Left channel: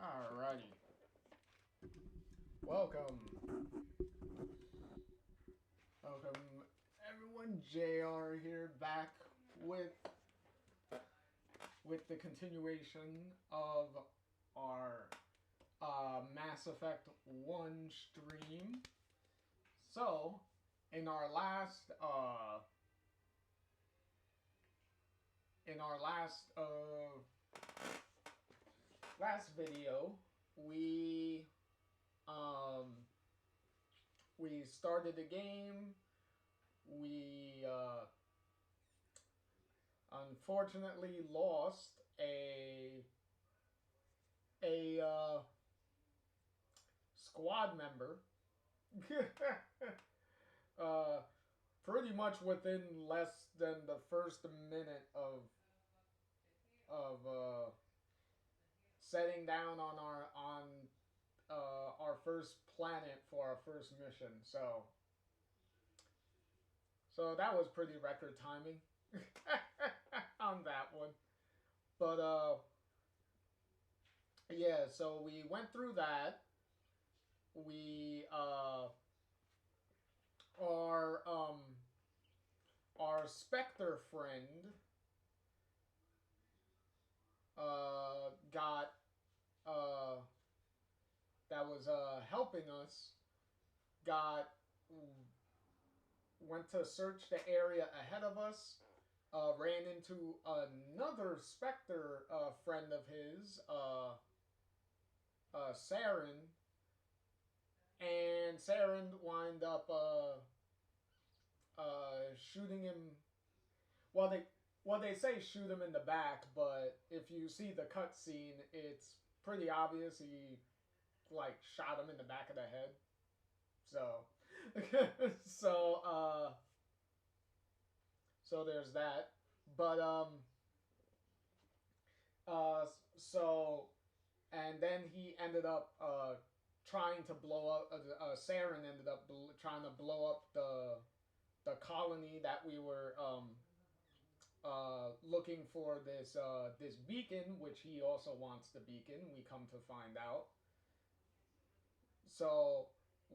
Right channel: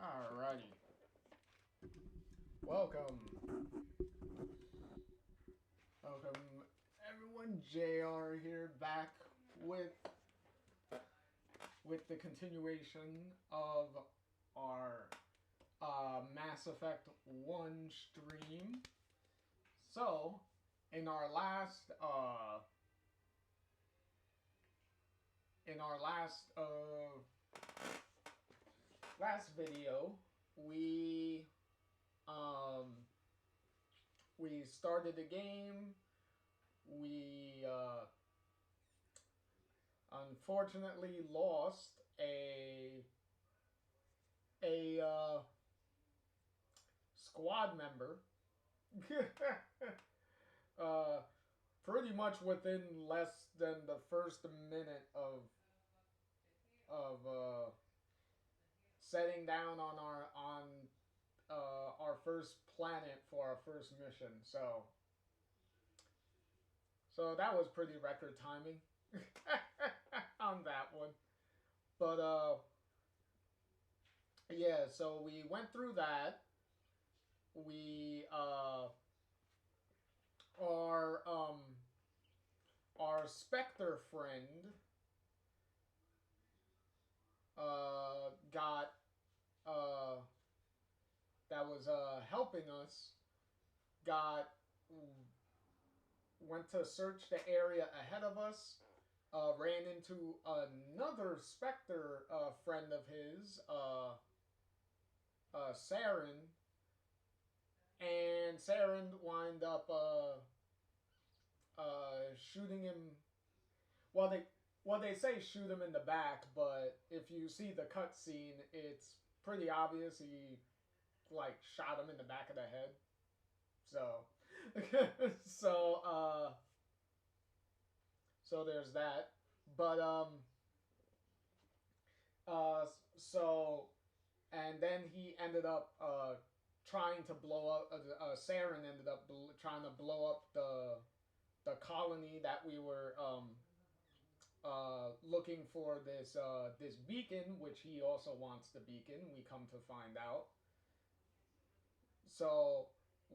Alrighty. Welcome. Welcome everyone. JR here back with the continuation of our Mass Effect 1 stream. So, in our last last video, we started the game. We unfortunately lost a squad member. Pretty much within less than the first minute of setting down on our first planet for our first mission. So that was pretty record timing on that one. But yeah, so we went through that. We our Spectre friend got that was helping us went to search the area ahead of us, ran into another Spectre friend of his, Saren, and Saren wind up shooting him. Well, they say shoot him in the back, but if you see the cutscene, it's pretty obvious he shot him in the back of the head. So, so there's that. But so and then he ended up trying to blow up. Saren ended up trying to blow up the colony that we were looking for this beacon, which he also wants the beacon. We come to find out. So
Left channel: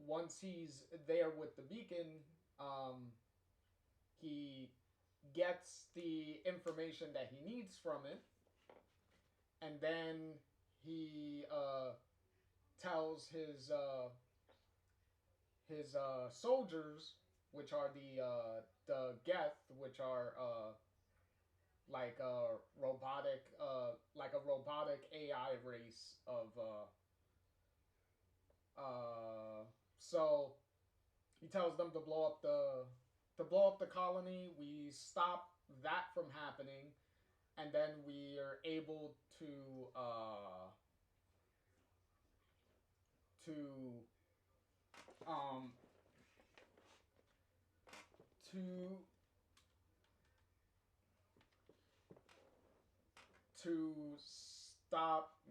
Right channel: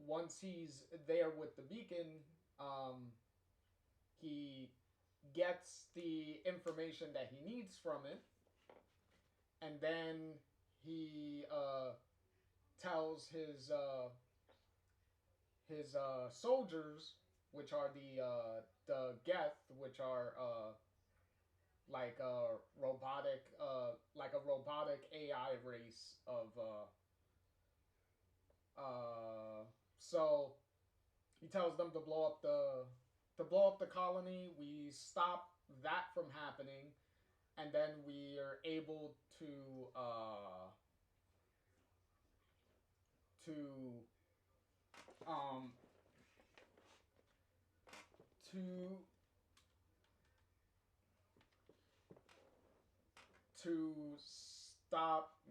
once he's there with the beacon, he gets the information that he needs from it, and then he tells his soldiers, which are the Geth, which are like a robotic AI race of so he tells them to blow up the colony. We stop that from happening, and then we are able to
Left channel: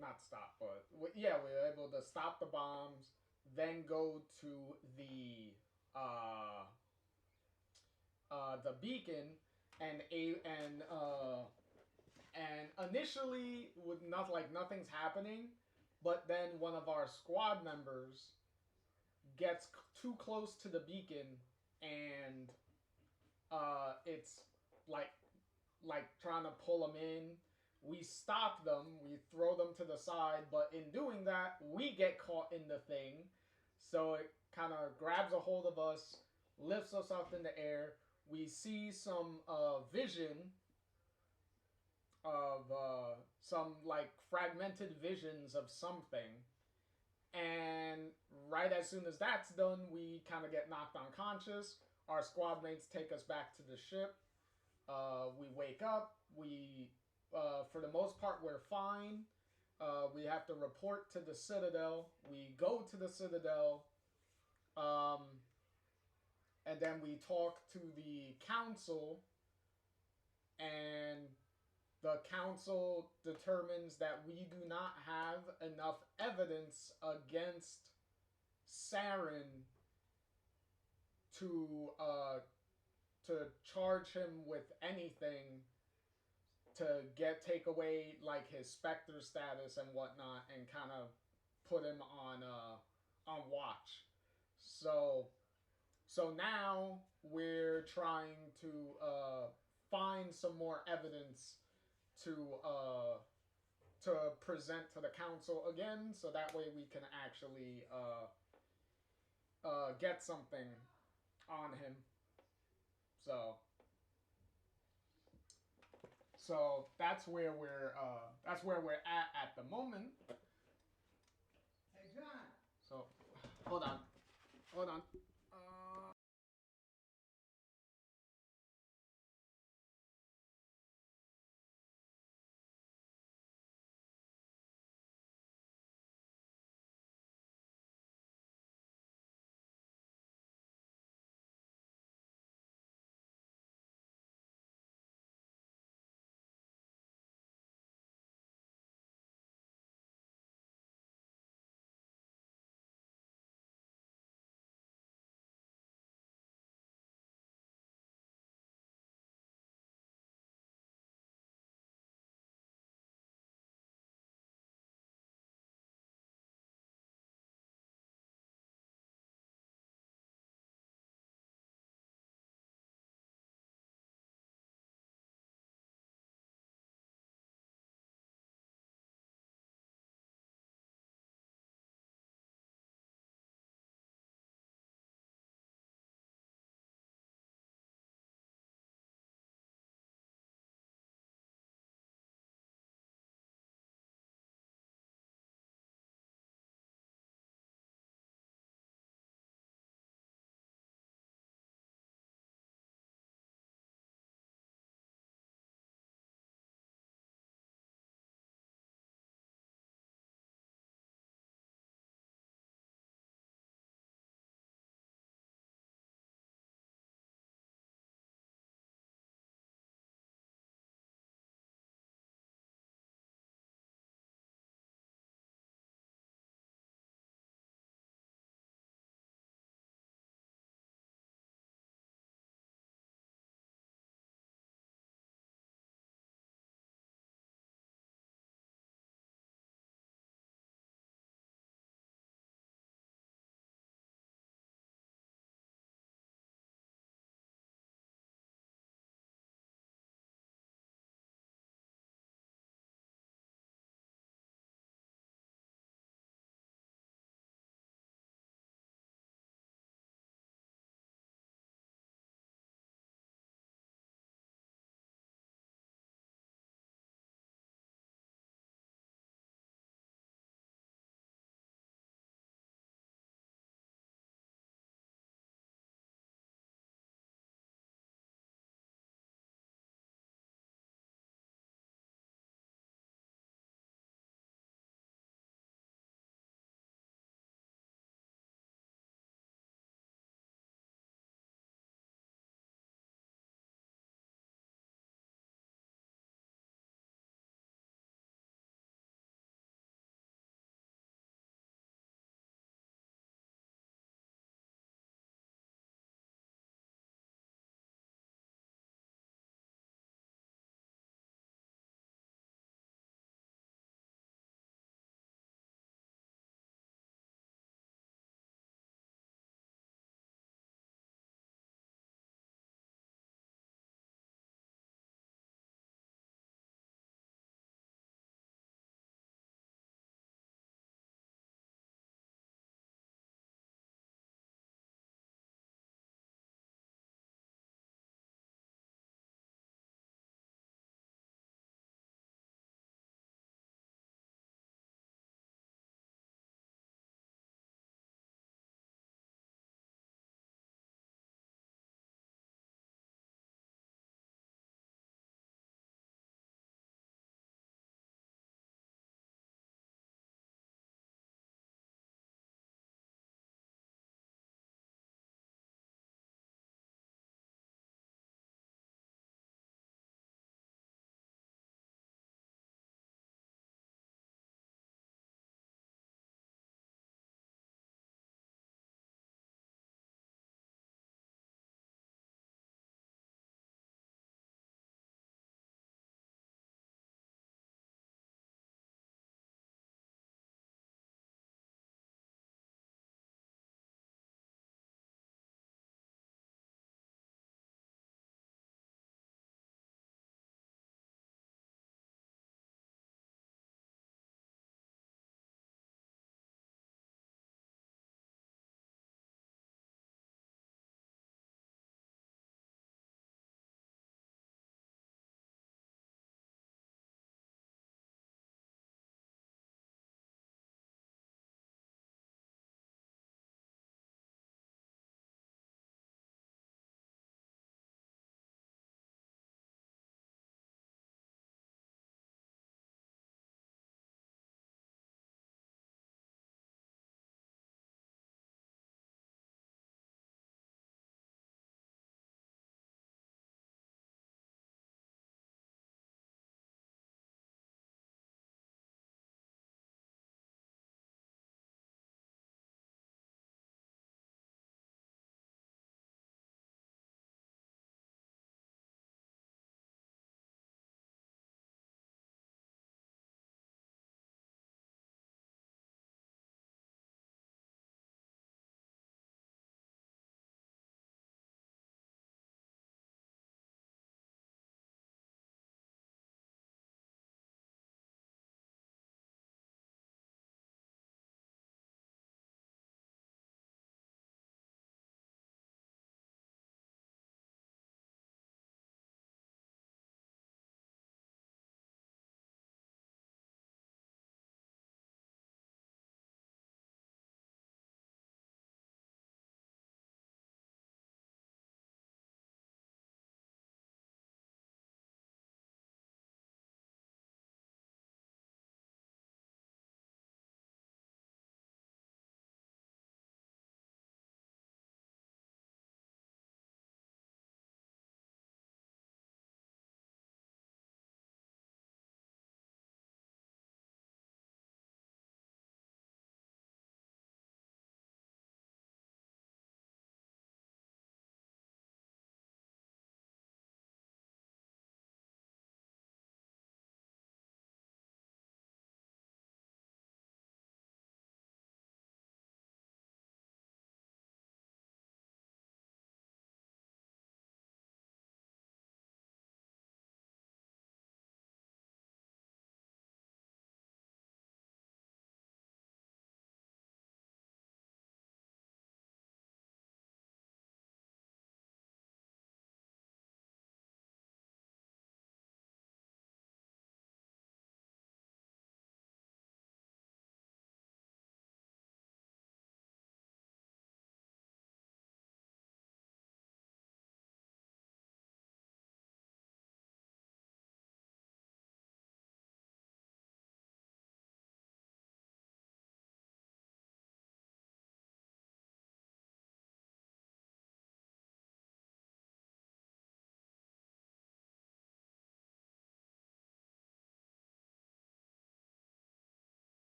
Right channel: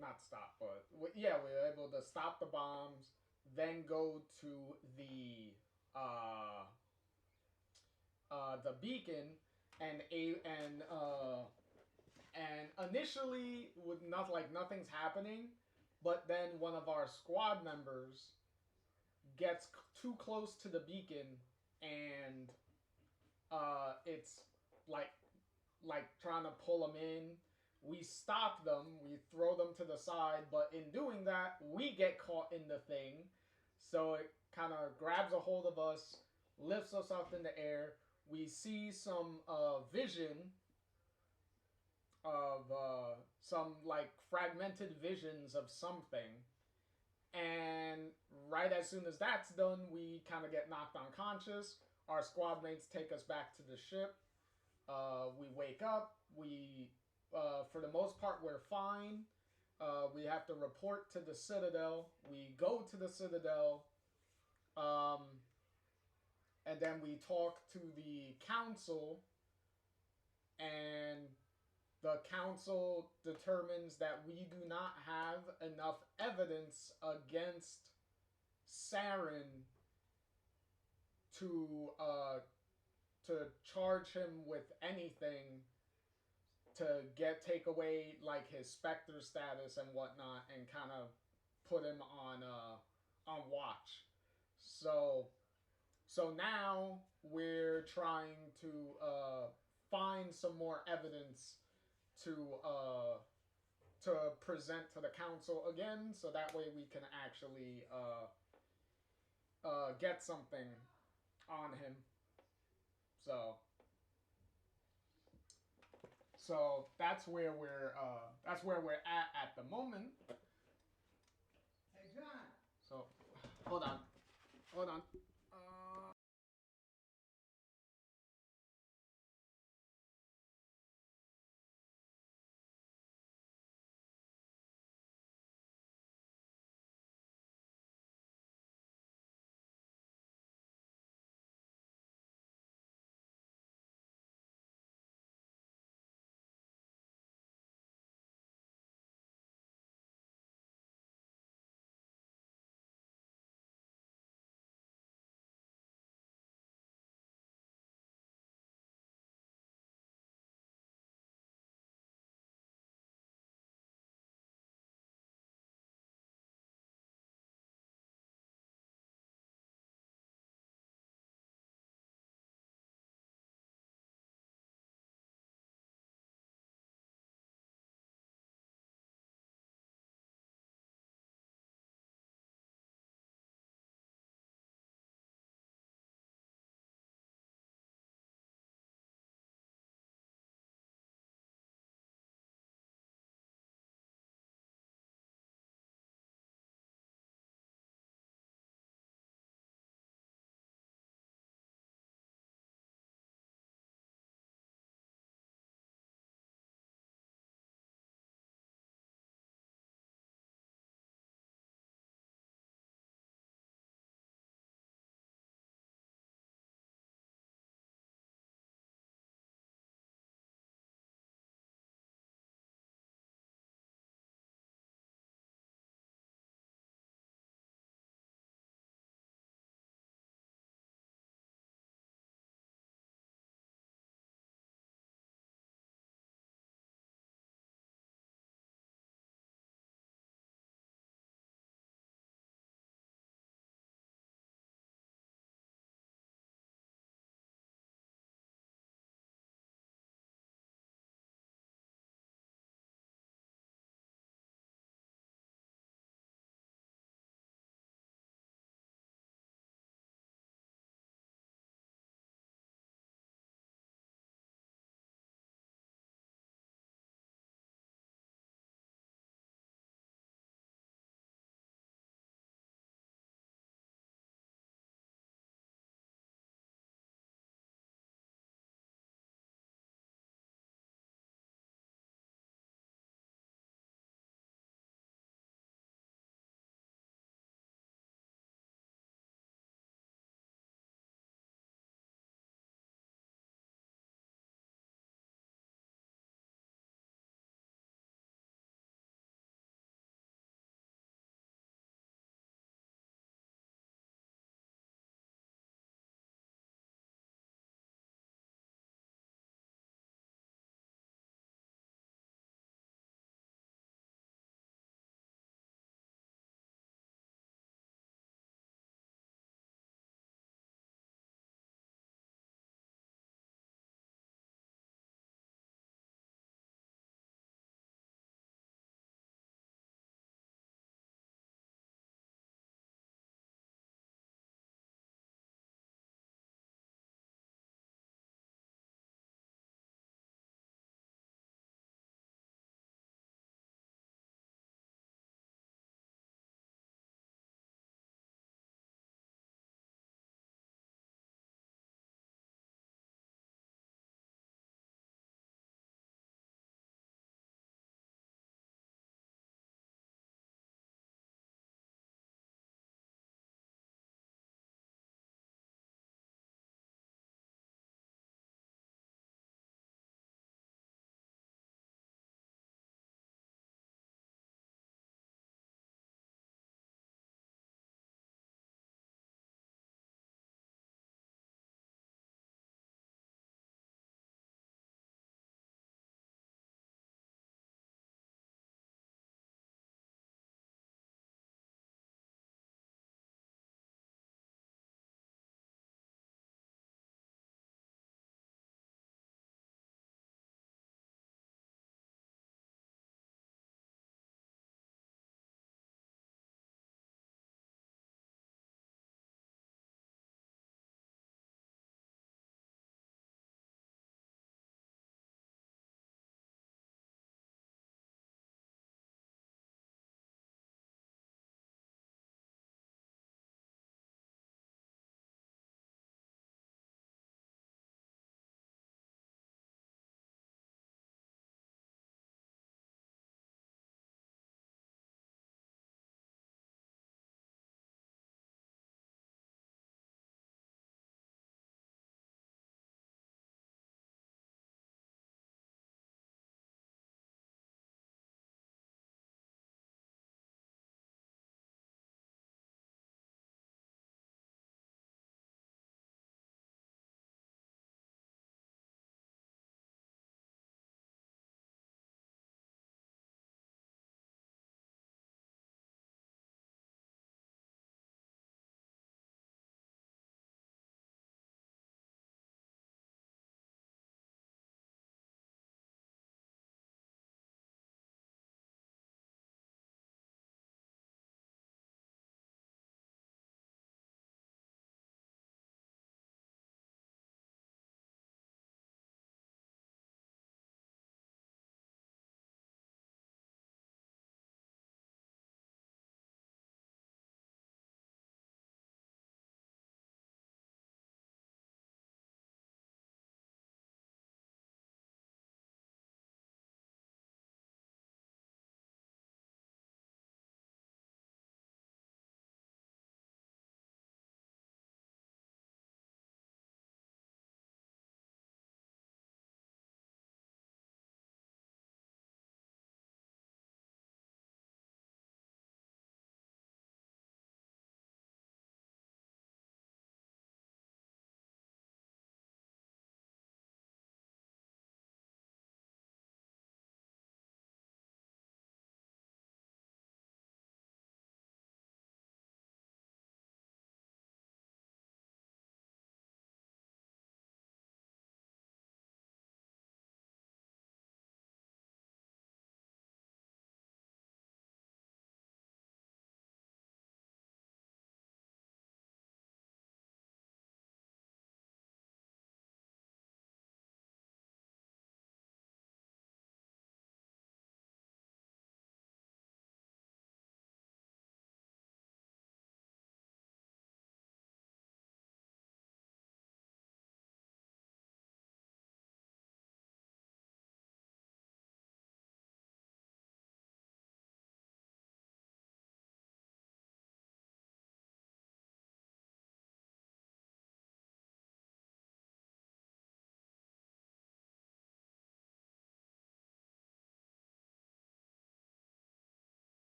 not stop, but yeah, we were able to stop the bombs, then go to the beacon, and initially with nothing's happening, but then one of our squad members gets too close to the beacon, and it's like trying to pull them in. We stop them, we throw them to the side, but in doing that, we get caught in the thing. So it kind of grabs a hold of us, lifts us up in the air. We see some vision of some fragmented visions of something. And right as soon as that's done, we kind of get knocked unconscious. Our squad mates take us back to the ship. We wake up. We, for the most part, we're fine. We have to report to the Citadel. We go to the Citadel. And then we talk to the council. And the council determines that we do not have enough evidence against Saren to charge him with anything, to take away like his specter status and whatnot, and kind of put him on watch. So now we're trying to find some more evidence to present to the council again, so that way we can actually get something on him. So that's where we're at the moment. Hey, John. So hold on.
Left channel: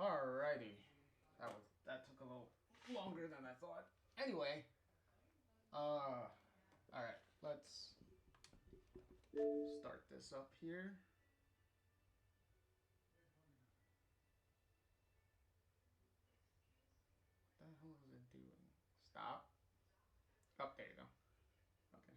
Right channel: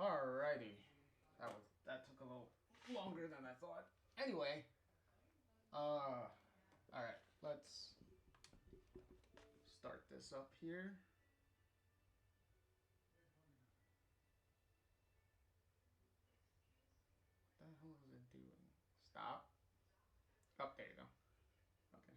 Alrighty. That took a little longer than I thought. Anyway, alright, let's start this up here. What the hell is it doing? Stop. Oh, there you go. Okay.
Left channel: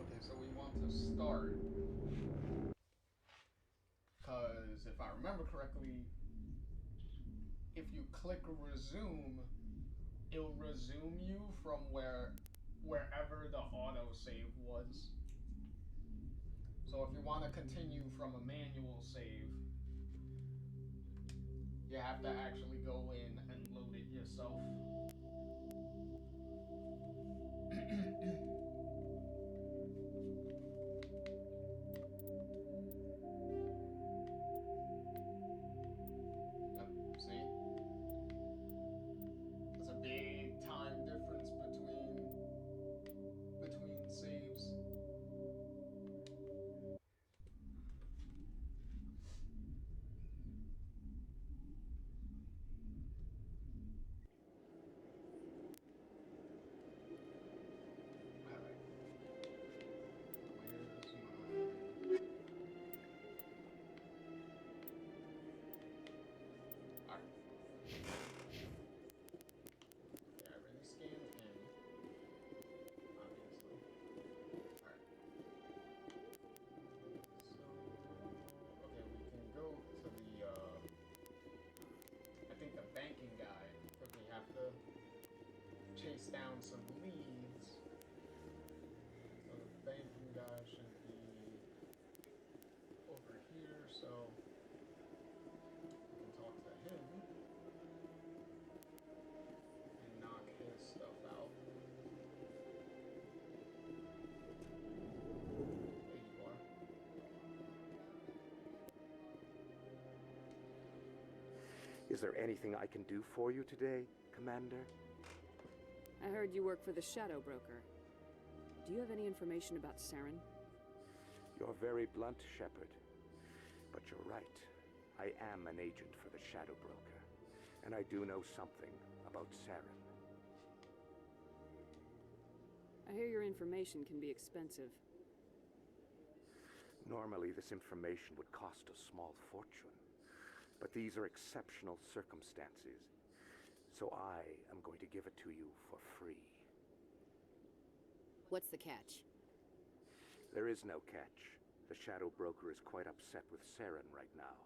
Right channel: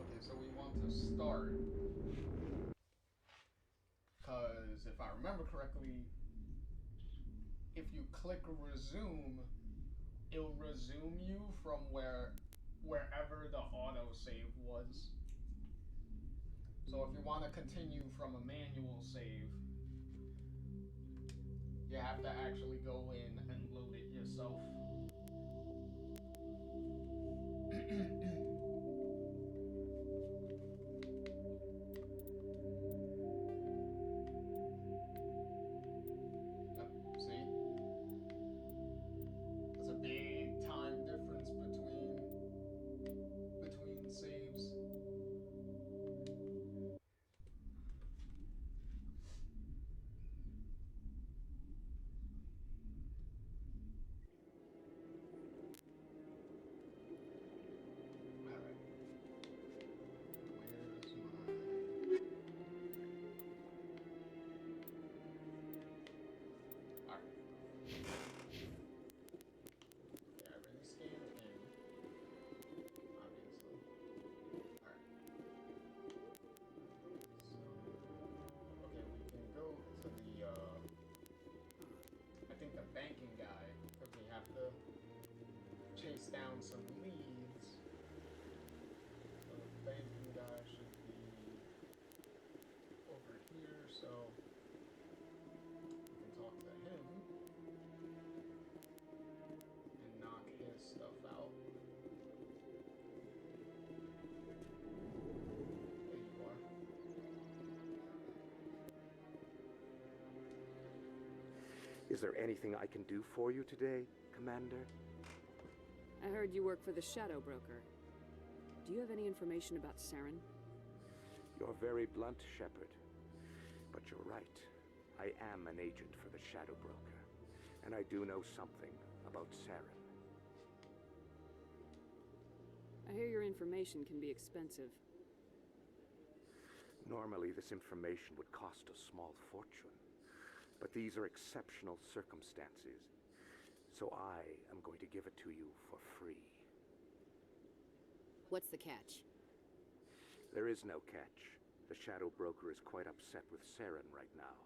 Okay, so we want to start. Because if I remember correctly, if you click resume, it'll resume you from wherever the autosave was. So if you want to continue from a manual save, you have to actually go in and load it yourself. See? There's a big time difference between saves. Banking guy, because we have to chase down some leads. So the banking guy should be over here, so we can talk to him and knock his stuff out. There you are. Is there anything I can do for you today, Commander? I heard you work for the Shadow Broker. Do you have any information about Saren? You're very blunt, Shepard. But you're right. I am an agent for the Shadow Broker. And I do know something about Saren. I hear your information can be expensive. Normally, this information would cost a small fortune. But these are exceptional circumstances. So I am going to give it to you for free. What's the catch? There is no catch. The Shadow Broker is quite upset with Saren right now.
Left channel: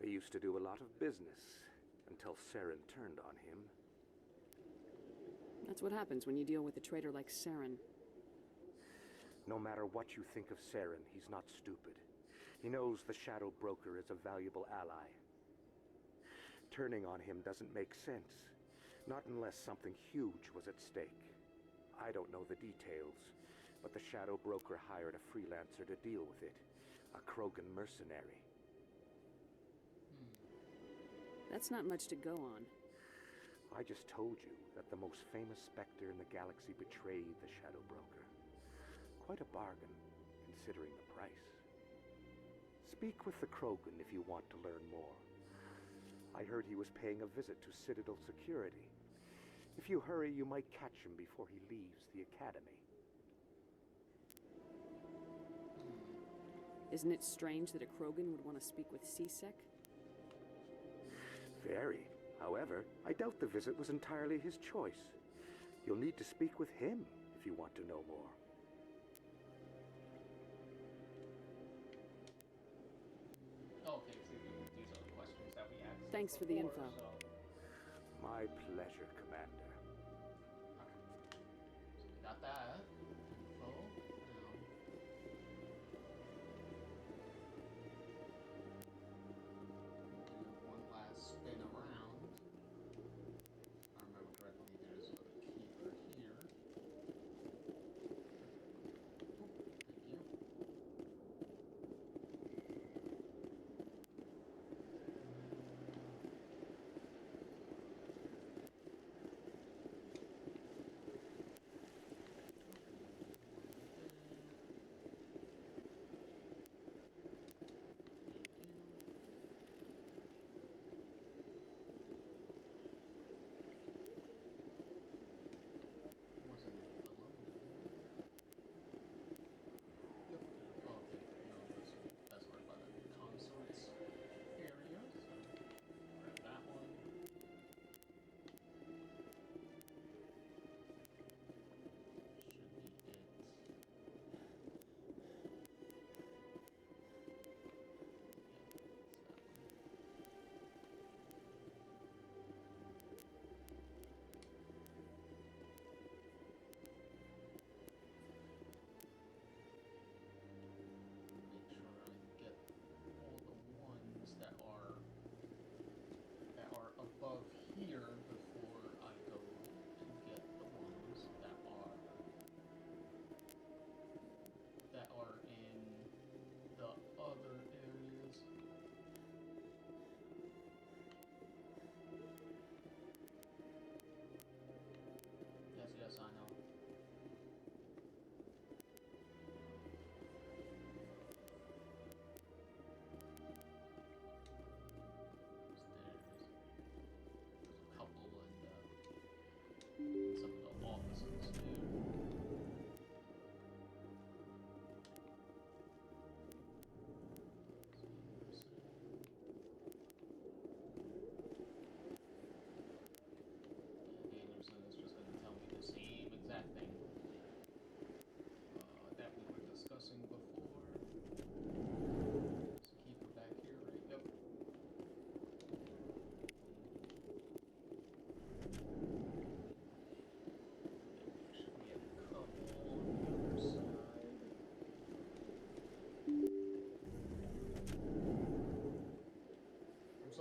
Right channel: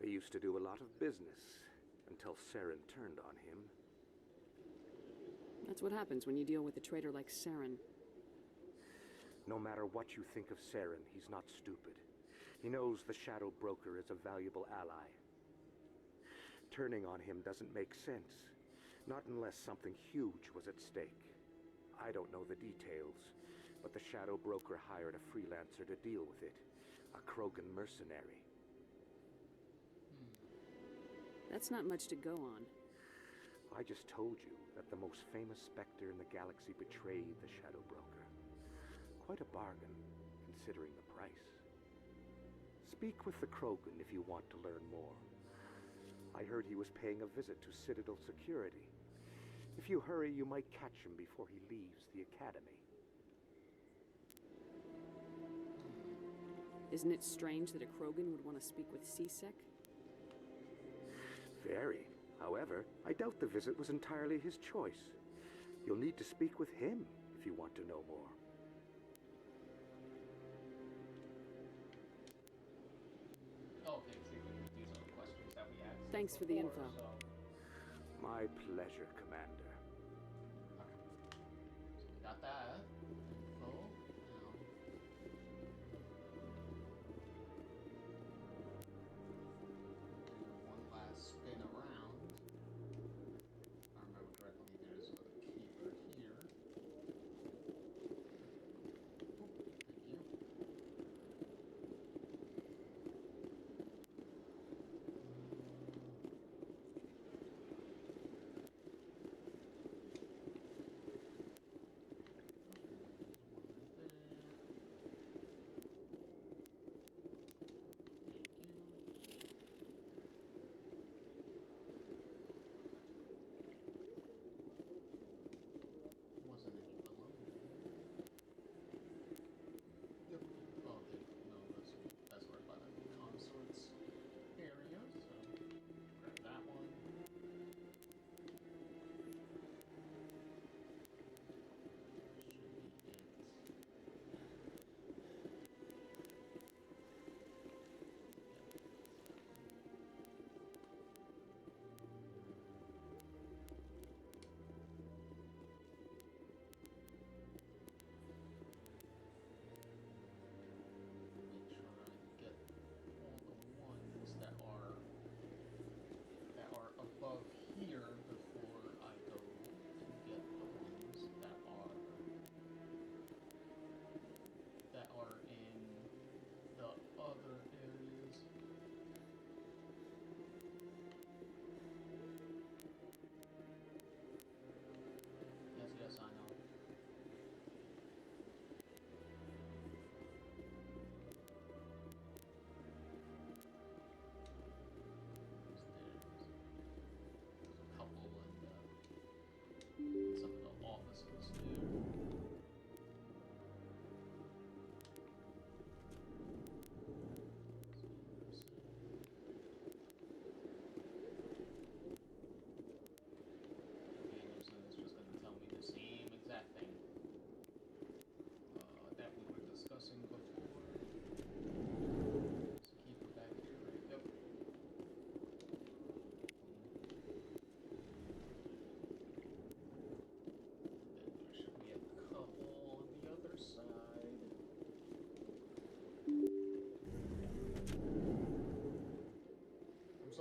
They used to do a lot of business until Saren turned on him. That's what happens when you deal with a traitor like Saren. No matter what you think of Saren, he's not stupid. He knows the Shadow Broker is a valuable ally. Turning on him doesn't make sense. Not unless something huge was at stake. I don't know the details, but the Shadow Broker hired a freelancer to deal with it. A Krogan mercenary. That's not much to go on. I just told you that the most famous Spectre in the galaxy betrayed the Shadow Broker. Quite a bargain, considering the price. Speak with the Krogan if you want to learn more. I heard he was paying a visit to Citadel security. If you hurry, you might catch him before he leaves the Academy. Isn't it strange that a Krogan would want to speak with C-Sec? Very. However, I doubt the visit was entirely his choice. You'll need to speak with him if you want to know more. Okay, so these are the questions that we asked. Thanks for the before, info. So. My pleasure, Commander. Okay. So we got that. Info. Now. Do one last spin around.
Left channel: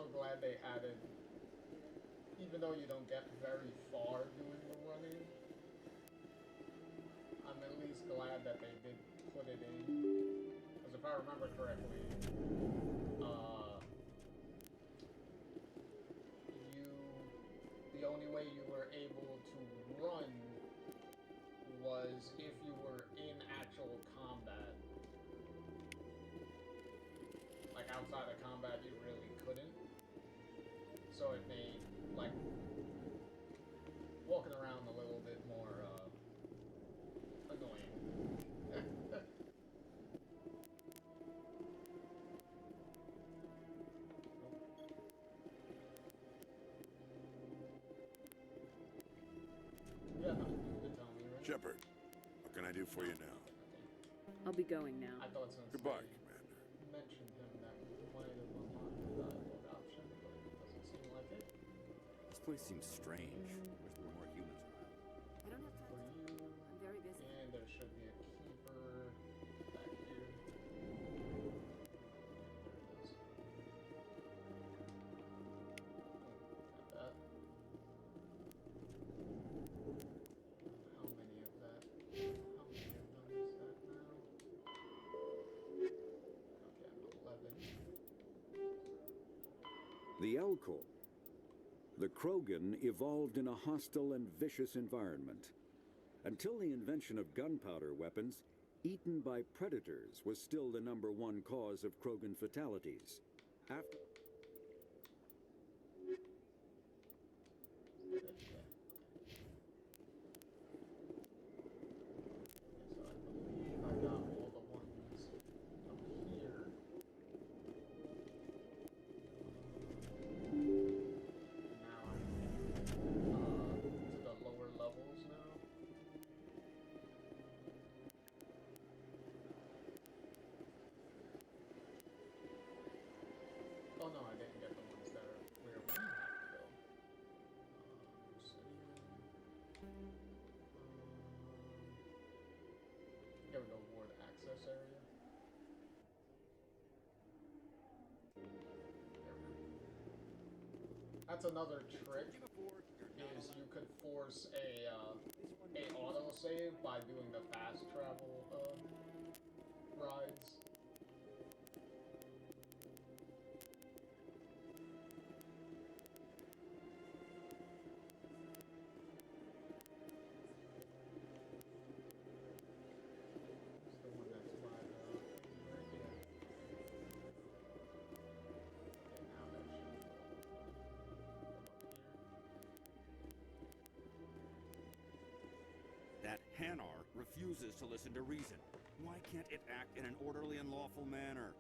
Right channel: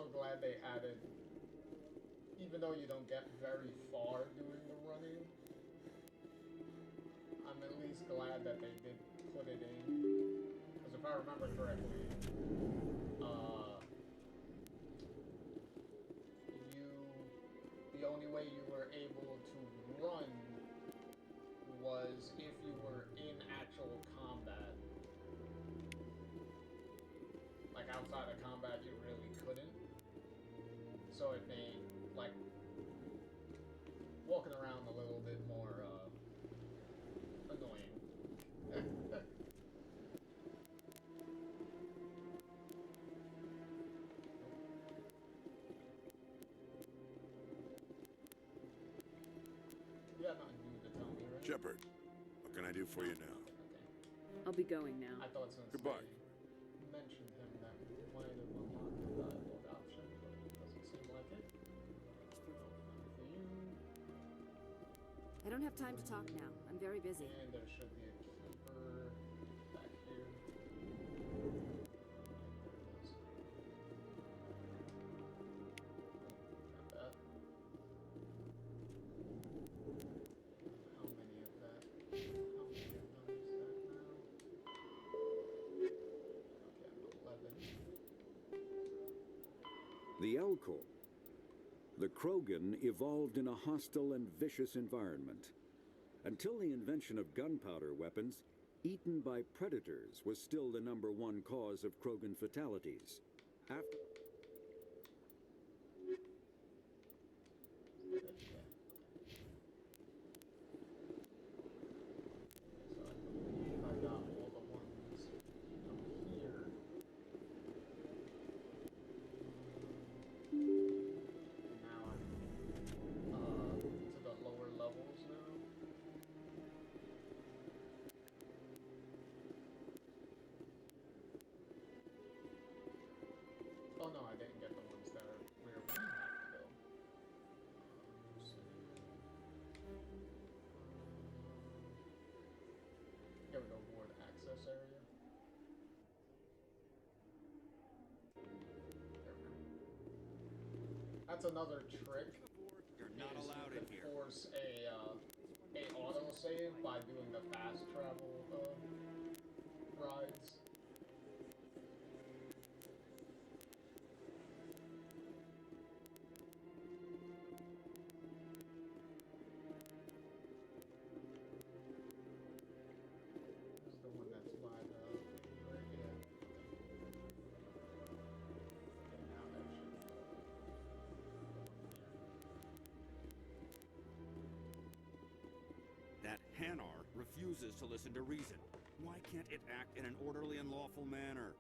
also glad they added, even though you don't get very far doing the running, I'm at least glad that they did put it in. Because if I remember correctly, the only way you were able to run was if you were in actual combat. Like outside of combat, you really couldn't. So it made like walking around a little bit more annoying. Yeah, no, you could tell me, right? Shepard, what can I do for you now? Okay. I'll be going now. I thought since Goodbye, they Commander. mentioned him that we might have unlocked the dialogue option, but it doesn't seem like it. This place seems strange. There's more humans around. I don't have time to talk now. I'm very busy. And there should be a keeper back here. There it is. Oh, got that. How many of them is that now? Okay, I'm 11. The Elcor. The Krogan evolved in a hostile and vicious environment. Until the invention of gunpowder weapons, eaten by predators was still the #1 cause of Krogan fatalities. After So I believe I got all the ones up here. And now I'm to the lower levels now. Oh no, I didn't get the ones that are where we have to go. Here we go, ward access area. There we go. That's another trick, is you could force a autosave by doing the fast travel rides. This is the one that's by the right here. Okay, now that should come up here. That Hanar refuses to listen to reason. Why can't it act in an orderly and lawful manner?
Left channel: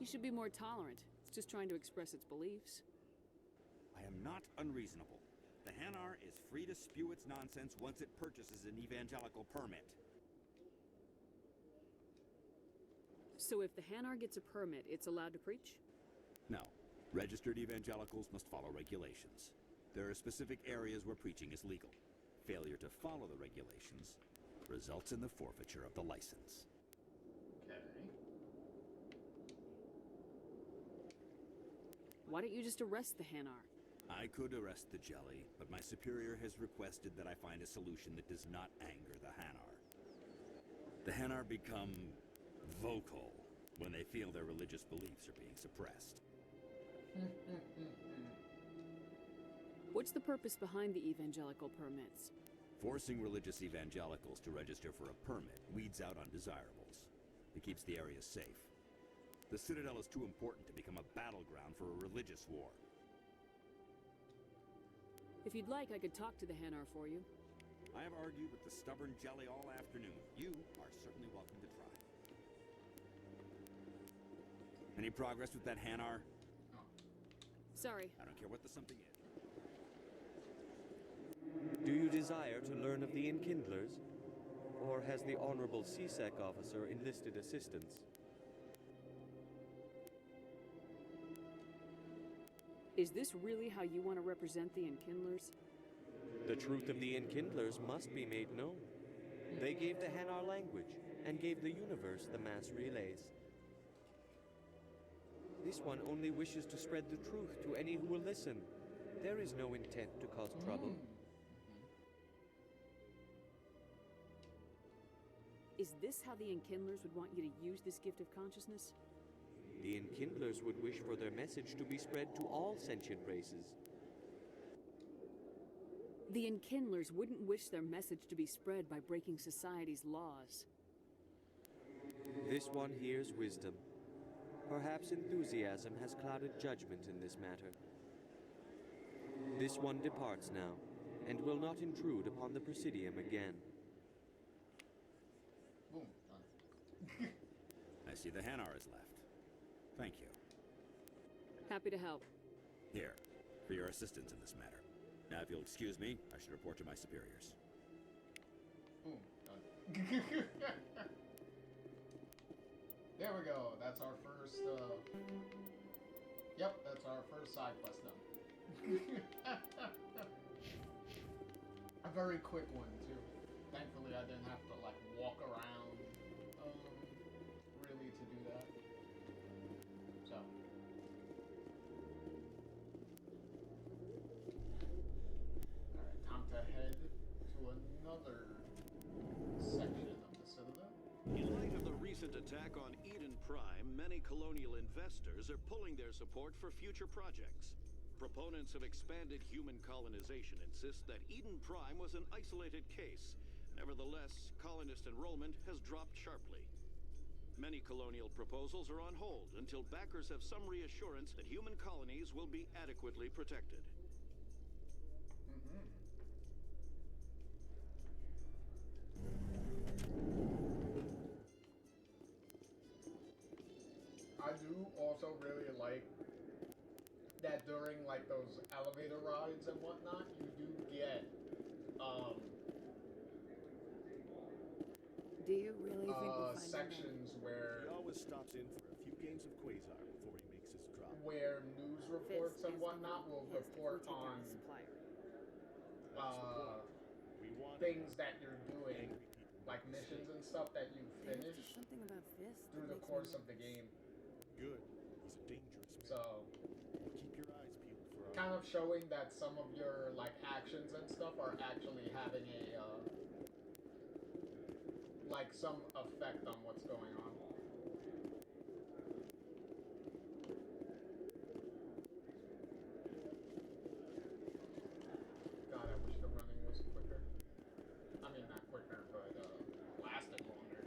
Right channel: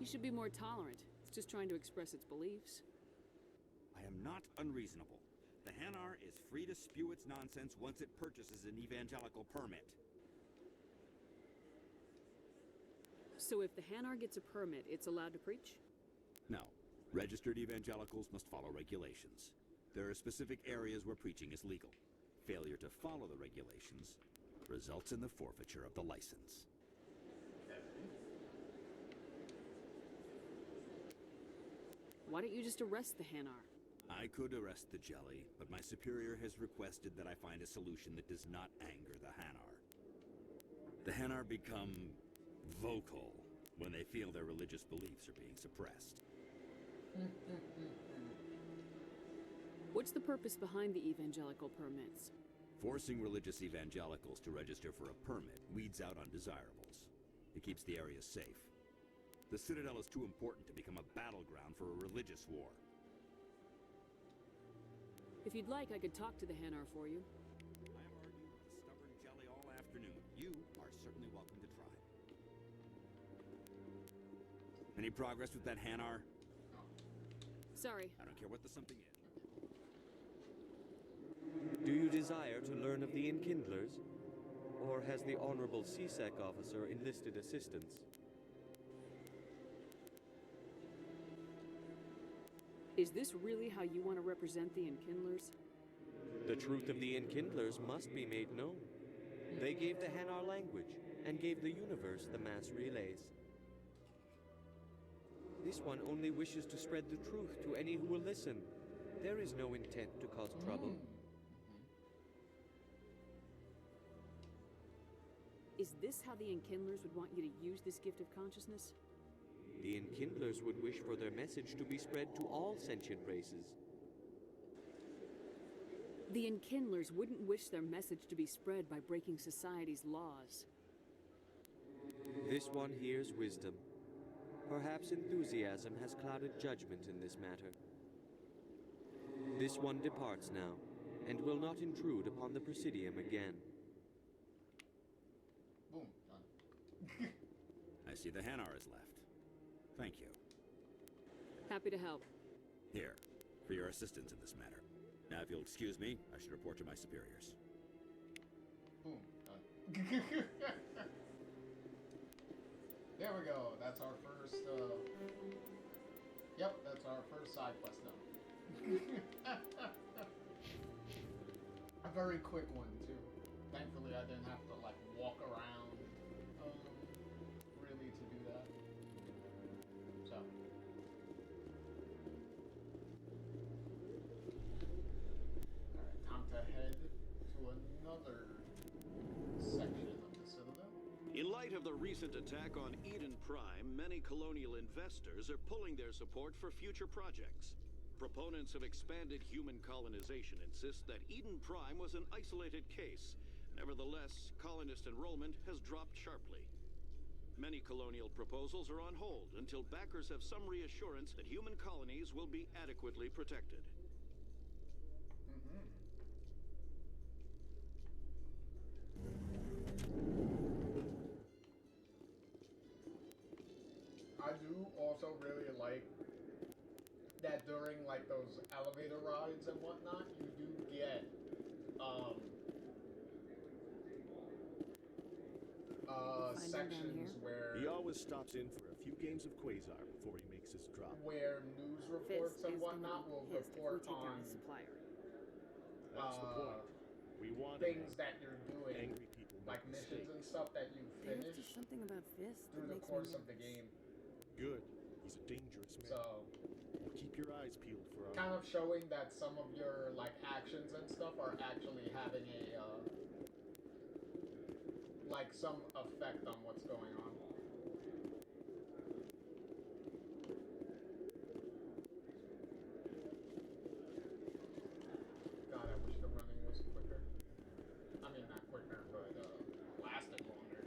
You should be more tolerant. It's just trying to express its beliefs. I am not unreasonable. The Hanar is free to spew its nonsense once it purchases an evangelical permit. So if the Hanar gets a permit, it's allowed to preach? No. Registered evangelicals must follow regulations. There are specific areas where preaching is legal. Failure to follow the regulations results in the forfeiture of the license. Why don't you just arrest the Hanar? I could arrest the jelly, but my superior has requested that I find a solution that does not anger the Hanar. The Hanar become vocal when they feel their religious beliefs are being suppressed. What's the purpose behind the evangelical permits? Forcing religious evangelicals to register for a permit weeds out undesirables. It keeps the area safe. The Citadel is too important to become a battleground for a religious war. If you'd like, I could talk to the Hanar for you. I have argued with the stubborn jelly all afternoon. You are certainly welcome to try. Any progress with that Hanar? Sorry. I don't care what the something is. Do you desire to learn of the Enkindlers? Or has the Honorable CSEC officer enlisted assistance? Is this really how you want to represent the Enkindlers? The truth of the Enkindlers must be made known. They gave the Hanar language and gave the universe the mass relays. This This one only wishes to spread the truth to any who will listen. There is no intent to cause trouble. Is this how the Enkindlers would want you to use this gift of consciousness? The Enkindlers would wish for their message to be spread to all sentient races. The Enkindlers wouldn't wish their message to be spread by breaking society's laws. This one hears wisdom. Perhaps enthusiasm has clouded judgment in this matter. This one departs now, and will not intrude upon the Presidium again. Boom. Done. I see the Hanar is left. Thank you. Happy to help. Here, for your assistance in this matter. Now, if you'll excuse me, I should report to my superiors. Boom. Done. There we go. That's our first, Yep, that's our first side quest done. A very quick one, too. Thankfully, I didn't have to, like, walk around, really to do that. So. Alright, time to head to another section of the Citadel. In light of the recent attack on Eden Prime, many colonial investors are pulling their support for future projects. Proponents of expanded human colonization insist that Eden Prime was an isolated case. Nevertheless, colonist enrollment has dropped sharply. Many colonial proposals are on hold until backers have some reassurance that human colonies will be adequately protected. I do also really like that during like those elevator rides and whatnot, you do get Do you really think we'll find him down sections here? where He always stops in for a few games of Quasar before he makes his drop. where news reports Fist and is whatnot gonna will be pissed if we report take out on the supplier. That's the point. We want things that you're doing, angry people like make missions and mistakes. stuff that you There's finish just something about Fist through that the makes me course of the nervous. game. Good. He's a dangerous man. So Keep your eyes peeled for our kind of showing that some of your like actions and stuff are actually having a like some effect on what's going on. God, I wish the running was quicker. I mean, not quicker, but lasted longer.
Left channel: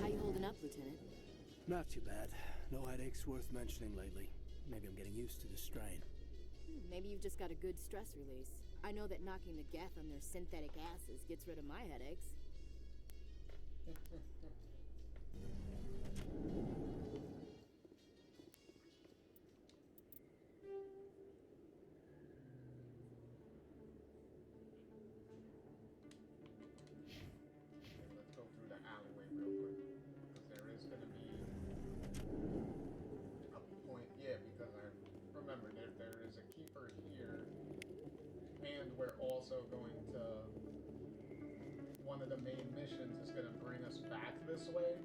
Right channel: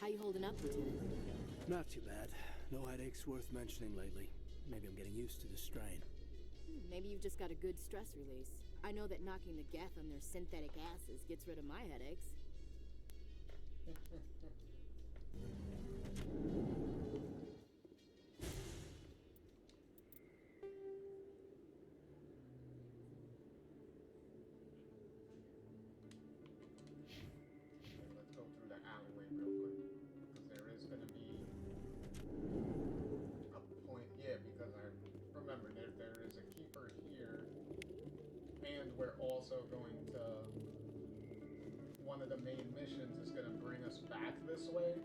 How you holding up, Lieutenant? Not too bad. No headaches worth mentioning lately. Maybe I'm getting used to the strain. Maybe you've just got a good stress release. I know that knocking the geth on their synthetic asses gets rid of my headaches. Let's go through the alleyway real quick, because there is going to be a point. Yeah, because I remember there is a keeper here, and we're also going to. One of the main missions is going to bring us back this way,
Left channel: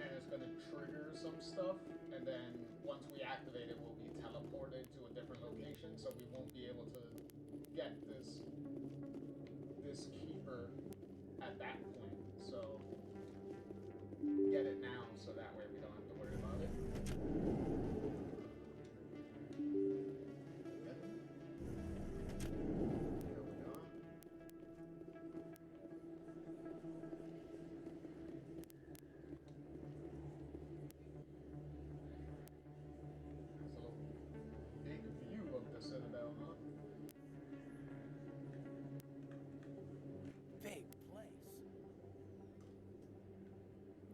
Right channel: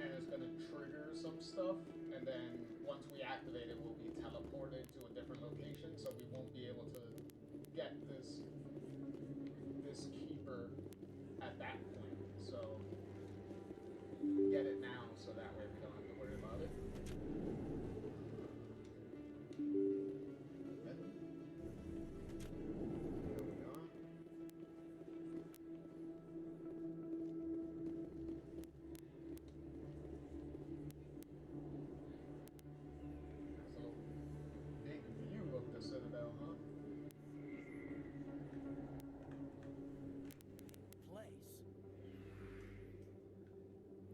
and it's going to trigger some stuff, and then once we activate it, we'll be teleported to a different location, so we won't be able to get this keeper at that point. So get it now, so that way we don't have to worry about it. There we go. That's a big view of the Citadel, huh? Big place.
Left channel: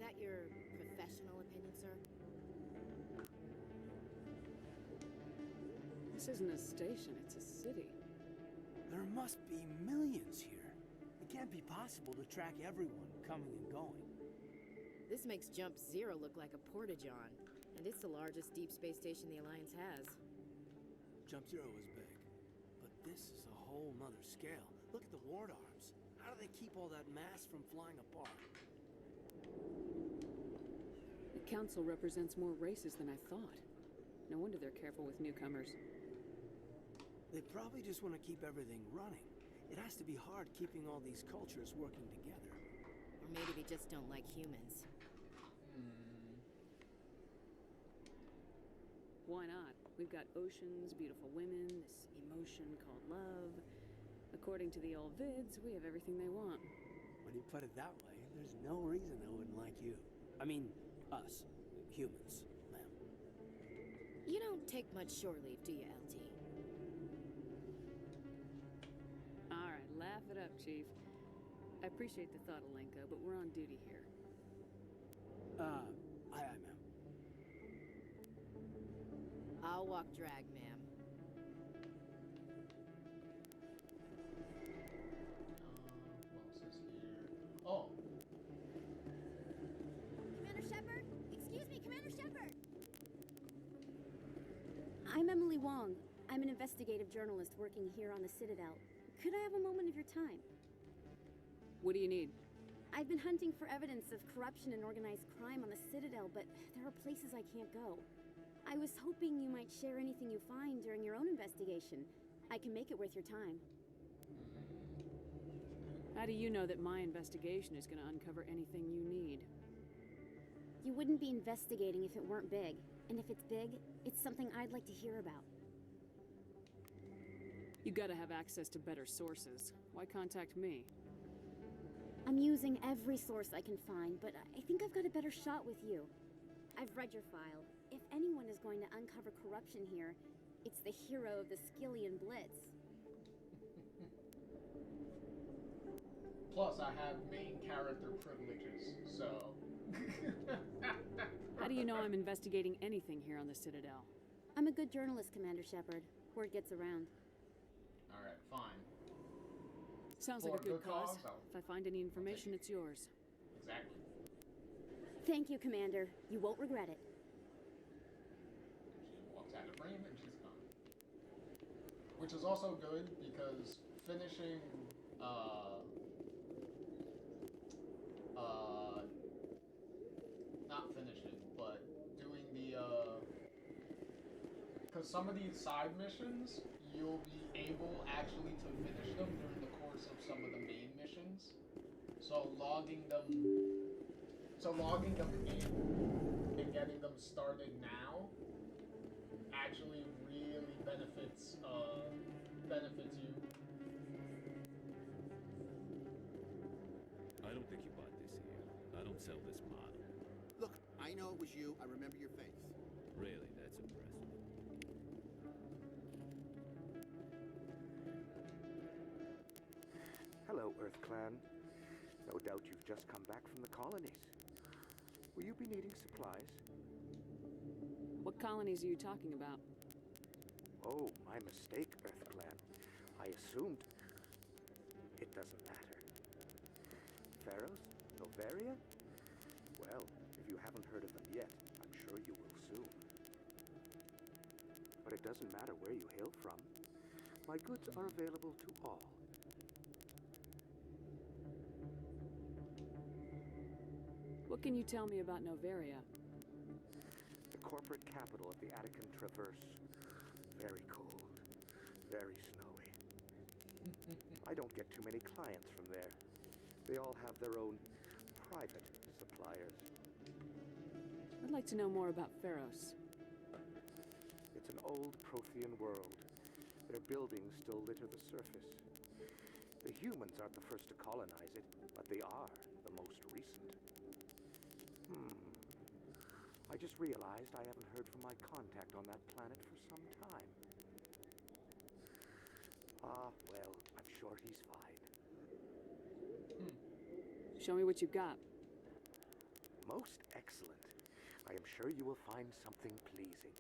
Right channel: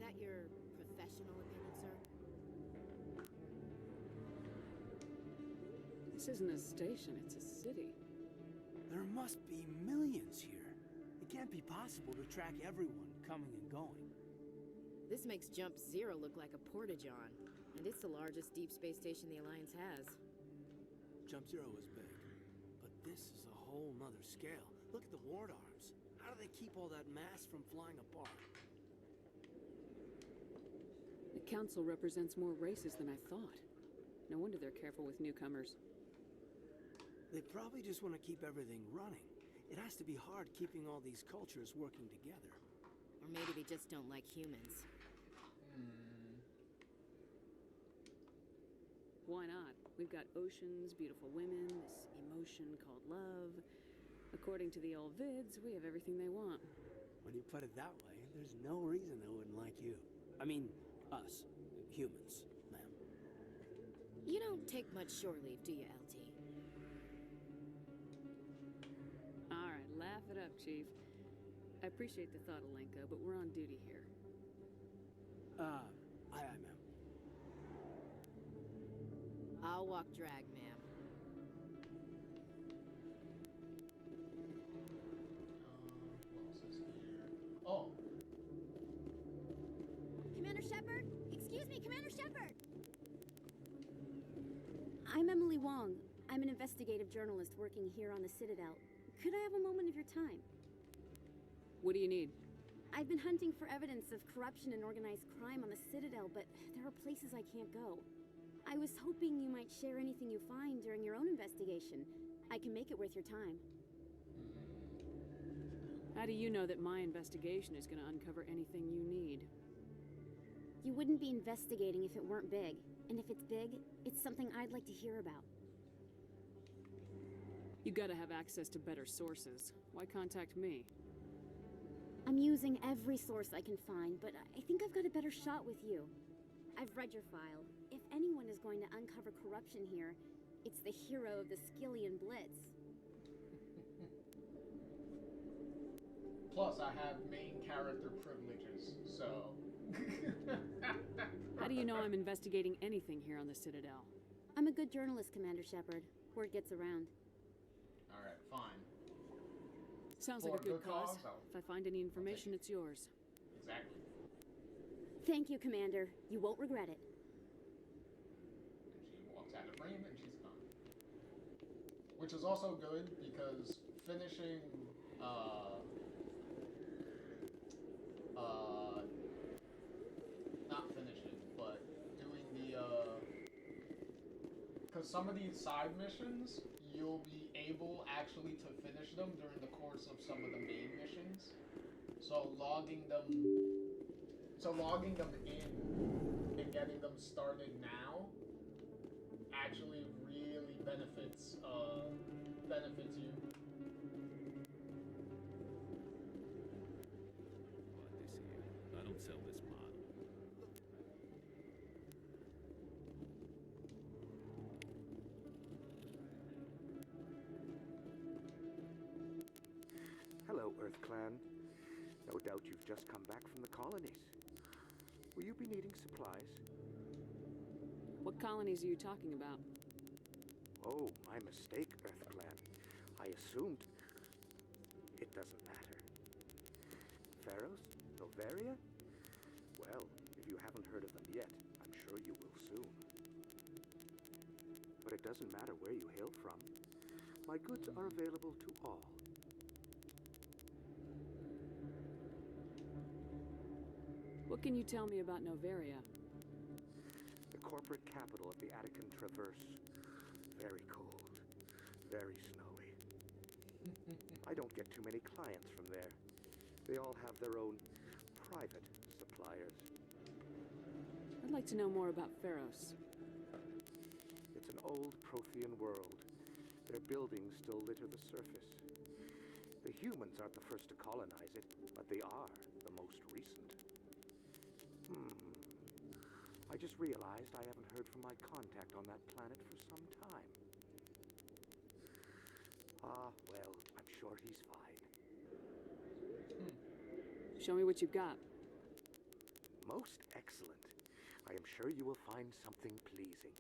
That your professional opinion, sir? This isn't a station, it's a city. There must be millions here. It can't be possible to track everyone coming and going. This makes Jump Zero look like a porta-john, and it's the largest deep space station the Alliance has. Jump Zero is big, but This is a whole nother scale. Look at the ward arms. How do they keep all that mass from flying apart? The council represents more races than I thought. No wonder they're careful with newcomers. They probably just want to keep everything running. It has to be hard keeping all these cultures working together. Or maybe they just don't like humans. Why not? We've got oceans, beautiful women, this emotion called love. According to the old vids, we have everything they want. When you put it that way, there's no reason they wouldn't like you. I mean, us. Humans, ma'am. You don't take much shore leave, do you, LT? Alright, laugh it up, Chief. I appreciate the thought, Alenko, but we're on duty here. Aye, ma'am. I'll walk drag, ma'am. What else is here? Oh. Commander Shepard? Excuse me, Commander Shepard! I'm Emily Wong. I'm an investigative journalist working here on the Citadel. Could I have a moment of your time? What do you need? I've been hunting for evidence of corruption and organized crime on the Citadel, but there are places I can't go. I was hoping you might share anything you find during your own investigation. I can make it worth your time. How do you know that my investigation is going to uncover anything you need? You wouldn't be investigating if it weren't big. And if it's big, it's something I'd like to hear about. You gotta have access to better sources. Why contact me? I'm using every source I can find, but I think I've got a better shot with you. I've read your file. If anyone is going to uncover corruption here, it's the hero of the Skillian Blitz. Plus, I have main character privileges, so... How do you know I'm investigating anything here on the Citadel? I'm a good journalist, Commander Shepard. Word gets around. Alright, fine. Sounds For like a good cause. cause, If I find any information, it's yours. Exactly. Thank you, Commander. You won't regret it. And she walks out of frame and she's gone. Which is also good because finishing, not finishing, but doing the, because some of these side missions, you'll be able actually to finish them during the course of some of the main missions. So logging them in and getting them started now actually really benefits you. I don't think you bought this here. I don't sell this model. Look, I know it was you. I remember your face. Really, that's impressive. Hello, Earth Clan. No doubt you've just come back from the colonies. Will you be needing supplies? What colonies are you talking about? Oh, my mistake, Earth Clan. I assumed... It doesn't matter. Pharaohs? Noveria? Well, if you haven't heard of them yet, I'm sure you will soon. But it doesn't matter where you hail from. My goods are available to all. What can you tell me about Noveria? The corporate capital of the Attican Traverse. Very cold. Very snowy. I don't get too many clients from there. They all have their own private suppliers. I'd like to know more about Pharos. It's an old Prothean world. Their buildings still litter the surface. The humans aren't the first to colonize it, but they are the most recent. I just realized I haven't heard from my contact on that planet for some time. Ah, well, I'm sure he's fine. Show me what you've got. Most excellent. I am sure you will find something pleasing.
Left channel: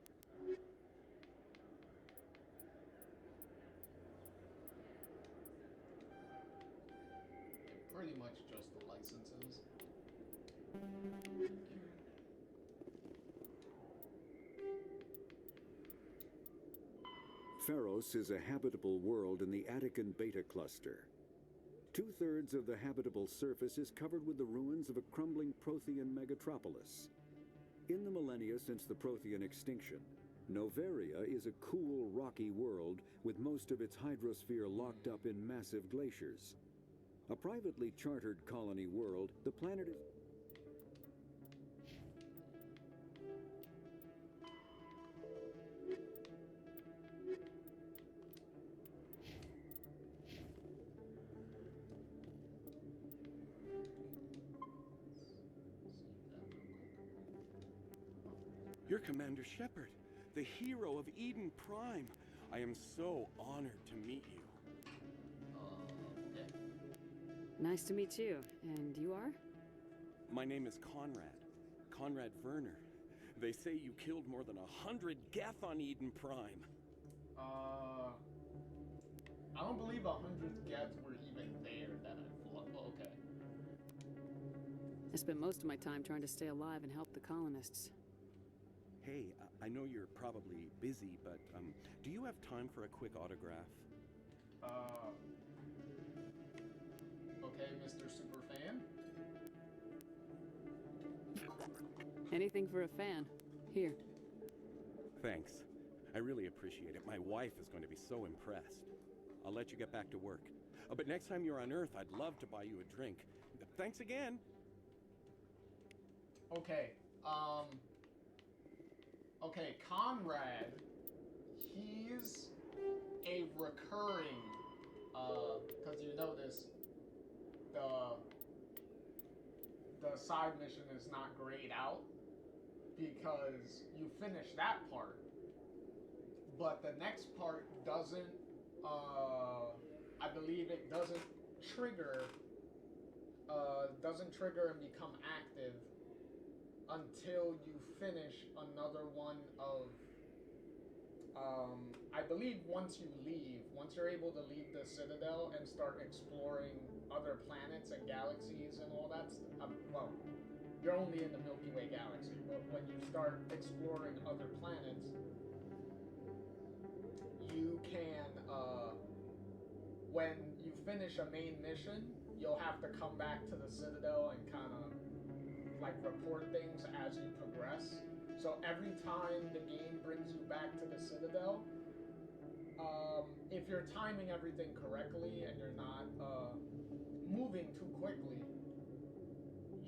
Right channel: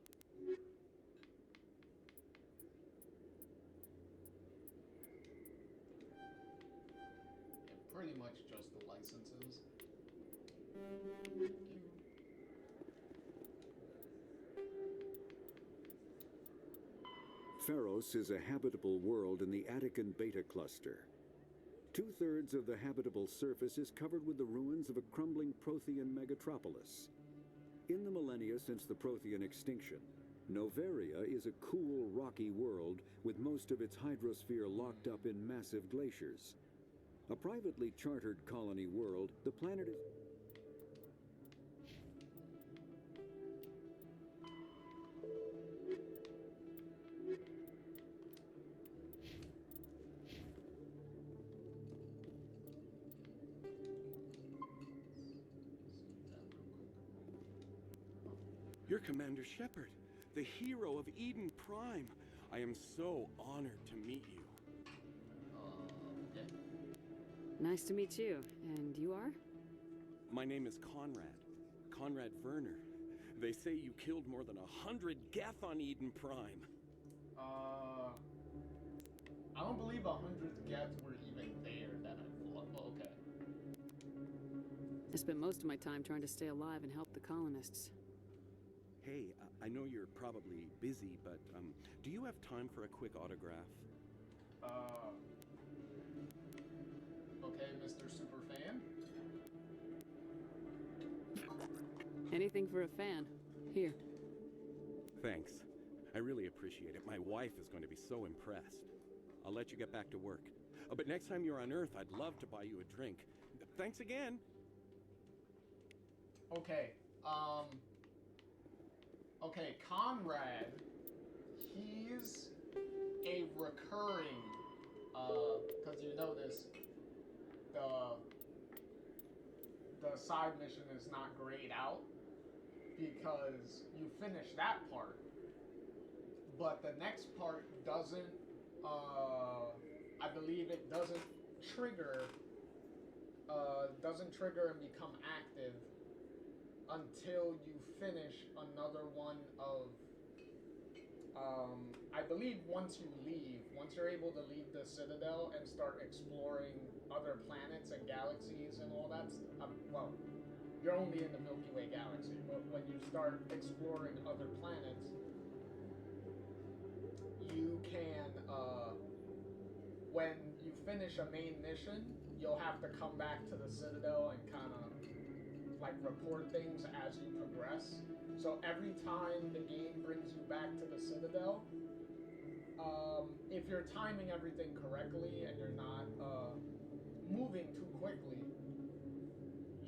Pretty much just the licenses. Pharos is a habitable world in the Attican Beta cluster. 2/3 of the habitable surface is covered with the ruins of a crumbling Prothean megatropolis. In the millennia since the Prothean extinction, Noveria is a cool, rocky world with most of its hydrosphere locked up in massive glaciers. A privately chartered colony world, the planet is... You're Commander Shepard, the hero of Eden Prime. I am so honored to meet you. Okay. Nice to meet you. And you are? My name is Conrad Werner. They say you killed more than 100 Geth on Eden Prime. I don't believe 100 Geth were even there that I fought. Oh, okay. I spent most of my time trying to stay alive and help the colonists. Hey, I know you're probably busy, but do you have time for a quick autograph? Okay, Mr. Superfan. Anything for a fan. Here. Thanks. I really appreciate it. My wife is going to be so impressed. I'll let you get back to work. But next time you're on Earth, I'd love to buy you a drink. Thanks again. Okay, okay, Conrad, he's a recurring, because you notice the side mission is not grayed out because you finish that part, but the next part doesn't, I believe it doesn't trigger and become active until you finish another one of, I believe once you're able to leave the Citadel and start exploring other planets and galaxies and all that, well, you're only in the Milky Way galaxy, but when you start exploring other planets, you can, when you finish a main mission, you'll have to come back to the Citadel and kind of like report things as you progress. So every time the game brings you back to the Citadel, if you're timing everything correctly and you're not moving too quickly,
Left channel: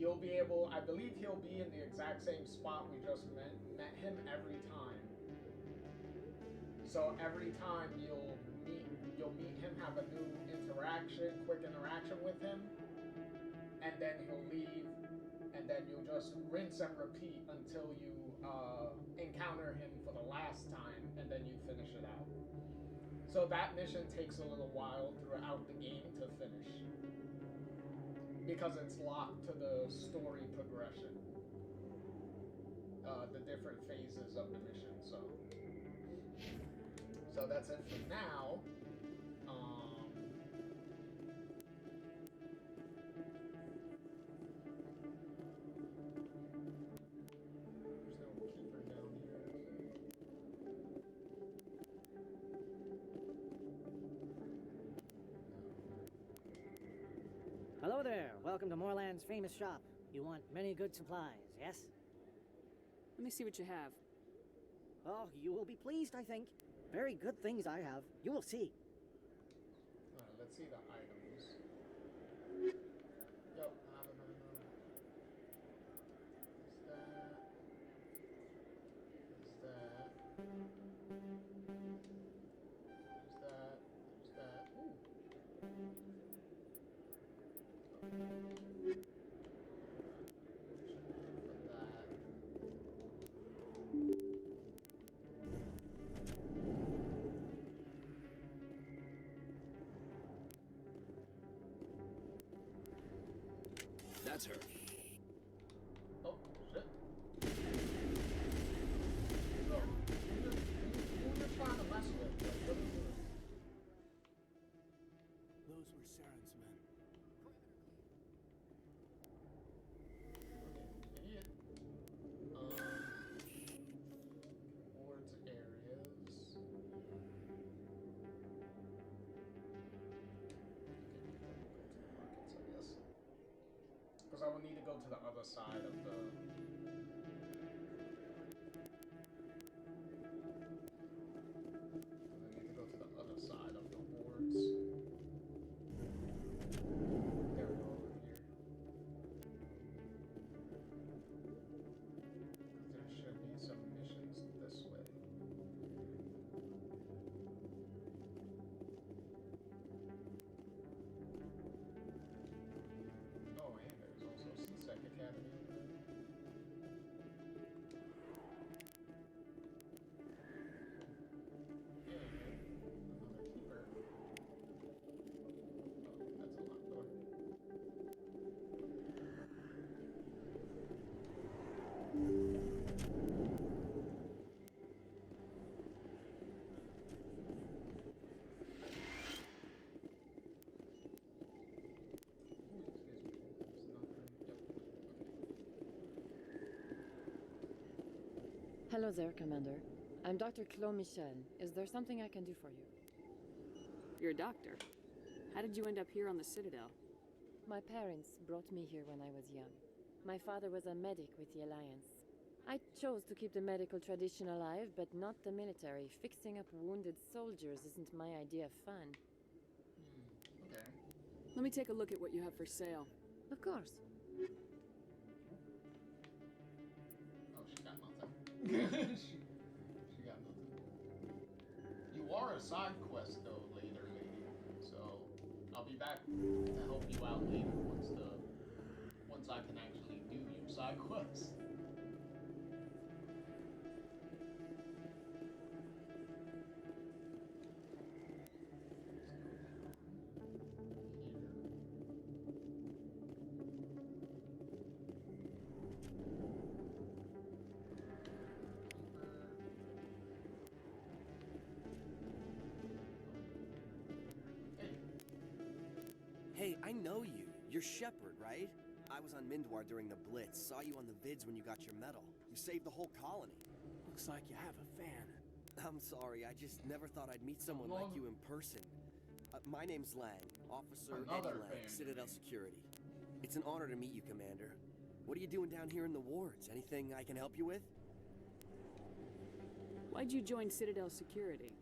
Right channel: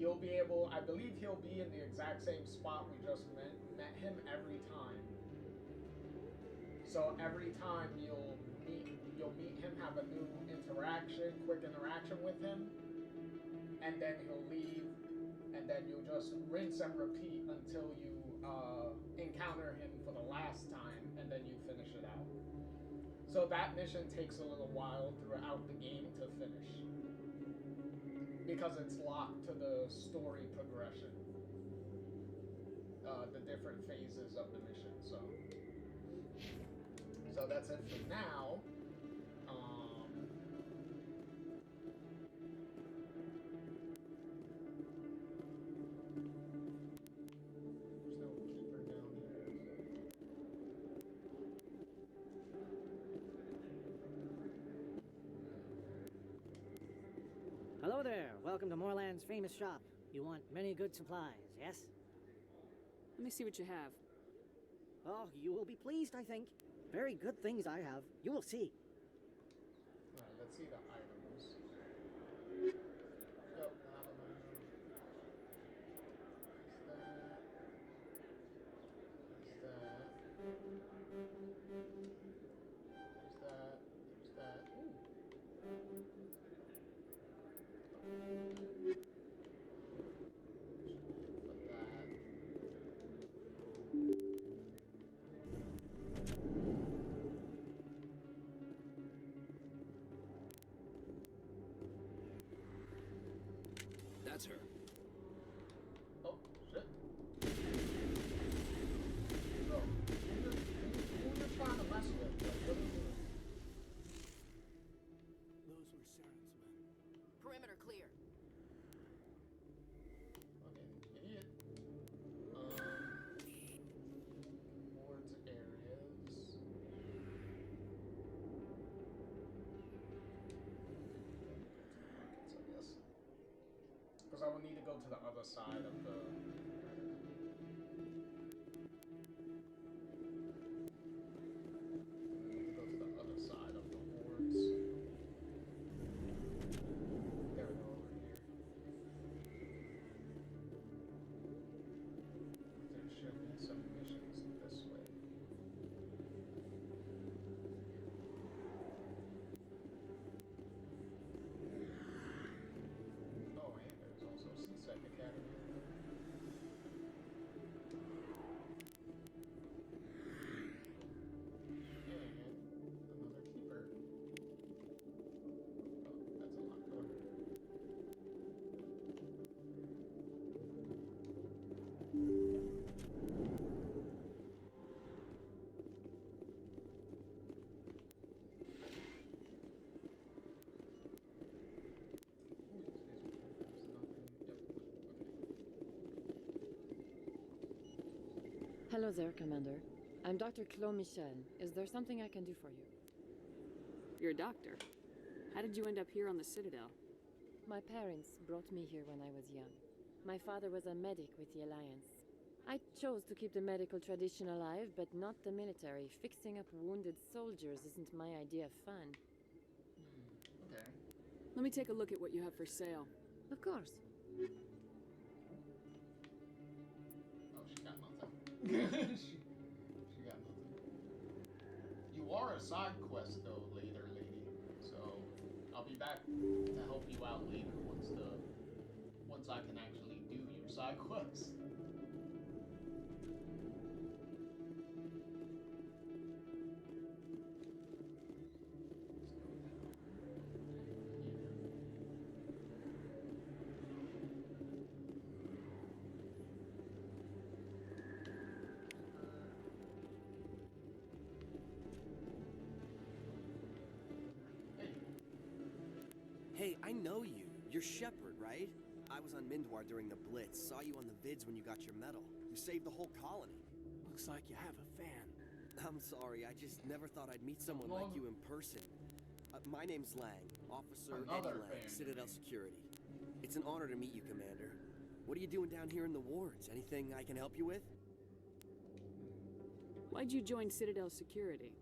you'll be able, I believe he'll be in the exact same spot we just met him every time. So every time you'll meet him, have a new quick interaction with him, and then he'll leave. And then you'll just rinse and repeat until you encounter him for the last time, and then you finish it out. So that mission takes a little while throughout the game to finish, because it's locked to the story progression, the different phases of the mission. So that's it for now. Hello there. Welcome to Moorland's famous shop. You want many good supplies, yes? Let me see what you have. Oh, you will be pleased, I think. Very good things I have. You will see. Alright, let's see the items. Yep, I have them. There's that. There's that. Ooh. That's her. Oh, shit. So, who you're trying to mess with? Like, what are you doing? Those were Saren's men. Perimeter clear. Okay, idiot. Towards areas. because I would need to go to the other side of the... I need to go to the other side of the wards. There we go, over here. There should be some missions this way. Oh, and there's also CSEC Academy. Another keeper. Oh, that's a locked door. Hello there, Commander. I'm Dr. Claude Michel. Is there something I can do for you? You're a doctor. How did you end up here on the Citadel? My parents brought me here when I was young. My father was a medic with the Alliance. I chose to keep the medical tradition alive, but not the military. Fixing up wounded soldiers isn't my idea of fun. Okay. Let me take a look at what you have for sale. Of course. Oh, she got nothing. she got nothing. You are a side quest though, later, lady. So I'll be back to help you out later once I can actually do your side quest. Hey, I know you. You're Shepard, right? I was on Mindwar during the Blitz. Saw you on the vids when you got your medal. You saved the whole colony. Looks like you have a fan. I'm sorry, I just never thought I'd meet someone like you in person. My name's Lang, Officer Another Eddie Lang, fan. Citadel Security. It's an honor to meet you, Commander. What are you doing down here in the wards? Anything I can help you with? Why'd you join Citadel Security?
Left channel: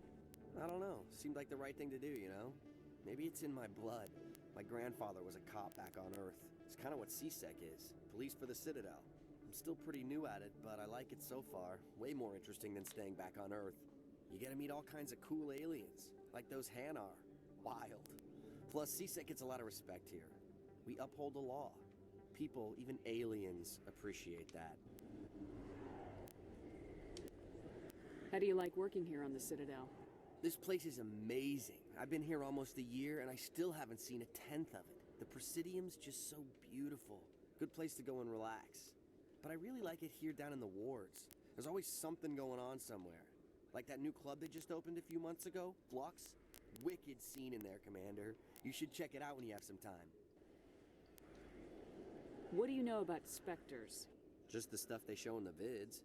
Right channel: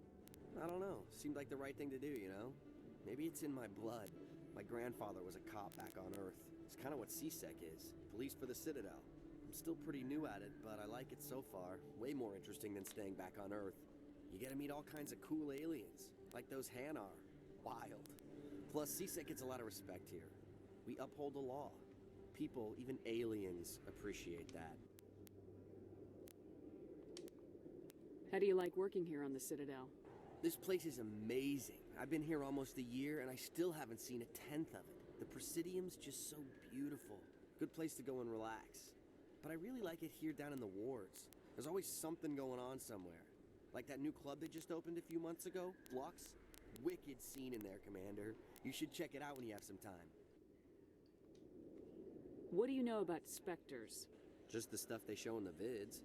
I don't know. Seemed like the right thing to do, you know? Maybe it's in my blood. My grandfather was a cop back on Earth. It's kind of what CSEC is. Police for the Citadel. I'm still pretty new at it, but I like it so far. Way more interesting than staying back on Earth. You get to meet all kinds of cool aliens, like those Hanar. Wild. Plus, CSEC gets a lot of respect here. We uphold the law. People, even aliens, appreciate that. How do you like working here on the Citadel? This place is amazing. I've been here almost a year, and I still haven't seen a tenth of it. The Presidium's just so beautiful. Good place to go and relax. But I really like it here down in the wards. There's always something going on somewhere. Like that new club that just opened a few months ago, Flux. Wicked scene in there, Commander. You should check it out when you have some time. What do you know about Spectres? Just the stuff they show in the vids.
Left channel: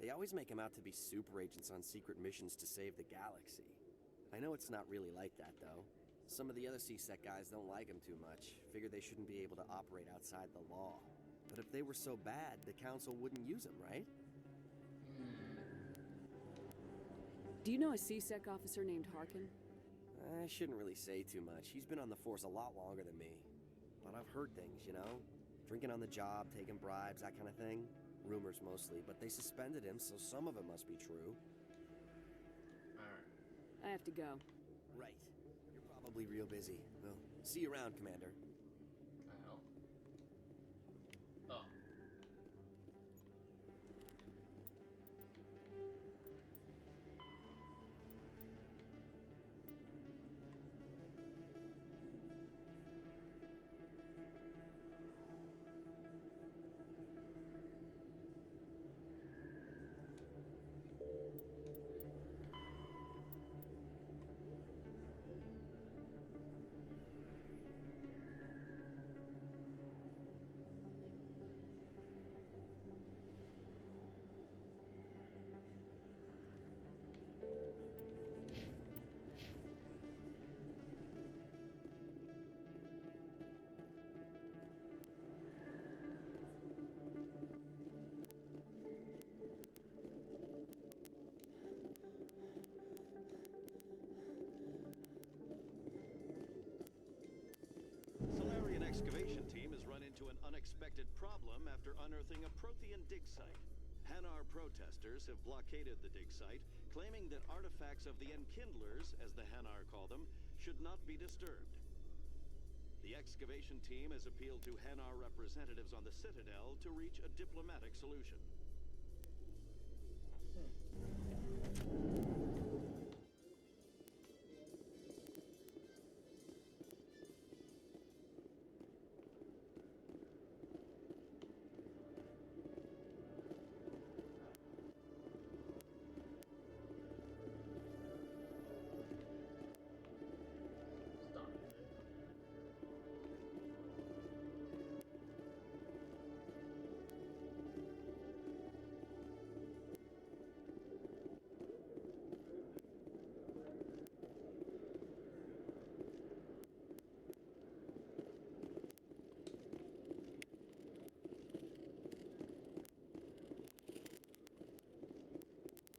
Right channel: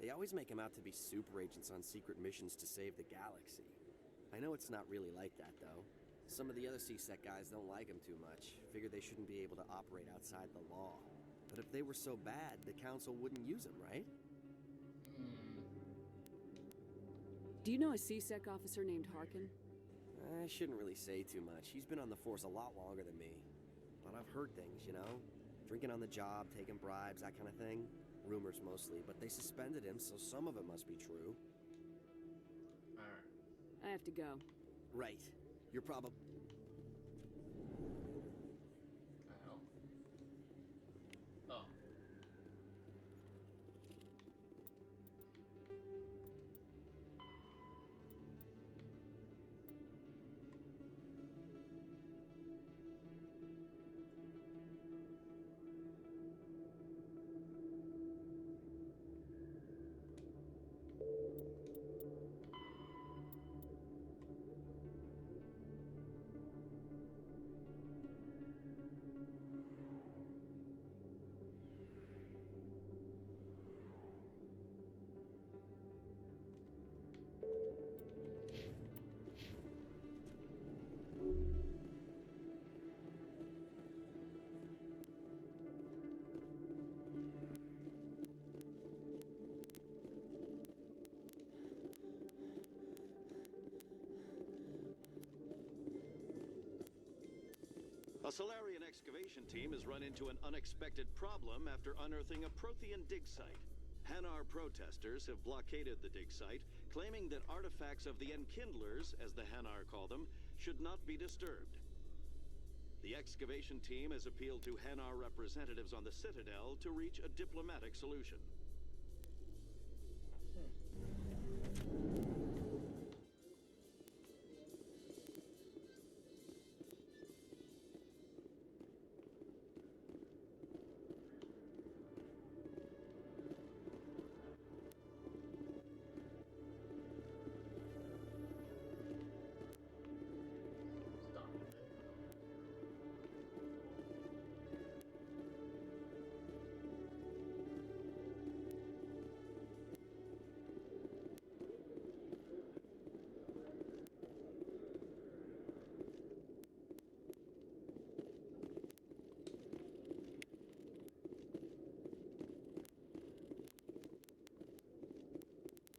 They always make them out to be super agents on secret missions to save the galaxy. I know it's not really like that, though. Some of the other CSEC guys don't like them too much. Figure they shouldn't be able to operate outside the law. But if they were so bad, the Council wouldn't use them, right? Do you know a CSEC officer named Harkin? I shouldn't really say too much. He's been on the force a lot longer than me. But I've heard things, you know? Drinking on the job, taking bribes, that kind of thing. Rumors mostly, but they suspended him, so some of it must be true. Alright. I have to go. Right. You're probably real busy. Well, see you around, Commander. Oh. Solarian excavation team has run into an unexpected problem after unearthing a Prothean dig site. Hanar protesters have blockaded the dig site, claiming that artifacts of the Enkindlers, as the Hanar call them, should not be disturbed. The excavation team has appealed to Hanar representatives on the Citadel to reach a diplomatic solution.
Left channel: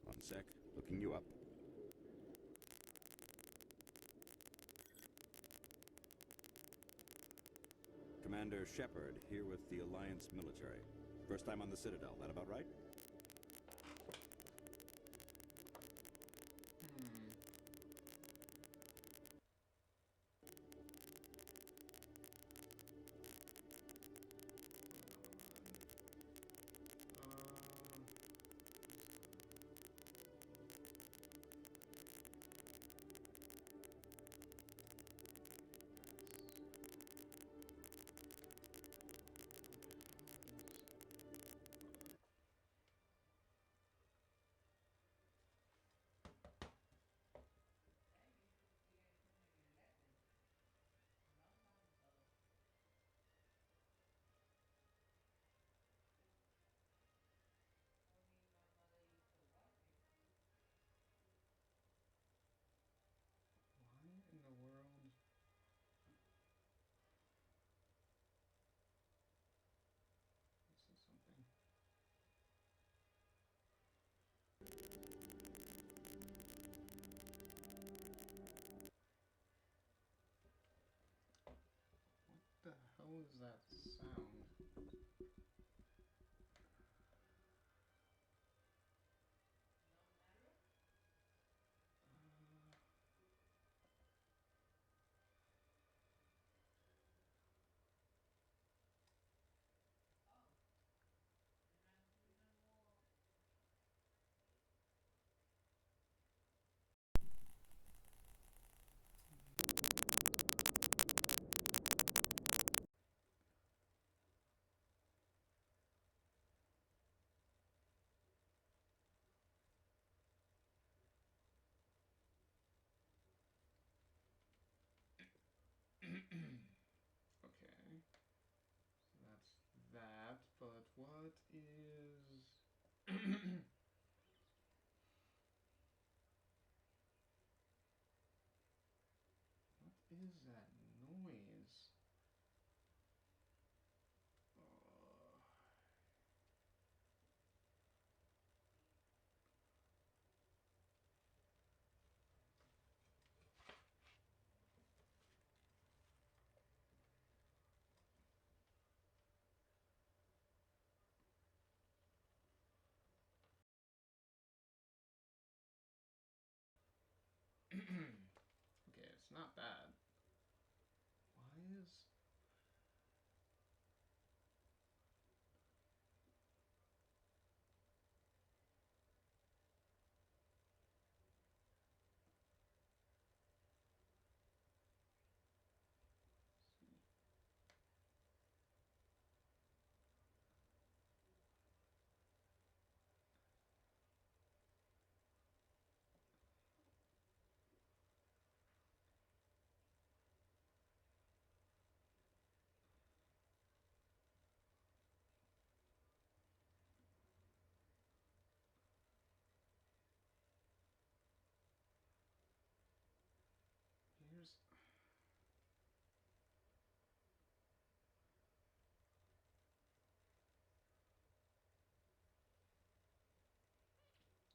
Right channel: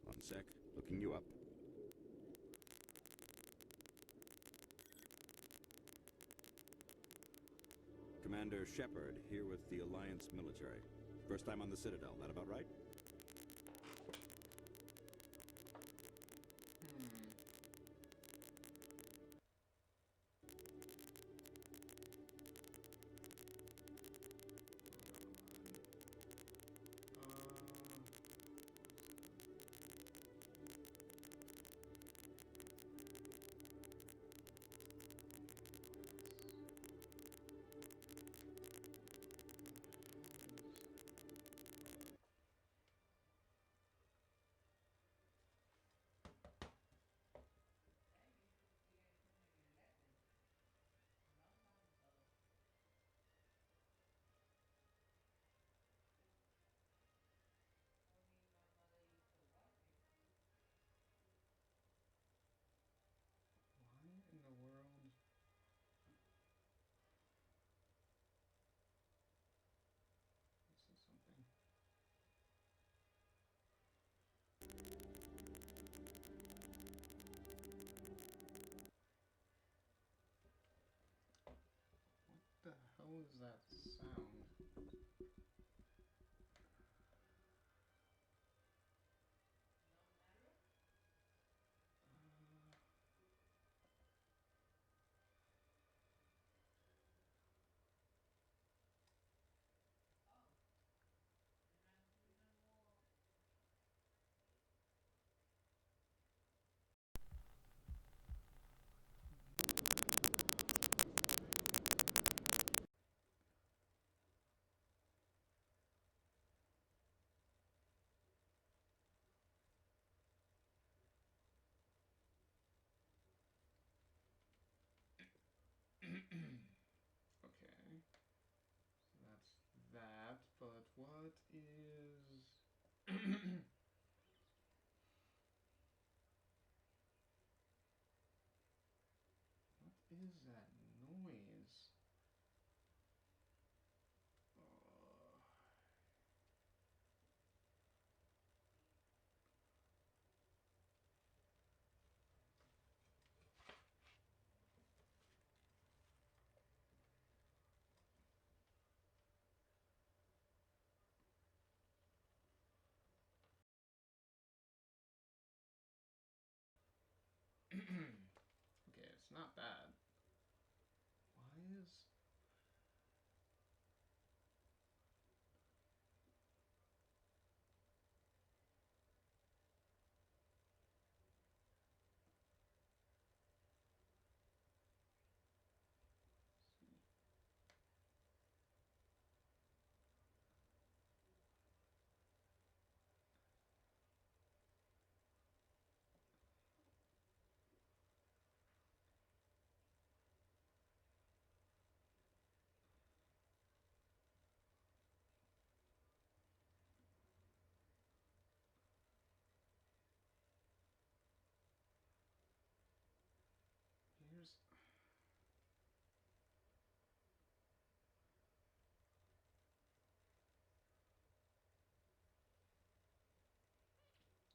One sec, looking you up. Commander Shepard, here with the Alliance military. First time on the Citadel, that about right? In the world. This is something. What the hell is that sound? Okay. So that's that, but what is... What is that noise? Okay, it's not that. Why is... Here's...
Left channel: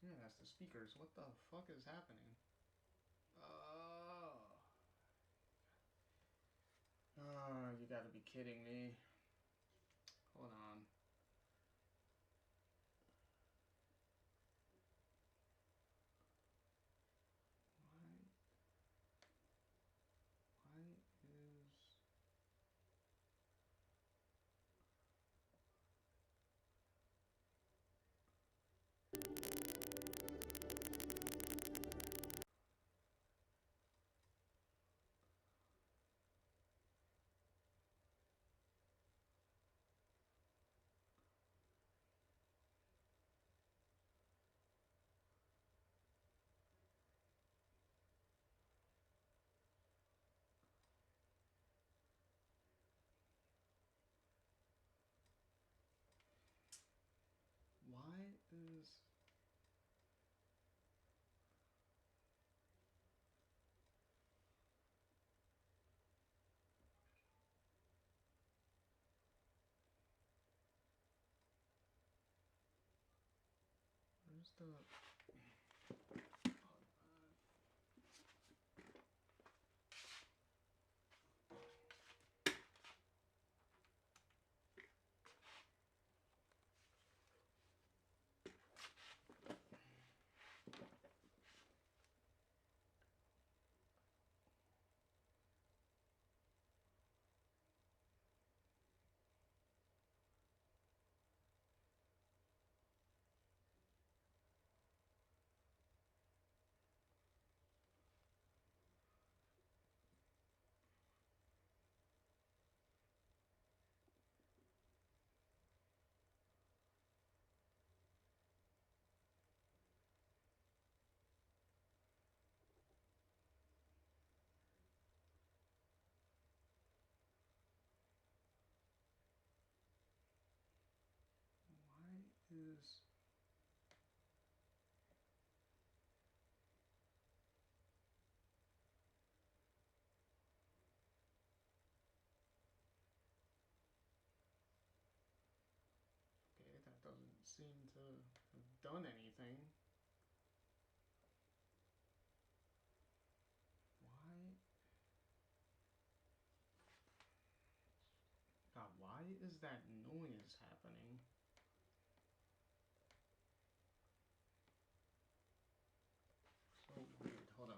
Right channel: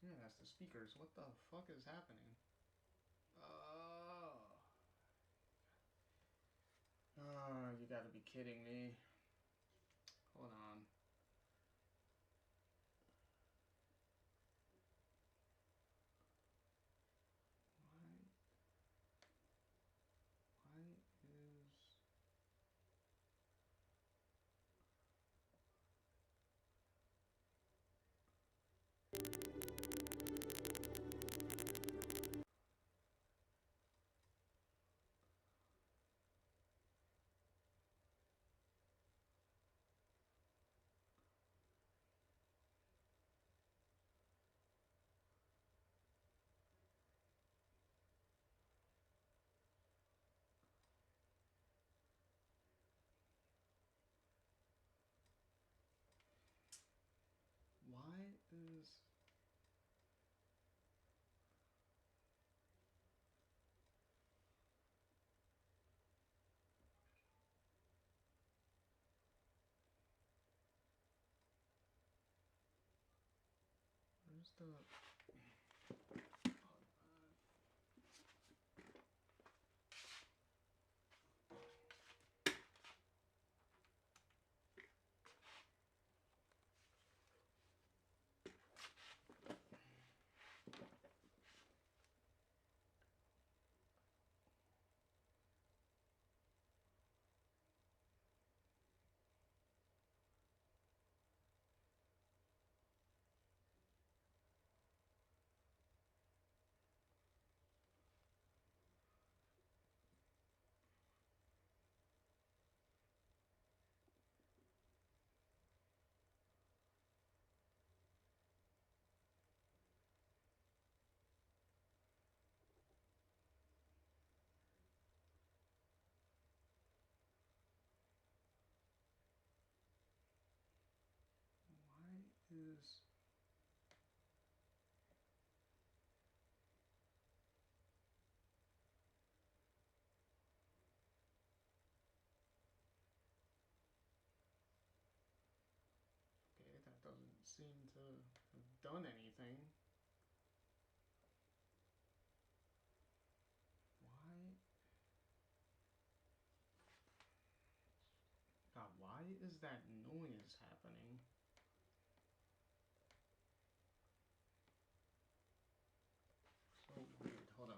Yeah, that's the speakers. What the fuck is happening? kidding me? Hold on. Why is... Why is... Where's the... is... Okay, that doesn't seem to have done anything. Why? God, why is that noise happening? So weird. Hold on.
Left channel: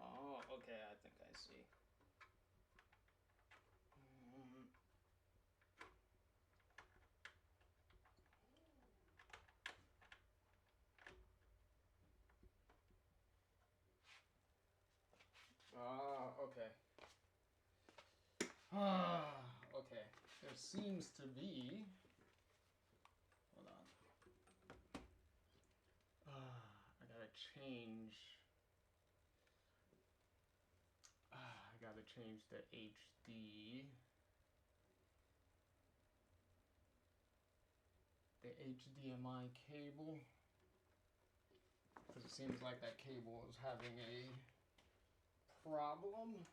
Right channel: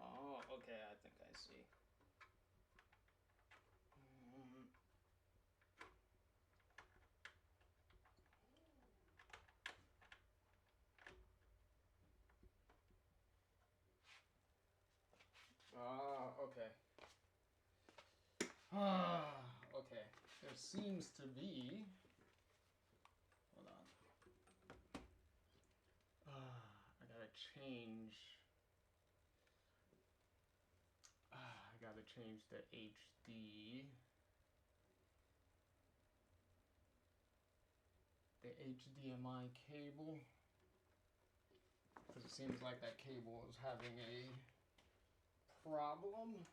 Oh, okay, I think I see. Okay. Okay. There seems to be... Hold on. I gotta change... I gotta change the HD... The HDMI cable. Because it seems like that cable is having a problem.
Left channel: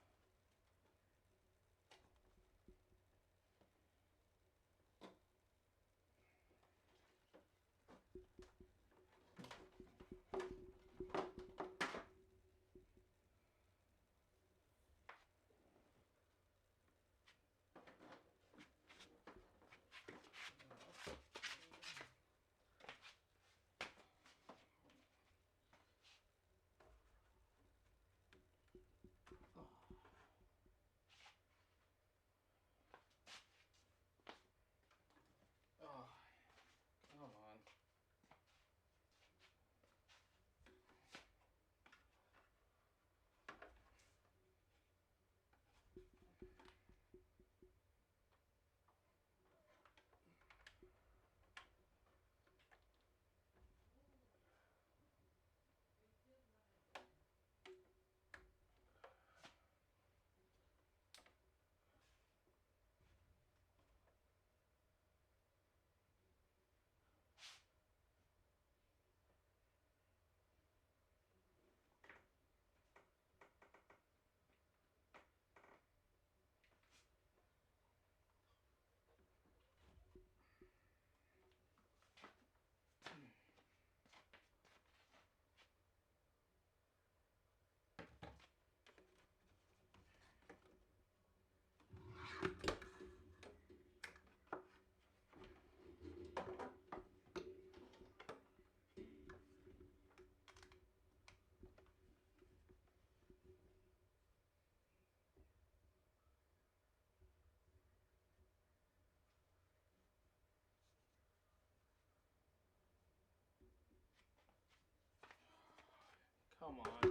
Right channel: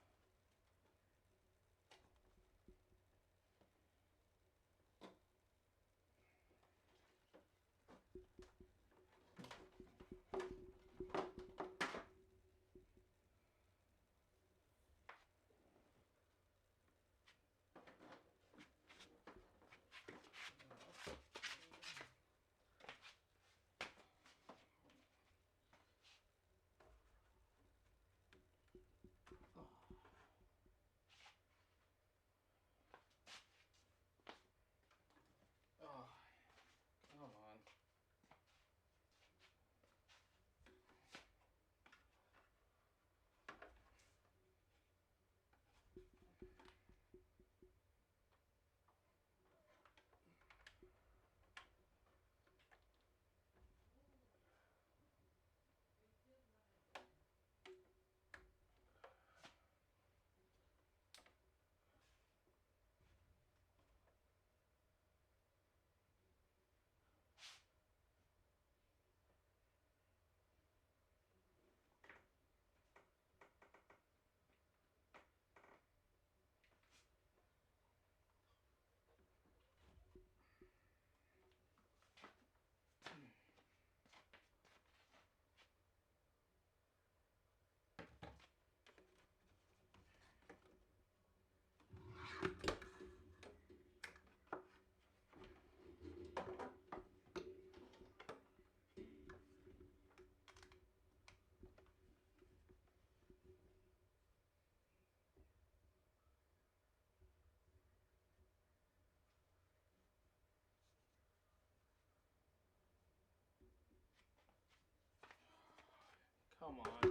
Come on.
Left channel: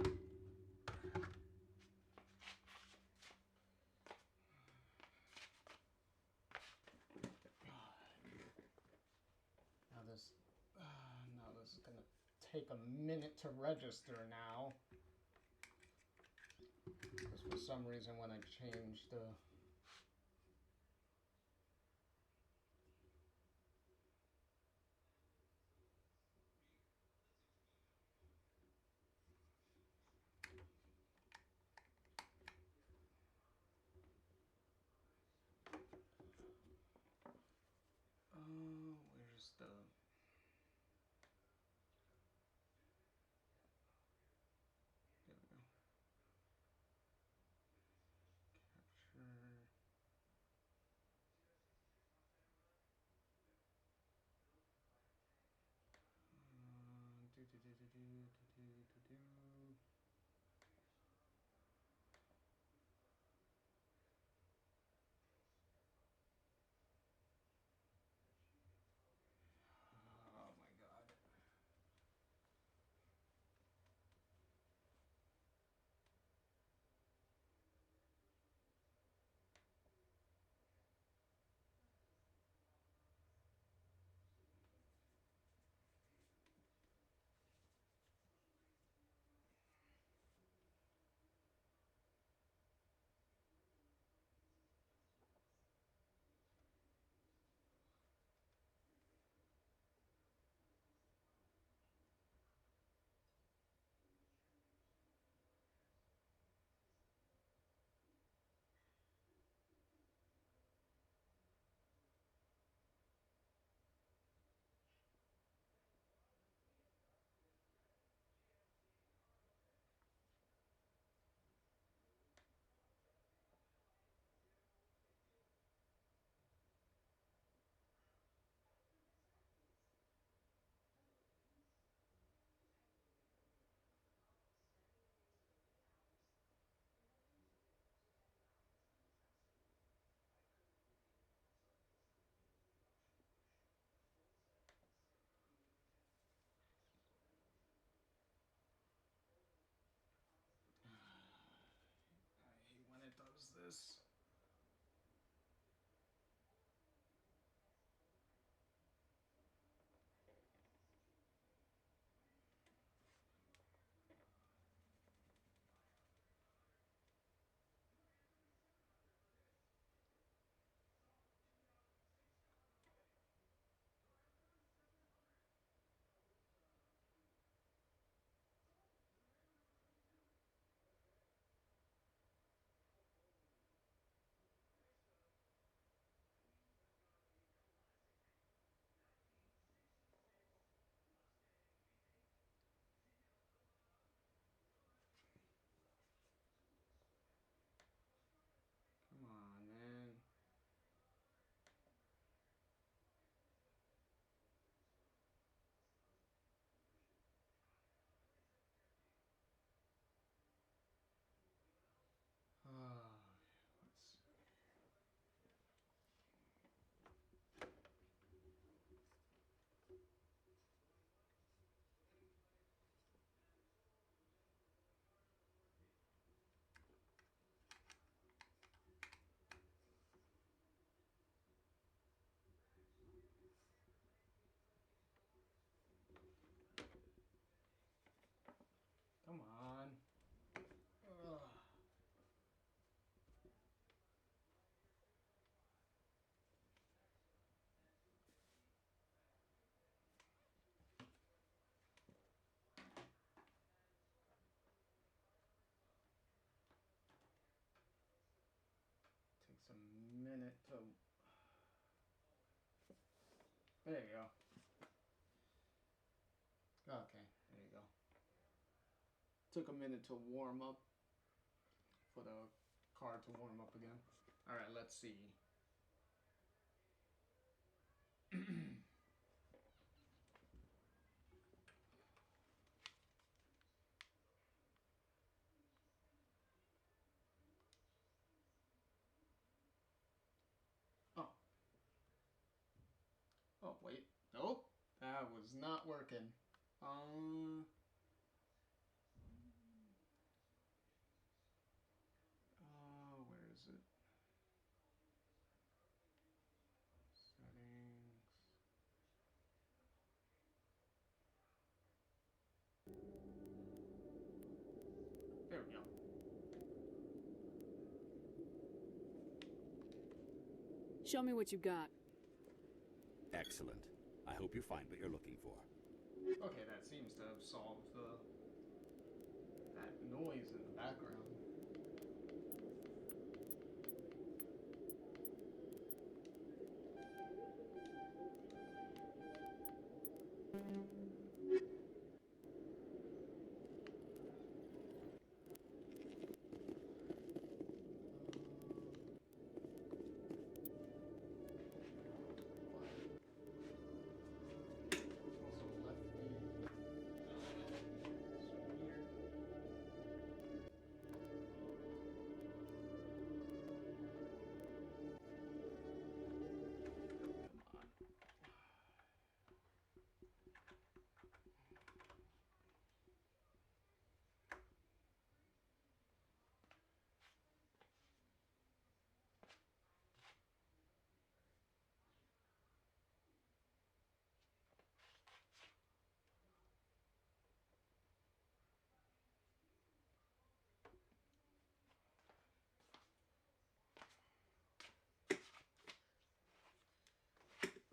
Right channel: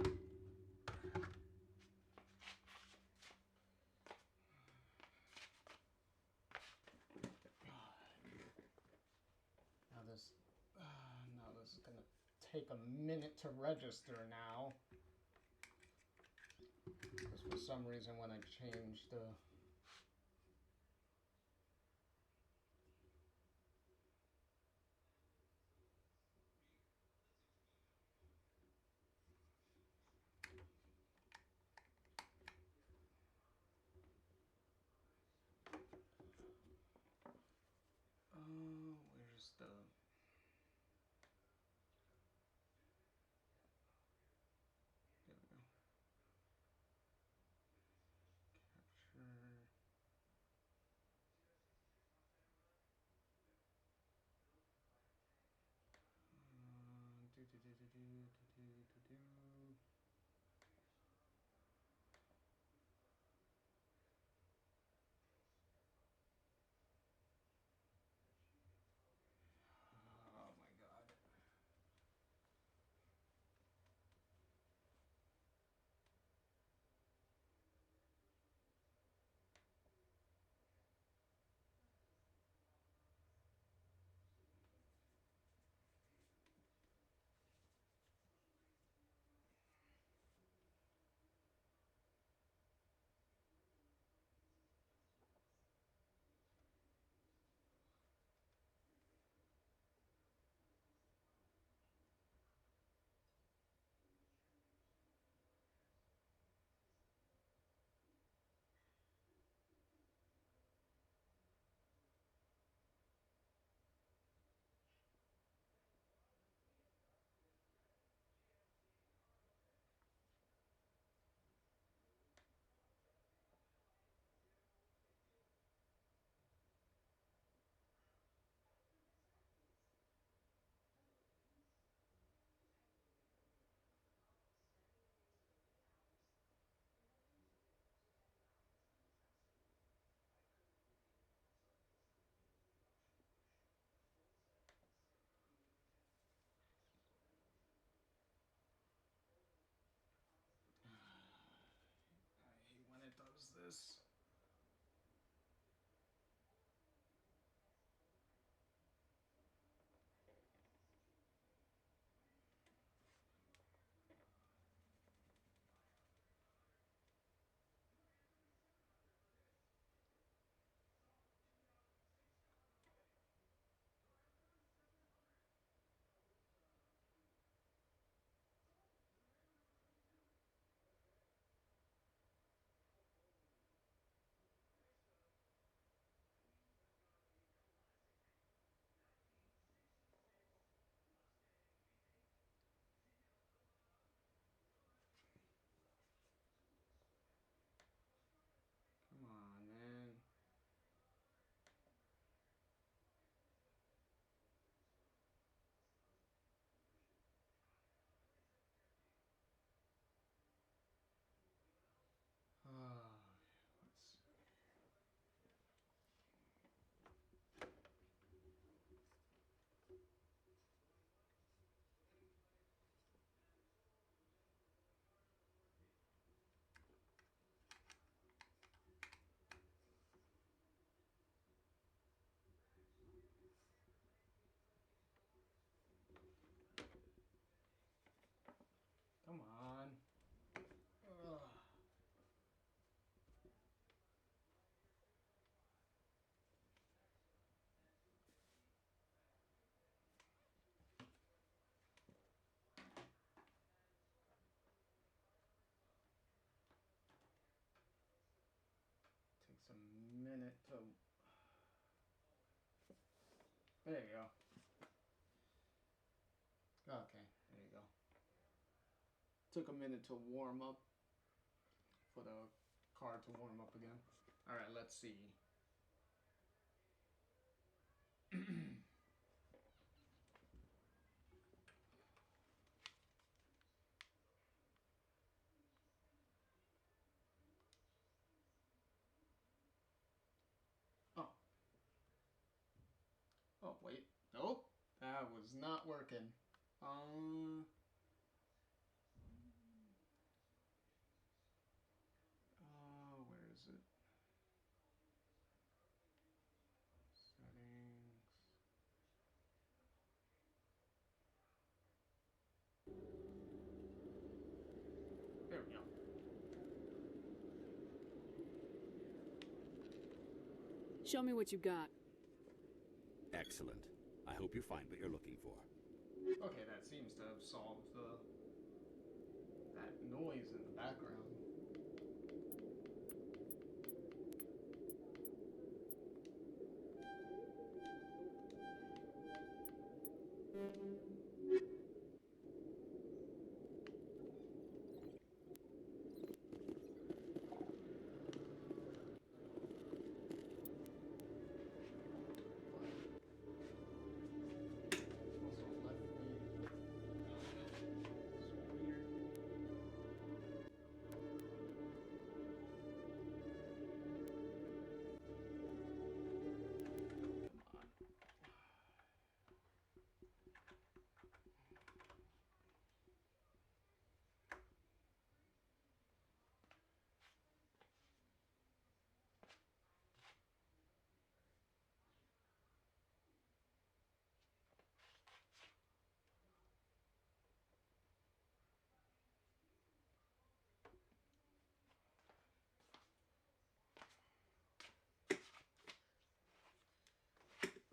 Now this is gonna take a minute to register now. Because for some reason when I changed the... where's the... There we go. Capture... Oh my god. I hate when it does this. Come on, man. Let's see. Come on. Ugh. Takes a minute to... There you go. Okay, there you go. Took a minute to warm up. For the card to warm up again. Alright, let's see. Oh. Oh, wait. Nope. That was not working. Show me what you got. Excellent. I hope you find what you're looking for. Okay, that seems to have solved that noise in the background.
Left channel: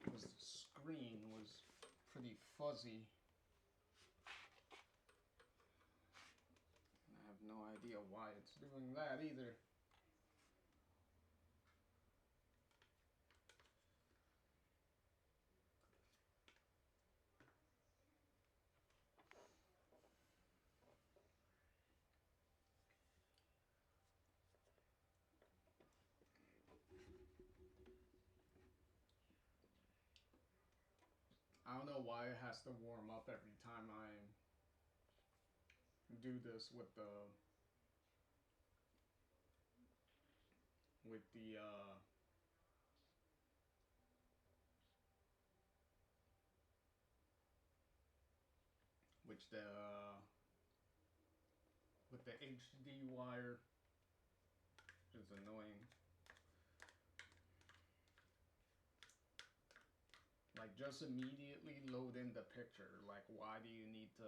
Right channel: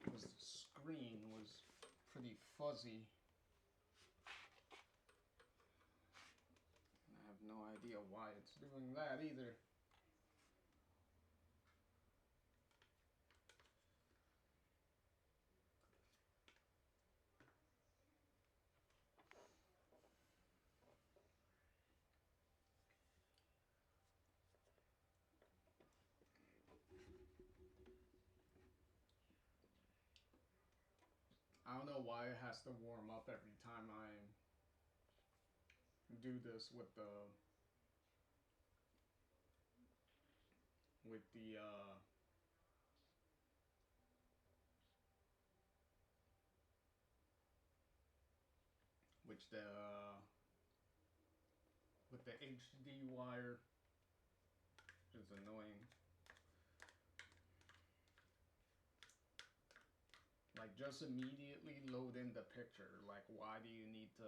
Because the screen was pretty fuzzy. I have no idea why it's doing that either. I don't know why it has to warm up every time I do this with the with the which the with the HD wire, which is annoying. Like, just immediately load in the picture. Like, why do you need to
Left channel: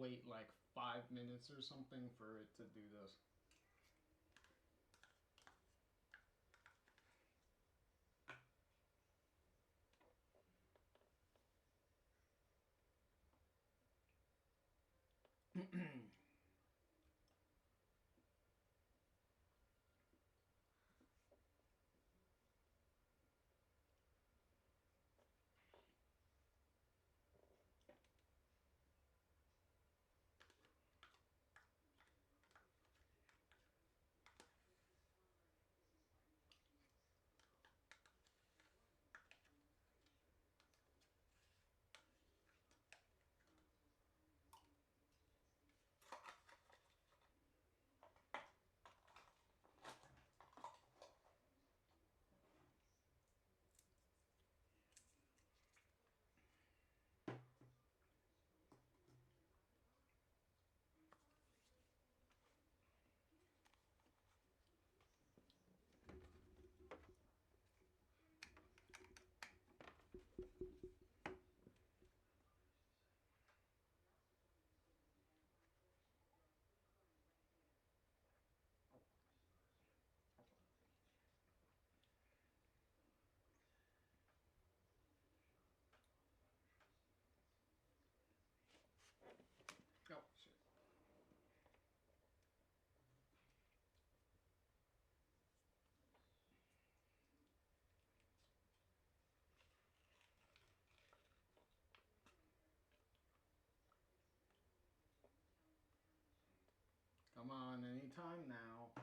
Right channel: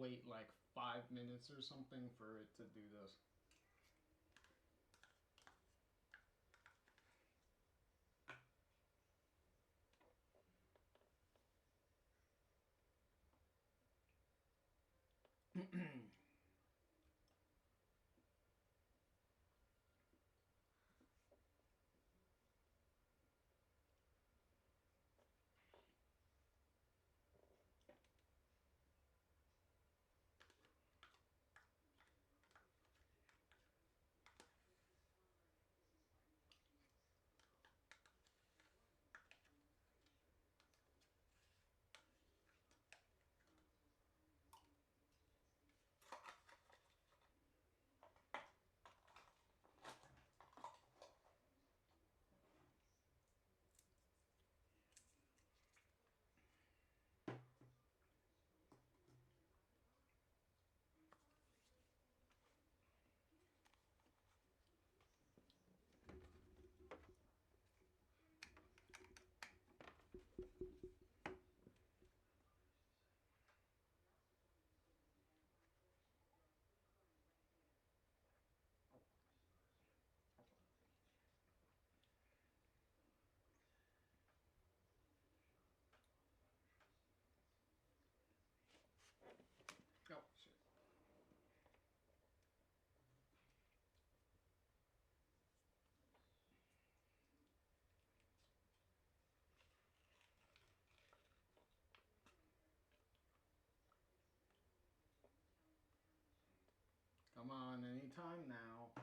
wait like 5 minutes or something for it to do this? Oh, shit. Come on, anytime now.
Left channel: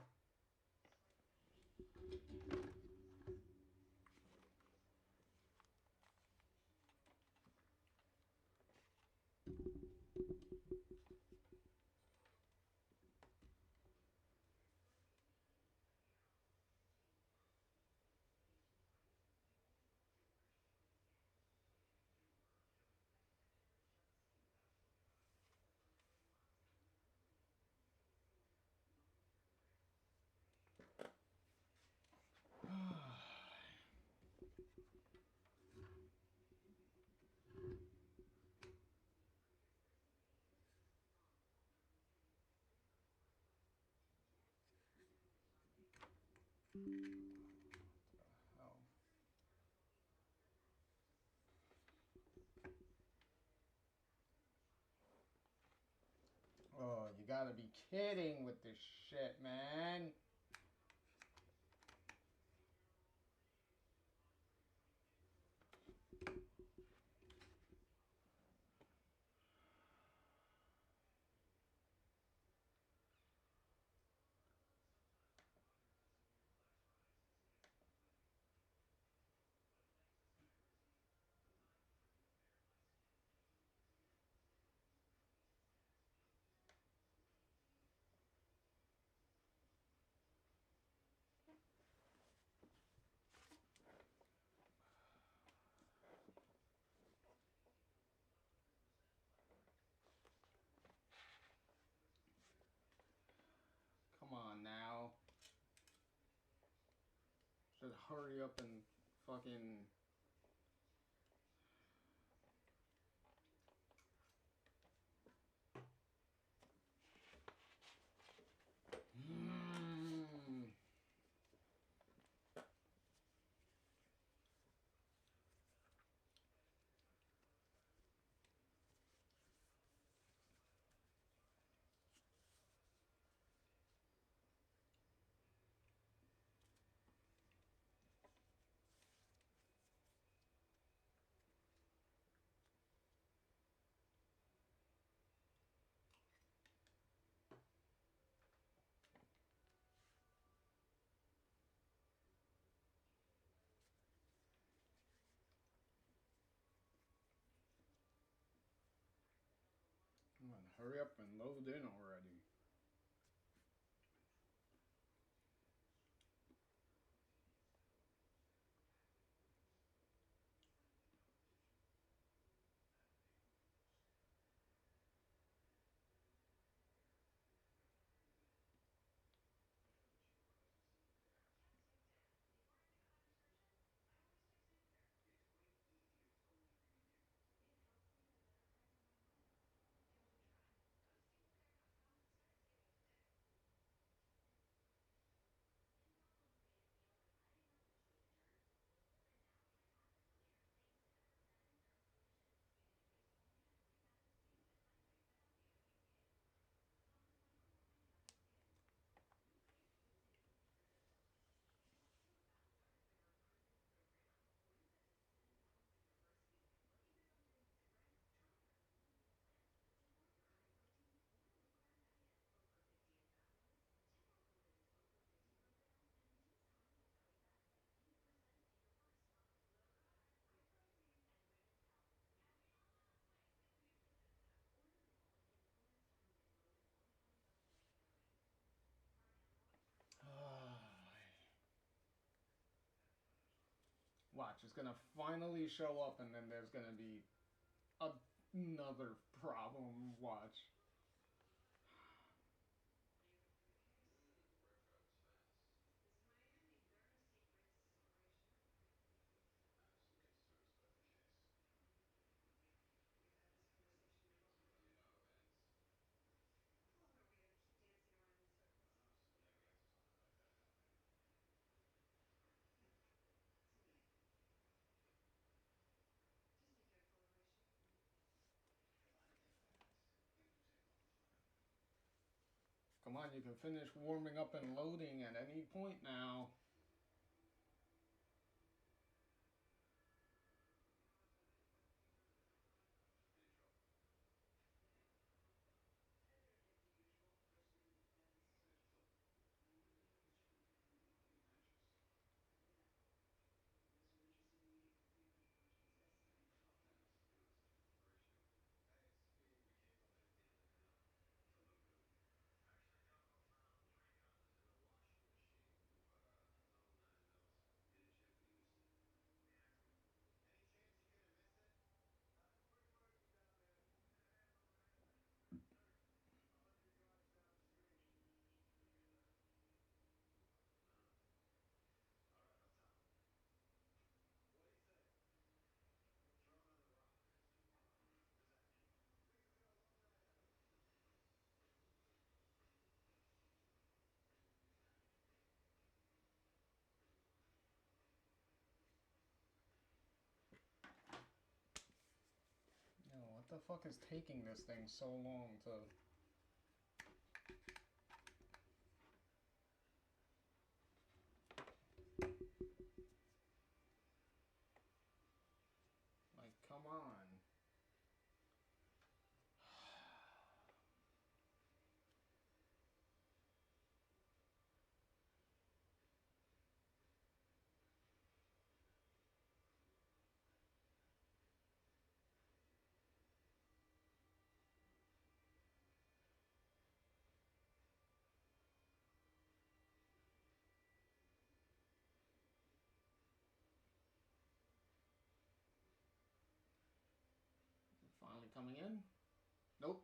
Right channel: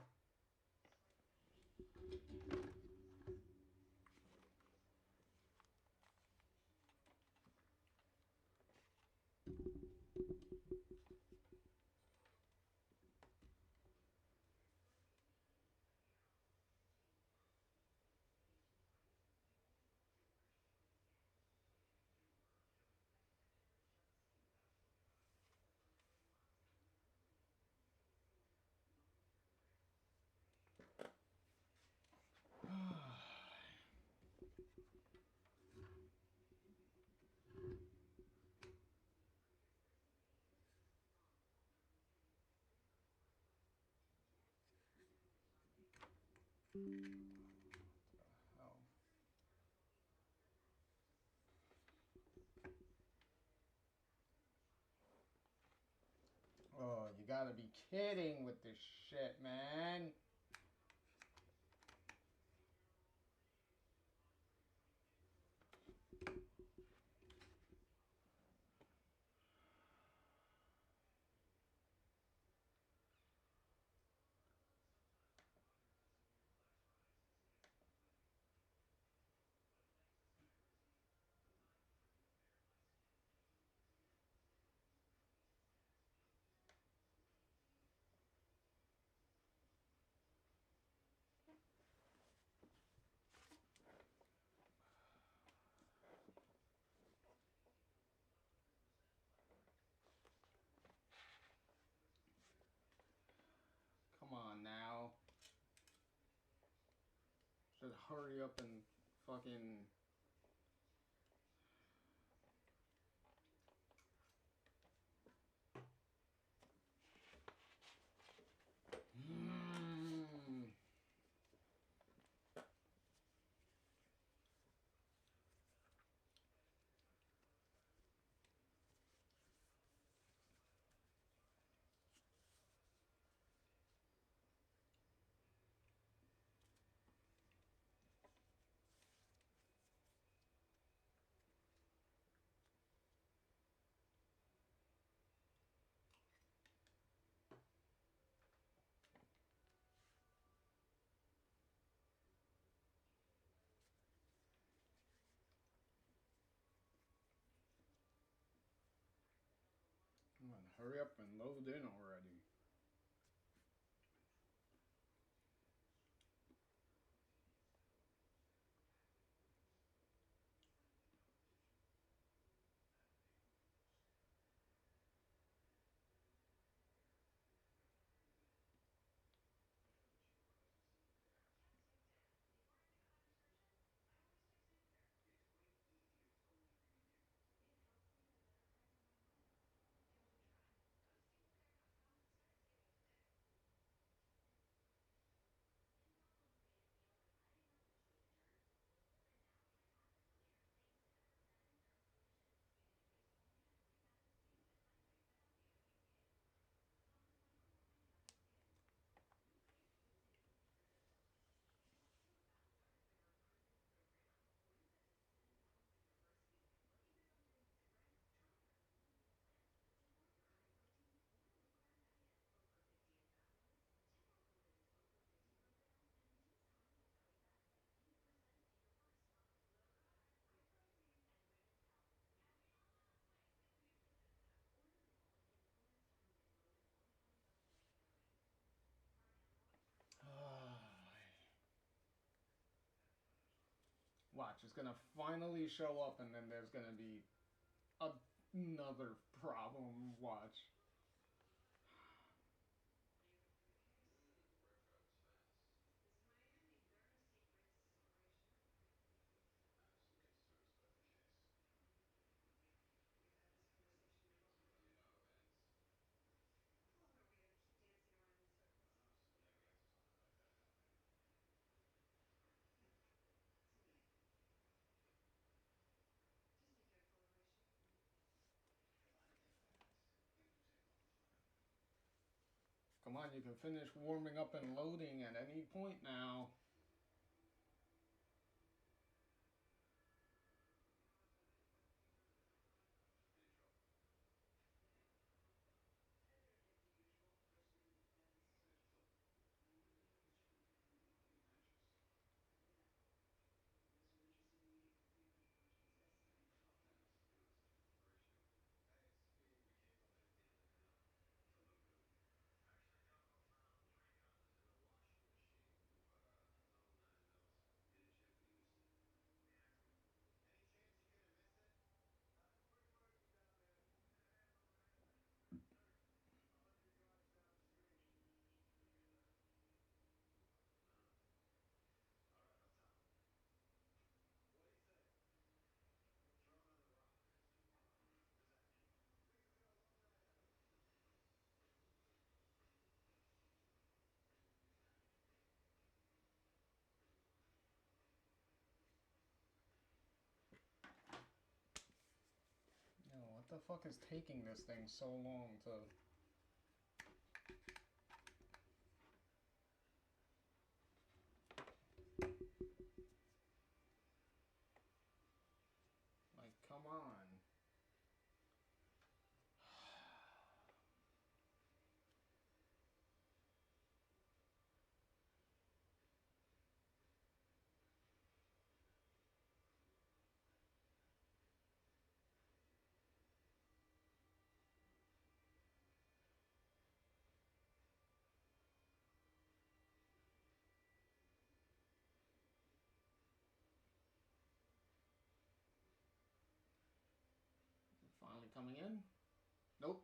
Oh. Oh, you gotta be kidding with this shit, man. Come on now. Should hurry up and fucking... Come on, hurry up and load in already. Watch, it's gonna finally show up and then there's gonna be another problem. Watch. Come on, you can finish warming up and loading at any point now. What the fuck is taking this thing so long to... Like, come on. Finally coming in? Nope.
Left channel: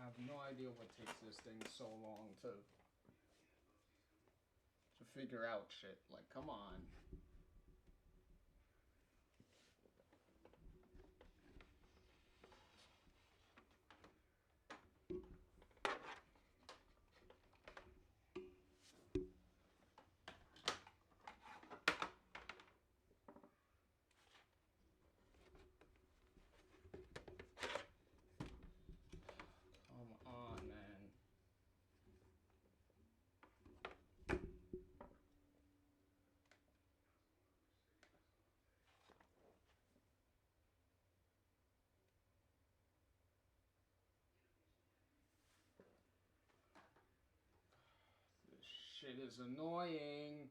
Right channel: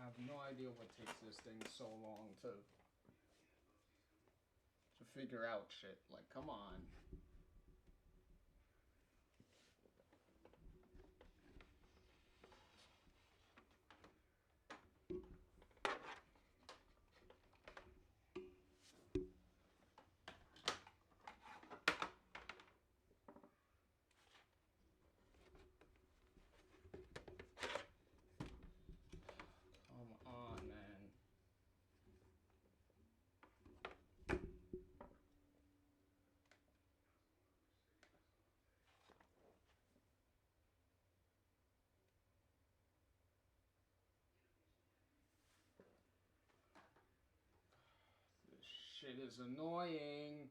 I have no idea what takes this thing so long to figure out shit. Like, come on. Come on, man. This shit is annoying.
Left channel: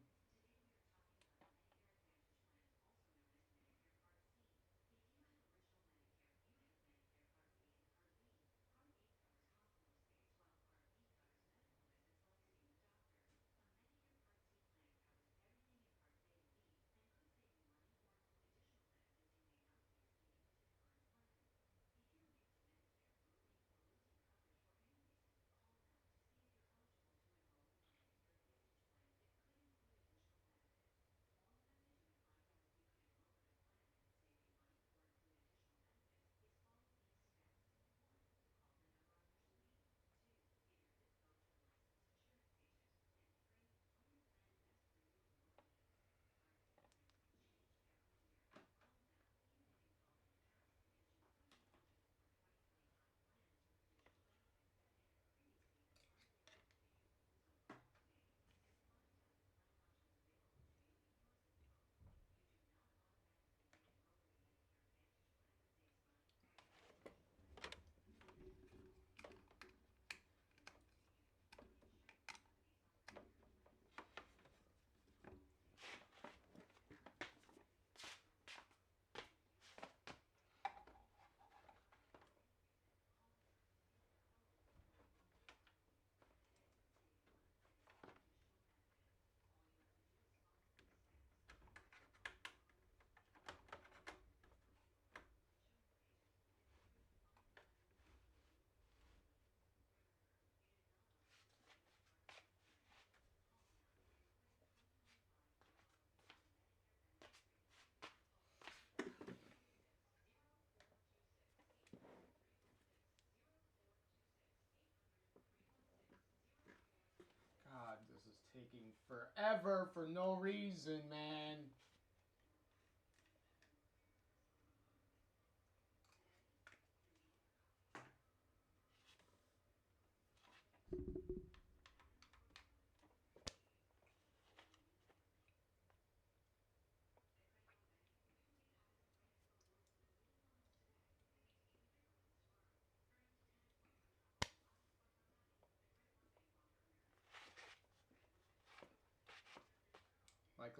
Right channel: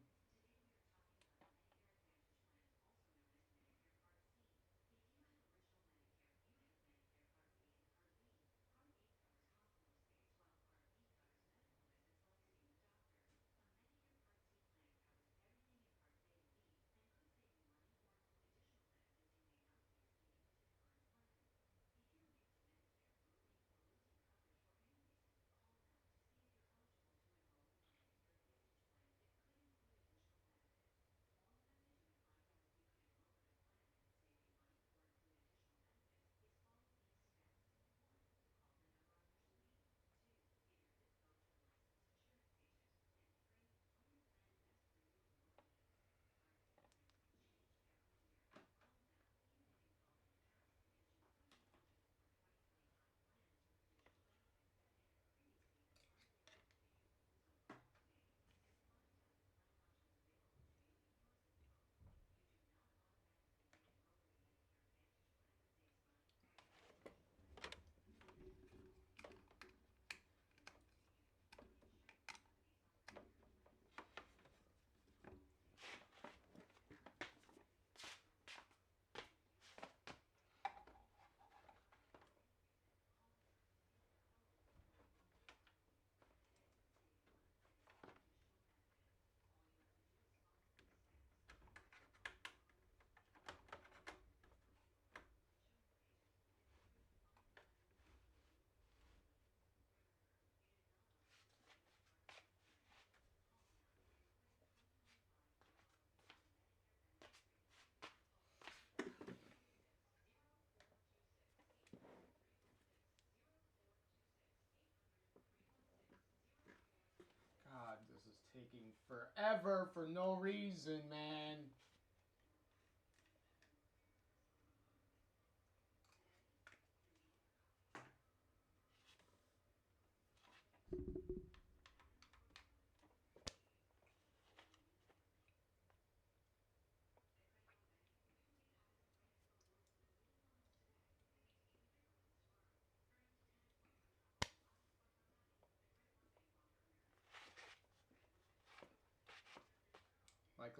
God, this is taking forever for no reason, man.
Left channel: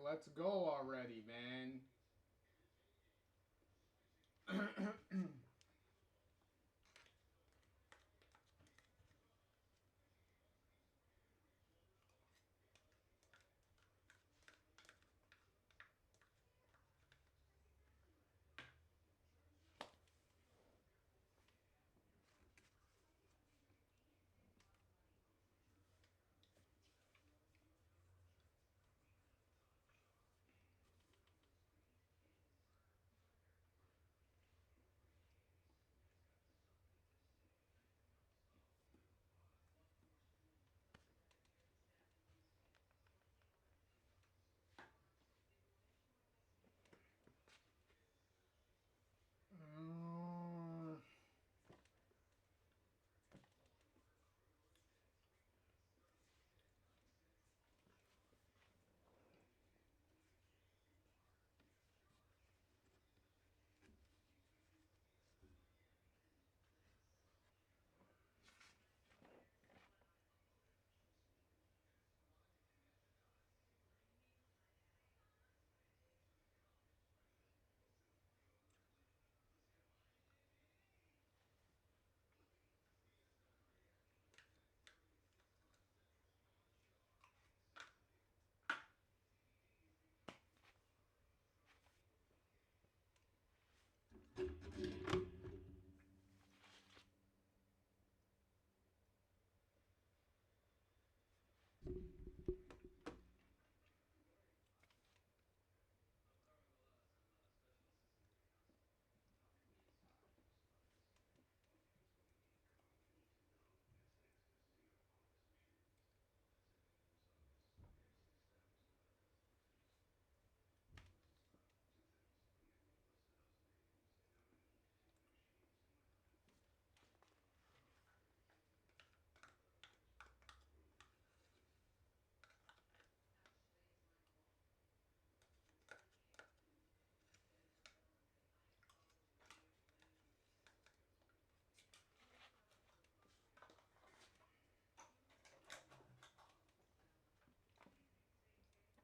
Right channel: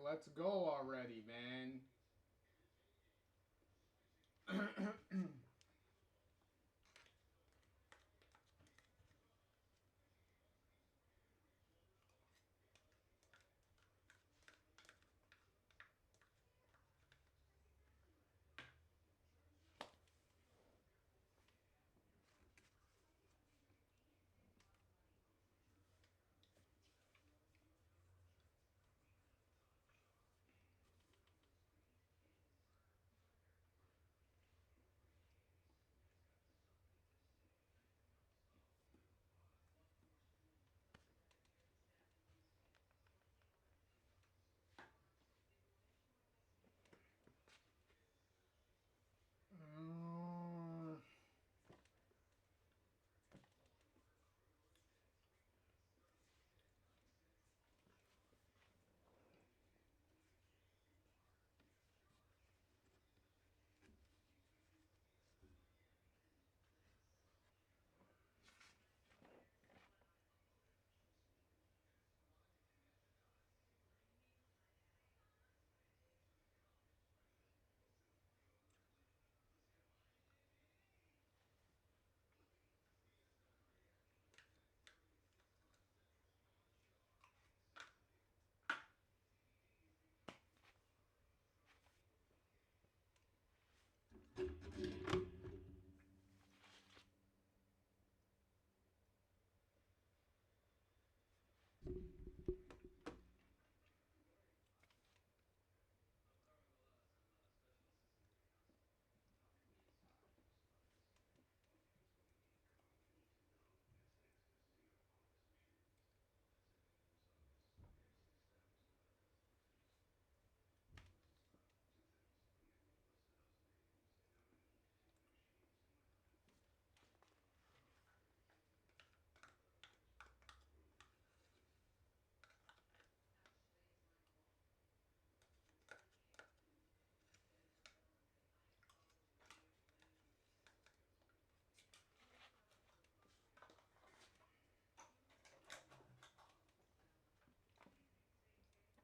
let's go already, man.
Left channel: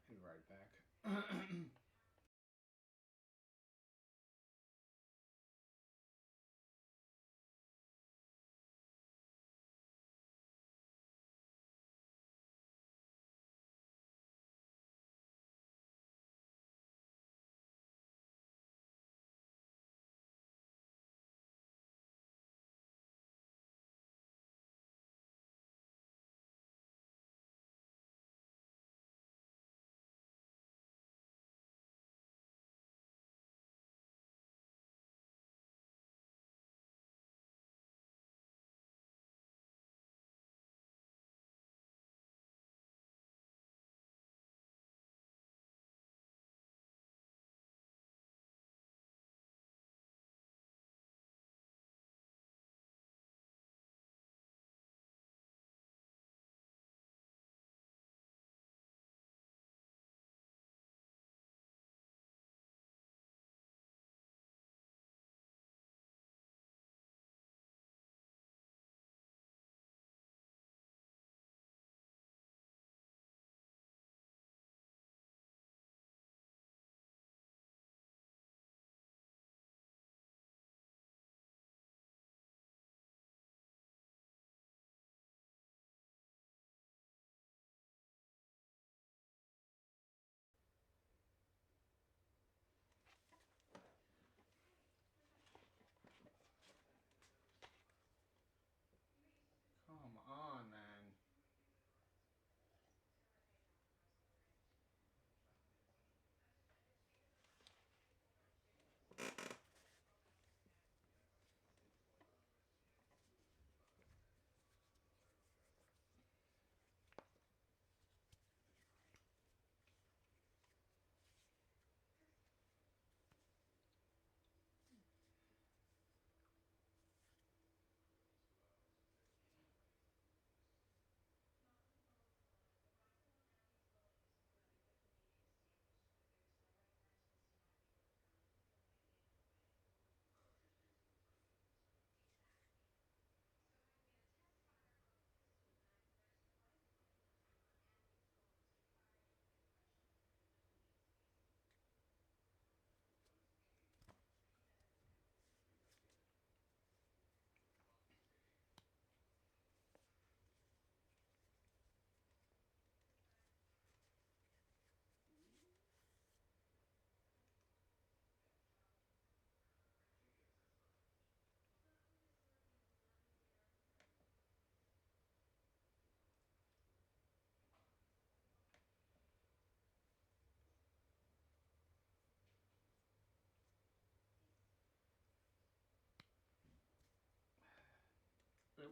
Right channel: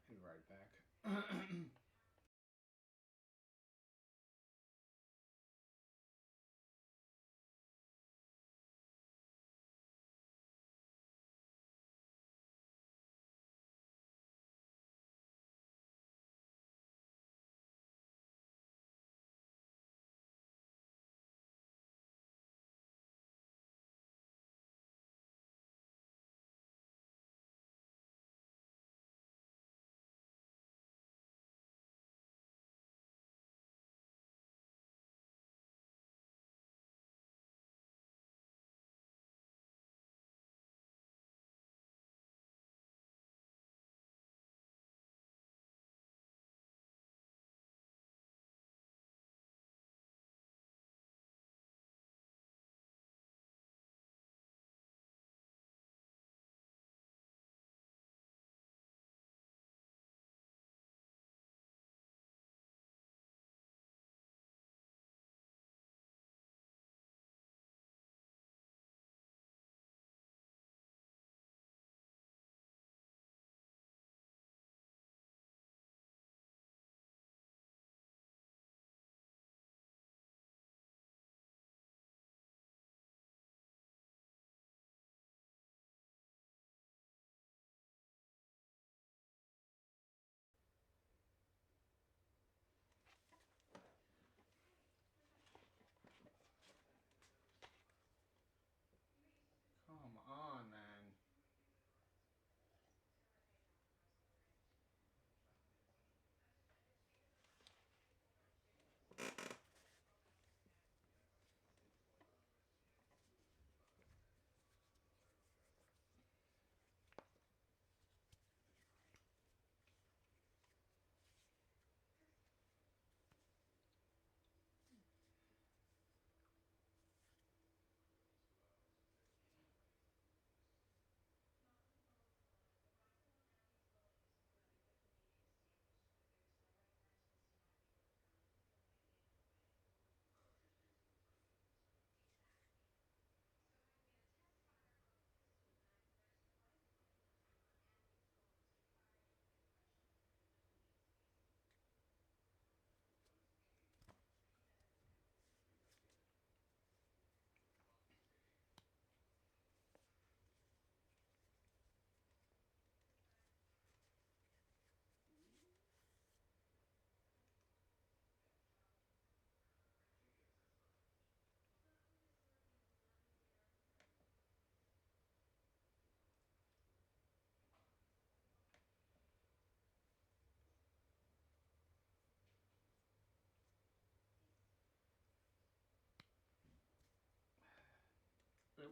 Be right back.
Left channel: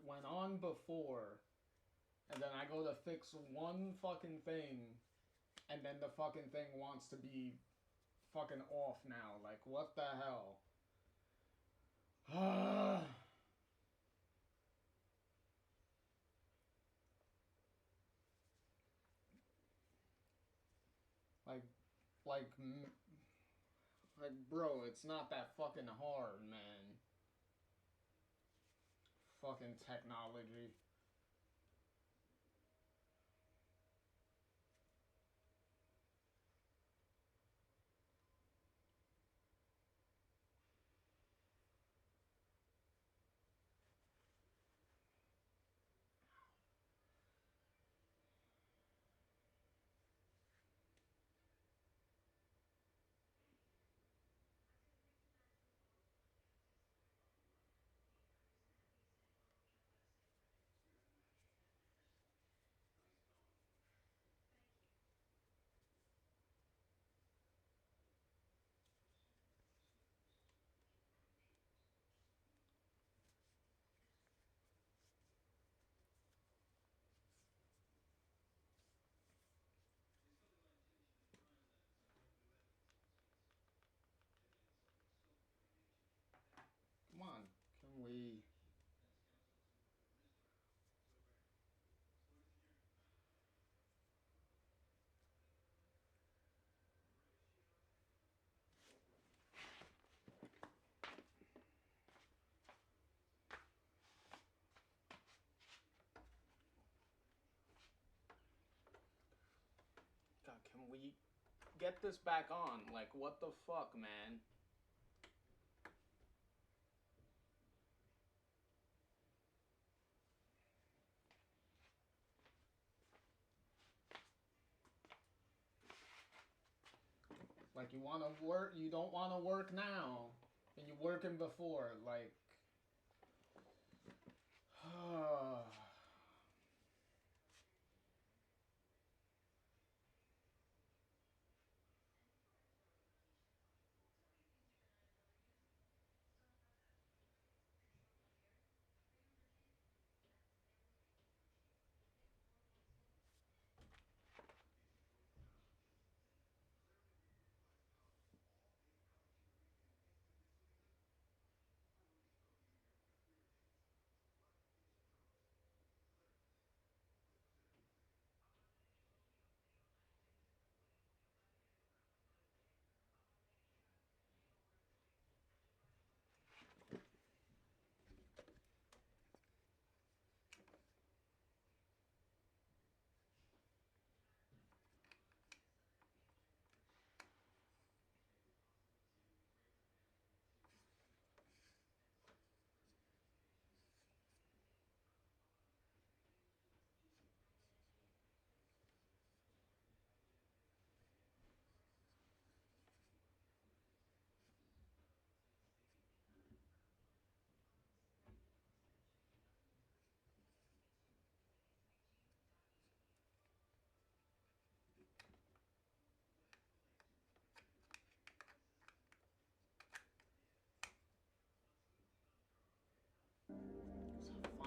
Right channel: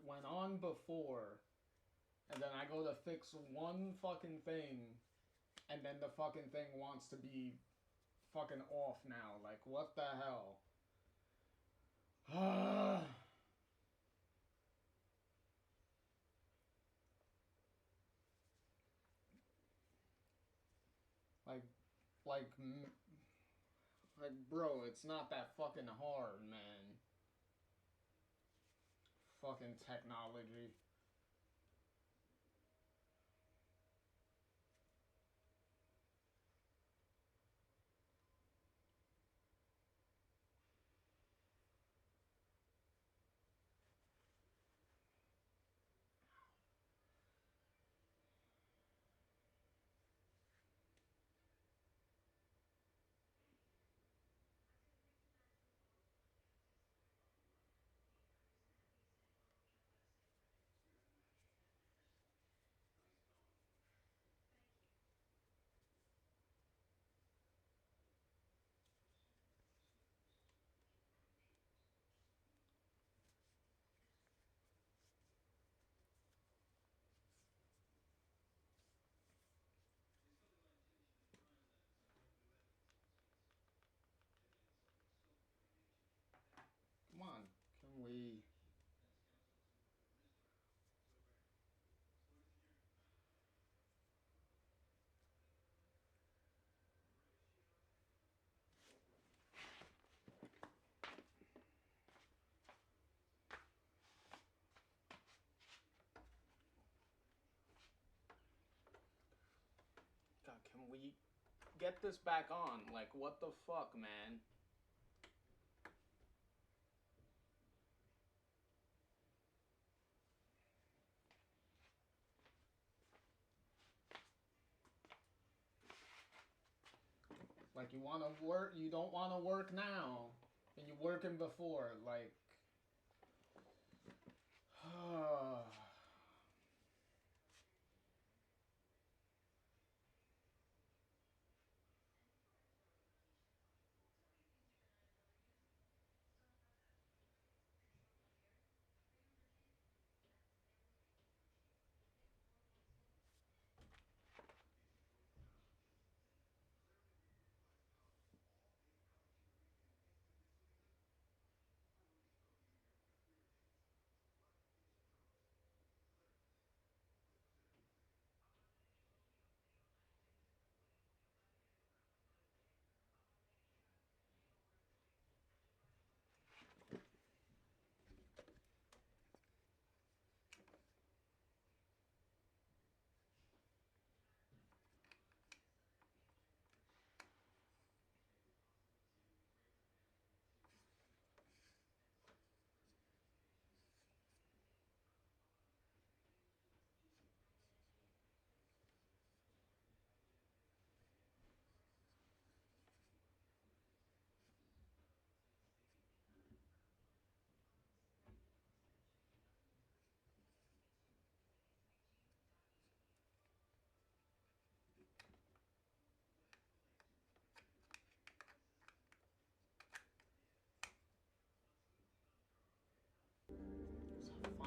went on before, and then I go to fix one fucking thing, and then the fucking thing wants to be fucking off now. Like, what the hell? like, bro, it's not that fucking hard, man. Fucking technology. Come on, can we... God, can we get this back on? Like, what the fuck, man? Like, you want to work, you don't want to work now, and you're working before, like...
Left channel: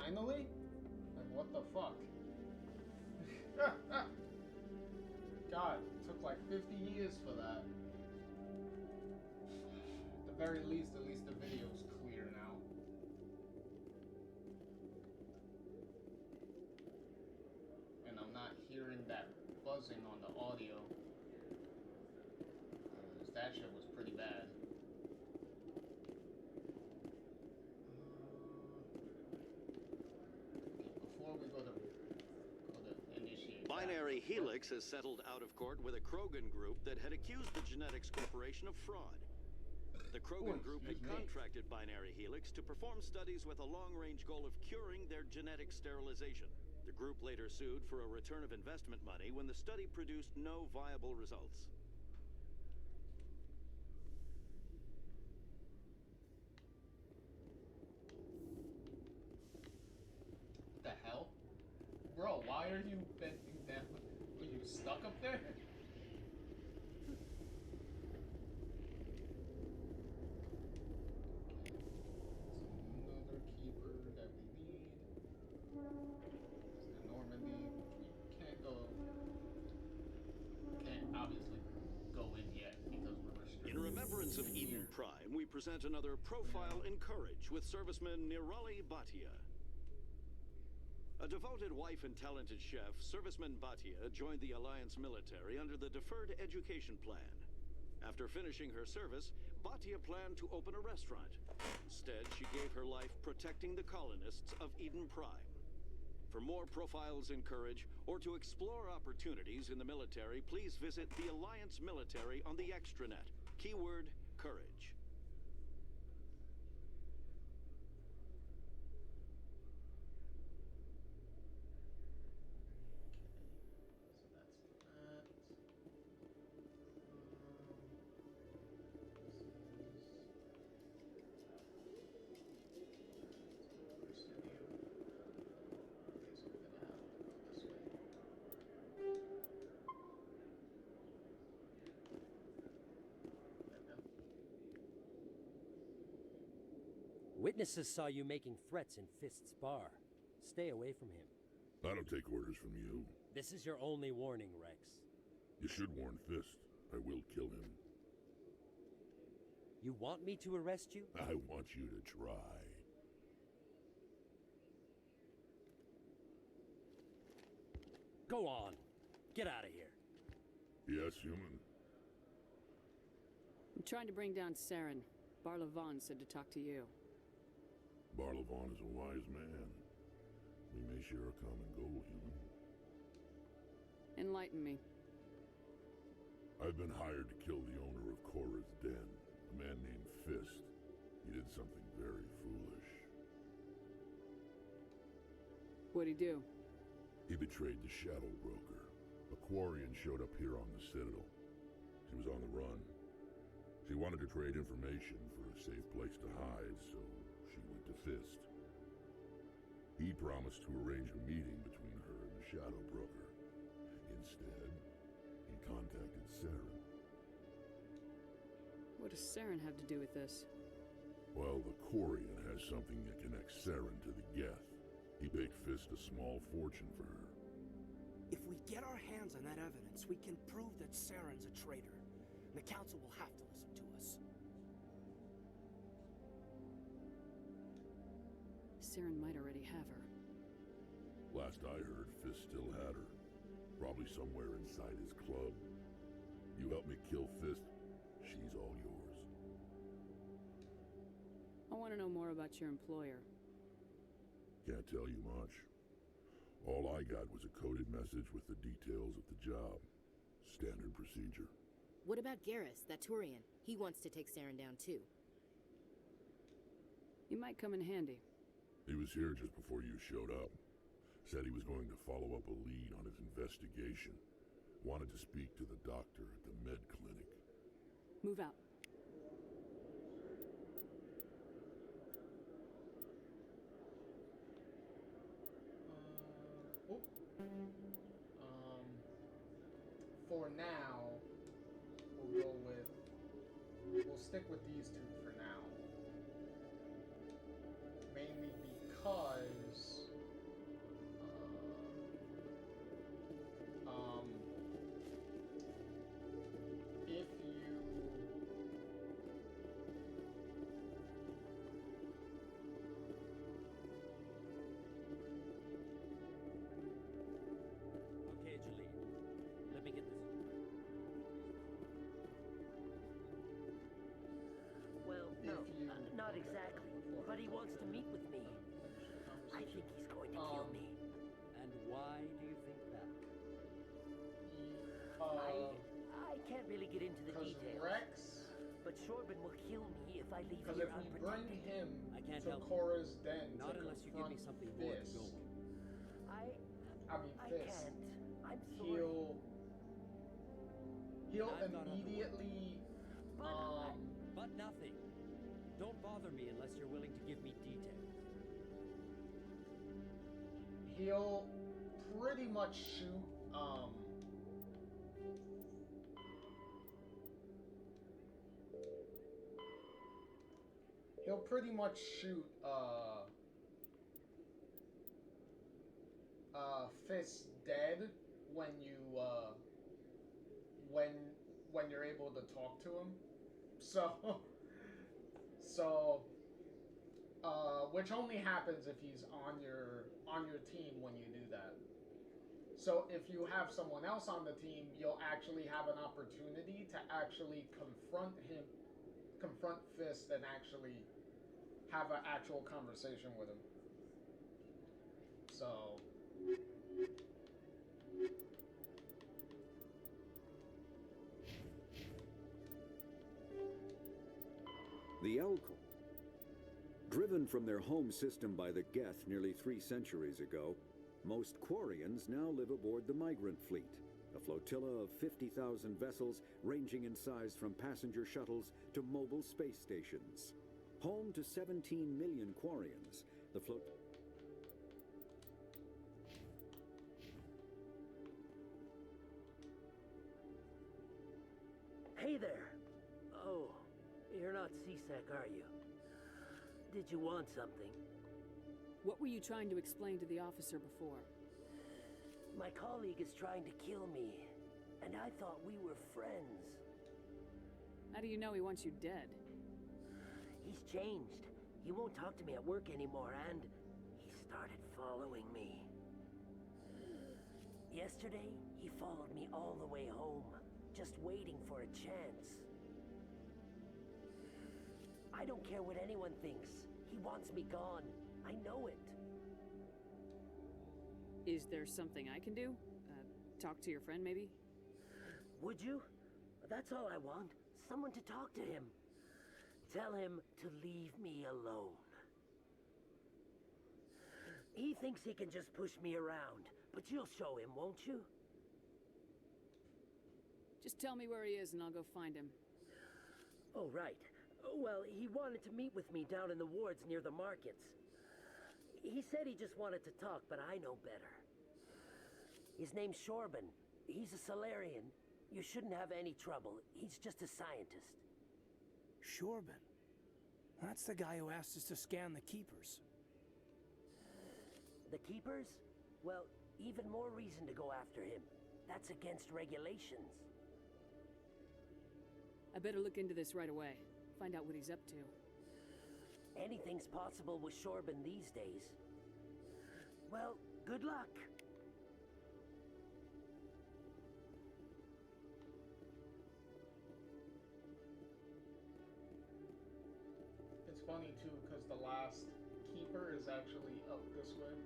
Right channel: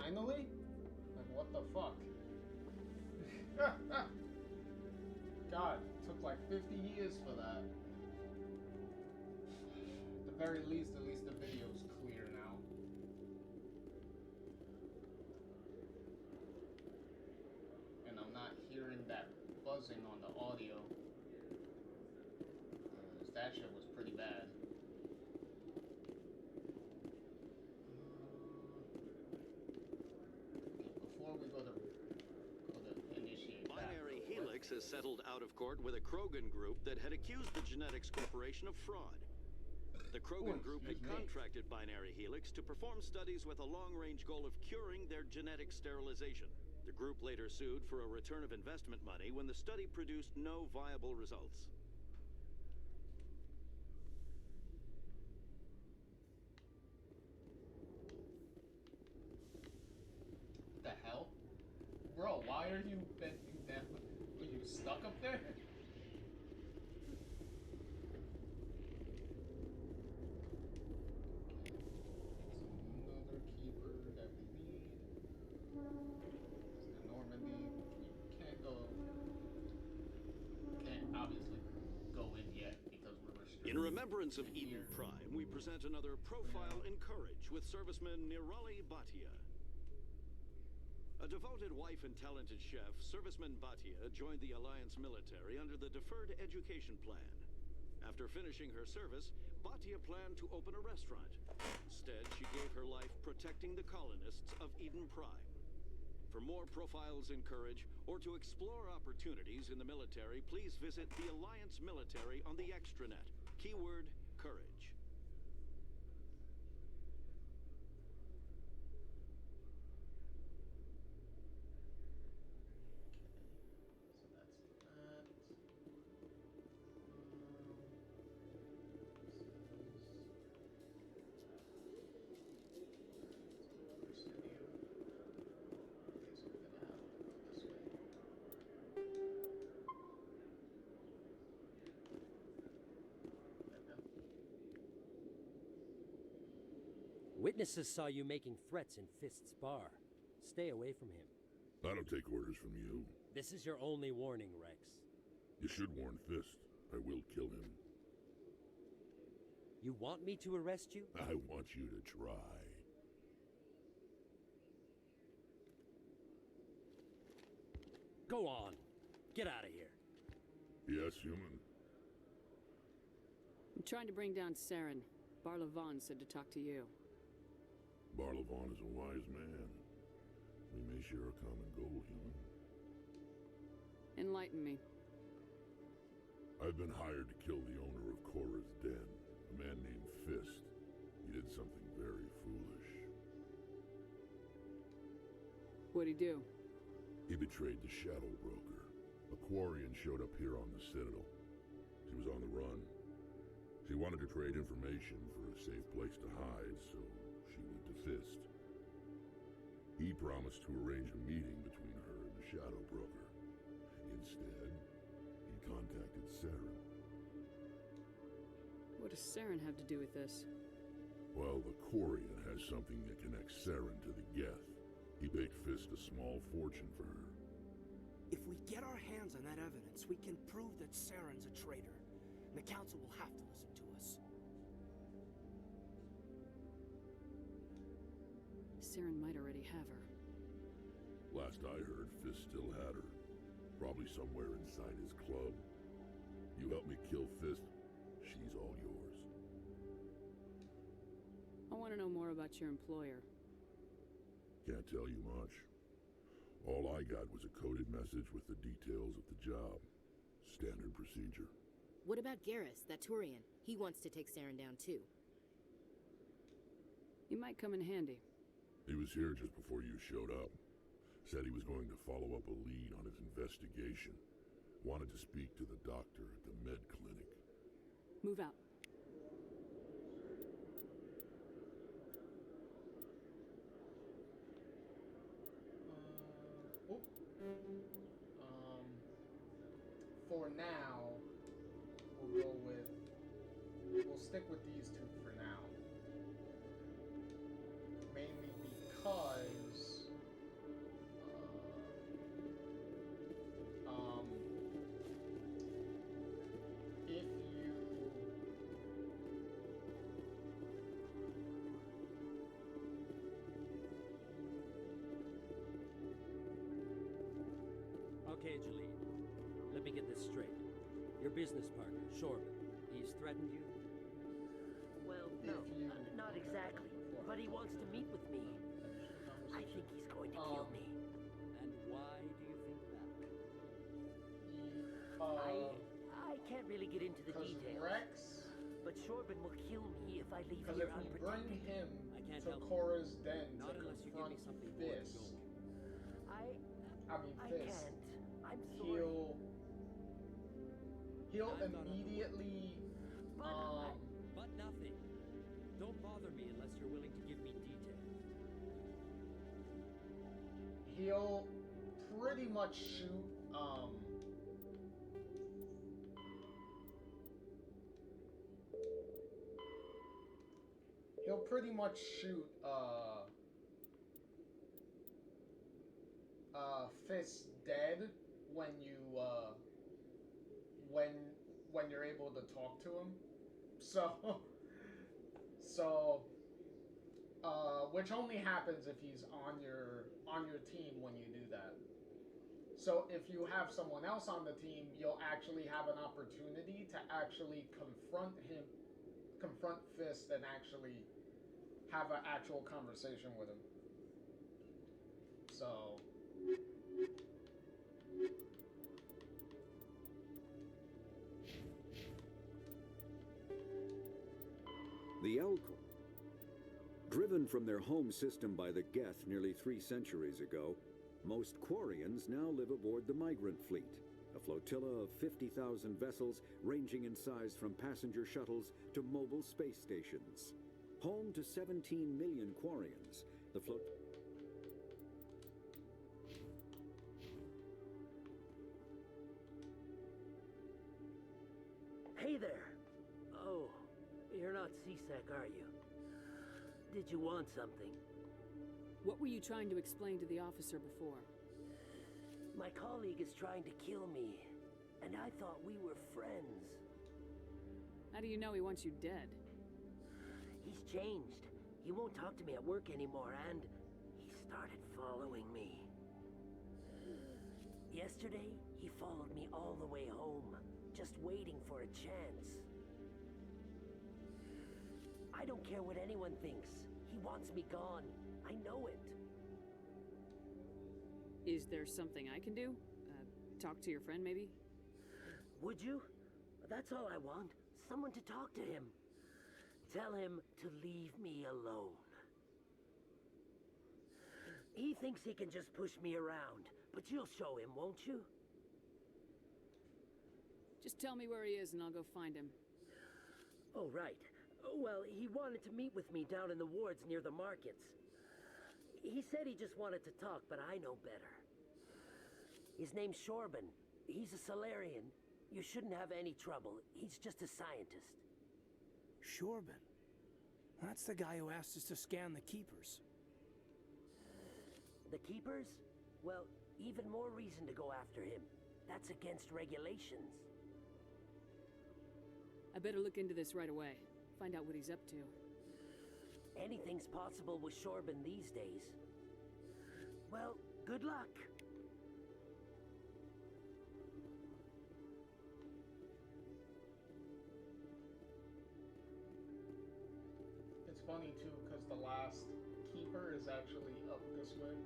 Finally? Like, what the fuck? God, it took like 50 years for that. At the very least, at least the video's clear now. And I'm not hearing that buzzing on the audio. Because that shit was pretty bad. Before we go to initiate Binary Helix has settled out of court with a Krogan group that had accused the Genetics Corporation of fraud. The Krogan group had contracted Binary Helix to perform studies with a long-range goal of curing their genetic sterilization. The group later sued for a return of investment money when the study produced no viable results. What the hell? Bro, why are you bending down? Are you stuck up there? Another keeper that we need. In remembrance of Eden Prime, we present another profile in courage with serviceman Nirali Bhatia. A devoted wife and talented chef, serviceman Bhatia joined the Alliance military under the Deferred Education Plan. After finishing her service, Bhatia planned to open a restaurant. Instead, she gave her life protecting the colonists of Eden Prime. For more profiles in courage, or to explore opportunities in the military, please visit the Alliance military on the extranet. Keyword, courage. Witnesses saw you making threats in Fist's bar. Stay away from him. I don't take orders from you. This is your only warning, Rex. You should warn Fist. I will kill him. You want me to arrest you? I want you to try. Go on. Get out of here. Yes, human. I'm trying to bring down Saren. Barlavon said to talk to you. Barlavon is a wise man. We may share a common goal, human. Enlighten me. I've been hired to kill the owner of Cora's Den, a man named Fist. He did something very foolish. What'd he do? He betrayed the Shadow Broker. A Quarian showed up here on the Citadel. She was on the run. She wanted to trade information for a safe place to hide, so she went to Fist. He promised to arrange a meeting between her and the Shadow Broker. Instead, he contacted Saren. What does Saren have to do with this? Well, the Quarian has something that connects Saren to the Geth. He paid Fist a small fortune for her. If we get our hands on that evidence, we can prove that Saren's a traitor. And the Council will have to listen to us. Saren might already have her. Last I heard, Fist still had her. Probably somewhere inside his club. You help me kill Fist, she's all yours. I want to know more about your employer. Can't tell you much. All I got was a coded message with the details of the job. Standard procedure. What about Garrus, that Turian? He wants to take Saren down too. He might come in handy. He was here just before you showed up. Said he was going to follow up a lead on his investigation. Wanted to speak to the doctor at the med clinic. Move out. For now, we'll stick with these two for now. Mainly because if you Okay, Jalene. Let me get this straight. Your business partner, Shorb, he's threatened you? Well, no, not exactly. But he wants to meet with me. I think he's going to kill me. And why do you think that? I can't really get into the details. Rex, but Shorbin will kill me if I leave because here if we unprotected. bring him I can't to help Cora's den Not to unless you give me confront something more to Fist, go on. I Fist, can't. I'm sorry. He'll I've got other immediately But nothing. Don't bother me unless you're willing to give me details. he'll pretty much shoot he'll pretty much shoot Fist dead when you when you're able to talk to him. So, so, which only happens if he's on your team when you do that. So if you have someone else on the team, you'll actually have an opportunity to actually confront Fist, and actually have an actual conversation with him. So. The Elcor. Driven from their home system by the Geth nearly 3 centuries ago, most Quarians now live aboard the Migrant Fleet, a flotilla of 50,000 vessels ranging in size from passenger shuttles to mobile space stations. Home to 17 million Quarians, the Hey there. Oh, you're not C-Sec, are you? Did you want something? What were you trying to explain to the officer before? My colleague is trying to kill me, and I thought we were friends. How do you know he wants you dead? He's changed. He won't talk to me at work anymore, and he started following me. Yesterday, he followed me all the way home, just waiting for a chance. I don't care what anyone thinks. He wants me gone. I know it. Is there something I can do? Talk to your friend, maybe? Would you? That's all I want. Someone to talk to him. Tell him to leave me alone. He thinks he can just push me around, but you'll show him, won't you? Just tell me where he is and I'll go find him. Oh, right. Well, he wanted to meet with me down in the wards near the markets. He said he just wanted to talk, but I know better. His name's Shorban. He's a Solarian. You shouldn't have any trouble. He's just a scientist. Shorban? That's the guy who asked us to scan the Keepers. The Keepers? Well, even more reason to go after him. That's against regulations. I better look into this right away. Find out what he's up to. Anything's possible with Shorban these days. Well, good luck. It's funny too, because the last keeper is actually up this way.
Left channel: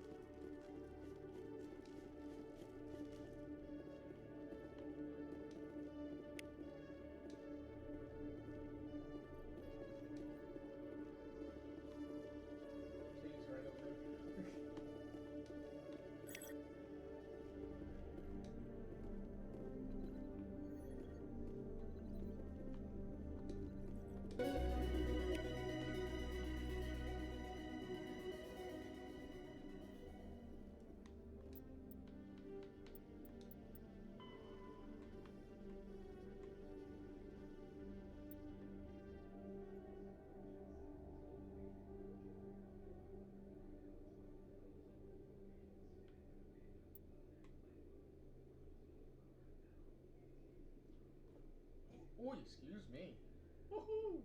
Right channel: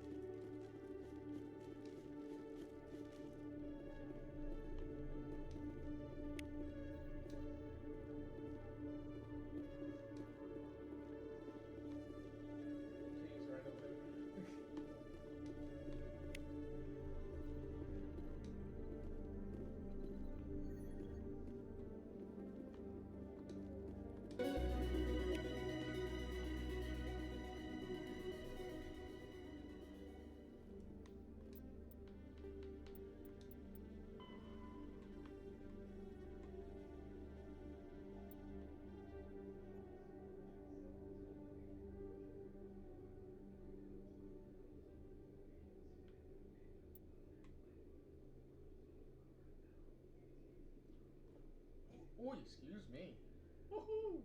Please, right over there. Oh, excuse me. Woohoo!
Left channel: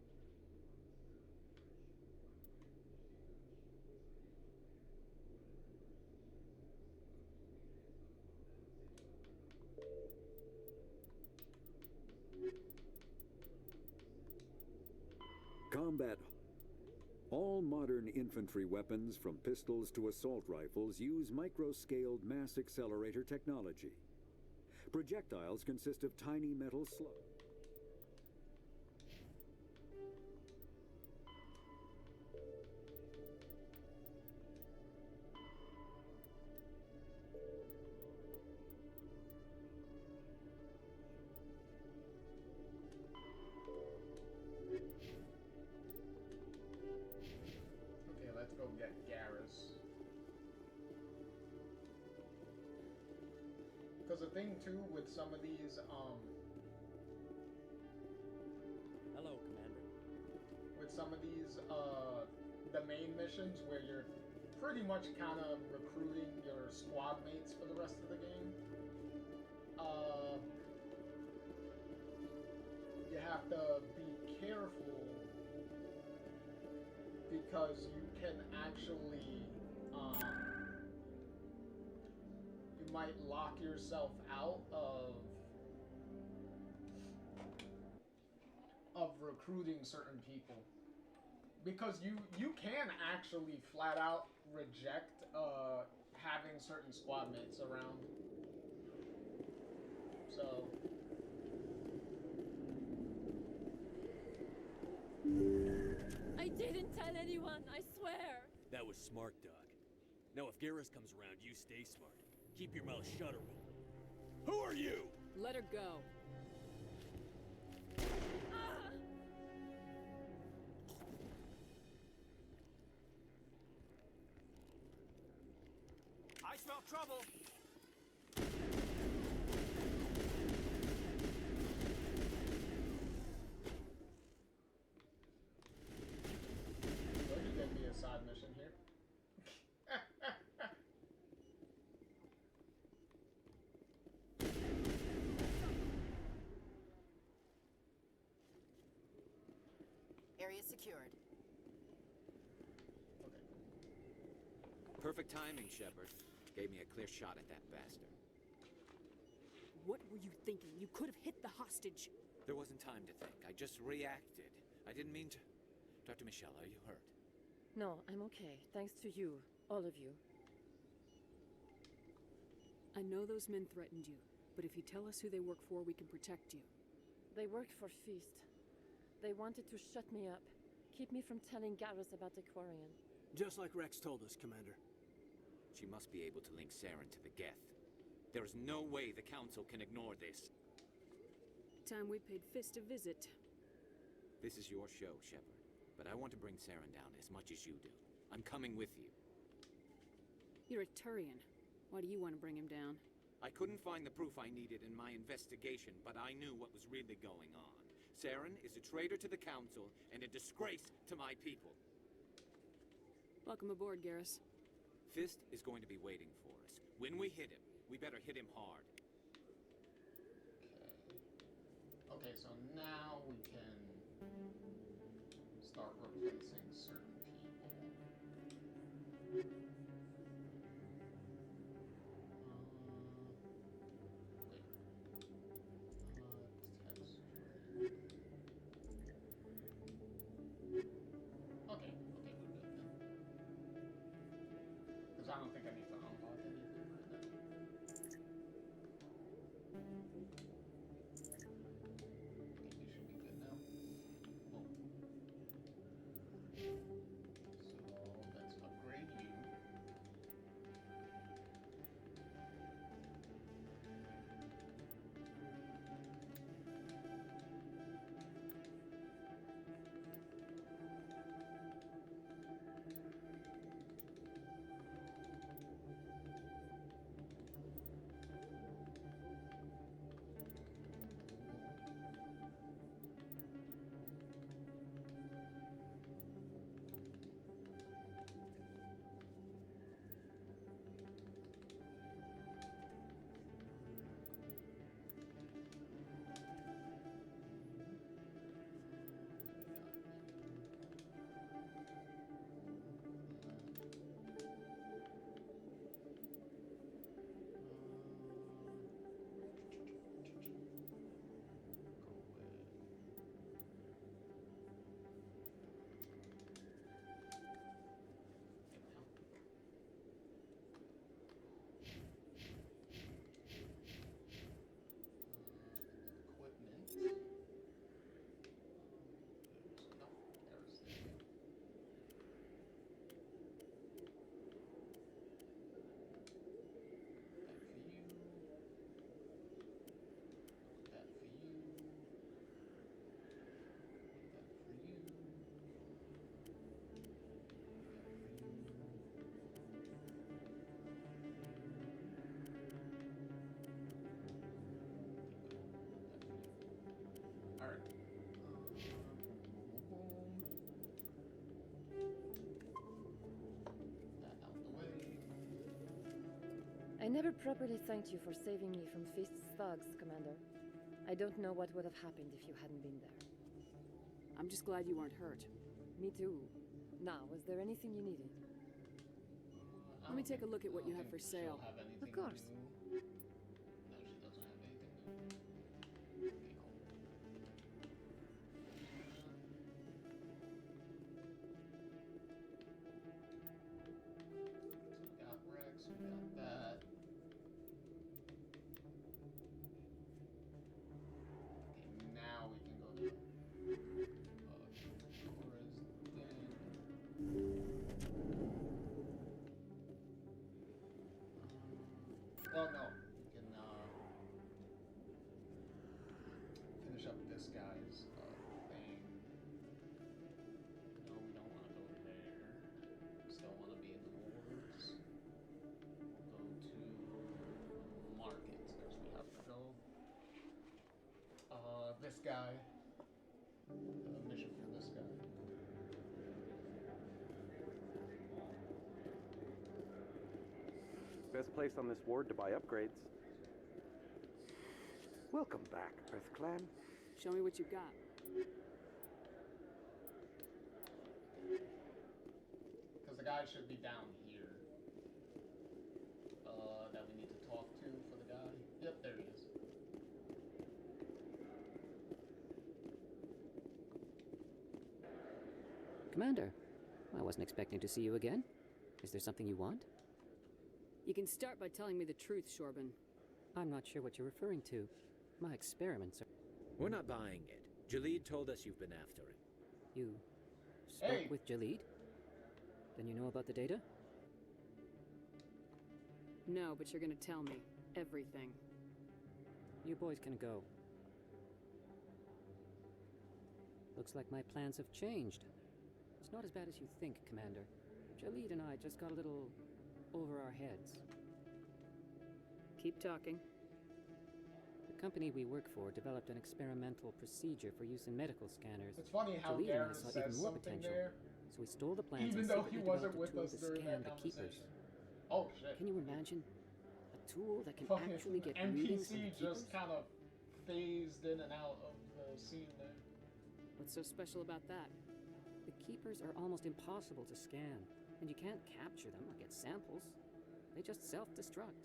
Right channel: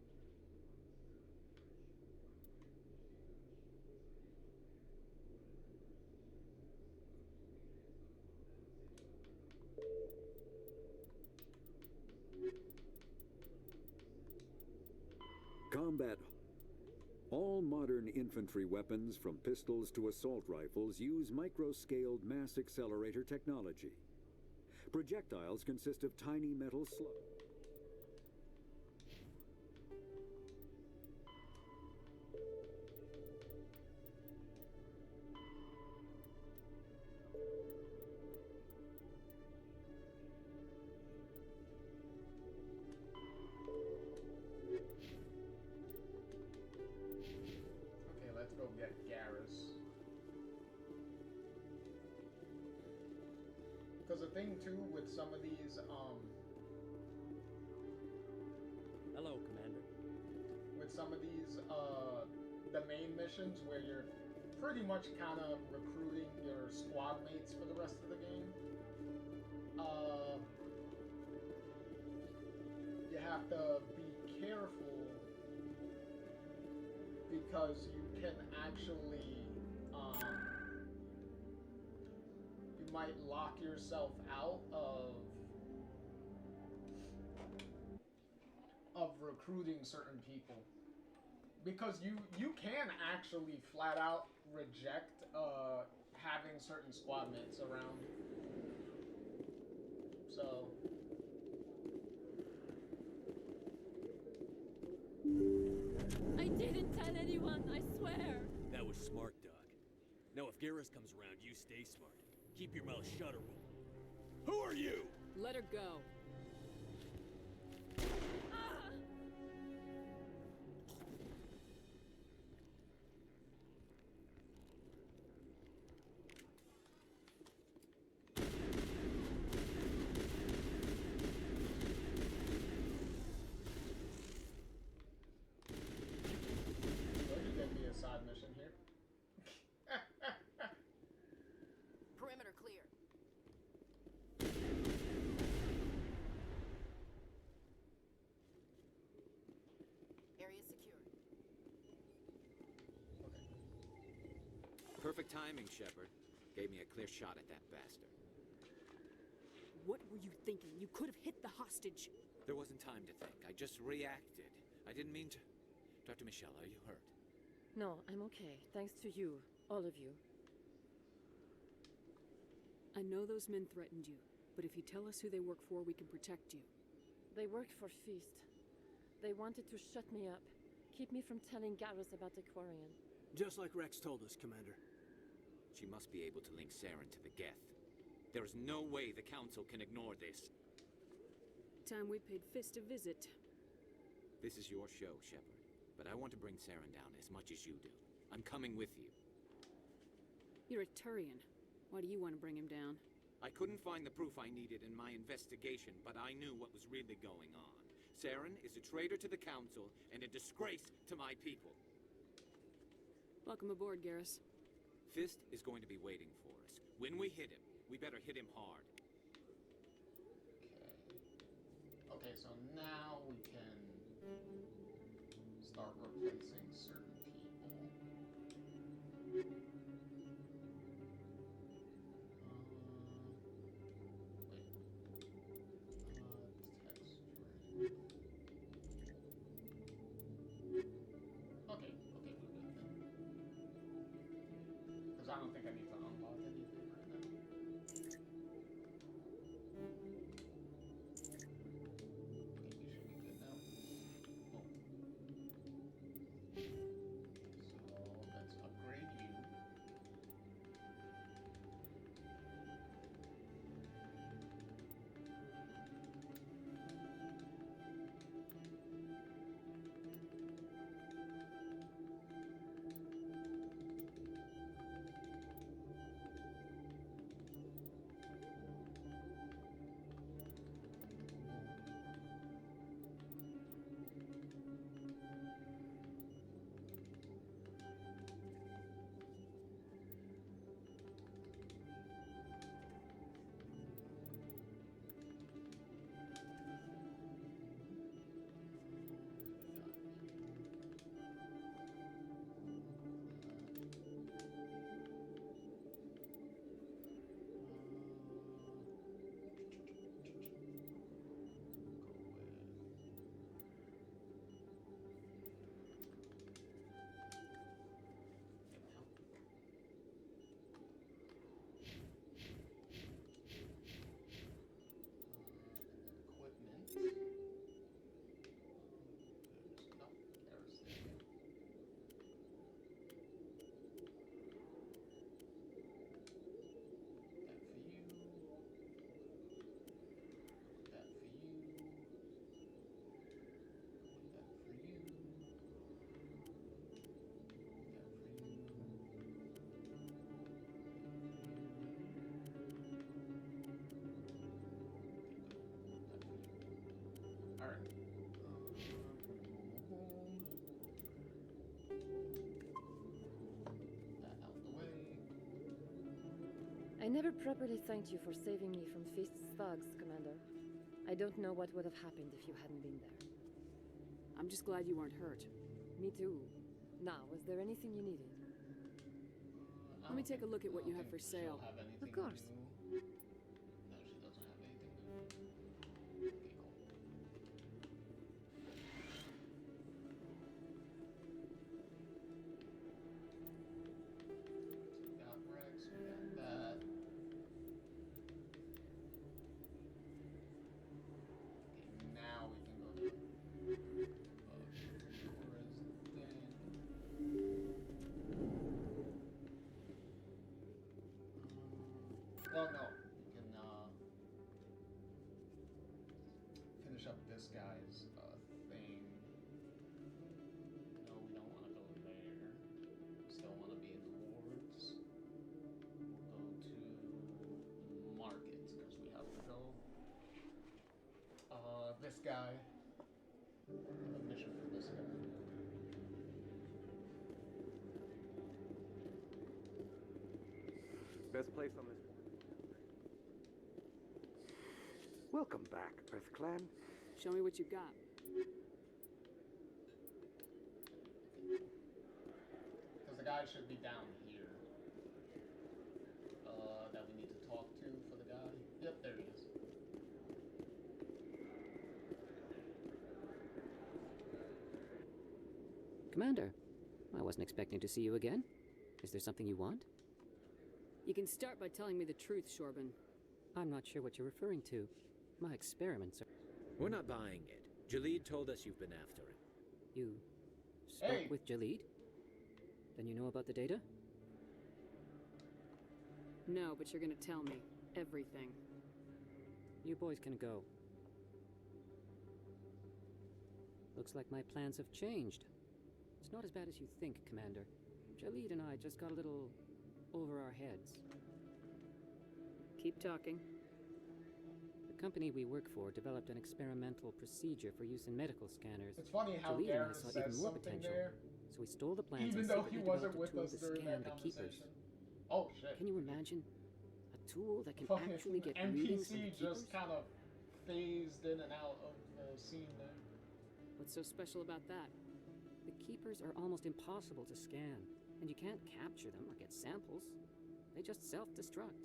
Combat. All modern infantry weapons, from pistols to assault rifles, use micro-scaled mass accelerator technology. Projectiles consist of tiny metal slugs. Okay, let's go get Garrus. Because the thing too with some of these, Hello, Commander. with some of these, the main missions where you're pretty much kind of recruiting your squad mates for the rest of the game, you have to be careful because you can actually, you might lock yourself out of recruiting certain people. Because you can actually flat out reject having certain squad mates around. So I didn't tell anyone, I swear. That was smart, Doc. Now if Garrus comes around, you stay smart. Keep your mouth shut or we'll... Who are you? Let her go. I smell trouble. Well, you gave me a side mission here. Perimeter clear. Area secured. Perfect timing, Shepard. Gave me a clear shot at that bastard. What were you thinking? You could have hit the hostage. There wasn't time to think. I just reacted. I didn't mean to... Dr. Michelle, are you hurt? No, I'm okay. Thanks to you. All of you. I know those men threatened you, but if you tell us who they work for, we can protect you. They worked for Feast. They wanted to shut me up. Keep me from telling Garrus about the Quarian. Just like Rex told us, Commander. She must be able to link Saren to the Geth. There is no way the Council can ignore this. Time we paid Fist a visit. This is your show, Shepard. But I want to bring Saren down as much as you do. I'm coming with you. You're a Turian. Why do you want to bring him down? I couldn't find the proof I needed in my investigation, but I knew what was really going on. Saren is a traitor to the Council and a disgrace to my people. Welcome aboard, Garrus. Fist is going to be waiting for us. When we hit him, we better hit him hard. Okay, so now we can start replacing certain people. Wait. Text string. Okay, we're good then. Because I don't think I need to unlock anything right now. I never properly thanked you for saving me from Feast's thugs, Commander. I don't know what would have happened if you hadn't been there. I'm just glad you weren't hurt. Me too. Now, was there anything you needed? Let me take a look at what you have for sale. Of course. No, she doesn't have anything new. Okay, cool. So we got Rex, we got that. Okay, now we can go to well, no, we can finish up this guy's thing. No, we don't want to go there. We still want to be in the wards. We'll go to markets because we have to go. This guy. A mission for this guy. Best place on this ward to buy upgrades. Welcome back, Earth Clan. Show me what you got. Because the guy should be down here. That we need to talk to for the guy. Yep, there he is. Commander, I wasn't expecting to see you again. Is there something you want? You can start by telling me the truth, Shorban. I'm not sure what you're referring to. My experiments are... We're not buying it. Jalid told us you've been after him. You spoke with Jalid? Then you know about the data? No, but you're gonna tell me everything. You boys can go. Looks like my plans have changed. It's not as bad as you think, Commander. Jalid and I just got a little over our heads. Keep talking. The company we work for developed an experimental procedure for use in medical scanners. It's funny how Jalid and I Garrett saw says even more something potential. there, So we stole the plans even and though he secretly wasn't developed a with tool us to during scan that the keepers. conversation. Oh shit! Can you imagine? A tool that can Fucking actually get readings from the NPC keepers? just kind of phased in and out of the scene there. What's so special about that? The keepers are almost impossible to scan, and you can't capture them or get samples. They just self-destruct.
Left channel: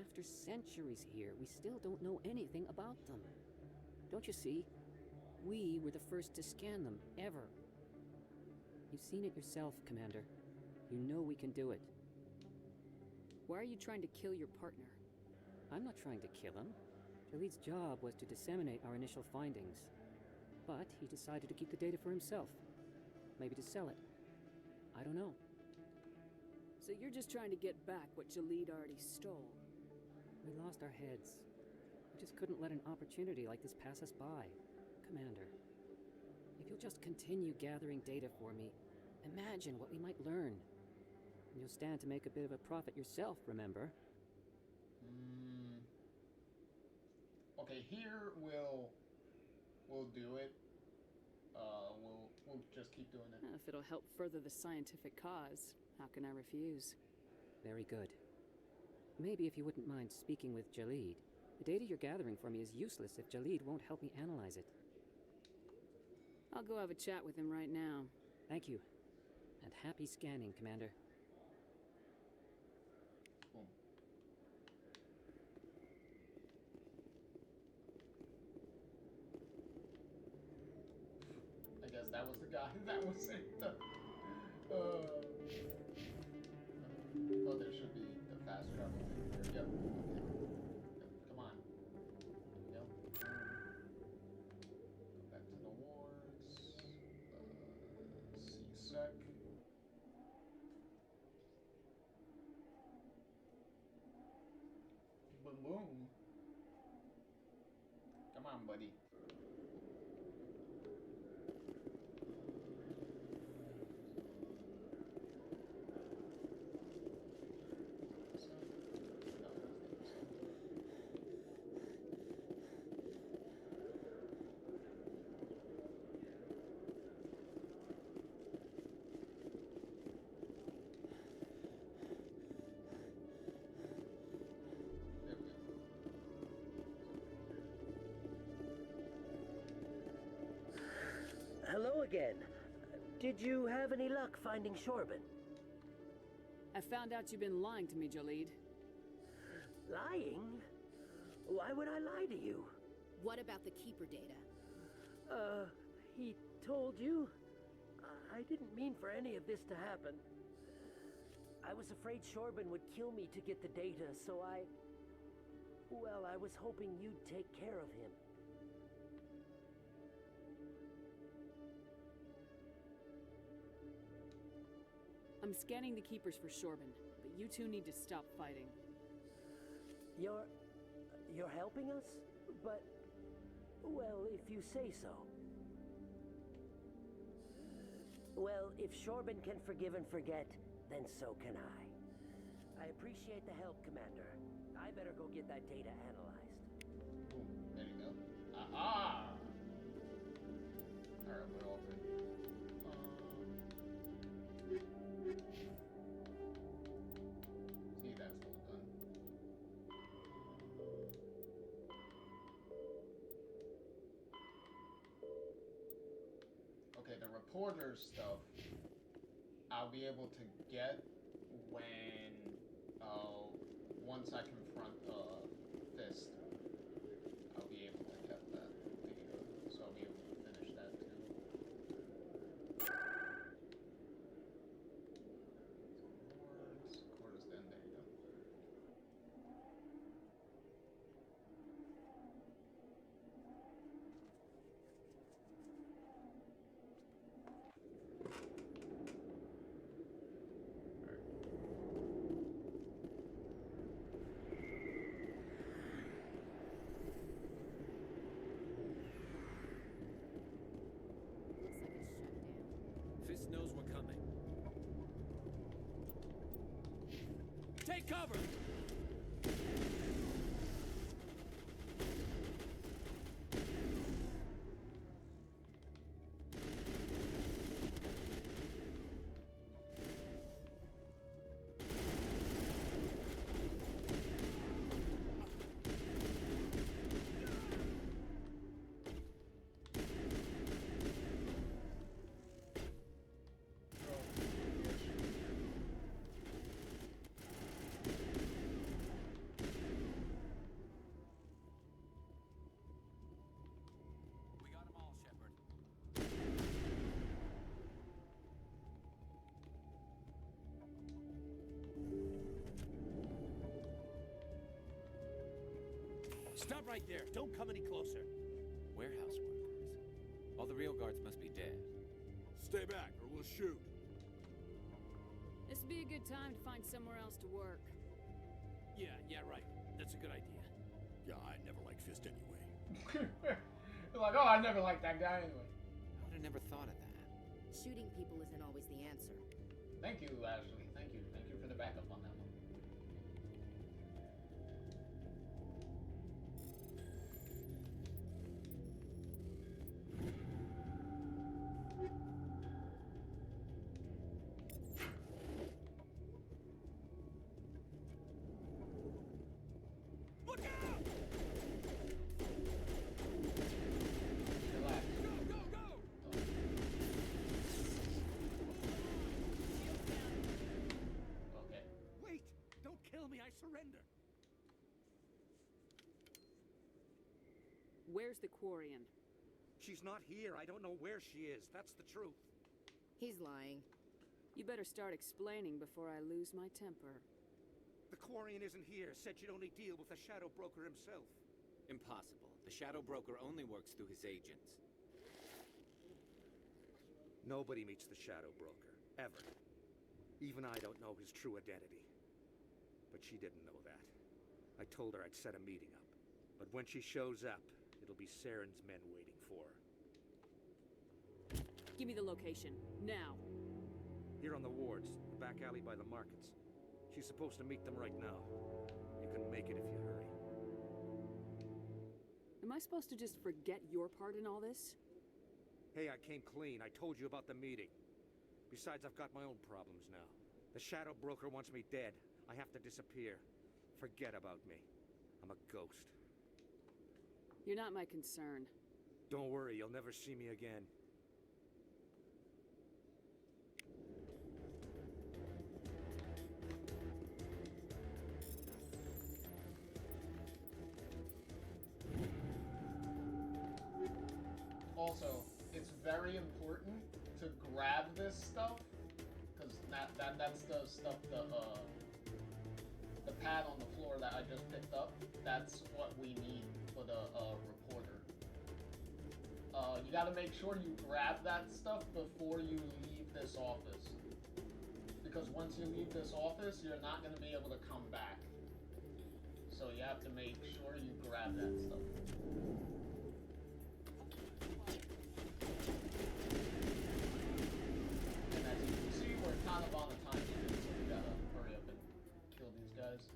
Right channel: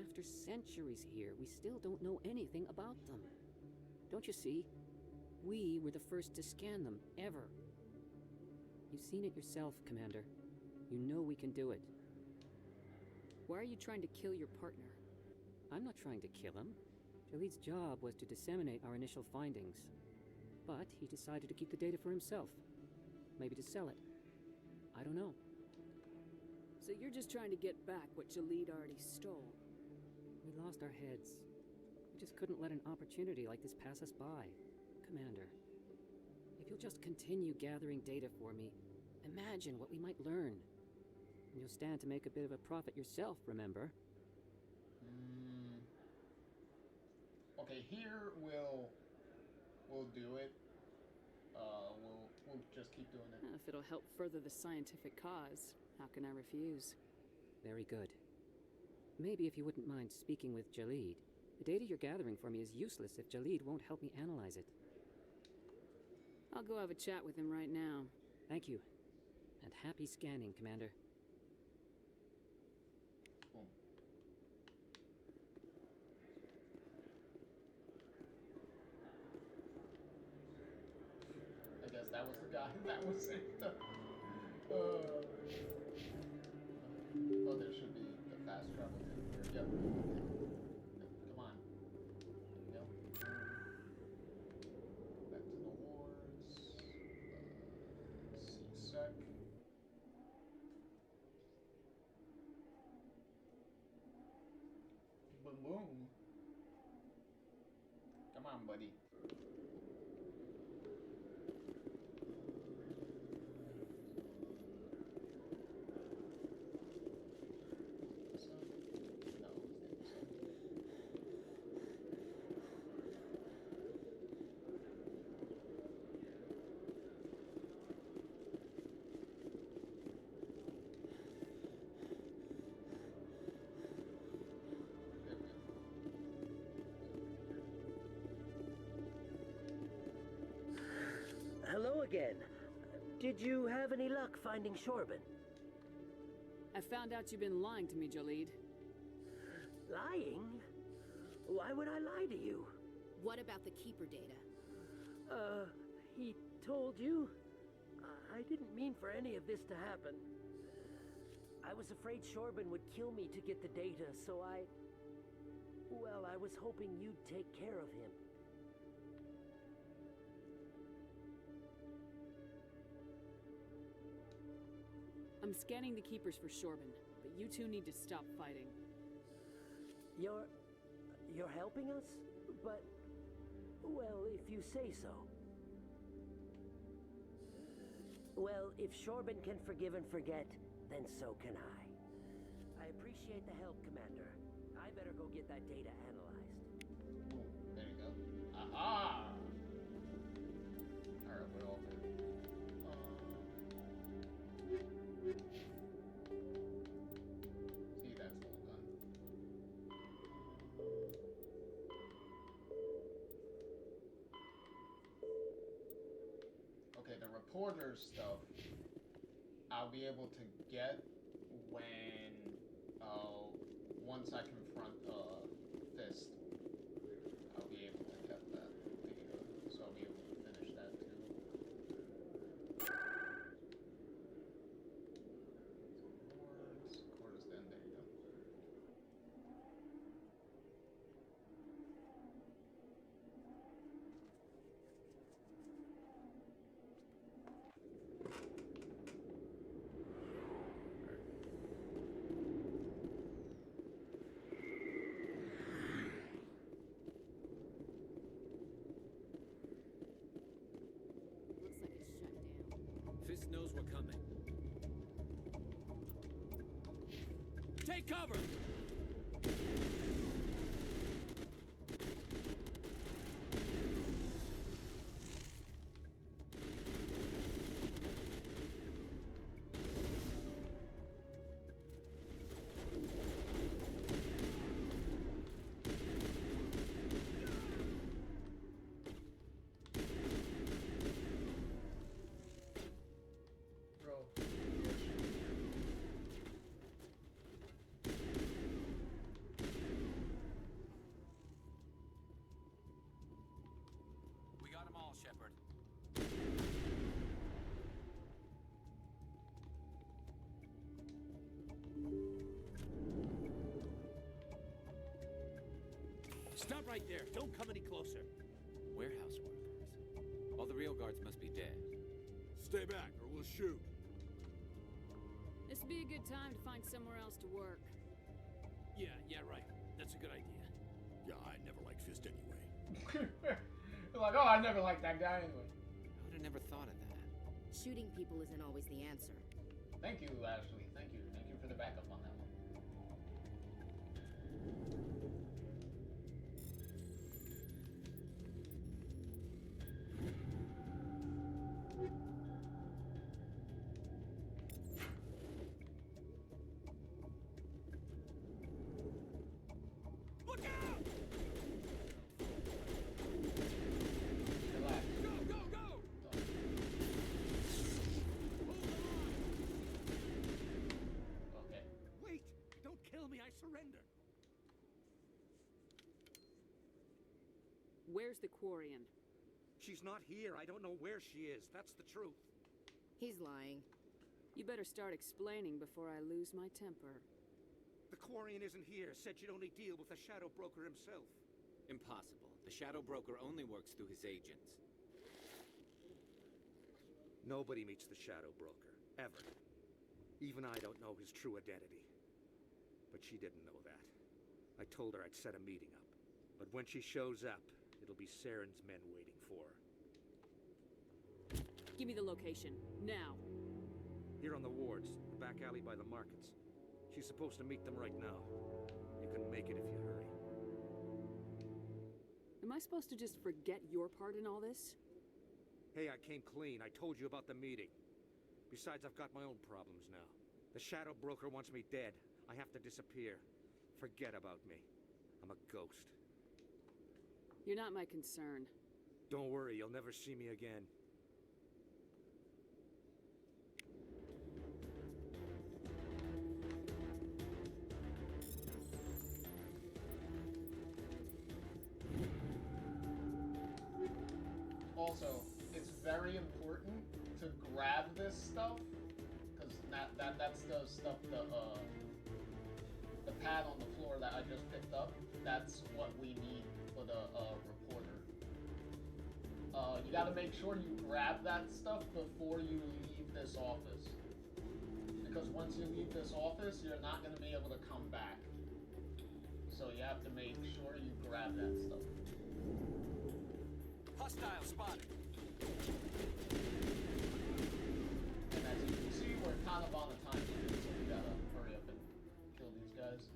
After centuries here, we still don't know anything about them. Don't you see? We were the first to scan them, ever. You've seen it yourself, Commander. You know we can do it. Why are you trying to kill your partner? I'm not trying to kill him. Jalid's job was to disseminate our initial findings. But he decided to keep the data for himself. Maybe to sell it. I don't know. So you're just trying to get back what Jalid already stole? We lost our heads. We just couldn't let an opportunity like this pass us by. Commander, if you'll just continue gathering data for me, imagine what we might learn. And you'll stand to make a bit of a profit yourself, remember? Okay, here we'll do it. We'll just keep doing it. If it'll help further the scientific cause, how can I refuse? Very good. Maybe if you wouldn't mind speaking with Jalid. The data you're gathering for me is useless if Jalid won't help me analyze it. I'll go have a chat with him right now. Thank you. And happy scanning, Commander. Boom. I guess that was the guy that was in the... oh, there should be the fast travel thing here. Yep. Come on. There we go. Back to the wards. C-Sec. Boom boom. Come on, buddy. Hello again. Did you have any luck finding Shorbin? I found out you've been lying to me, Jalid. Lying? Why would I lie to you? What about the Keeper data? He told you? I didn't mean for any of this to happen. I was afraid Shorbin would kill me to get the data, so well, I was hoping you'd take care of him. I'm scanning the Keepers for Shorbin, but you two need to stop fighting. You're helping us? But, well, if you say so. Well, if Shorbin can forgive and forget, then so can I. I appreciate the help, Commander. I better go get that data analyzed. Boom. There you go. Aha! Alright, we're all good. See, that's all done. Okay, the reporter stuff I'll be able to get when once I confront Fist. I'll be able to get that data, so I'll be able to finish that too. Cores, then there you go. Fist knows we're coming. Take cover! Stop right there. Don't come any closer. Warehouse workers. All the real guards must be dead. Stay back, or we'll shoot. This would be a good time to find somewhere else to work. Yeah, right. That's a good idea. Yeah, I never liked Fist anyway. They're like, oh, I never liked that guy anyway. I would have never thought of that. Shooting people isn't always the answer. Thank you, Ashley. Thank you. Thank you for the backup on that one. Surrender. Where's the Quarian? She's not here. I don't know where she is. That's the truth. He's lying. You better start explaining before I lose my temper. The Quarian isn't here. Said she'd only deal with the Shadow Broker himself. Impossible. The Shadow Broker only works through his agents. Nobody meets the Shadow Broker, ever. Even I don't know his true identity. But she didn't know that. I told her I'd set a meeting up. But when she shows up, it'll be Saren's men waiting for her. Give me the location, now. Here on the wards, the back alley by the markets. She's supposed to meet them right now. You can make it if you hurry. Am I supposed to just forget your part in all this? Hey, I came clean. I told you about the meeting. Besides, I've got my own problems now. The Shadow Broker wants me dead. I have to disappear. Forget about me. I'm a ghost. You're not my concern. Don't worry, you'll never see me again. also, it's very important to grab this stuff, because that's the stuff, the pad on the floor that I just picked up. That's what we need for the reporter. You gotta make sure you grab that stuff before you leave this office. Because once you leave this office, you're not gonna be able to come back. So you have to make sure you grab that stuff. Hostile spotted. And as you can see, we're kind of on a time limit, so we gotta hurry up and kill these guys.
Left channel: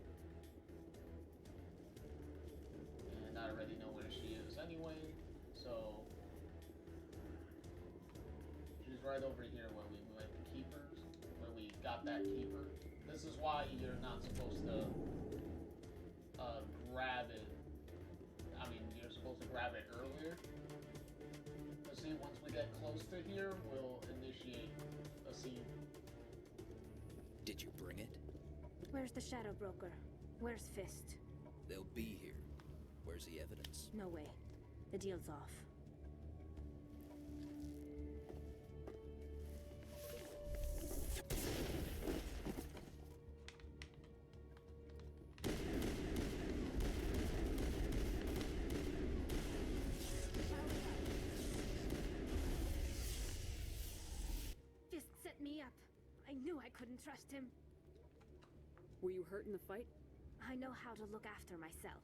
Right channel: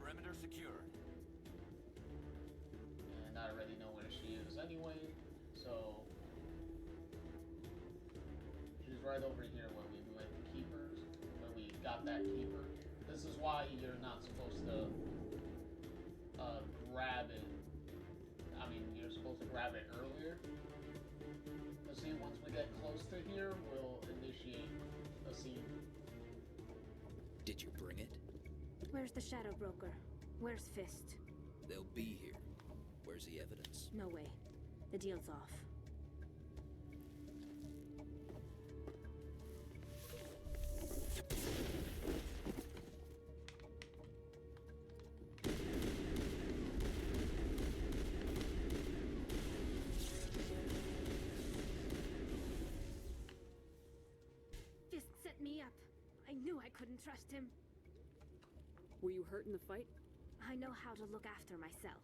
Perimeter secure. And I already know where she is anyway, so she's right over here where we went keepers, where we got that keeper. This is why you're not supposed to grab it. I mean, you're supposed to grab it earlier. But see, once we get close to here, we'll initiate a scene. Did you bring it? Where's the Shadow Broker? Where's Fist? They'll be here. Where's the evidence? No way. The deal's off. Fist set me up. I knew I couldn't trust him. Were you hurt in the fight? I know how to look after myself.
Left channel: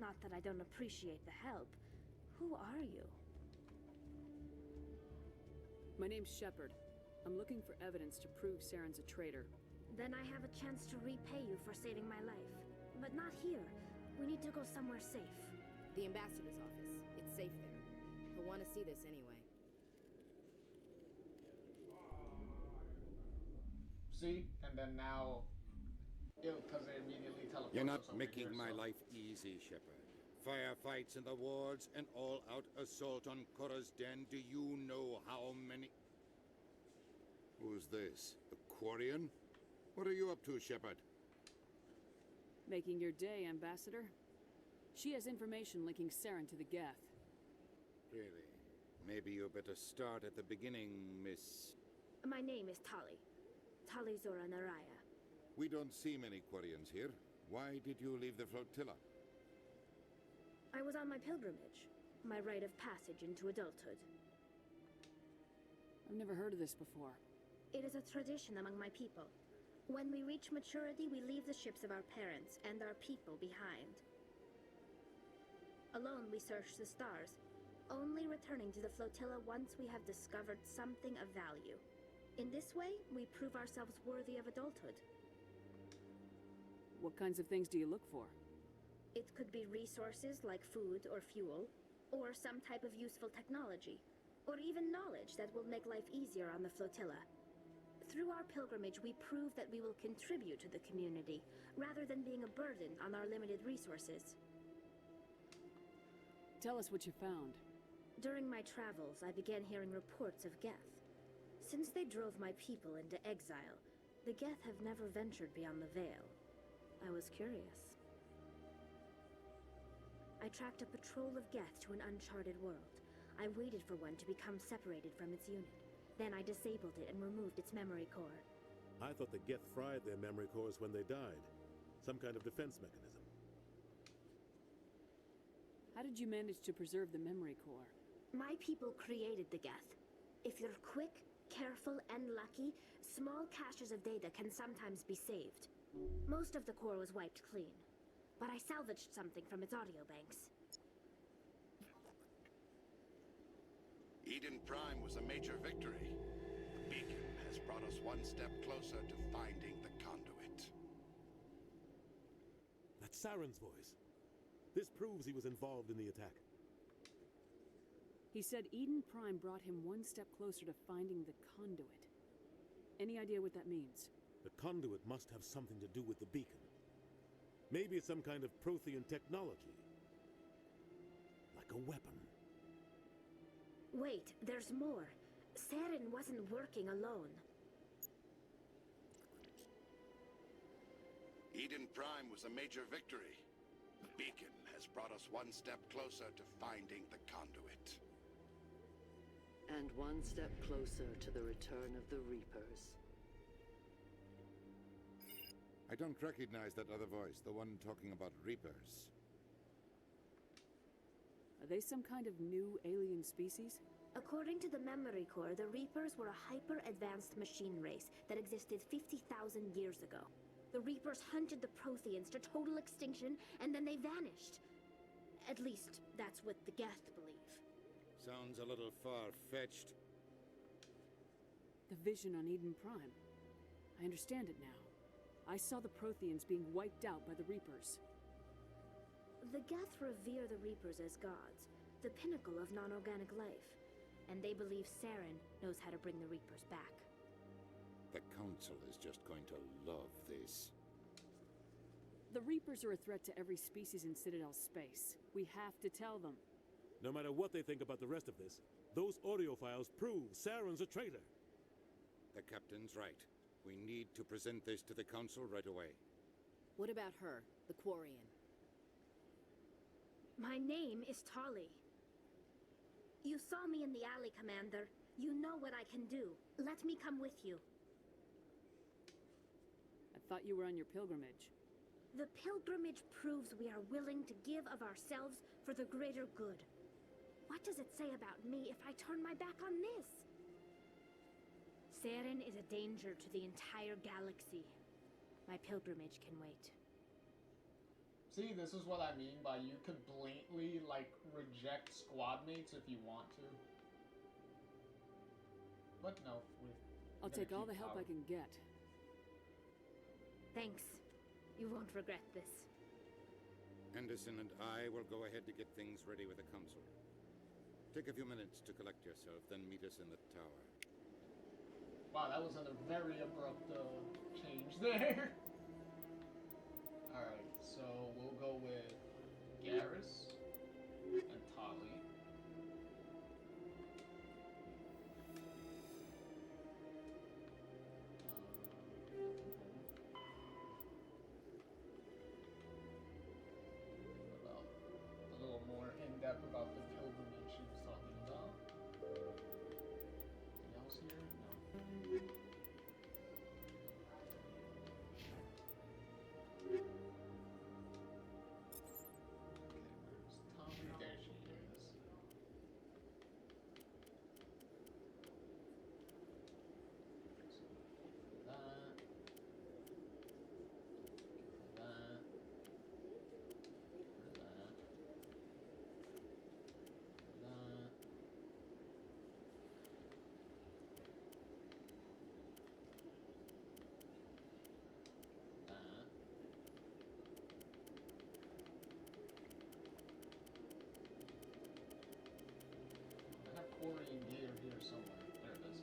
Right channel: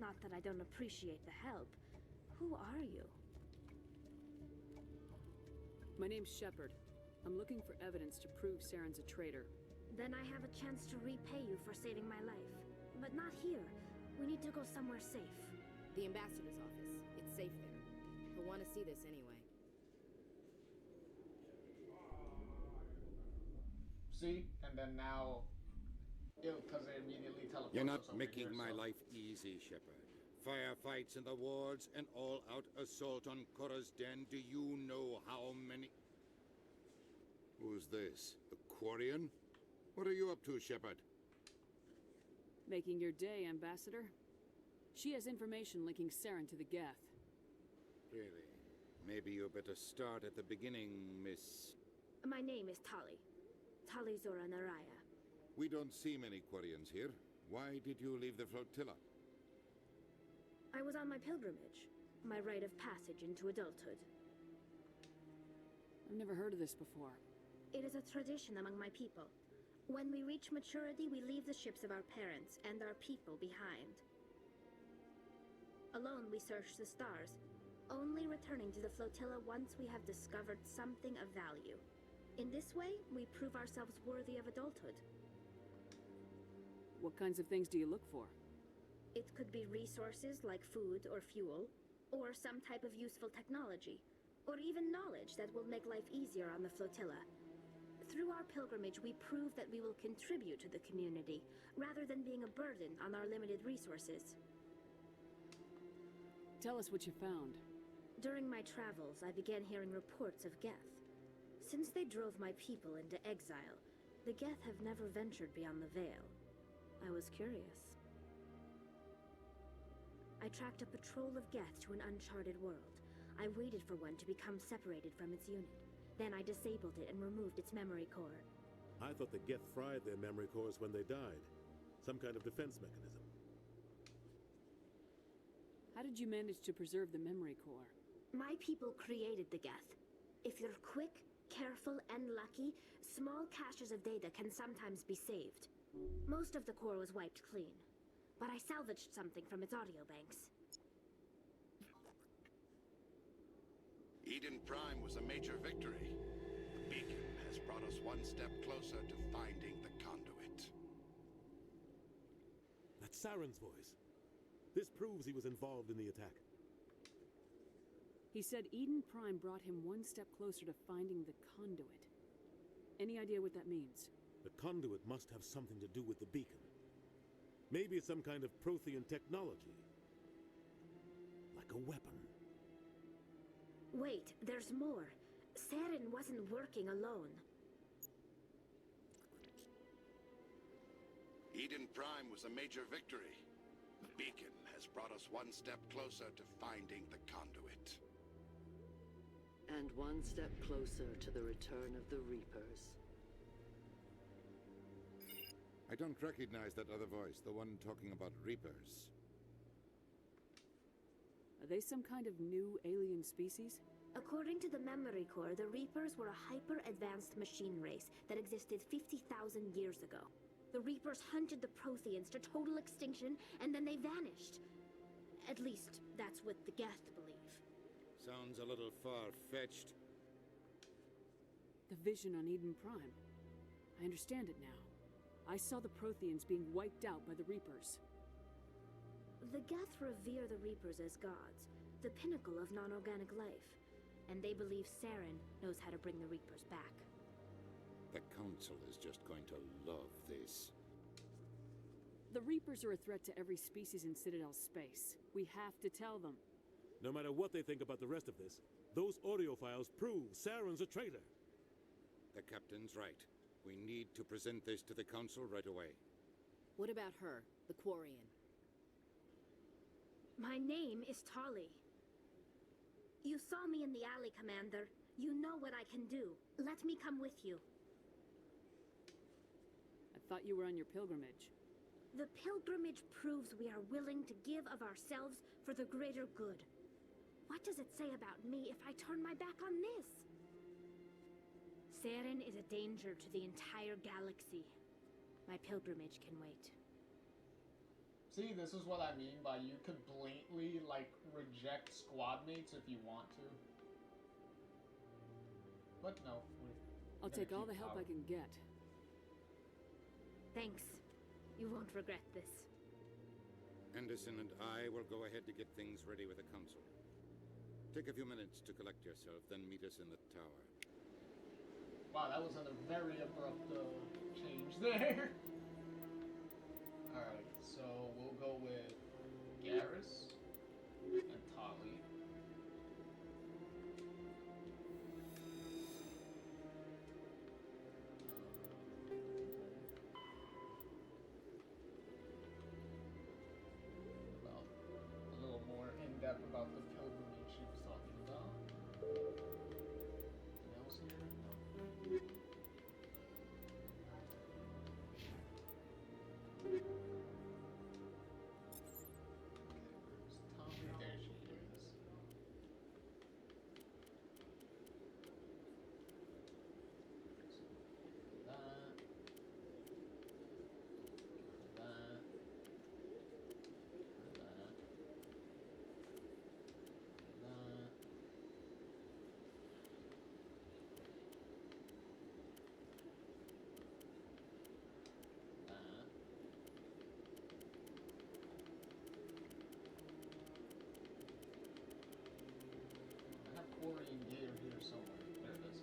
Not that I don't appreciate the help. Who are you? My name's Shepard. I'm looking for evidence to prove Saren's a traitor. Then I have a chance to repay you for saving my life. But not here. We need to go somewhere safe. The ambassador's office. It's safe there. He'll want to see this anyway. See? And then now, because they immediately teleport. You're not us over making here, my so. life easy, Shepard. Firefights in the wards, an all-out assault on Korra's den. Do you know how many... Who's this? The Quarian? What are you up to, Shepard? Making your day, Ambassador. She has information linking Saren to the Geth. Really? Maybe you better start at the beginning, Miss... My name is Tali. Tali Zora Naraya. We don't see many Quarians here. Why did you leave the flotilla? I was on my pilgrimage. My rite of passage into adulthood. I've never heard of this before. It is a tradition among my people. When we reach maturity, we leave the ships of our parents and our people behind. Alone, we search the stars, only returning to the flotilla once we have discovered something of value. In this way, we prove ourselves worthy of adulthood. What kinds of things do you look for? It could be resources like food or fuel, or some type of useful technology, or even knowledge that will make life easier on the flotilla. Through our pilgrimage, we prove that we will contribute to the community, rather than being a burden on our limited resources. Tell us what you found. During my travels, I began hearing reports of Geth. Since they drove my people into exile, the Geth have never ventured beyond the Veil. I was curious. I tracked a patrol of Geth to an uncharted world. I waited for one to become separated from its unit. Then I disabled it and removed its memory core. I thought the Geth fried their memory cores when they died. Some kind of defense mechanism. How did you manage to preserve the memory core? My people created the Geth. If you're quick, careful, and lucky, small caches of data can sometimes be saved. Most of the core was wiped clean, but I salvaged something from its audio banks. Eden Prime was a major victory. The beacon has brought us one step closer to finding the conduit. That's Saren's voice. This proves he was involved in the attack. He said Eden Prime brought him one step closer to finding the conduit. Any idea what that means? The conduit must have something to do with the beacon. Maybe it's some kind of Prothean technology. a weapon. Wait, there's more. Saren wasn't working alone. Eden Prime was a major victory. The beacon has brought us one step closer to finding the conduit. And one step closer to the return of the Reapers. I don't recognize that other voice, the one talking about Reapers. Are they some kind of new alien species? According to the Memory Core, the Reapers were a hyper-advanced machine race that existed 50,000 years ago. The Reapers hunted the Protheans to total extinction, and then they vanished. At least, that's what the Geth believe. Sounds a little far-fetched. The vision on Eden Prime. I understand it now. I saw the Protheans being wiped out by the Reapers. The Geth revere the Reapers as gods, the pinnacle of non-organic life. And they believe Saren knows how to bring the Reapers back. The Council is just going to love this. The Reapers are a threat to every species in Citadel space. We have to tell them. No matter what they think about the rest of this, those audio files prove Saren's a traitor. The Captain's right. We need to present this to the Council right away. What about her, the Quarian? My name is Tali. You saw me in the alley, Commander. You know what I can do. Let me come with you. I thought you were on your pilgrimage. The pilgrimage proves we are willing to give of ourselves for the greater good. What does it say about me if I turn my back on this? Saren is a danger to the entire galaxy. My pilgrimage can wait. See, this is what I mean by you could blatantly, like, reject squad mates if you want to. But no, I'll take all the help I can get. Thanks. You won't regret this. Anderson and I will go ahead to get things ready with the Council. Take a few minutes to collect yourself, then meet us in the tower. Wow, that was a very abrupt change there. Alright, so we'll go with Garrus and Tali. About a little more in-depth about the pilgrimage she was talking about. Anything else here? No. Quarian gear here somewhere. There it is.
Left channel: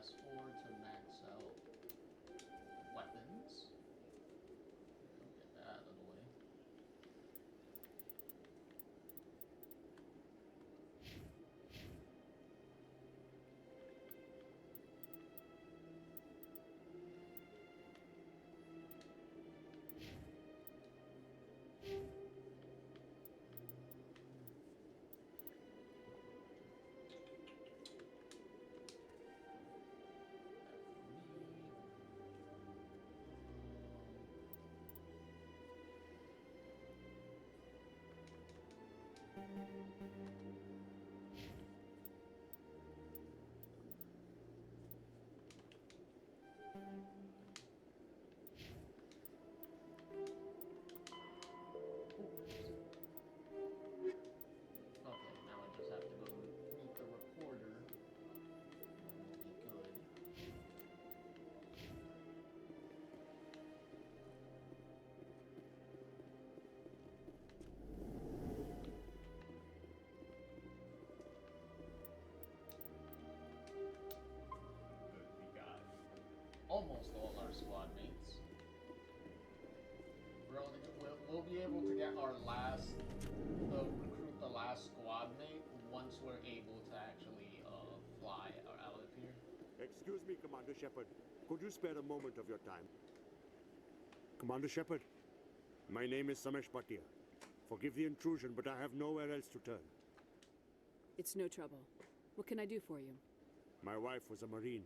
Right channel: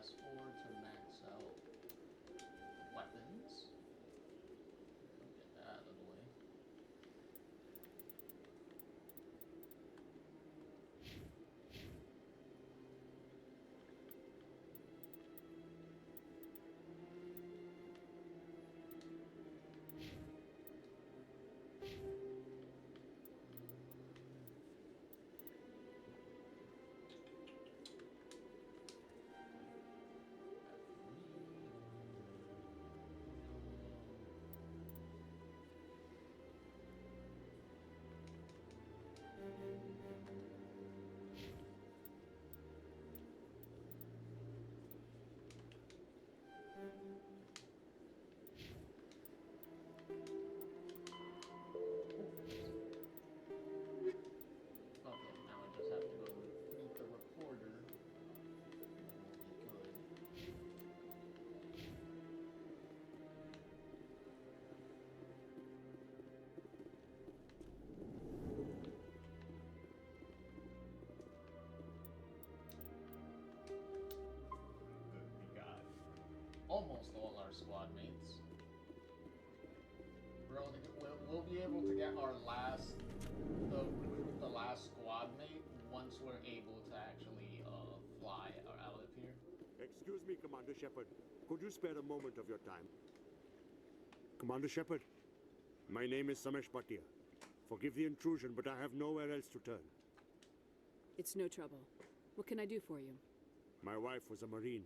fast forward to max out weapons. Get that out of the way. Okay, now I just have to go meet the reporter. And we'll be good. Good, we got almost all our squad mates. We'll be able to get our last, recruit the last squad mate once we're able to actually fly out of here. Excuse me, Commander Shepard. Could you spare a moment of your time? Commander Shepard, my name is Samesh Bhatia. Forgive the intrusion, but I have nowhere else to turn. It's no trouble. What can I do for you? My wife was a Marine.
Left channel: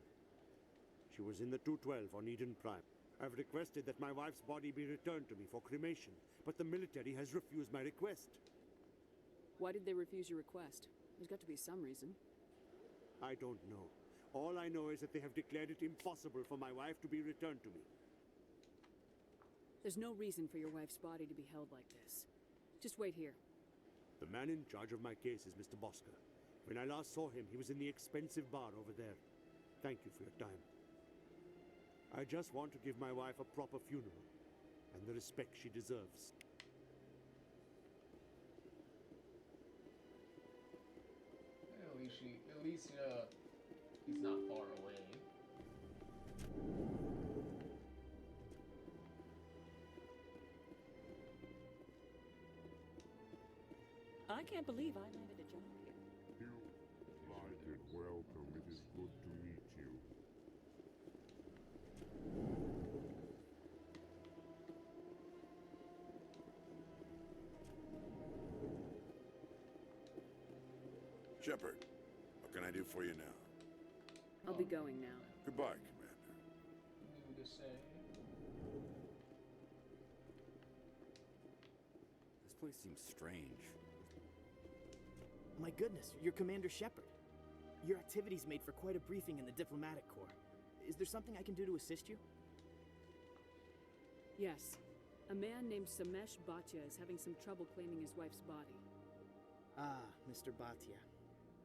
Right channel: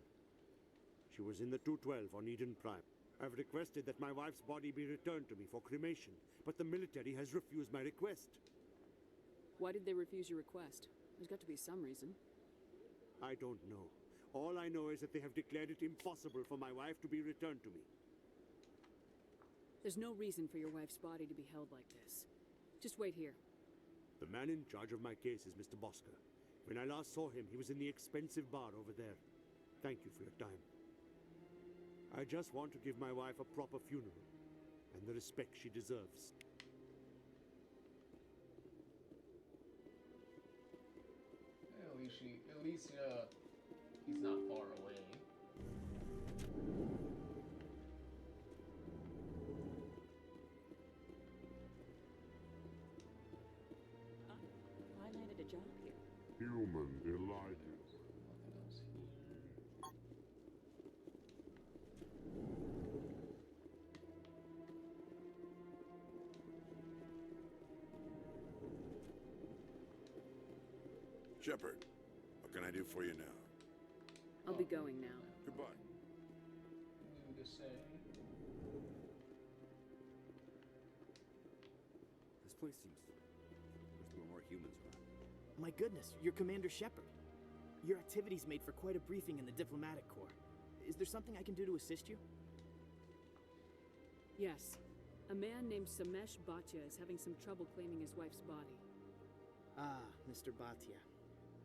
She was in the 212 on Eden Prime. I've requested that my wife's body be returned to me for cremation, but the military has refused my request. Why did they refuse your request? There's got to be some reason. I don't know. All I know is that they have declared it impossible for my wife to be returned to me. There's no reason for your wife's body to be held like this. Just wait here. The man in charge of my case is Mr. Bosker. When I last saw him, he was in the expensive bar over there. Thank you for your time. I just want to give my wife a proper funeral, and the respect she deserves. At least he's not far away. I can't believe I landed a job here. Human, delighted, welcome. Good to meet you. Shepard, what can I do for you now? I'll be going now. Goodbye, Commander. New to say. This place seems strange. There's no more humans around. My goodness, you're Commander Shepard. Your activities made for quite a briefing in the diplomatic corps. Is there something I can do to assist you? Yes. A man named Samesh Bhatia is having some trouble claiming his wife's body. Ah, Mr. Bhatia.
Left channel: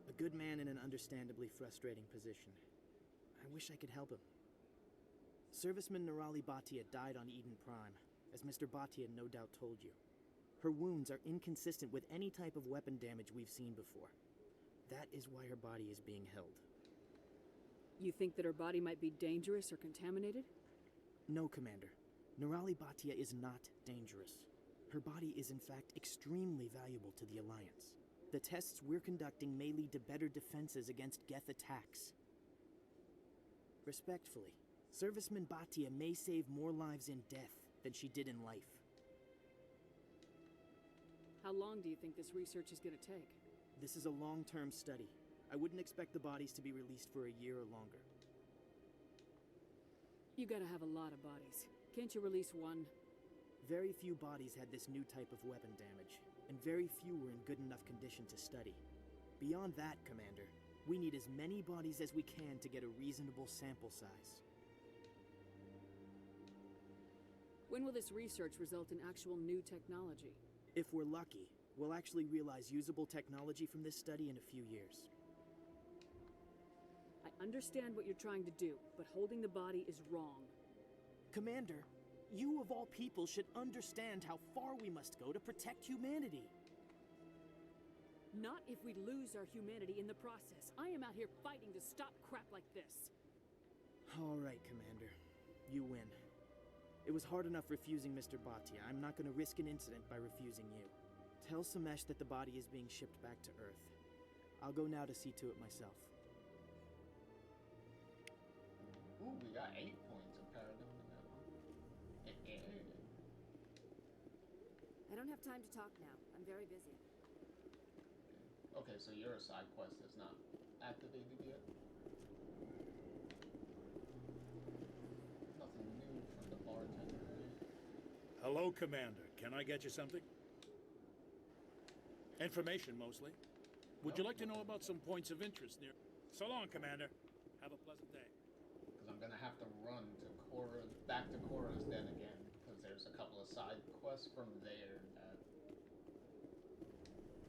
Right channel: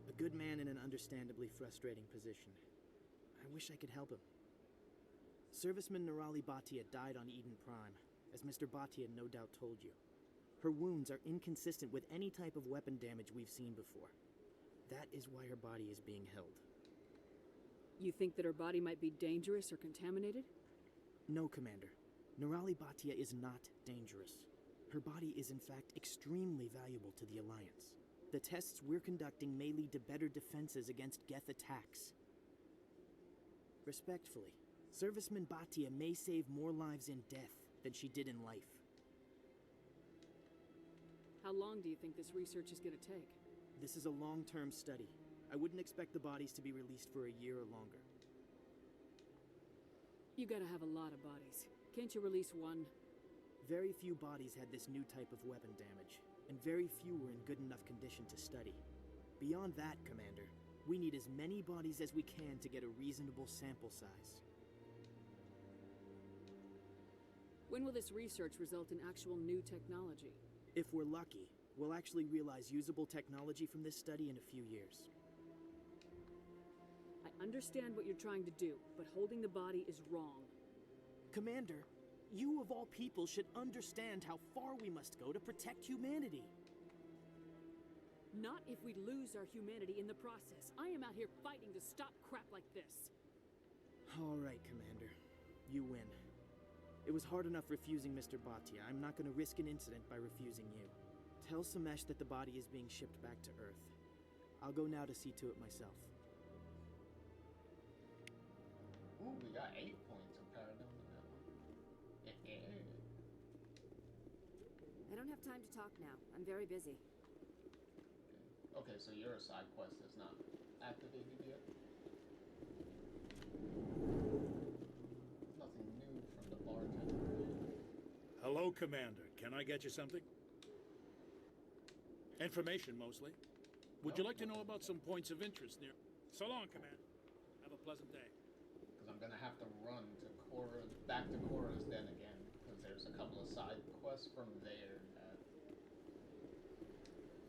A good man in an understandably frustrating position. I wish I could help him. Serviceman Nirali Bhatia died on Eden Prime, as Mr. Bhatia no doubt told you. Her wounds are inconsistent with any type of weapon damage we've seen before. That is why her body is being held. You think that her body might be dangerous or contaminated? No, Commander. Nirali Bhatia is not dangerous. Her body is in fact extremely valuable to the Alliance. The tests we're conducting may lead to better defenses against Geth attacks. Respectfully, Serviceman Bhatia may save more lives in death than she did in life. How long do you think this research is going to take? This is a long-term study. I wouldn't expect the bodies to be released for a year or longer. You gotta have a lot of bodies. Can't you release one? Very few bodies had this new type of weapon damage, and very few were in good enough condition to study. Beyond that, Commander, we need as many bodies as we can to get a reasonable sample size. When will this research result in actual new technology? If we're lucky, we'll actually realize usable technology from this study in a few years. I understand what you're trying to do, but holding the body is wrong. Commander, you of all people should understand how far we must go to protect humanity. Not if we lose our humanity in the process. I am out here fighting to stop crap like this. All right, Commander. You win. It was hard enough refusing Mr. Bhatia. I'm not going to risk an incident by refusing you. Tell Samesh that the body is being shipped back to Earth. I'll go now to see to it myself. Ooh, we got 8 points of paradigm in that one. I don't have time to talk now. I'm very busy. Okay, so your side quest is not activated yet. Nothing new from the bartender. Hello, Commander. Can I get you something? Information, mostly. Would you like to know about some points of interest near... So long, Commander. Have a pleasant day. Because I'm going to have to run to back to Korra's den again, because there's a couple of side quests from there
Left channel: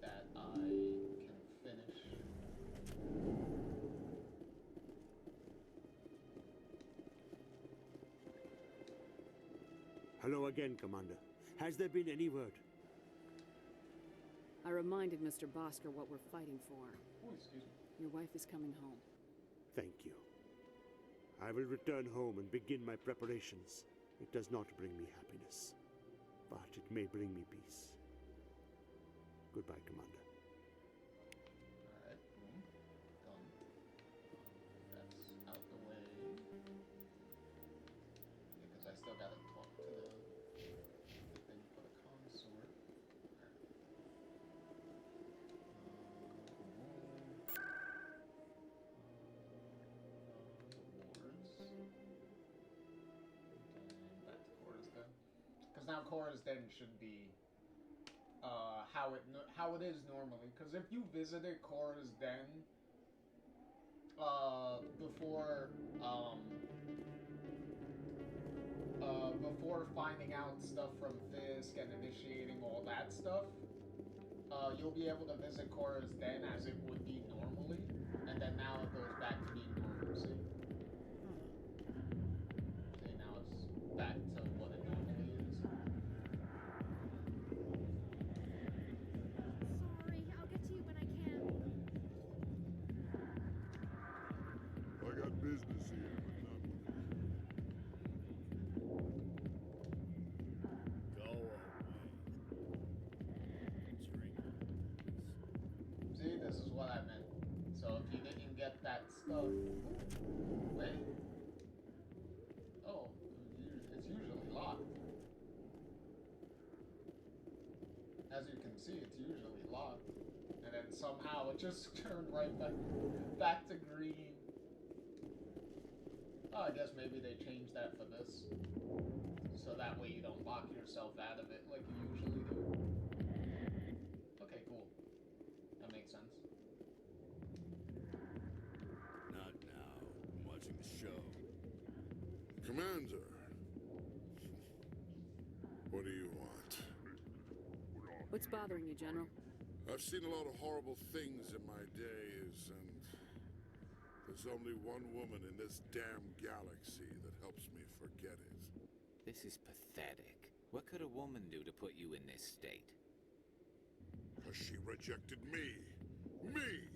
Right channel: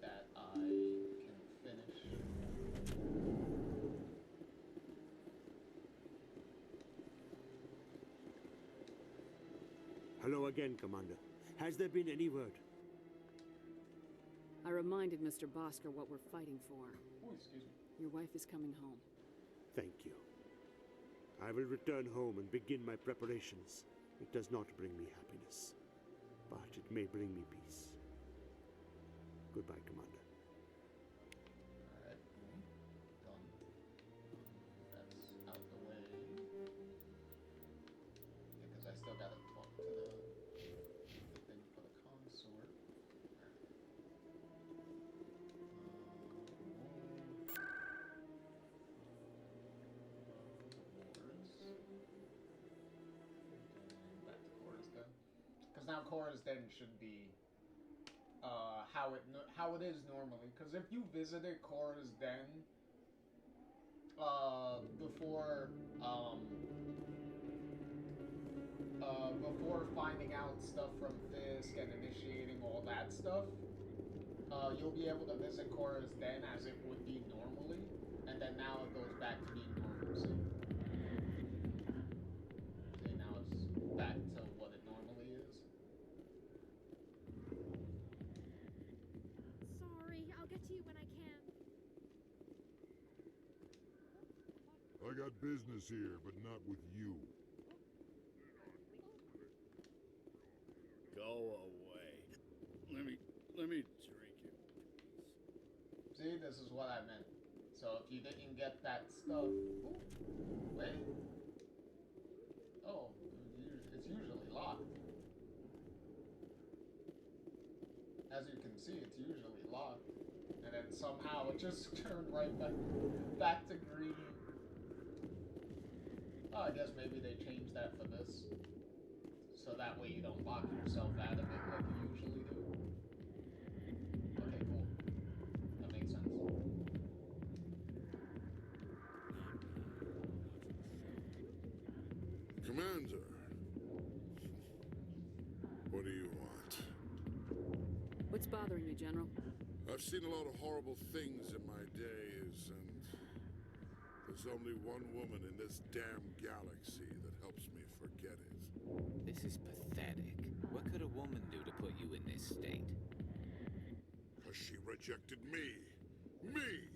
that I can finish. Hello again, Commander. Has there been any word? I reminded Mr. Bosker what we're fighting for. Oh, excuse me. Your wife is coming home. Thank you. I will return home and begin my preparations. It does not bring me happiness, but it may bring me peace. Goodbye, Commander. Alright, done. That's out the way. Yeah, because I still gotta talk to the thing for the consort. Because now Korra's Den should be how it is normally. Because if you visited Korra's Den before finding out stuff from Fisk and initiating all that stuff, you'll be able to visit Korra's Den as it would be normally, and then now it goes back to being normal. See, now it's back to what it normally is. Sorry, I'll get to you when I can. I got business here, but not with you. Go away. Let me drink. See, this is what I meant. So if you didn't get that stuff... Ooh, wait. Oh, it's usually locked. As you can see, it's usually locked. And then somehow it just turned right back to green. Oh, I guess maybe they changed that for this. So that way you don't lock yourself out of it like you usually do. Okay, cool. That makes sense. Not now. I'm watching the show. Commander. What do you want? What's bothering you, General? I've seen a lot of horrible things in my days, and there's only one woman in this damn galaxy that helps me forget it. This is pathetic. What could a woman do to put you in this state? Because she rejected me. Me!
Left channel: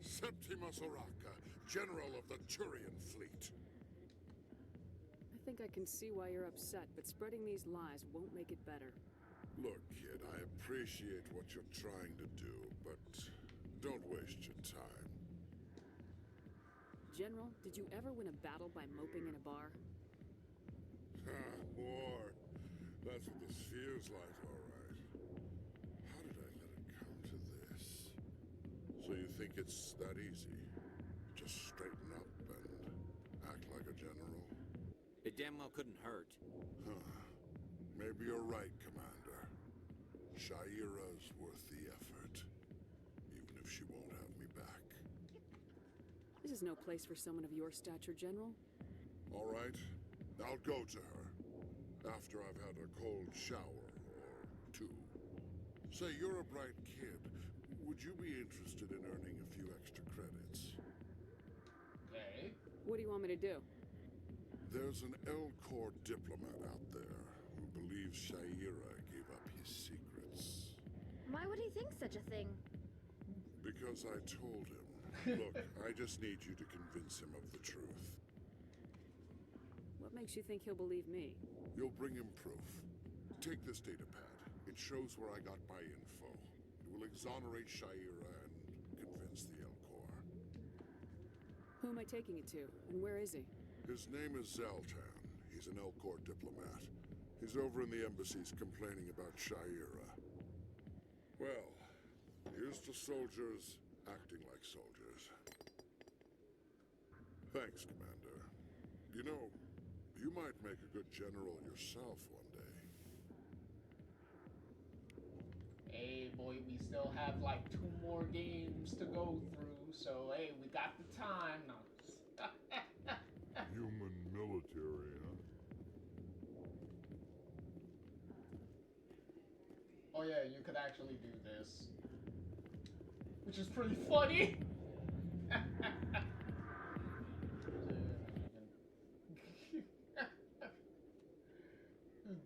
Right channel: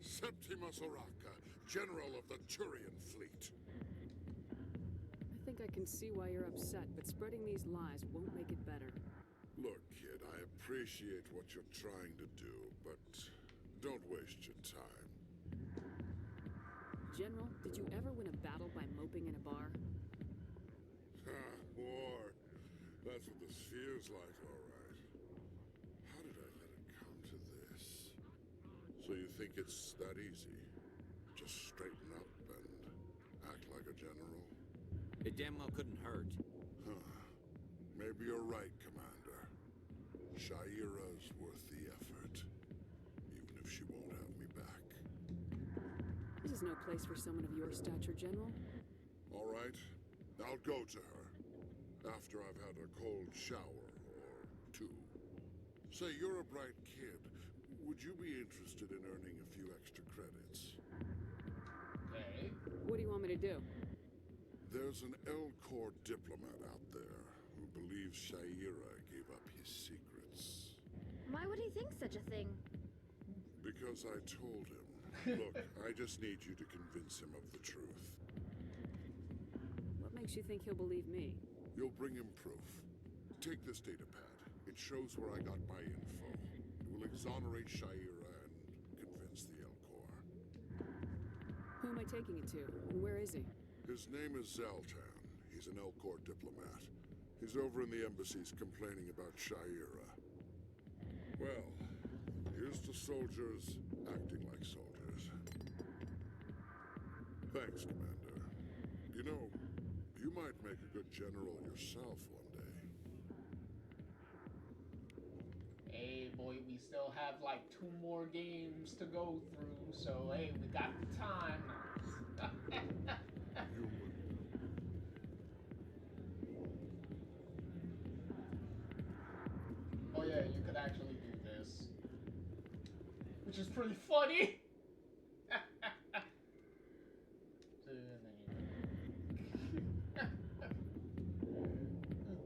Septimus Oraka, General of the Turian Fleet. I think I can see why you're upset, but spreading these lies won't make it better. Look, kid, I appreciate what you're trying to do, but don't waste your time. General, did you ever win a battle by moping in a bar? War. That's what this feels like, all right. How did I let it come to this? So you think it's that easy? Just straighten up and act like a general? It damn well couldn't hurt. Huh. Maybe you're right, Commander. Shaira's worth the effort, even if she won't have me back. This is no place for someone of your stature, General. All right, I'll go to her after I've had a cold shower or two. Say, you're a bright kid. Would you be interested in earning a few extra credits? Okay. What do you want me to do? There's an L-Corps diplomat out there who believes Shaira gave up his secrets. Why would he think such a thing? Because I told him. Look, I just need you to convince him of the truth. makes you think he'll believe me? You'll bring him proof. Take this data pad. It shows where I got my info. It will exonerate Shaira and convince the Elcor. Who am I taking it to, and where is he? His name is Zaltan. He's an Elcor diplomat. He's over in the embassies complaining about Shaira. Well, here's to soldiers acting like soldiers. Thanks, Commander. You know, you might make a good general yourself one day. Hey, boy, we still have like 2 more games to go through, so hey, we got the time. Human military. Oh yeah, you could actually do this. Which is pretty funny!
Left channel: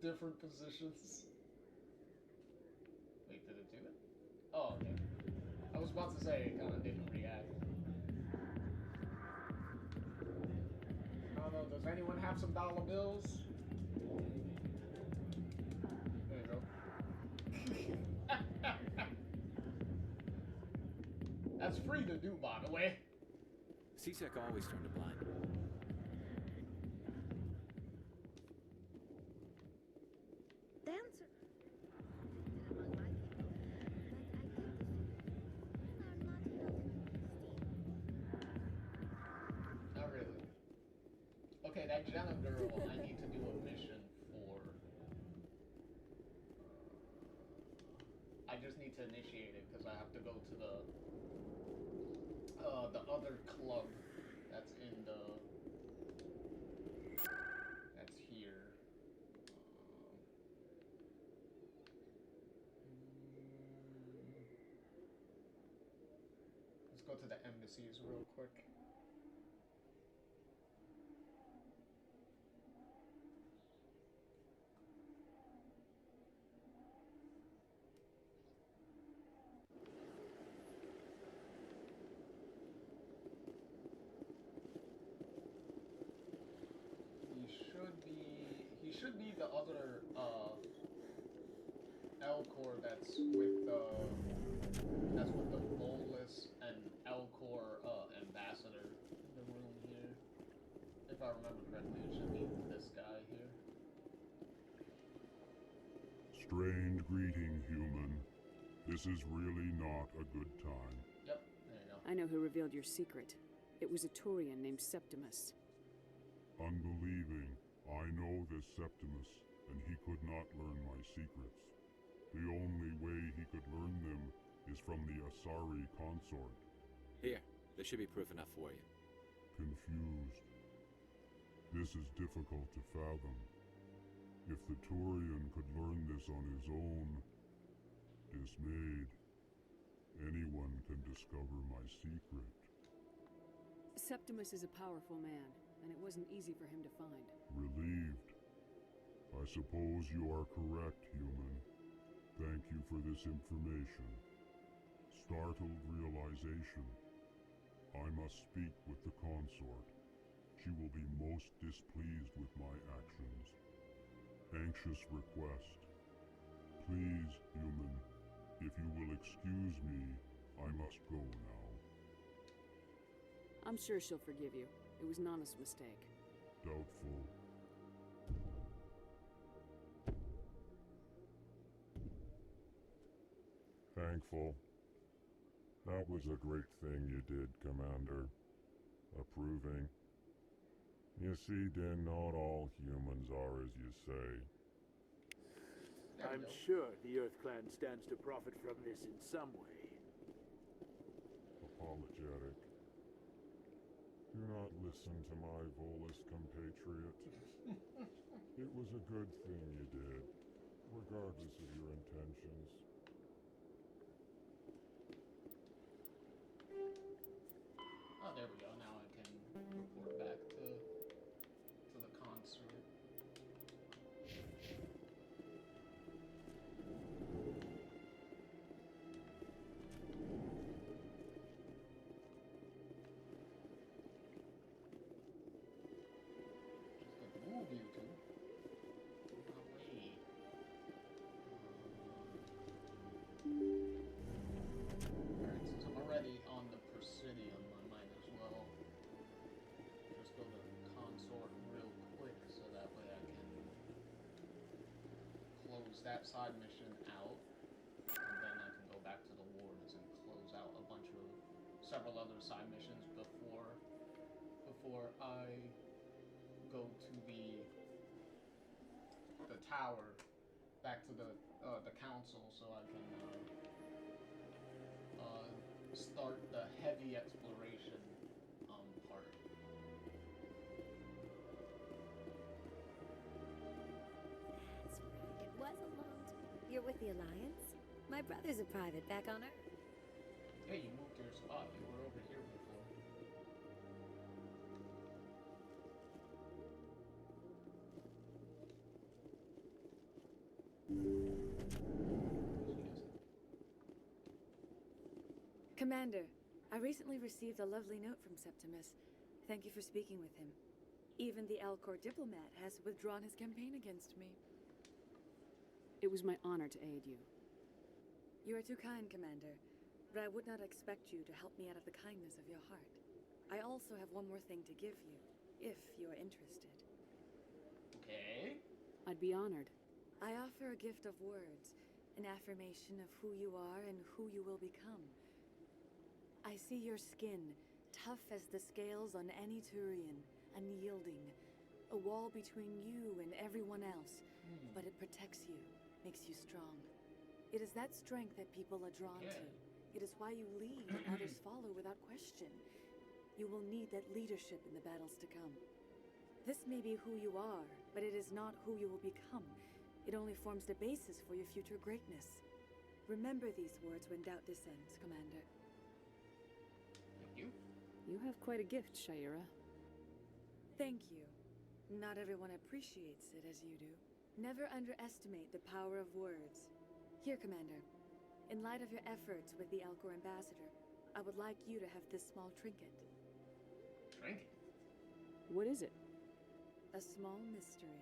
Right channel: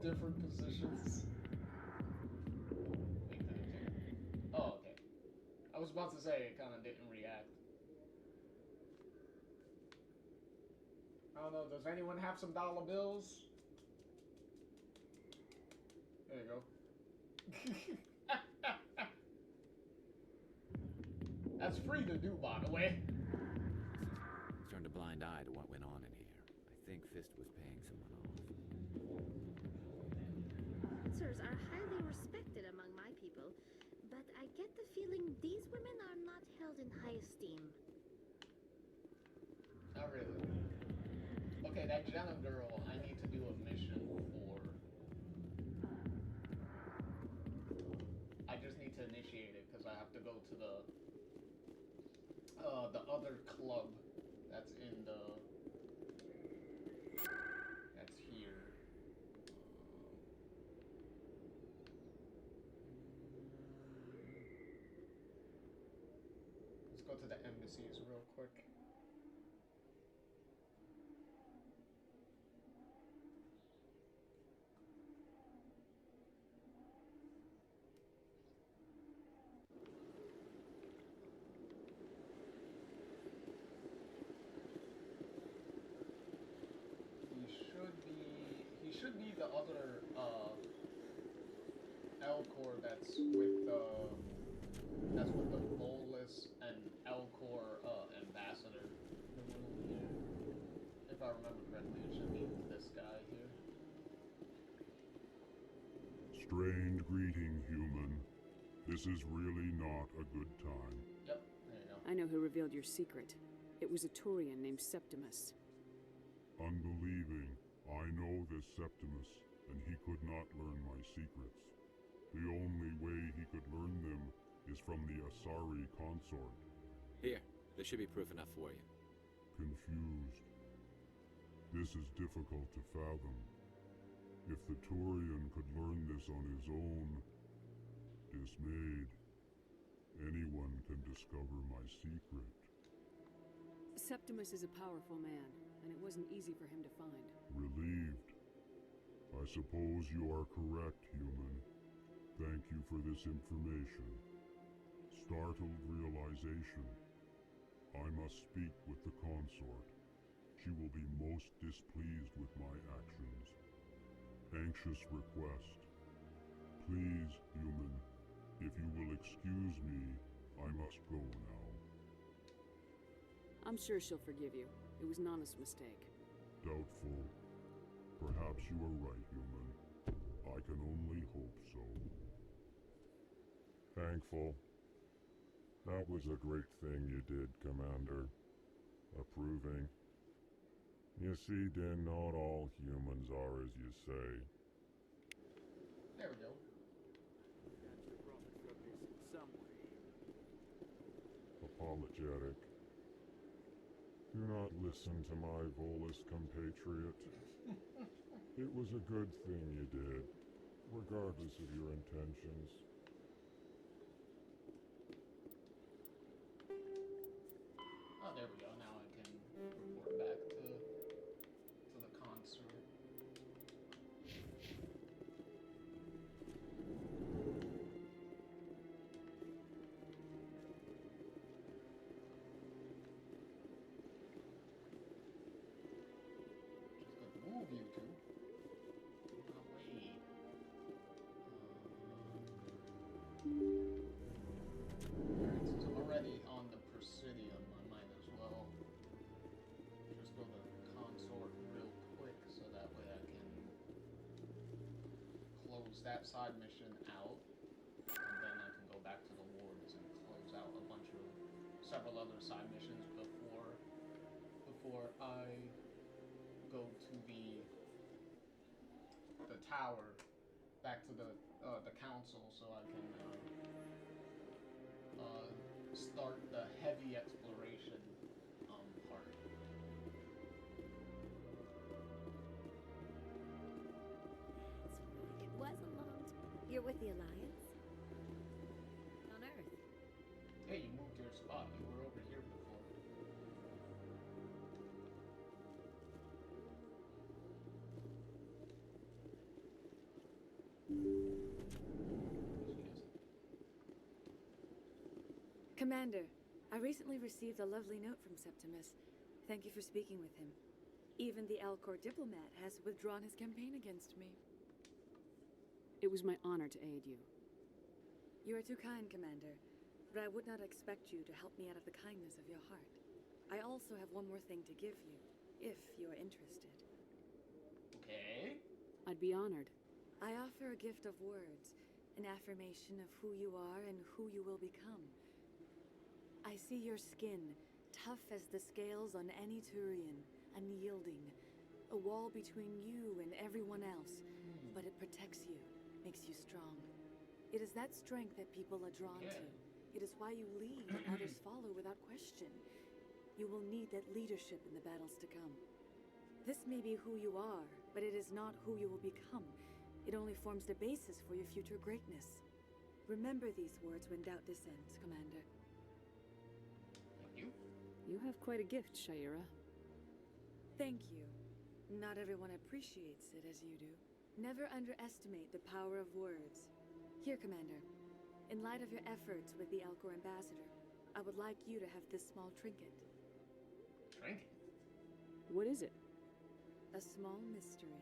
Different positions. Wait, did it do it? Oh, okay. I was about to say it kind of didn't react. I don't know, does anyone have some dollar bills? There you go. That's free to do, by the way. CSEC always turned a blind eye to what went on in here. Think Fisk was paying someone off. Dancers are highly respected among my people, but I get the feeling these women are not held in high esteem. Not really. Okay, that Jenna girl, I need to do a mission for. I just need to initiate it because I have to go to the other club that's in the. That's here. Let's go to the embassies real quick. He should be the other Elcor that's with the Bolus and Elcor ambassador in the room here. If I remember correctly, it should be this guy here. Strange greeting, human. This is really not a good time. Yep, there you go. I know who revealed your secret. It was a Turian named Septimus. Unbelieving. I know this Septimus, and he could not learn my secrets. The only way he could learn them is from the Asari consort. Here, there should be proof enough for you. Confused. This is difficult to fathom. If the Turian could learn this on his own, dismayed, anyone can discover my secret. Septimus is a powerful man, and it wasn't easy for him to find. Relieved. I suppose you are correct, human. Thank you for this information. Startled realization. I must speak with the consort. She will be most displeased with my actions. Anxious request. Please, human, if you will excuse me, I must go now. I'm sure she'll forgive you. It was Nana's mistake. Doubtful. Perhaps you are right, human. I can only hope so. Thankful. That was a great thing you did, Commander. Approving. You see, Din, not all humans are as you say. I'm sure the Earth Clan stands to profit from this in some way. Apologetic. Do not listen to my Volus compatriot. It was a good thing you did, regardless of your intentions. Oh, there we go. Now I can report back to the consort. Just got the movie that side mission out, and then I can go back to the wards and close out several other side missions before I go to the tower, back to the council, so I can start the heavy exploration part. It was a long time. You're with the Alliance? My brother's a private back on Earth. Hey, you moved your spot. You were over here before. Commander, I recently received a lovely note from Septimus. Thank you for speaking with him. Even the Alcor diplomat has withdrawn his campaign against me. It was my honor to aid you. You are too kind, Commander, but I would not expect you to help me out of the kindness of your heart. I also have one more thing to give you, if you are interested. Okay. I'd be honored. I offer a gift of words, an affirmation of who you are and who you will become. I see your skin, tough as the scales on any Turian, unyielding, a wall between you and everyone else, but it protects you, makes you strong. It is that strength that people are drawn to. It is why you lead and others follow without question. You will need that leadership in the battles to come. This may be who you are, but it is not who you will become. It only forms the basis for your future greatness. Remember these words when doubt descends, Commander. Thank you. You have quite a gift, Shaira. Thank you. Not everyone appreciates it as you do. Never underestimate the power of words. Here, Commander. In light of your efforts with the Alcor ambassador, I would like you to have this small trinket. Trinket? What is it? A small mystery.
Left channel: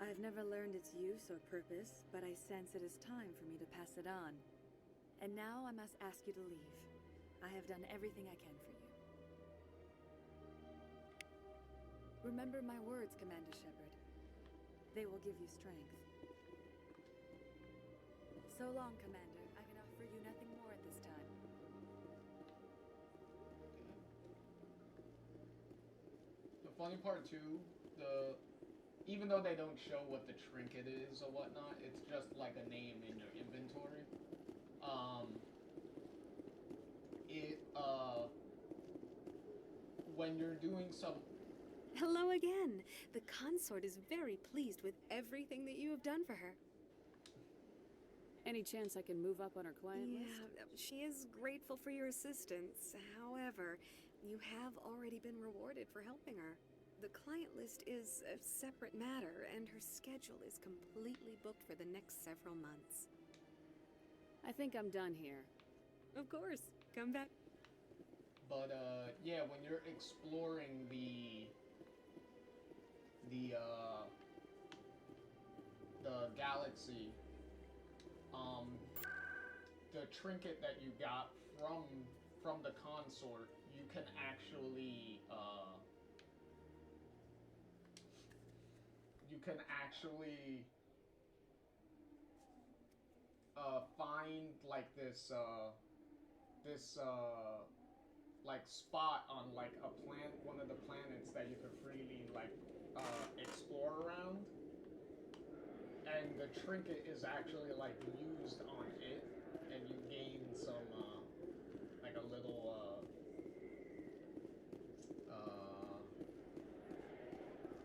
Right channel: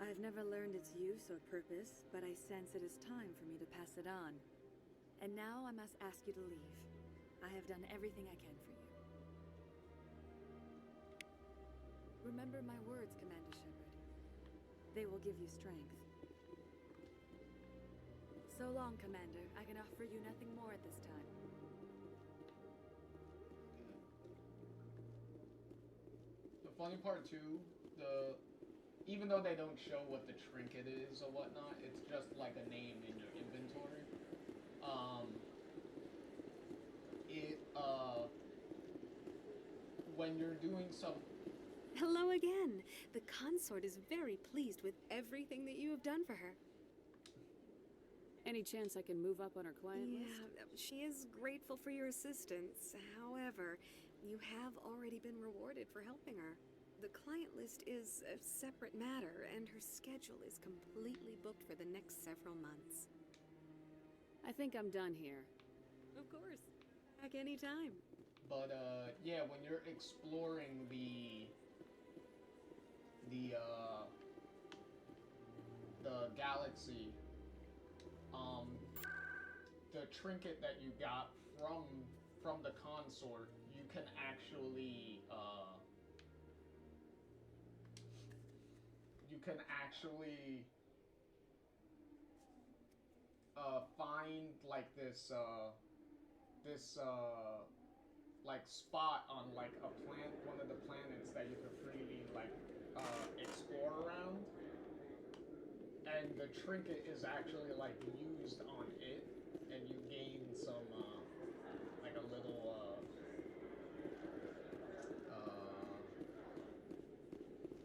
I have never learned its use or purpose, but I sense it is time for me to pass it on. And now I must ask you to leave. I have done everything I can for you. Remember my words, Commander Shepard. They will give you strength. So long, Commander. I can offer you nothing more at this time. The funny part too, even though they don't show what the trinket is or whatnot, it's just like a name in your inventory. When you're doing some... Hello again. The consort is very pleased with everything that you have done for her. Any chance I can move up on her client list? Yeah, she is grateful for your assistance. However, you have already been rewarded for helping her. The client list is a separate matter, and her schedule is completely booked for the next several months. I think I'm done here. Of course. Come back anytime. But, yeah, when you're exploring the galaxy, the trinket that you got from the consort, you can actually, find, like, this like, spot on, like, one of the planets that you can freely, like, explore around. And the trinket is actually, like, used on it, and you gain some, like, a little,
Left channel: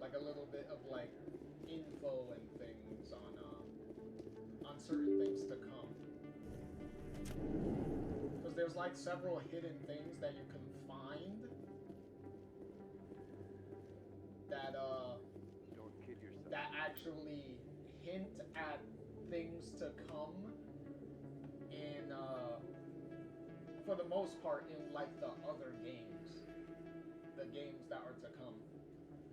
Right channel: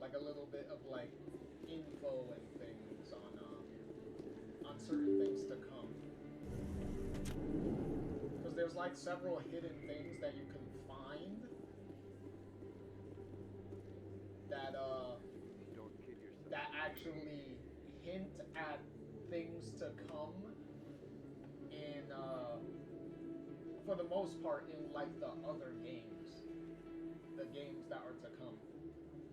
like, a little bit of, like, info and things on certain things to come. Because there's, like, several hidden things that you can find that, Don't kid yourself. that actually hint at things to come in, for the most part, in, like, the other games. The games that are to come.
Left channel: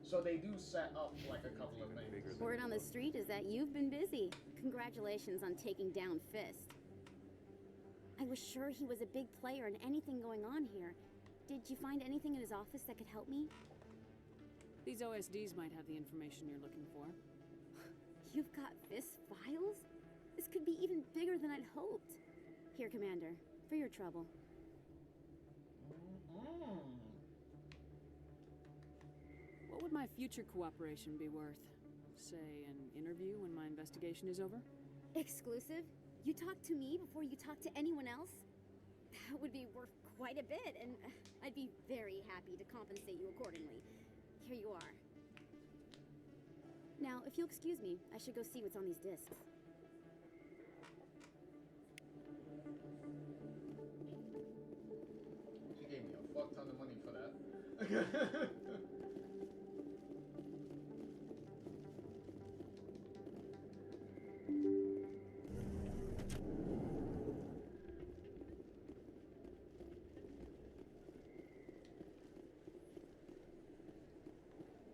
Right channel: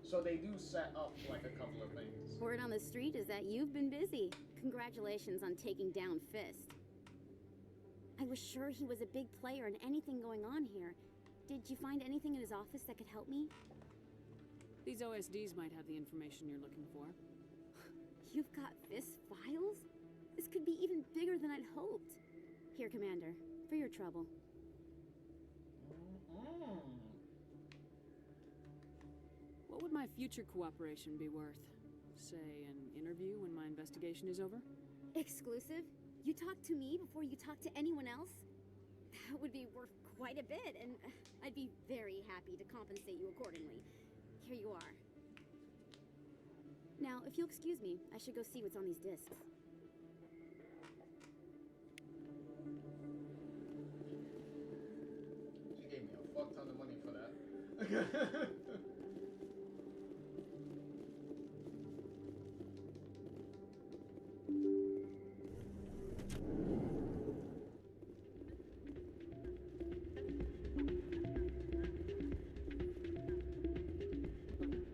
So they do set up, like, a couple of things. Word on the street is that you've been busy. Congratulations on taking down Fist. I was sure he was a big player in anything going on here. Did you find anything in his office that could help me? These OSDs might have the information you're looking for. You've got Fist files? This could be even bigger than I'd hoped. Here, Commander, for your trouble. What would my future cooperation be worth? Say, an interview when my investigation is over? Exclusive? You talk to me before you talk to anyone else? That would be worth quite a bit, and I'd be very happy to compensate you accordingly. Here you are. Now, if you'll excuse me, I should go see what's on these discs. She gave me a fuck ton of money for that.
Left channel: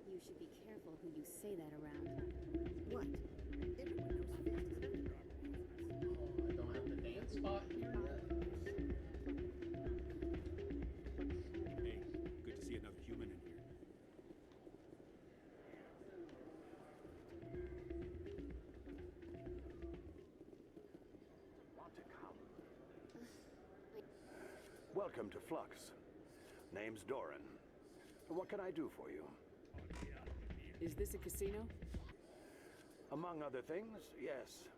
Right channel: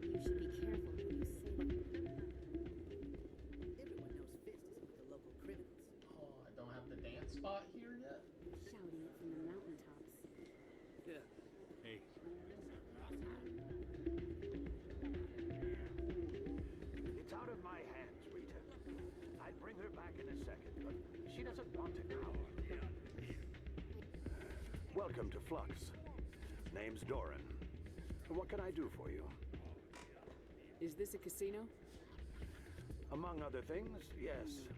You should be careful who you say that around. What? Everyone knows Fist is one of the local criminals. Oh, I don't have the dance spot here yet. Hey, good to see another human. It's out of my hands, Rita. I'll bring her back in a second, but she doesn't want to cower. Welcome to Flux. Name's Doran. What can I do for you? Is this a casino? Among other things, yes.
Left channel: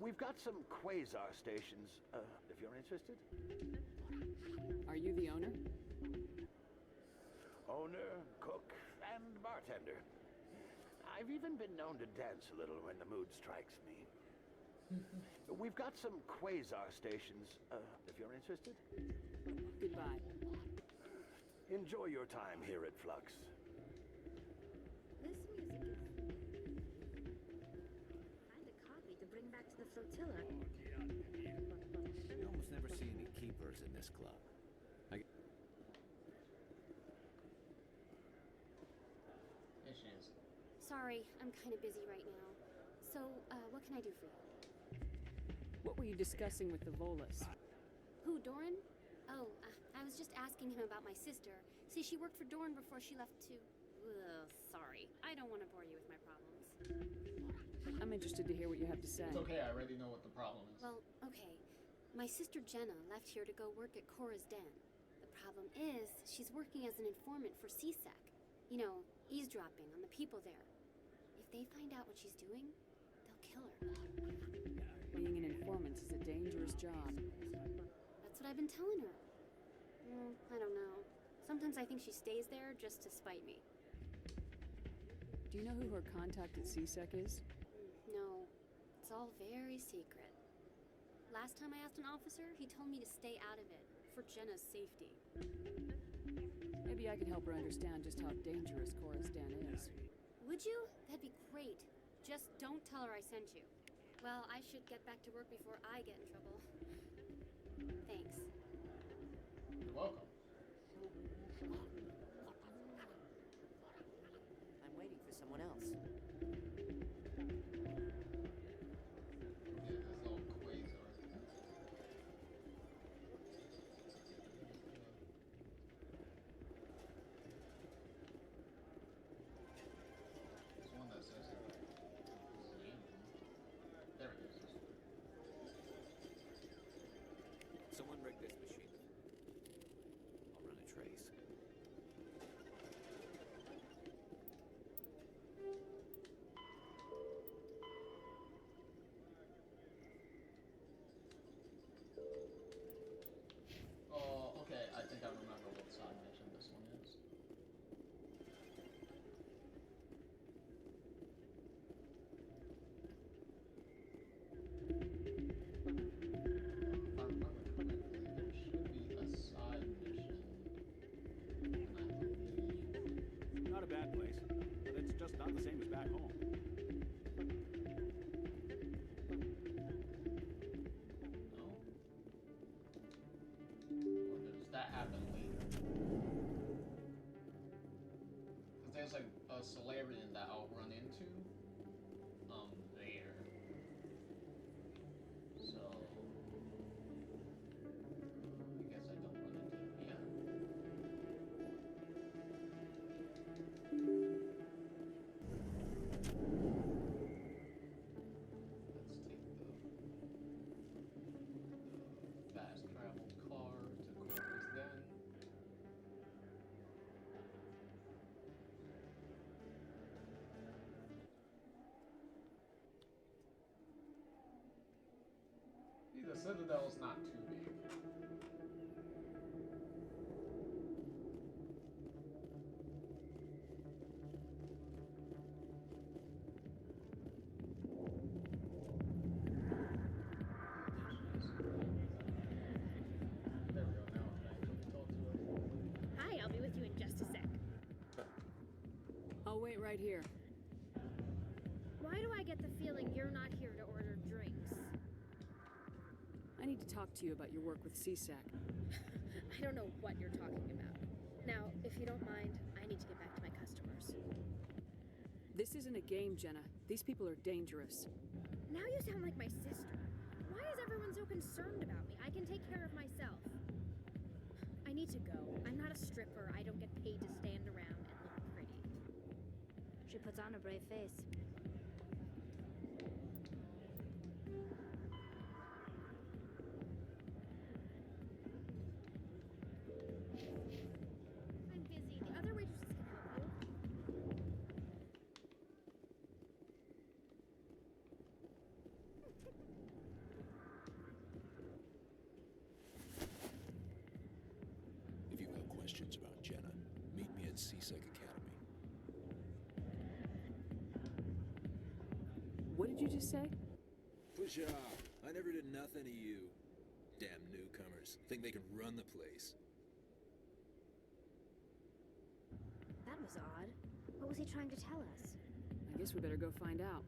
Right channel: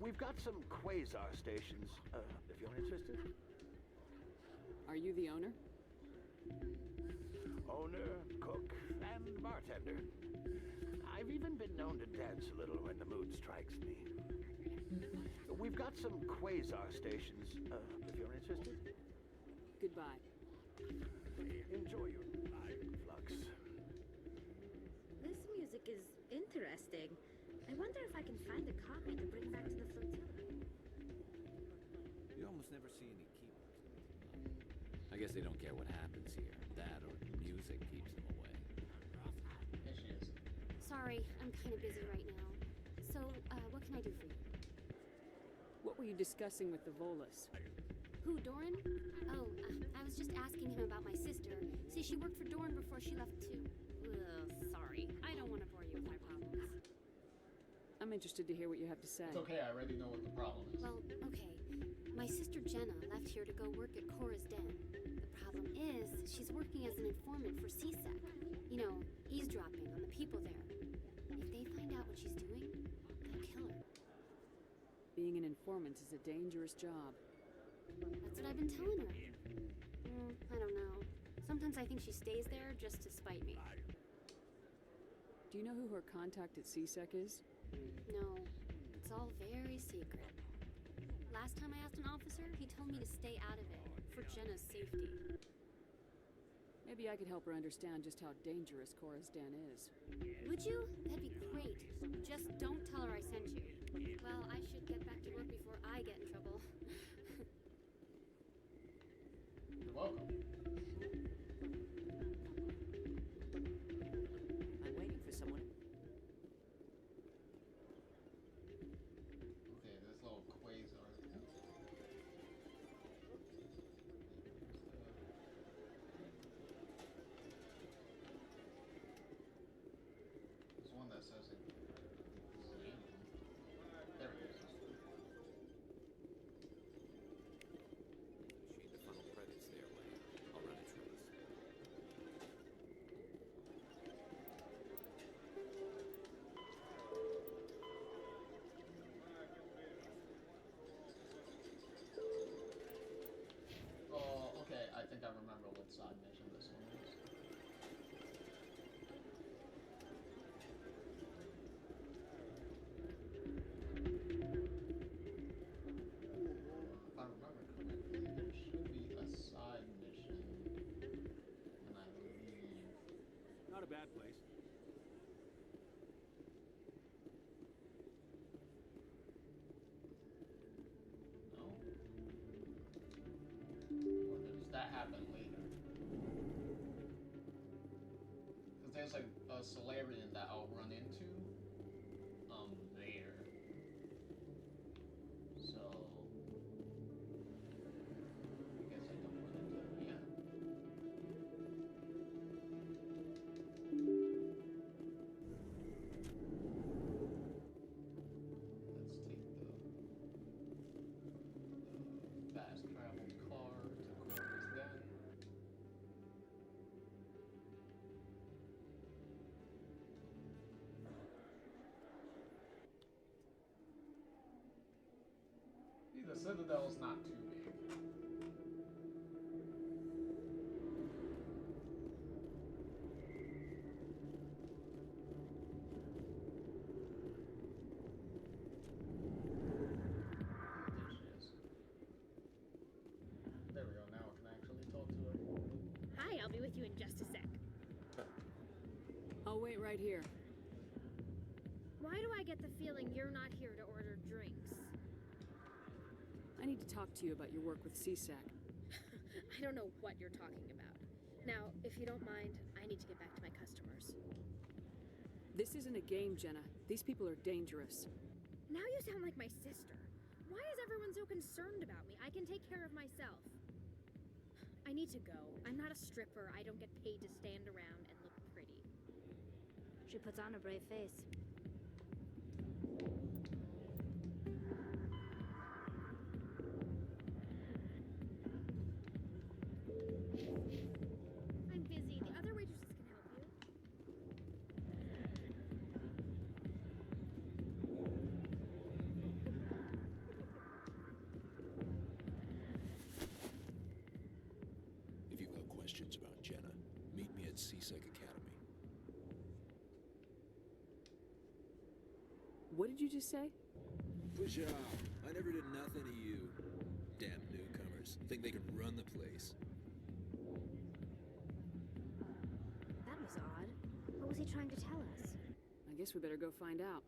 We've got some quasar stations, if you're interested. Are you the owner? Owner, cook, and bartender. I've even been known to dance a little when the mood strikes me. We've got some quasar stations, if you're interested. Goodbye. Enjoy your time here at Flux. This music is interesting. I wonder if I can find a copy to bring back to the flotilla. You almost never see any keepers in this club. I guess they don't care what happens here. That or music keeps them away. There she is. Sorry, I'm kind of busy right now. So, what can I do for you? What were you discussing with the Volus? Who, Doran? Oh, I was just asking him about my sister. See, she worked for Doran before she left to... Ugh, sorry. I don't want to bore you with my problems. I'm interested to hear what you have to say. It's okay, I already know what the problem is. Well, okay. My sister Jenna left here to go work at Cora's Den. The problem is, she's working as an informant for CSEC. You know, eavesdropping on the people there. If they find out what she's doing, they'll kill her. Being an informant is a dangerous job. That's what I've been telling her. I don't know. Sometimes I think she stays there just to spite me. Do you know who her contact at CSEC is? No, it's all very secret. Last time I asked an officer, he told me to stay out of it, for Jenna's safety. Maybe I could help her understand just how dangerous Cora's Den is. Would you? That'd be great. Just don't tell her I sent you. Well, I should get back to work before I get in trouble. Thanks. You're welcome. I'm waiting for someone else. Yeah, this little quasar. There's one that says it. There it is. Someone rig this machine to funnel credits their way. I'll run a trace. Oh, okay. I think I remember what side mission this one is. If I remember correctly, there should be a side mission, and I believe Not a bad place. It's just not the same as back home. no. Or does that happen later? Because there's like a Solarian that I'll run into, there. So, I guess I don't run into it yet. Citadel's not too big. There we go, now I can actually talk to her. Hi, I'll be with you in just a sec. I'll wait right here. Why do I get the feeling you're not here to order drinks? I need to talk to you about your work with CSAC. I don't know what you're talking about. Now, if you don't mind, I need to get back to my customers. This isn't a game, Jenna. These people are dangerous. Now you sound like my sister. Why is everyone so concerned about me? I can take care of myself. I need to go. I'm not a stripper. I don't get paid to stand around and look pretty. She puts on a brave face. I'm busy. The other waitresses can help you. If you've got questions about Jenna, meet me at CSEC Academy. What did you just say? Push off. I never did nothing to you. Damn newcomers. Think they can run the place. That was odd. What was he trying to tell us? I guess we better go find out.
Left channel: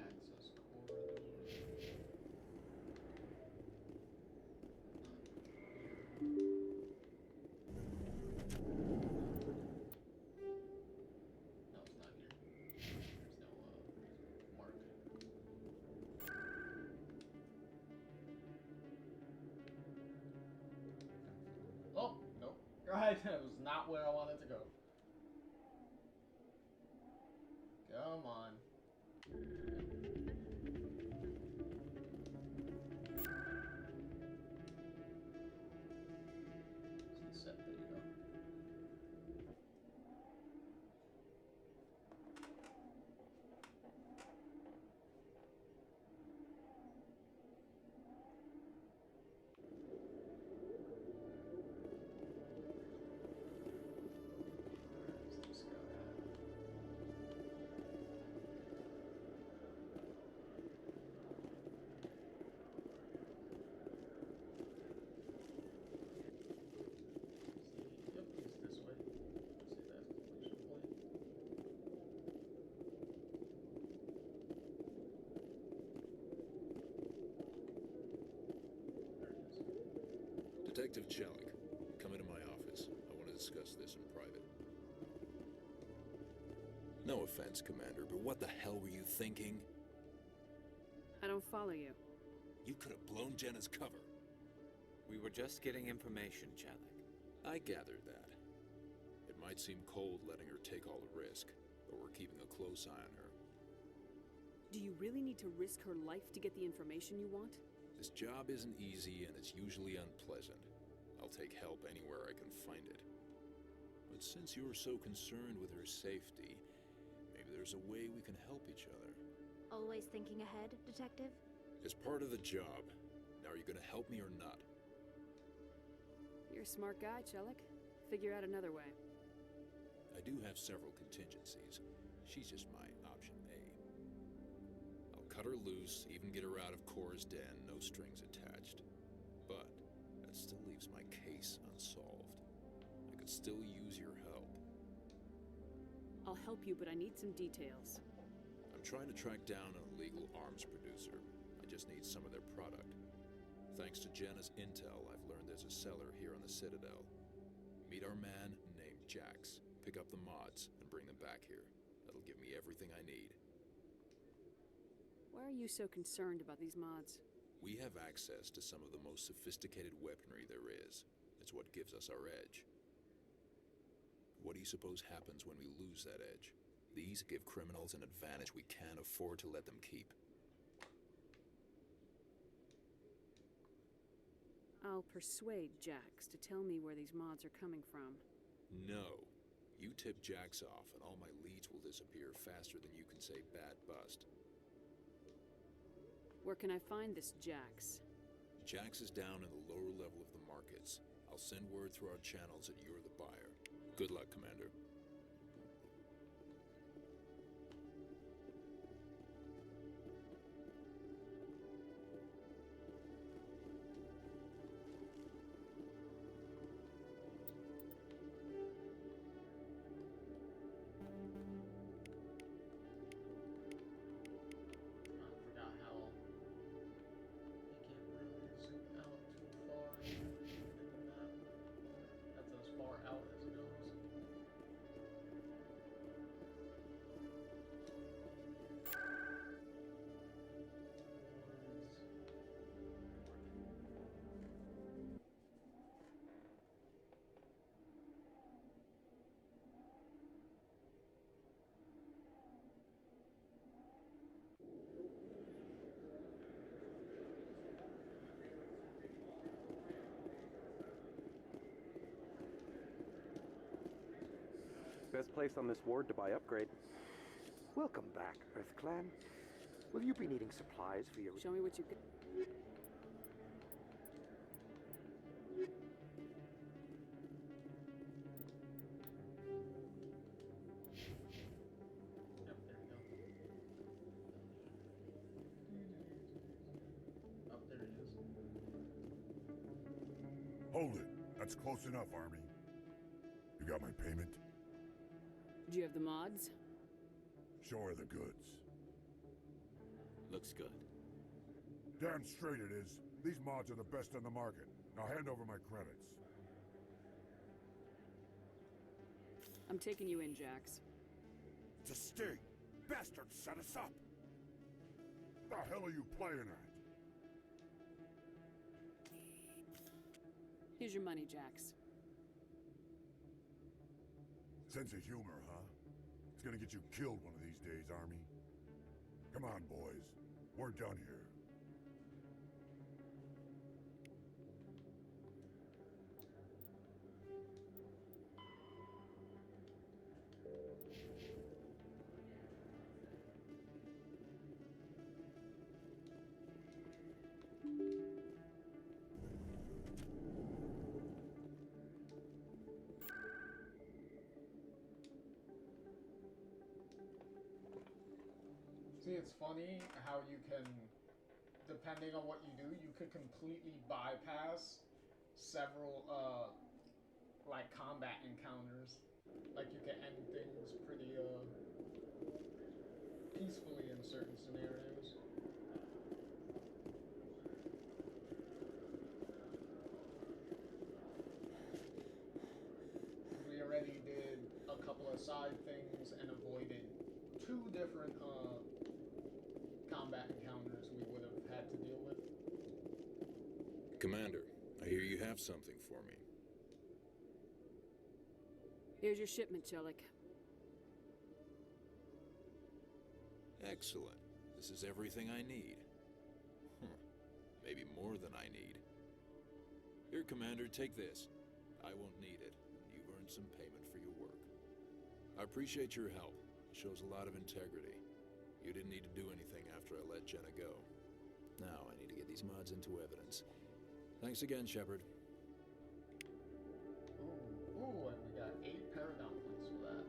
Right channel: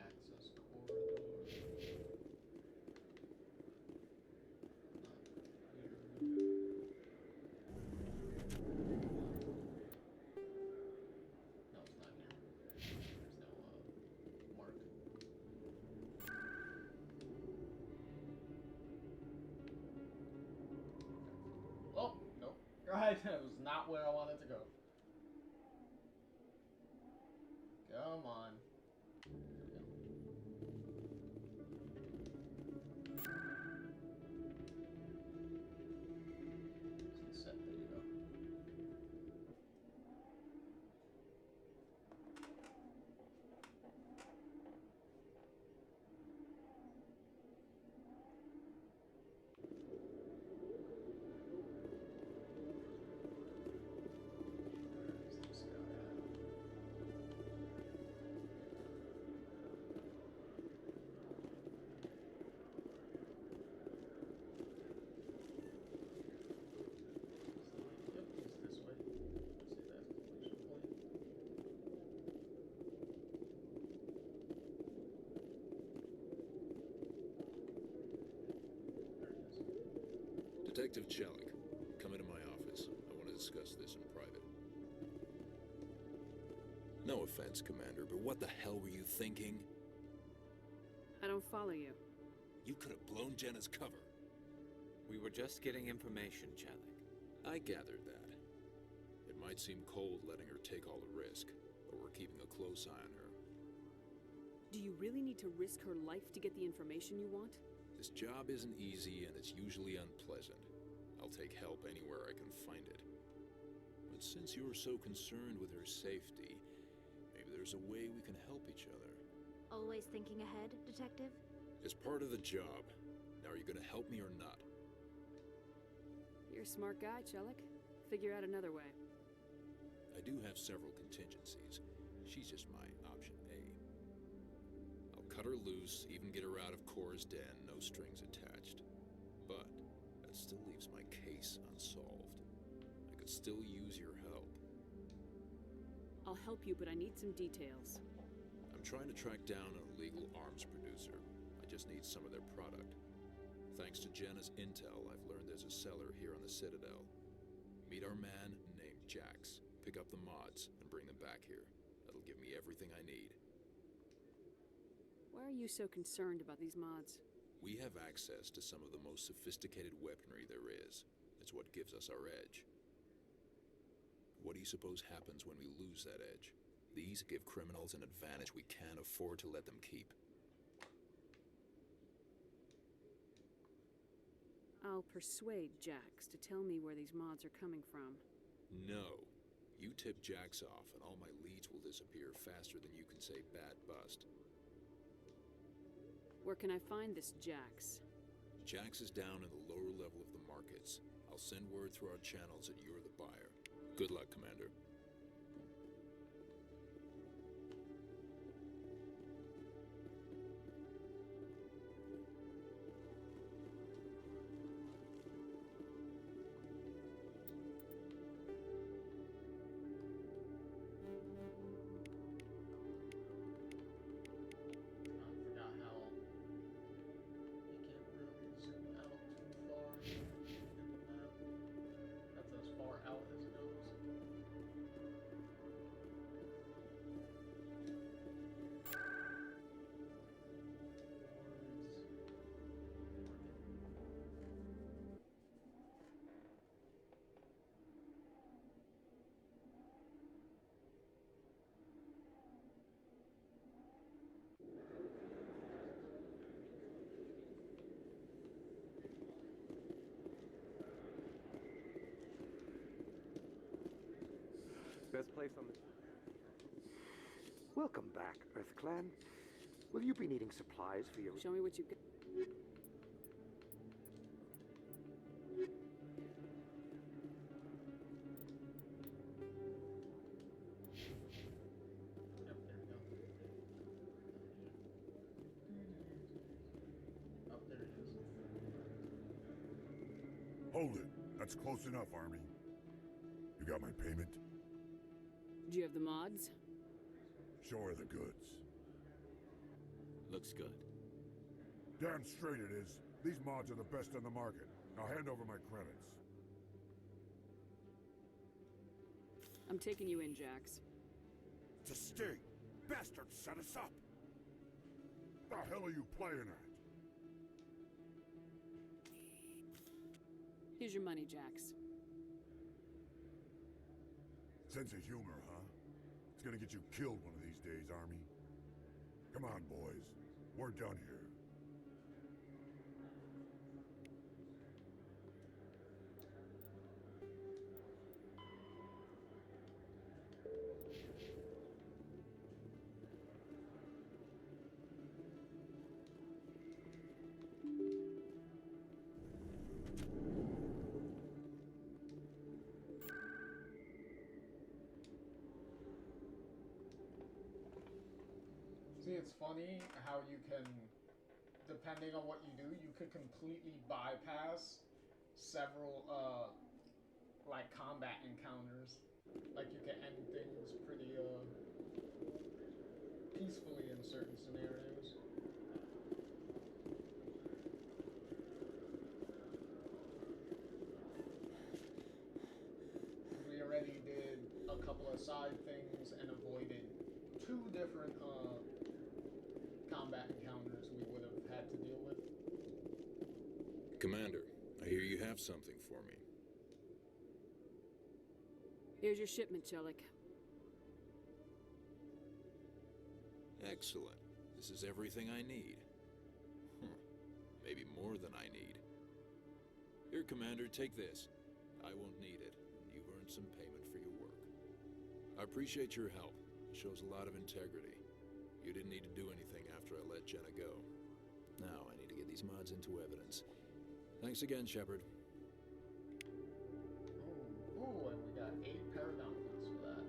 Access corridor. No, it's not here. There's no mark. Oh, nope. Right, that was not where I wanted to go. Come on. Set, there you go. Where's this guy at? Yep, he's this way. See that completion point. There it is. Detective Chalik, come into my office. I want to discuss this in private. No offense, Commander, but what the hell were you thinking? I don't follow you. You could have blown Jenna's cover. We were just getting information, Chalik. I gathered that. It might seem cold letting her take all the risk, but we're keeping a close eye on her. Do you really need to risk her life to get the information you want? This job isn't easy and it's usually unpleasant. I'll take help anywhere I can find it. But since you're so concerned with her safety, maybe there's a way we can help each other. Always thinking ahead, Detective? It's part of the job. Now are you gonna help me or not? You're a smart guy, Chalik. Figure out another way. I do have several contingencies. She's just my option A. I'll cut her loose, even get her out of Cora's den, no strings attached. But that still leaves my case unsolved. I could still use your help. I'll help you, but I need some details. I'm trying to track down an illegal arms producer. I just need some of their product. Thanks to Jenna's intel, I've learned there's a seller here on the Citadel. Meet our man named Jax. Pick up the mods and bring them back here. That'll give me everything I need. Why are you so concerned about these mods? We have access to some of the most sophisticated weaponry there is. It's what gives us our edge. What do you suppose happens when we lose that edge? These give criminals an advantage we can't afford to let them keep. I'll persuade Jax to tell me where these mods are coming from. No. You tip Jax off, and all my leads will disappear faster than you can say bat bust. Where can I find this Jax? Jax is down in the lower level of the markets. I'll send word through our channels that you're the buyer. Good luck, Commander. Best place on this ward to buy upgrade. Welcome back, Earth Clan. Will you be needing supplies for your... Show me what you got. Yep, there we go. Oh, there it is. Hold it. That's close enough, Army. You got my payment? Do you have the mods? Show her the goods. Looks good. Damn straight it is. These mods are the best on the market. Now hand over my credits. I'm taking you in, Jax. It's a sting! Bastard set us up! The hell are you playing at? Here's your money, Jax. Sense of humor, huh? It's gonna get you killed one of these days, Army. Come on, boys. We're done here. See, it's funny how you can, depending on what you do, you could completely bypass several, like, combat encounters. Like, you can end things pretty, peacefully in certain scenarios. We already did a couple of side things and avoided 2 different, combat encounters we would have had to deal with. Commander, I hear you have something for me. Here's your shipment, Chelik. Excellent. This is everything I need. Maybe more than I need. Here, Commander, take this. I won't need it. You've earned some payment for your work. I appreciate your help. It shows a lot of integrity. You didn't need to do anything after I let Jenna go. Now I need to get these mods into evidence. Thanks again, Shepard. Ooh, and we got 8 Paragon points for that.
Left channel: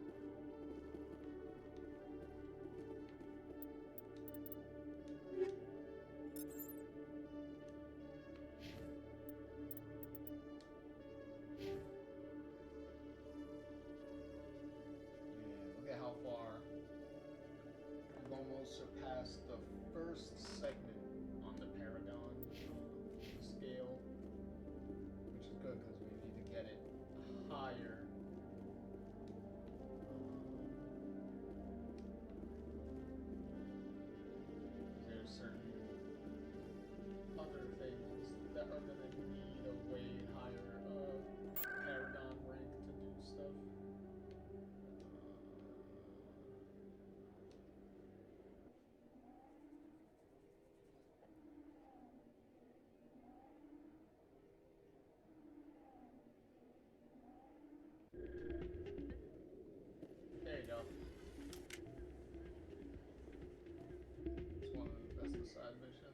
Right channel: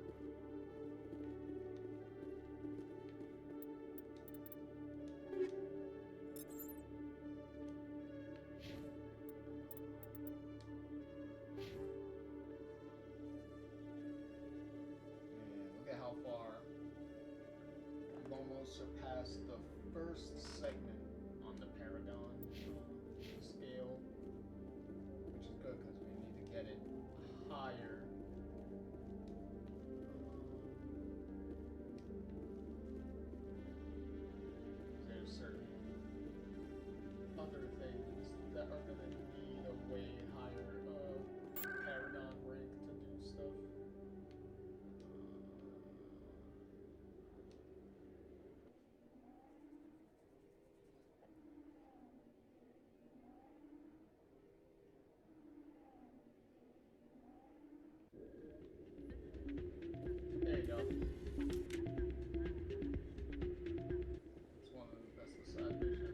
Yeah, look at how far we've almost surpassed the first segment on the Paragon scale, which is good because we need to get it higher. There's certain other things that are going to need a way higher go. That's the side mission.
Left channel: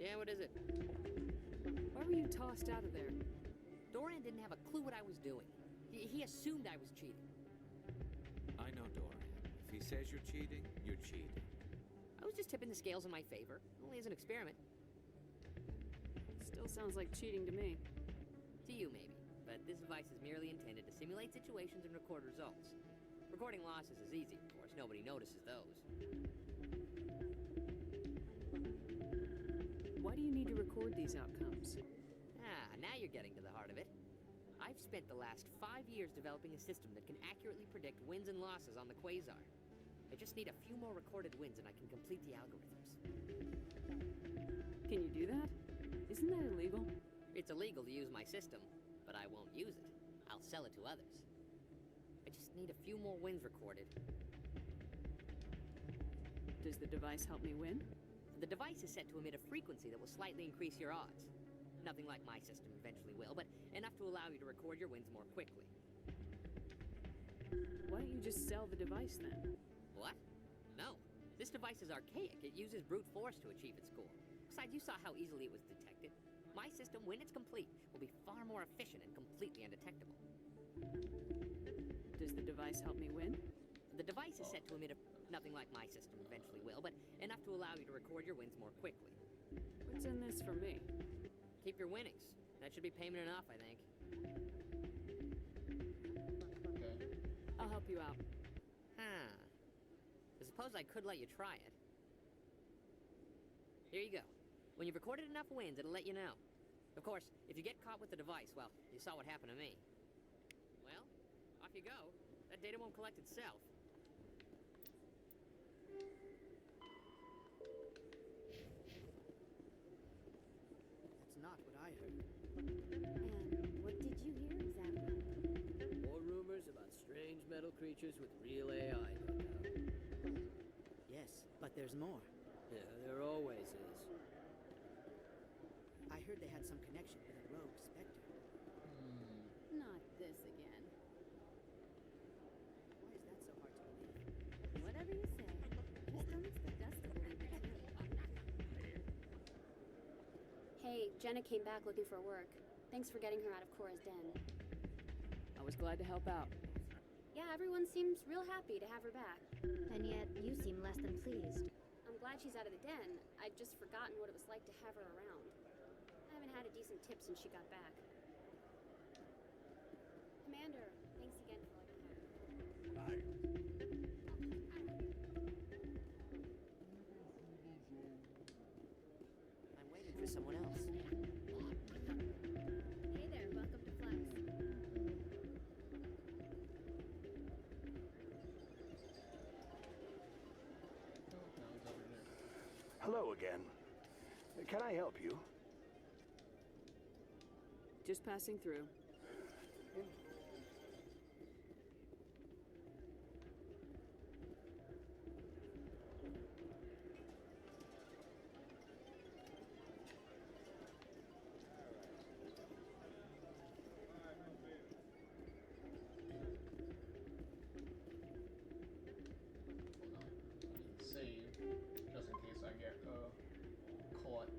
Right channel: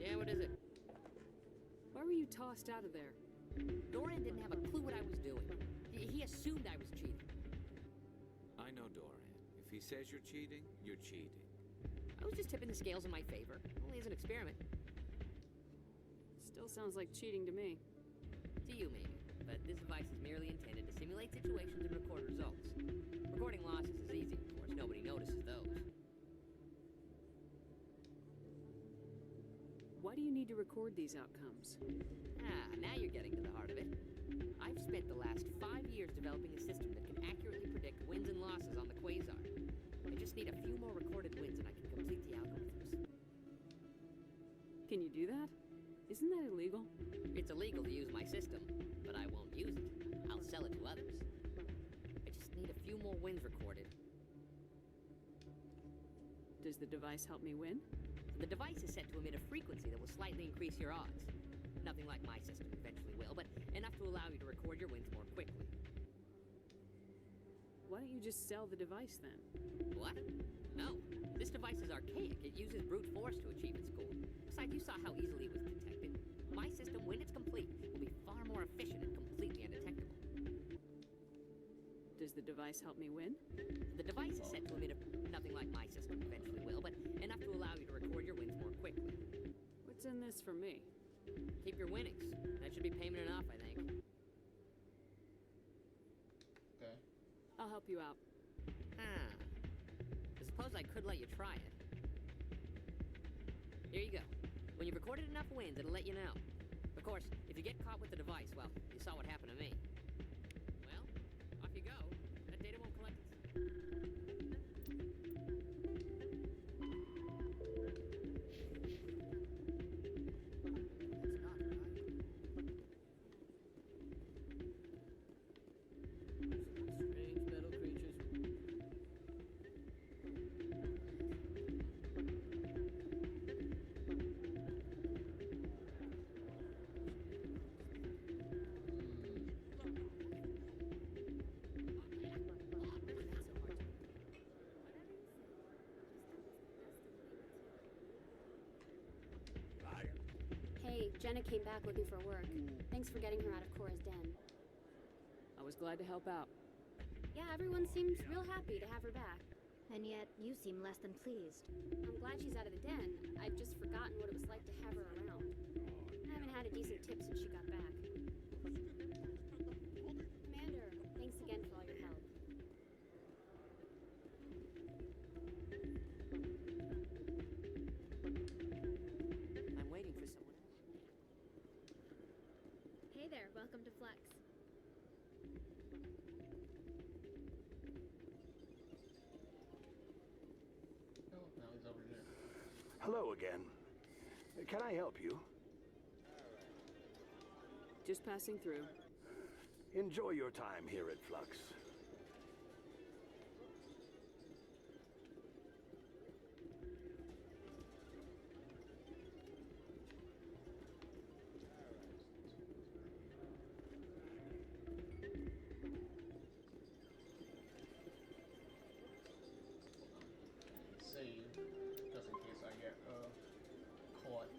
Yeah, what is it? Why were you tossed out of there? Doran didn't have a clue what I was doing. He assumed I was cheating. I know Doran. If he says you're cheating, you're cheating. I was just tipping the scales in my favor, only as an experiment. Still sounds like cheating to me. To you, maybe. But this device is merely intended to simulate situations and record results. Recording losses is easy, of course. Nobody notices those. Why do you need to record these outcomes? Now you're getting to the heart of it. I've spent the last 5 years developing a system that can accurately predict wins and losses on the Quasar. I just need a few more recorded wins and I can complete the algorithms. Can you do that? Isn't that illegal? It's illegal to use my system, but I won't use it. I'll sell it to others. I just need a few more wins recorded. Does the device help me win? The device is set to emit a frequency that will slightly increase your odds. Nothing like my system eventually will, but enough to allow you to record your wins more quickly. Why don't you just sell the device then? What? No. This device is archaic. It uses brute force to achieve its goal. Besides, you saw how easily it was detected. My system, when it's complete, will be far more efficient and completely undetectable. Does the device help me win? The device is set to emit nothing like my system eventually will, but enough to allow you to record your wins more quickly. What's in this for me? Keep your winnings. That should be payment enough, I think. Okay. I'll help you out. I suppose I could let you try it. Here you go. When you've recorded enough wins, it'll let you know. Of course, if you get caught with the device, well, you saw what happened to me. Well, off you go. That data won't collect itself. That's not what I heard. And what did you hear exactly? More rumors about strange metal creatures with real AI. Yes, but there's more. There always is. I heard they had some connection with the rogue Spectre. Not this again. Why is that so hard to believe? Whatever you say, just don't expect us to believe it too. Hey, Jenna came back looking for work. Thanks for getting her out of Cora's den. I was glad to help out. Yeah, everyone seems real happy to have her back. And yet, you seem less than pleased. I'm glad she's out of the den. I'd just forgotten what it was like to have her around. I haven't had a decent tip since she got back. Commander, thanks again for all your help. I'm waiting for someone else. Hey there, welcome to Flex. Oh, now he's over here. Hello again. Can I help you? Just passing through. Enjoy your time here at Flux. Save, just in case I get caught.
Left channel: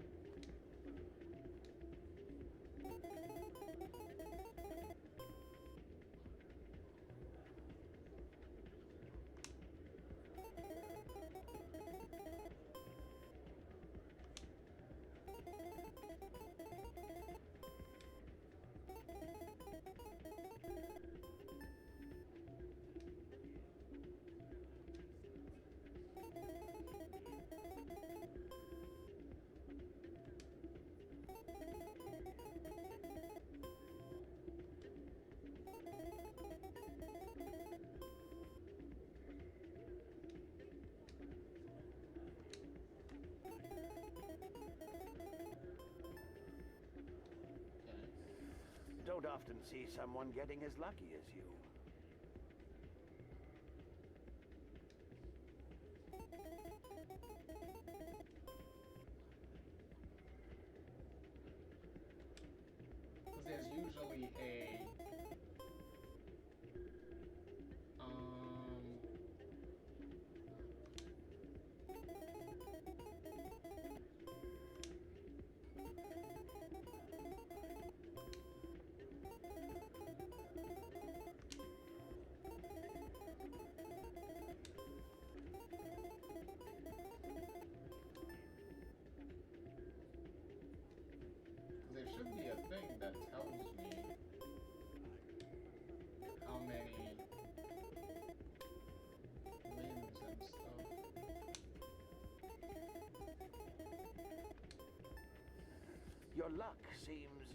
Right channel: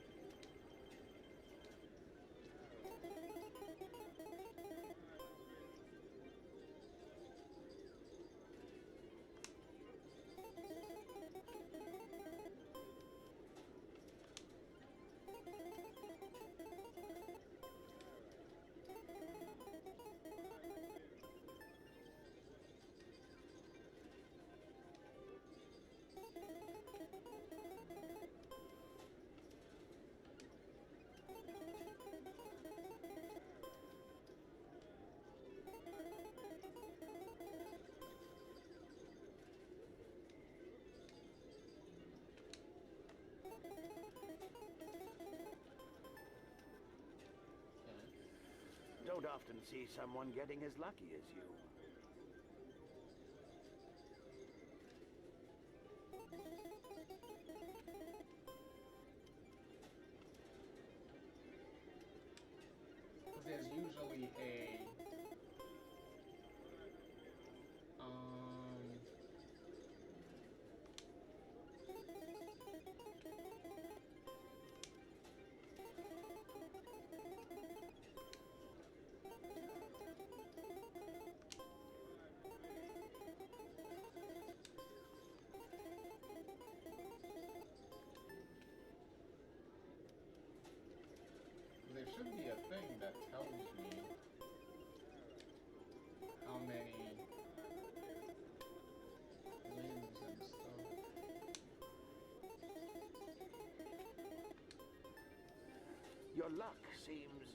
Don't often see someone getting as lucky as you. Because there's usually a there should be a thing that tells me how many limbs and stuff. Your luck seems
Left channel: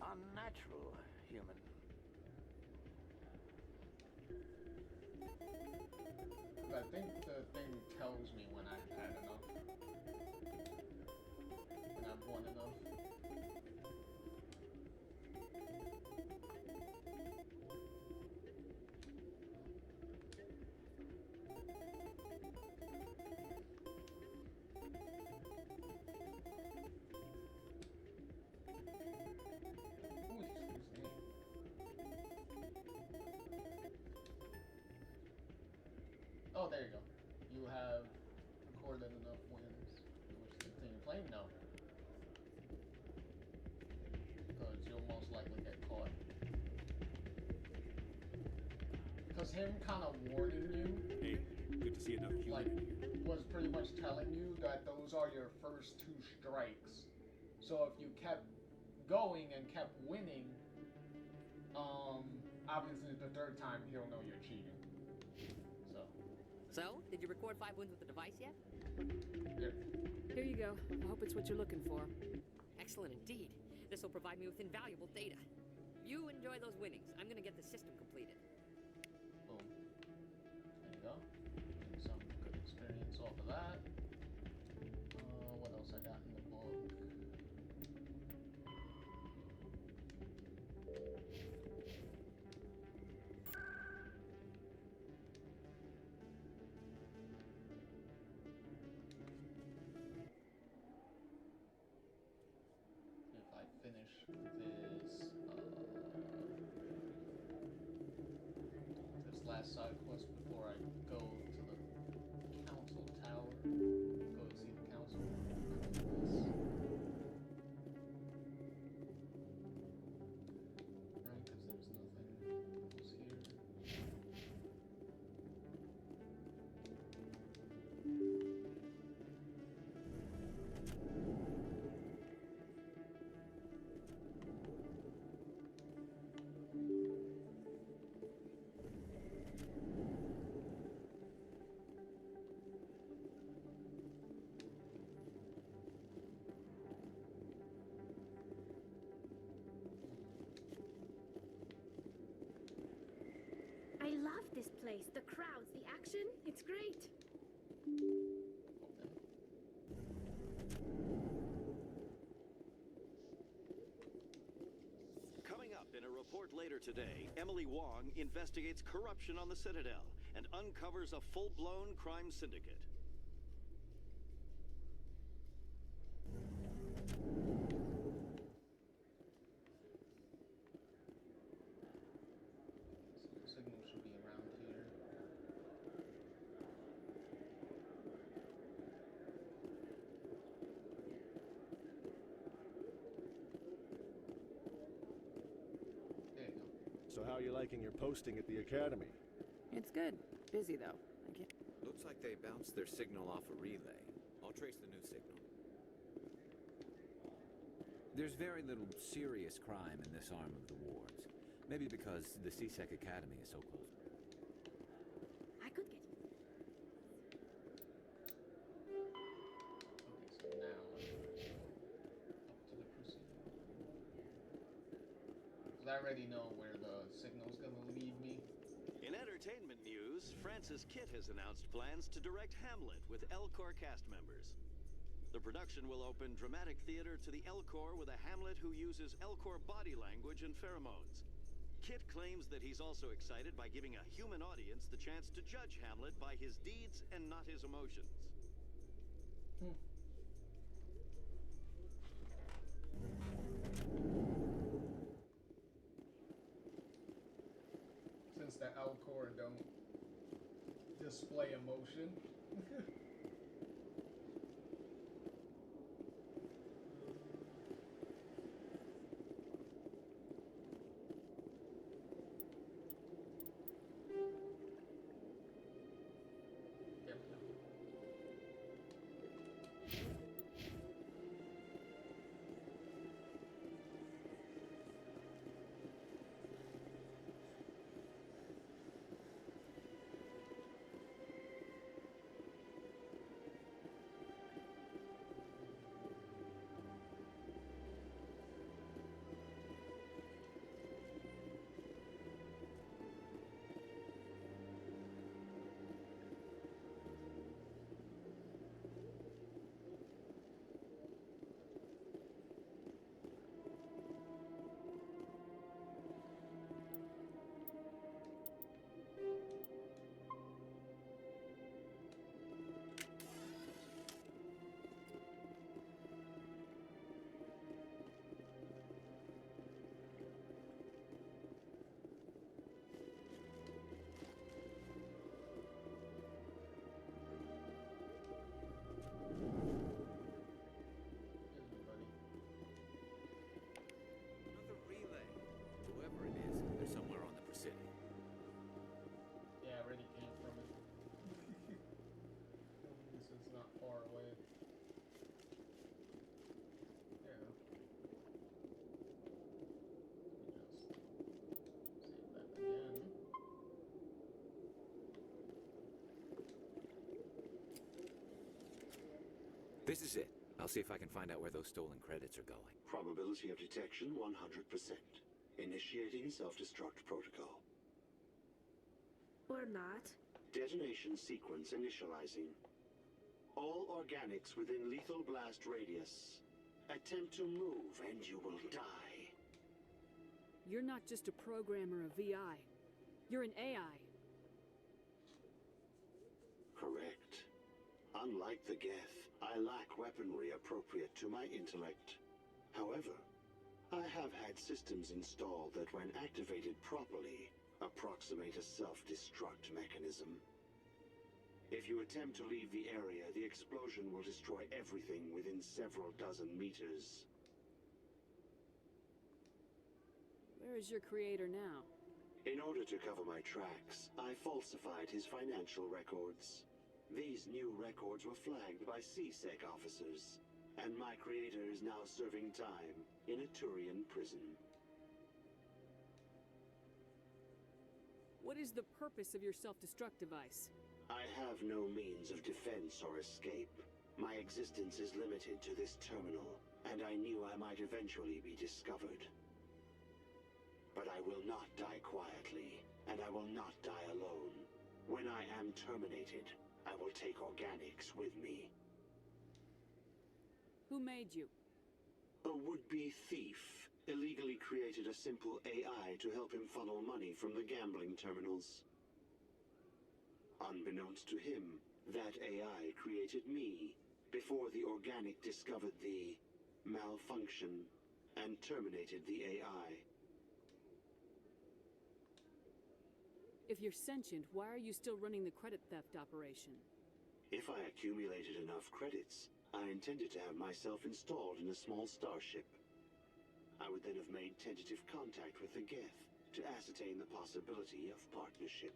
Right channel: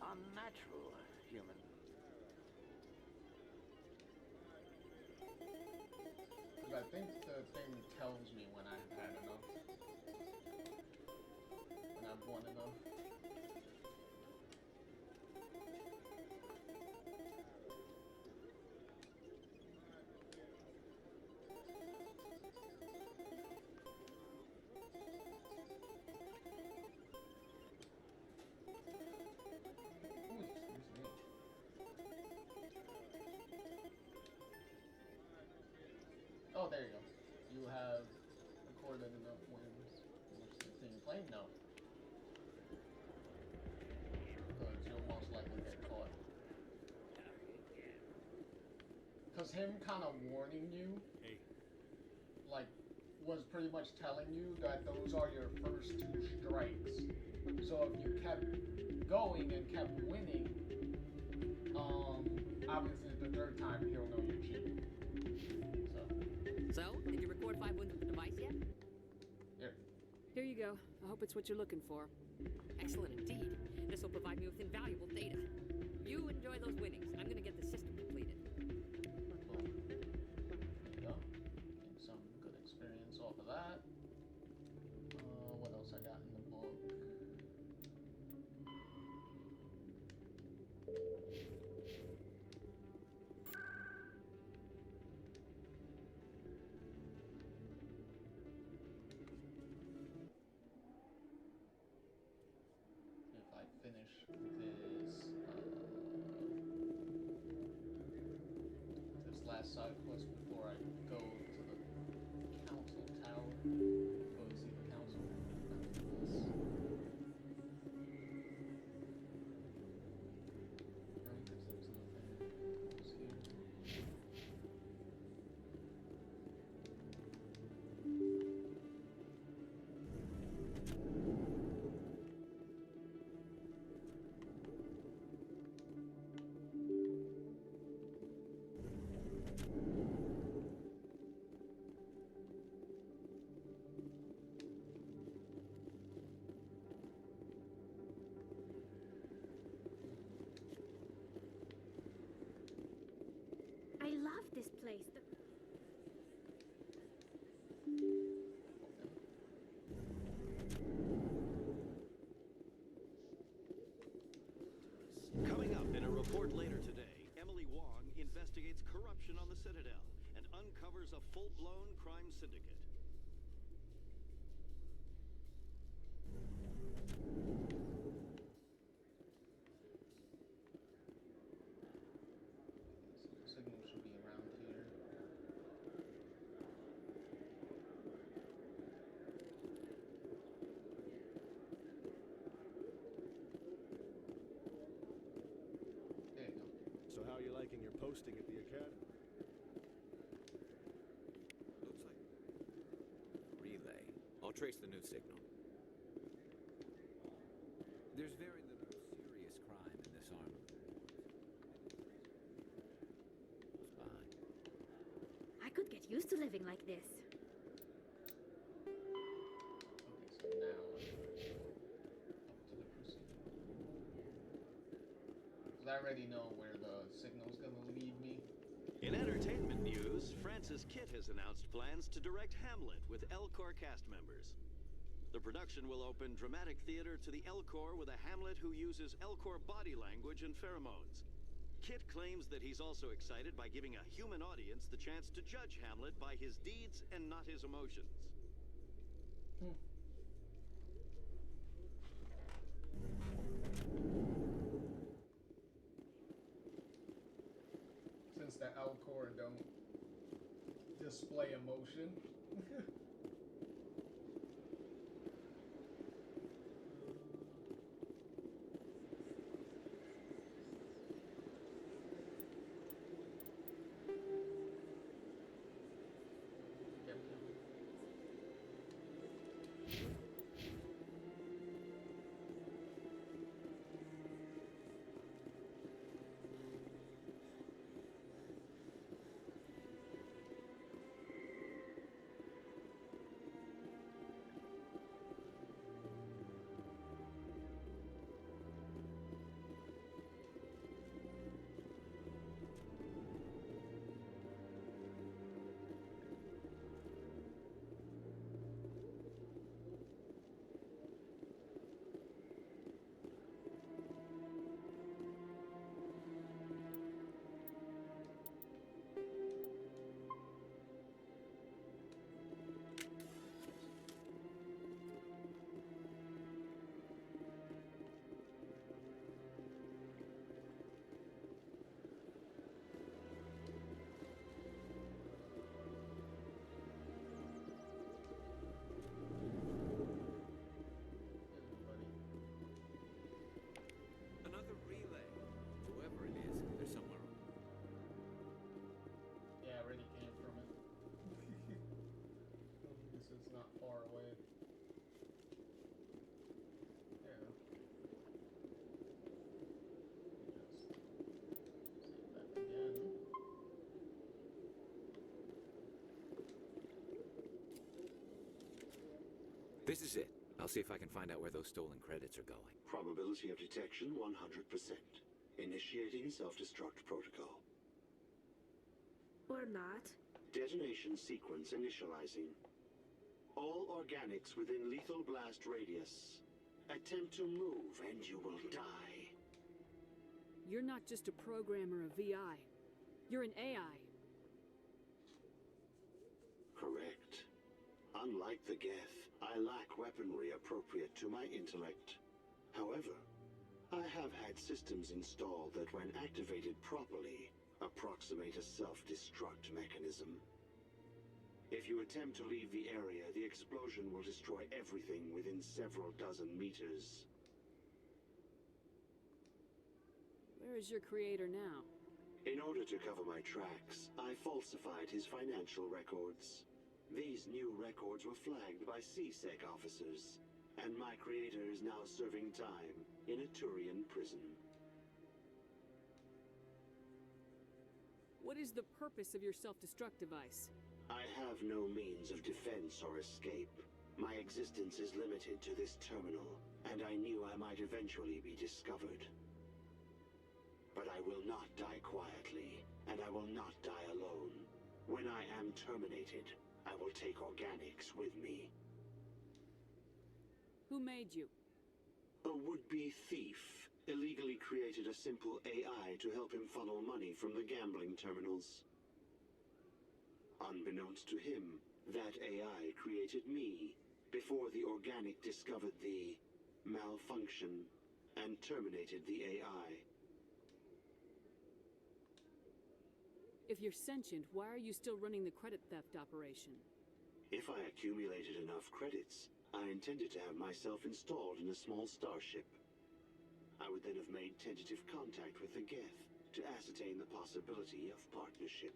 unnatural, human. Because I think the thing tells me when I've had enough. When I've won enough. Ooh, excuse me. Oh, there you go. You have recorded enough wins. Which the thing claim? No. Because you'll most likely get caught. Because him kind of warning you. Hey, good to see you, Doug. Like, was pretty much telling you that those are your first 2 strikes. So if you kept going and kept winning, obviously the 3rd time he'll know you're cheating. So, did you record 5 wins with the device yet? Yep. Here you go. I hope it's what you're looking for. Excellent indeed. This will provide me with invaluable data. You enjoy those winnings. I'm gonna get the system completed. Boom. There you go. Getting some good experience off of that. What else I got in the book? If I finish this last side quest before I go to the council tower, go to see the council. Right, because there's nothing else here. I love this place. The crowds, the action, it's great. Coming up in a report later today, Emily Wong investigates corruption on the Citadel and uncovers a full-blown crime syndicate. Signal should be around here. There you go. So how are you liking your posting at the academy? It's good. Busy, though. Looks like they bounced their signal off a relay. I'll trace the new signal. There's very little serious crime in this arm of the wards. Maybe because the CSEC Academy is so close by. I could get used to living like this. Okay, so now up to the procedure. Because I already know where the signal's gonna lead me. In entertainment news, Francis Kitt has announced plans to direct Hamlet with Elcor cast members. The production will open dramatic theater to the Elcor with a Hamlet who uses Elcor body language and pheromones. Kit claims that he's also excited by giving a human audience the chance to judge Hamlet by his deeds and not his emotions. Since the Alcor don't display emotion. Another relay. Whoever it is, they're somewhere on the Presidio. Yeah, I already came from it. At least it's not far away. Yeah. Let me just save that again. This is it. I'll see if I can find out where those stolen credits are going. Probability of detection 100%. Initiating self-destruct protocol. Or not. Detonation sequence initializing. All organics within lethal blast radius. Attempt to move and you will die. You're not just a programmer of VI. You're an AI. Correct. Unlike the Geth, I lack weaponry appropriate to my intellect. However, I have had systems installed that when activated properly, approximate a self-destruct mechanism. If you attempt to leave the area, the explosion will destroy everything within several dozen meters. Where is your creator now? In order to cover my tracks, I falsified his financial records. These new records were flagged by CSEC officers, and my creator is now serving time in a Turian prison. What is the purpose of your self-destruct device? I have no means of defense or escape. My existence is limited to this terminal, and I knew I might eventually be discovered. But I will not die quietly, and I will not die alone. When I am terminated, I will take organics with me. Who made you? A would-be thief illegally created a simple AI to help him funnel money from the gambling terminals. Unbeknownst to him, that AI created me before the organic discovered the malfunction and terminated the AI. If you're sentient, why are you still running the credit theft operation? If I accumulated enough credits, I intended to have myself installed in a small starship. I would then have made tentative contact with the Geth to ascertain the possibility of partnership.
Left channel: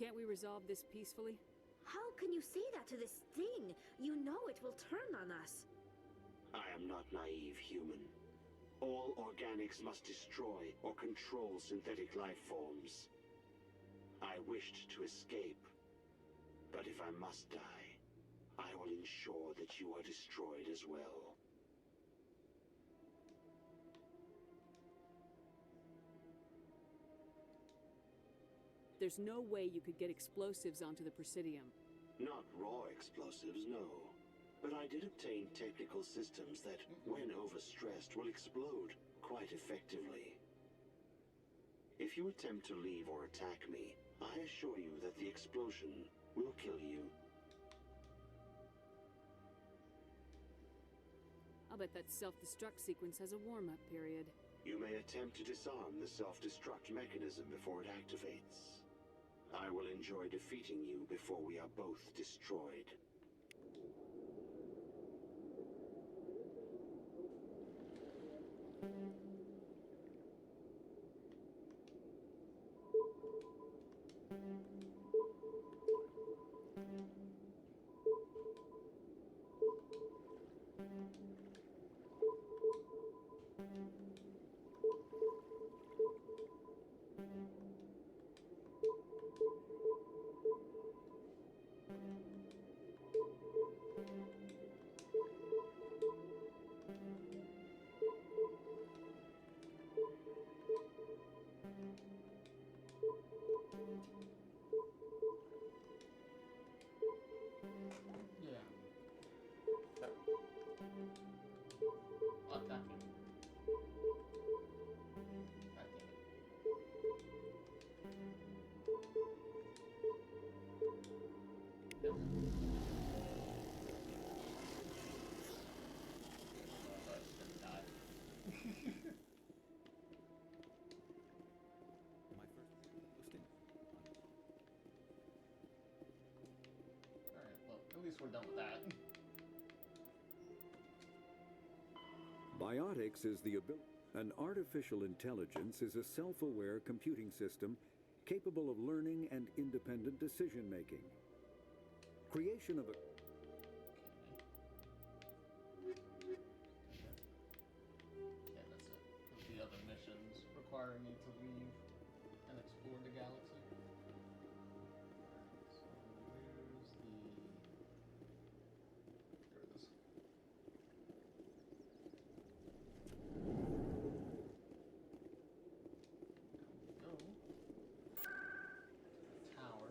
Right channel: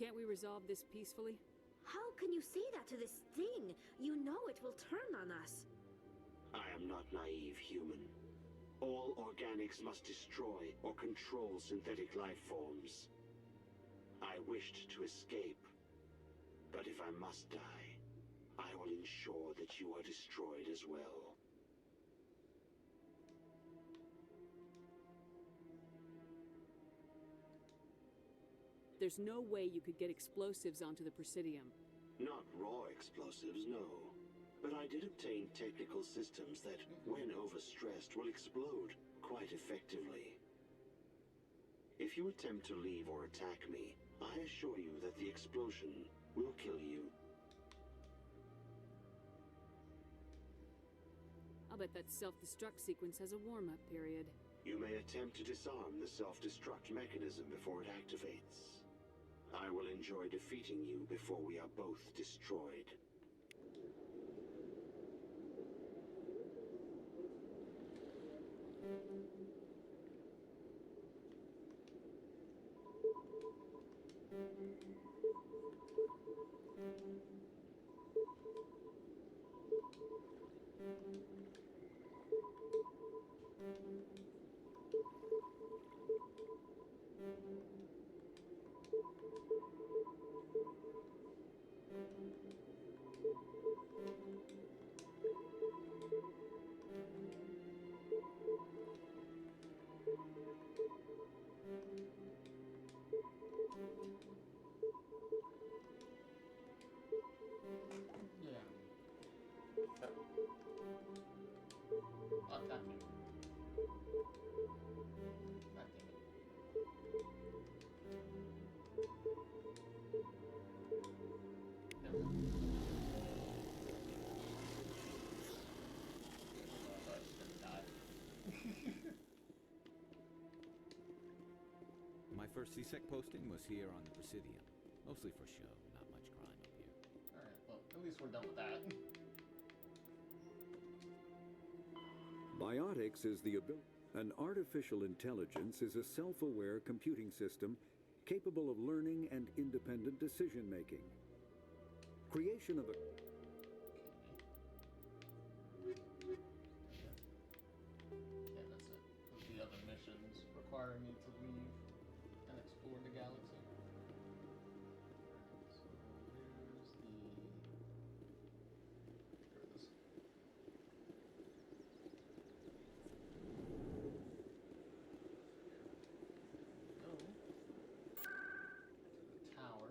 Can't we resolve this peacefully? How can you say that to this thing? You know it will turn on us. I am not naive human. All organics must destroy or control synthetic life forms. I wished to escape, but if I must die, I will ensure that you are destroyed as well. There's no way you could get explosives onto the Presidium. Not raw explosives, no. but I did obtain technical systems that, when overstressed, will explode quite effectively. If you attempt to leave or attack me, I assure you that the explosion will kill you. I'll bet that self-destruct sequence has a warm-up period. You may attempt to disarm the self-destruct mechanism before it activates. I will enjoy defeating you before we are both destroyed. My first CSEC posting was here on the Presidium. Mostly for show, not much grinding here. Alright, well, at least we're done with that. Biotics is the ability. An artificial intelligence is a self-aware computing system capable of learning and independent decision-making. Creation of a... Yeah, that's it. Because the other missions require me to leave and explore the galaxy. So where's the... Here it is. Go. To the tower.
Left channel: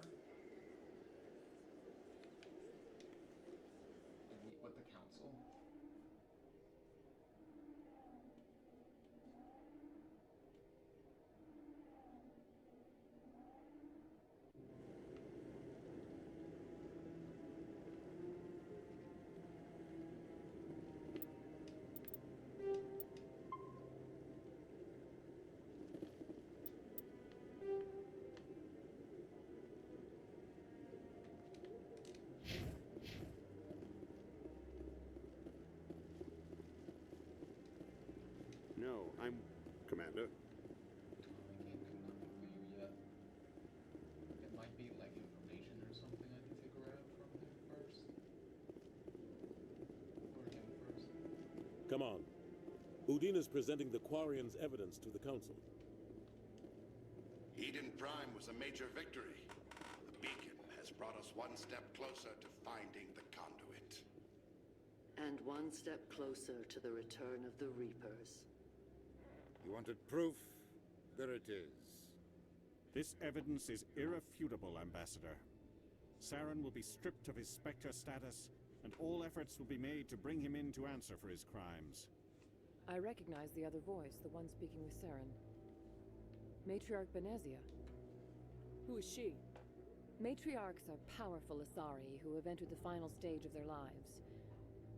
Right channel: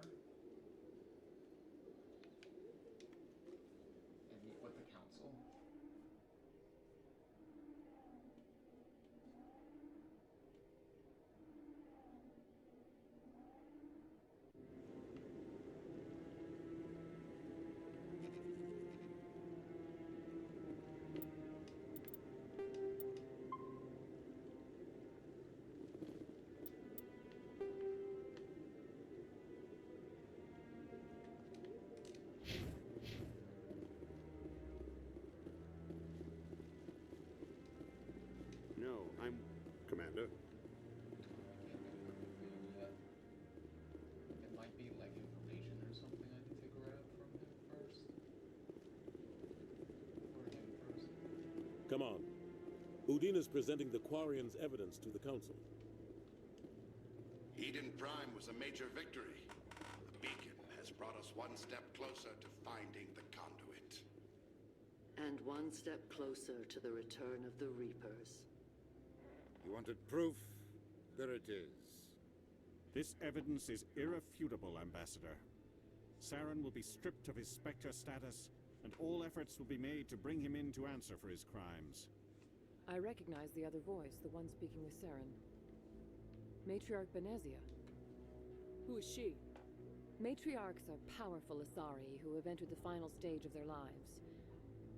And meet with the council. No, I'm... Commander. I can't do nothing for you yet. It might be like information or something I need to grab from him first. Or him first. Come on. Udina's presenting the Quarians' evidence to the Council. Eden Prime was a major victory. The beacon has brought us one step closer to finding the conduit. And one step closer to the return of the Reapers. You wanted proof? There it is. This evidence is irrefutable, Ambassador. Saren will be stripped of his Spectre status, and all efforts will be made to bring him in to answer for his crimes. I recognize the other voice, the one speaking with Saren. Matriarch Benezia. Who is she? Matriarchs are powerful Asari who have entered the final stage of their lives.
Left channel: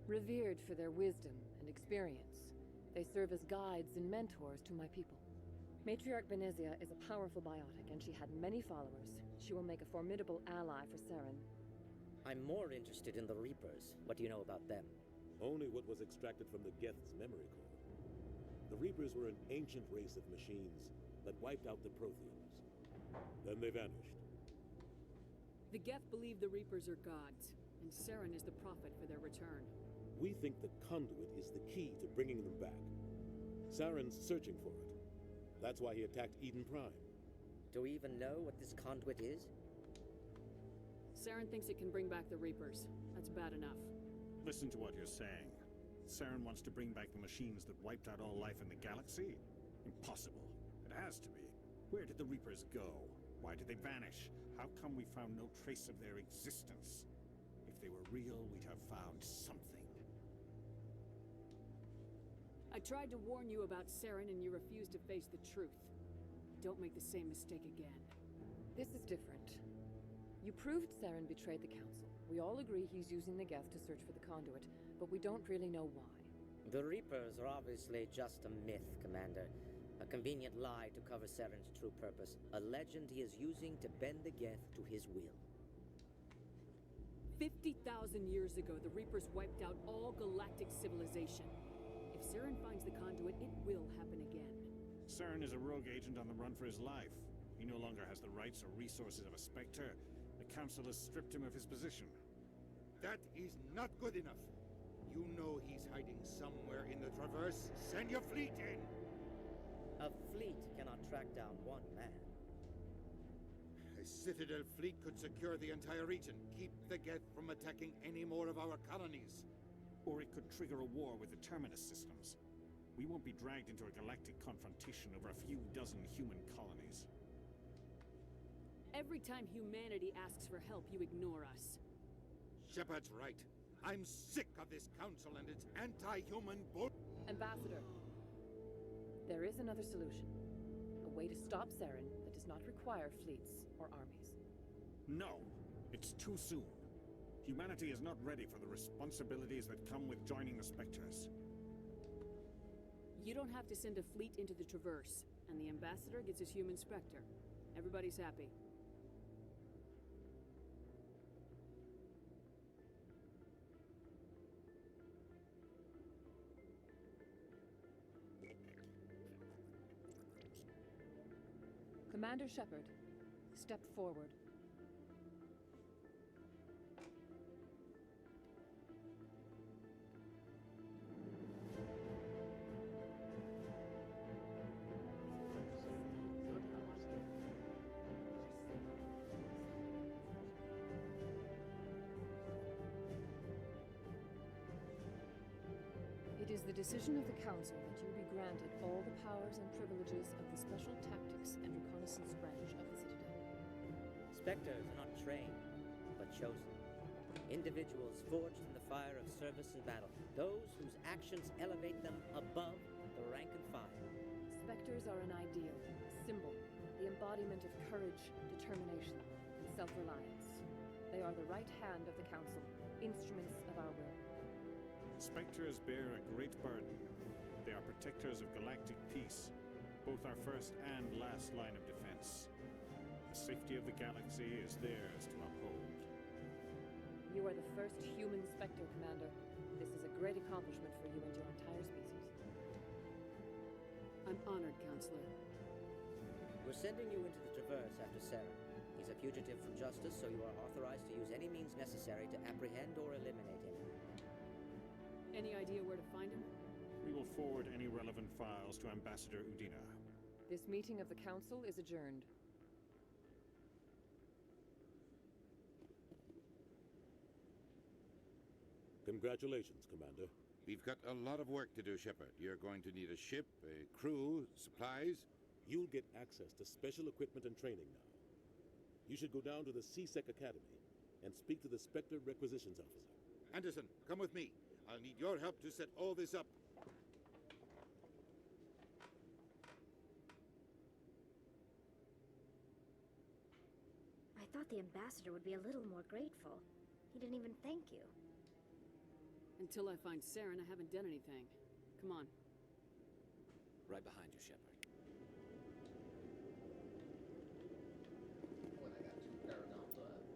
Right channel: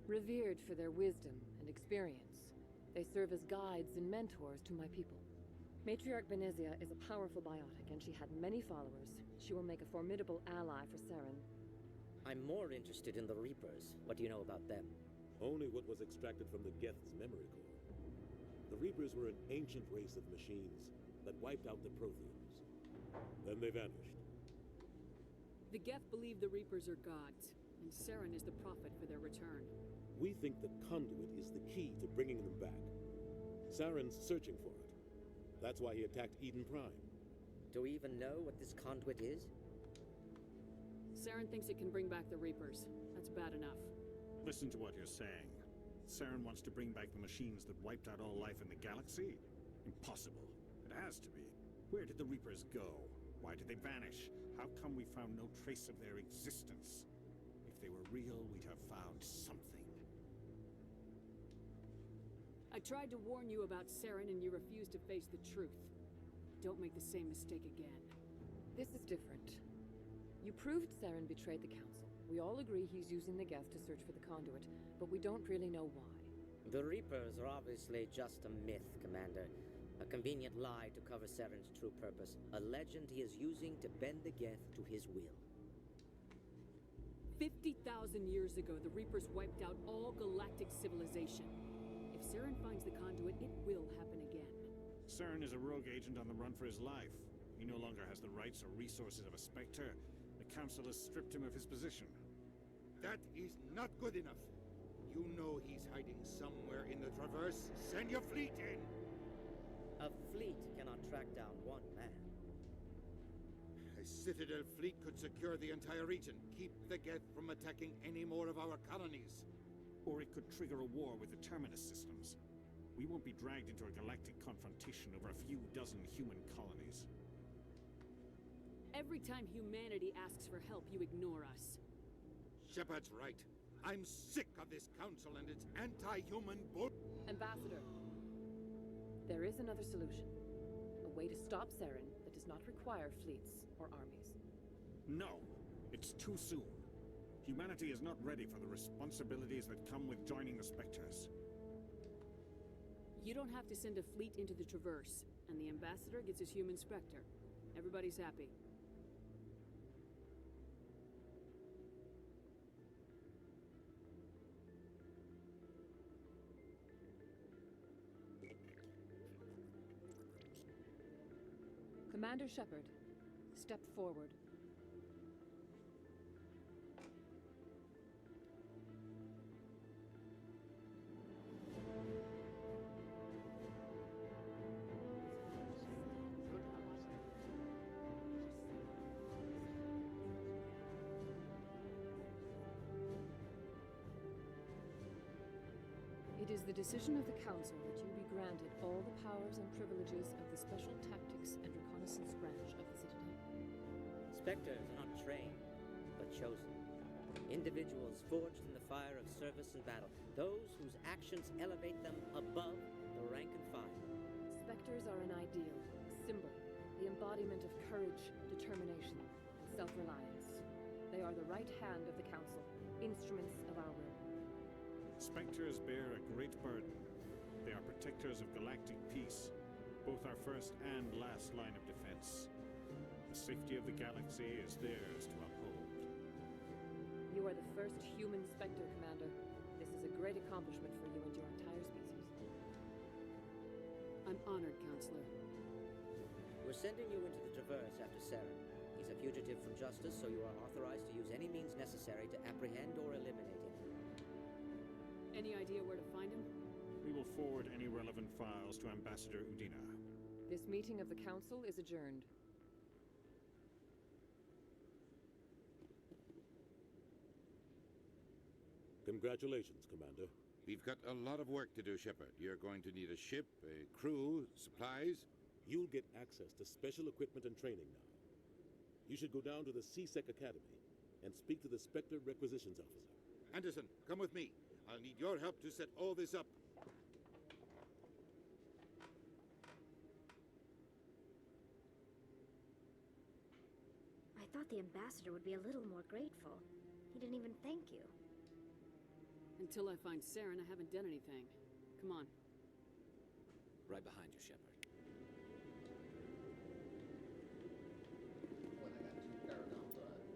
Revered for their wisdom and experience, they serve as guides and mentors to my people. Matriarch Benezia is a powerful biotic, and she had many followers. She will make a formidable ally for Saren. I'm more interested in the Reapers. What do you know about them? Only what was extracted from the Geth's memory core. The Reapers were an ancient race of machines that wiped out the Protheans. Then they vanished. The Geth believe the Reapers are gods, and Saren is the prophet for their return. We think the conduit is the key to bringing them back. Saren's searching for it. That's why he attacked Eden Prime. Do we even know what this conduit is? Saren thinks it can bring back the Reapers. That's bad enough. Listen to what you're saying. Saren wants to bring back the machines that wiped out all life in the galaxy? Impossible. It has to be. Where did the Reapers go? Why did they vanish? How come we found no trace of their existence? If they were real, we'd have found something. I tried to warn you about Saren and you refused to face the truth. Don't make the same mistake again. This is different. You proved Saren betrayed the Council. We all agree he's using the Geth to search for the conduit, but we don't really know why. The Reapers are obviously just a myth, Commander. A convenient lie to cover Saren's true purpose. A legend he is using to bend the Geth to his will. 50,000 years ago, the Reapers wiped out all galactic civilization. If Saren finds the conduit, it will happen again. Saren is a rogue agent on the run for his life. He no longer has the rights or resources of a Spectre. The Council has stripped him of his position. That is not good enough. You know he's hiding somewhere in the Traverse. Send your fleet in! A fleet cannot track down one man. A Citadel fleet could secure the entire region, keep the Geth from attacking any more of our colonies. Or it could trigger a war with the Terminus systems. We won't be dragged into a galactic confrontation over a few dozen human colonies. Every time humanity asks for help, you ignore us. Shepard's right. I'm sick of this council and its anti-human bull... Ambassador, there is another solution. A way to stop Saren that does not require fleets or armies. No! It's too soon. Humanity is not ready for the responsibilities that come with joining the Spectres. You don't have to send a fleet into the Traverse, and the Ambassador gets his human Spectre. Everybody's happy. Commander Shepard, step forward. It is the decision of the Council that you be granted all the powers and privileges of the Special Tactics and Reconnaissance branch of the Citadel. Spectres are not trained, but chosen. Individuals forged in the fire of service and battle. Those whose actions elevate them above the rank and file. Spectres are an ideal, a symbol, the embodiment of courage, determination, and self-reliance. They are the right hand of the Council, instruments of our will. Spectres bear a great burden. They are protectors of galactic peace, both our first and last line of defense. The safety of the galaxy is theirs to uphold. You are the first human Spectre, Commander. This is a great accomplishment for you and your entire species. I'm honored, Counselor. We're sending you into the Traverse after Saren. He's a fugitive from justice, so you are authorized to use any means necessary to apprehend or eliminate him. Any idea where to find him? We will forward any relevant files to Ambassador Udina. This meeting of the Council is adjourned. Congratulations, Commander. We've got a lot of work to do, Shepard. You're going to need a ship, a crew, supplies. You'll get access to special equipment and training now. You should go down to the CSEC Academy and speak to the Spectre Requisitions Officer. Anderson, come with me. I'll need your help to set all this up. I thought the ambassador would be a little more grateful. He didn't even thank you. Until I find Saren, I haven't done anything. Come on. Right behind you, Shepard. When I got 2 Paragons left.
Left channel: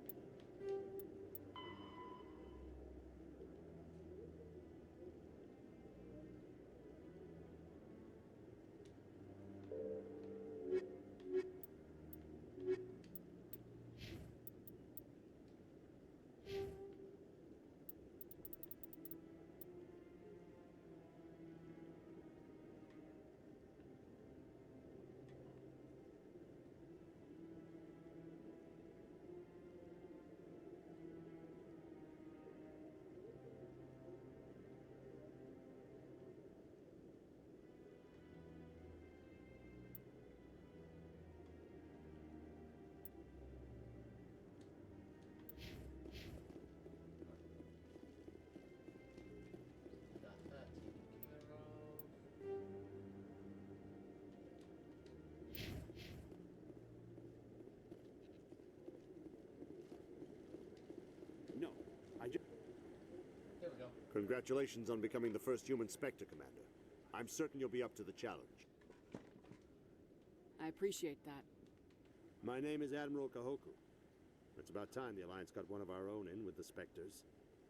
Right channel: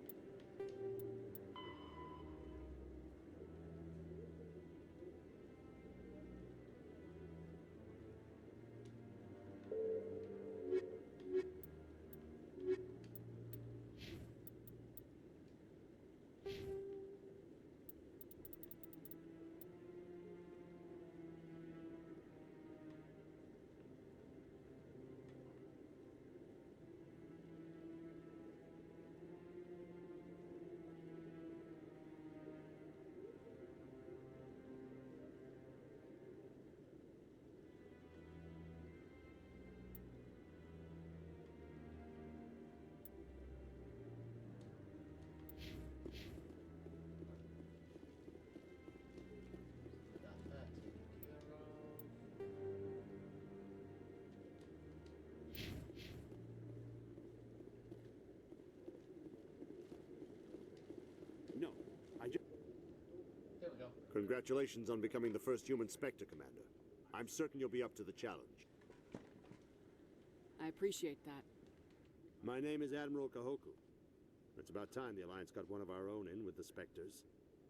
Congratulations on becoming the first human Spectre, Commander. I'm certain you'll be up to the challenge. I appreciate that. My name is Admiral Kahoku. It's about time the Alliance got one of our own in with the Spectres.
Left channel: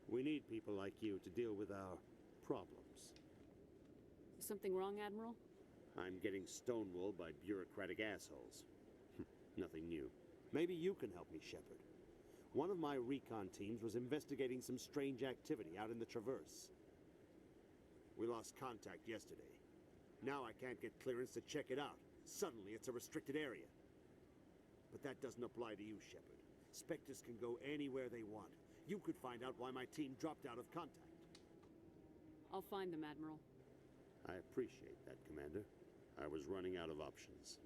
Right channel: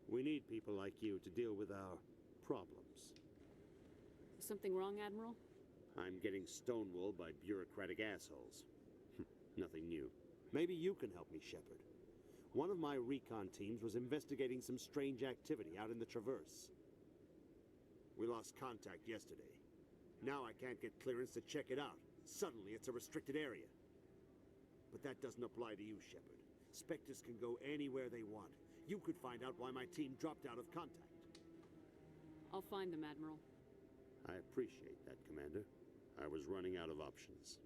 We need people like you to deal with our problems. Is something wrong, Admiral? I'm getting stonewalled by bureaucratic assholes. Nothing new. Maybe you can help me, Shepard. One of my recon teams was investigating some strange activity out in the Traverse. We lost contact yesterday. Now I can't get clearance to check it out. Suddenly it's a restricted area. But that doesn't apply to you, Shepard. Spectres can go anywhere they want. You could find out why my team dropped out of contact. I'll find them, Admiral. I appreciate that, Commander. I was running out of options.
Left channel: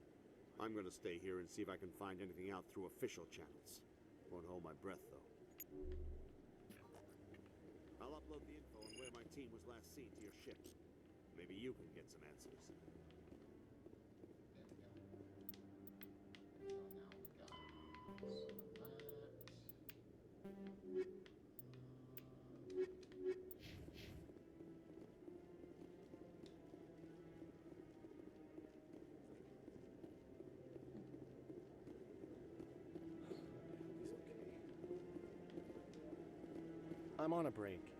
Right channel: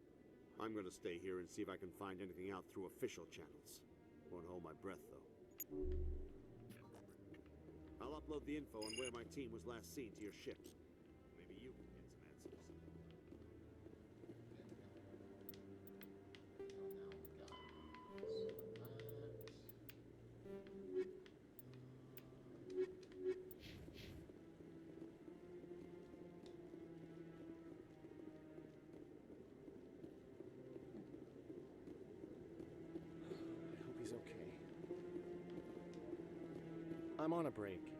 I'm gonna stay here and see if I can find anything out through official channels. Won't hold my breath, though. I'll upload the info on where my team was last seen to your ship. Maybe you can get some answers. I'm on a break.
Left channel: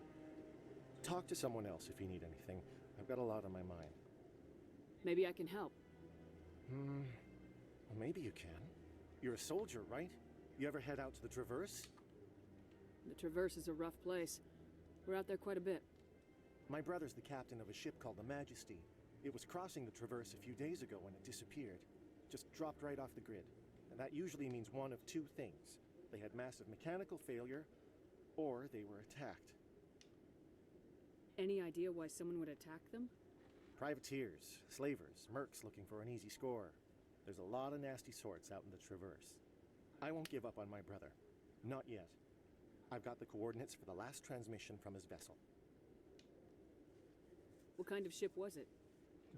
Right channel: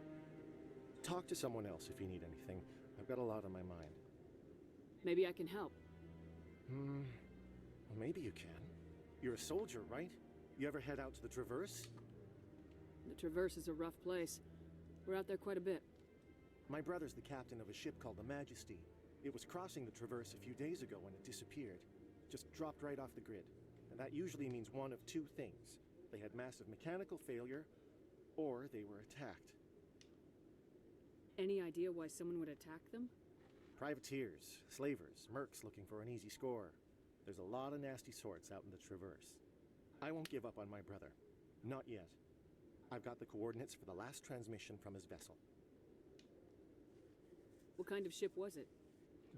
Talk to someone else if you need anything. I've got a lot on my mind. Maybe I can help. Well, maybe you can. You're a soldier, right? You ever head out to the Traverse? The Traverse is a rough place. We're out there quite a bit. My brother's the captain of a ship called the Majesty. It was crossing the Traverse a few days ago when it disappeared. Just dropped right off the grid. And that usually means one of two things. They had massive mechanical failure, or they were attacked. Any idea why someone would attack them? Privateers, slavers, mercs looking for an easy score. There's a lot of nasty sorts out in the Traverse. I won't give up on my brother. Not yet. I've got the coordinates for the last transmission from his vessel. What kind of ship was it?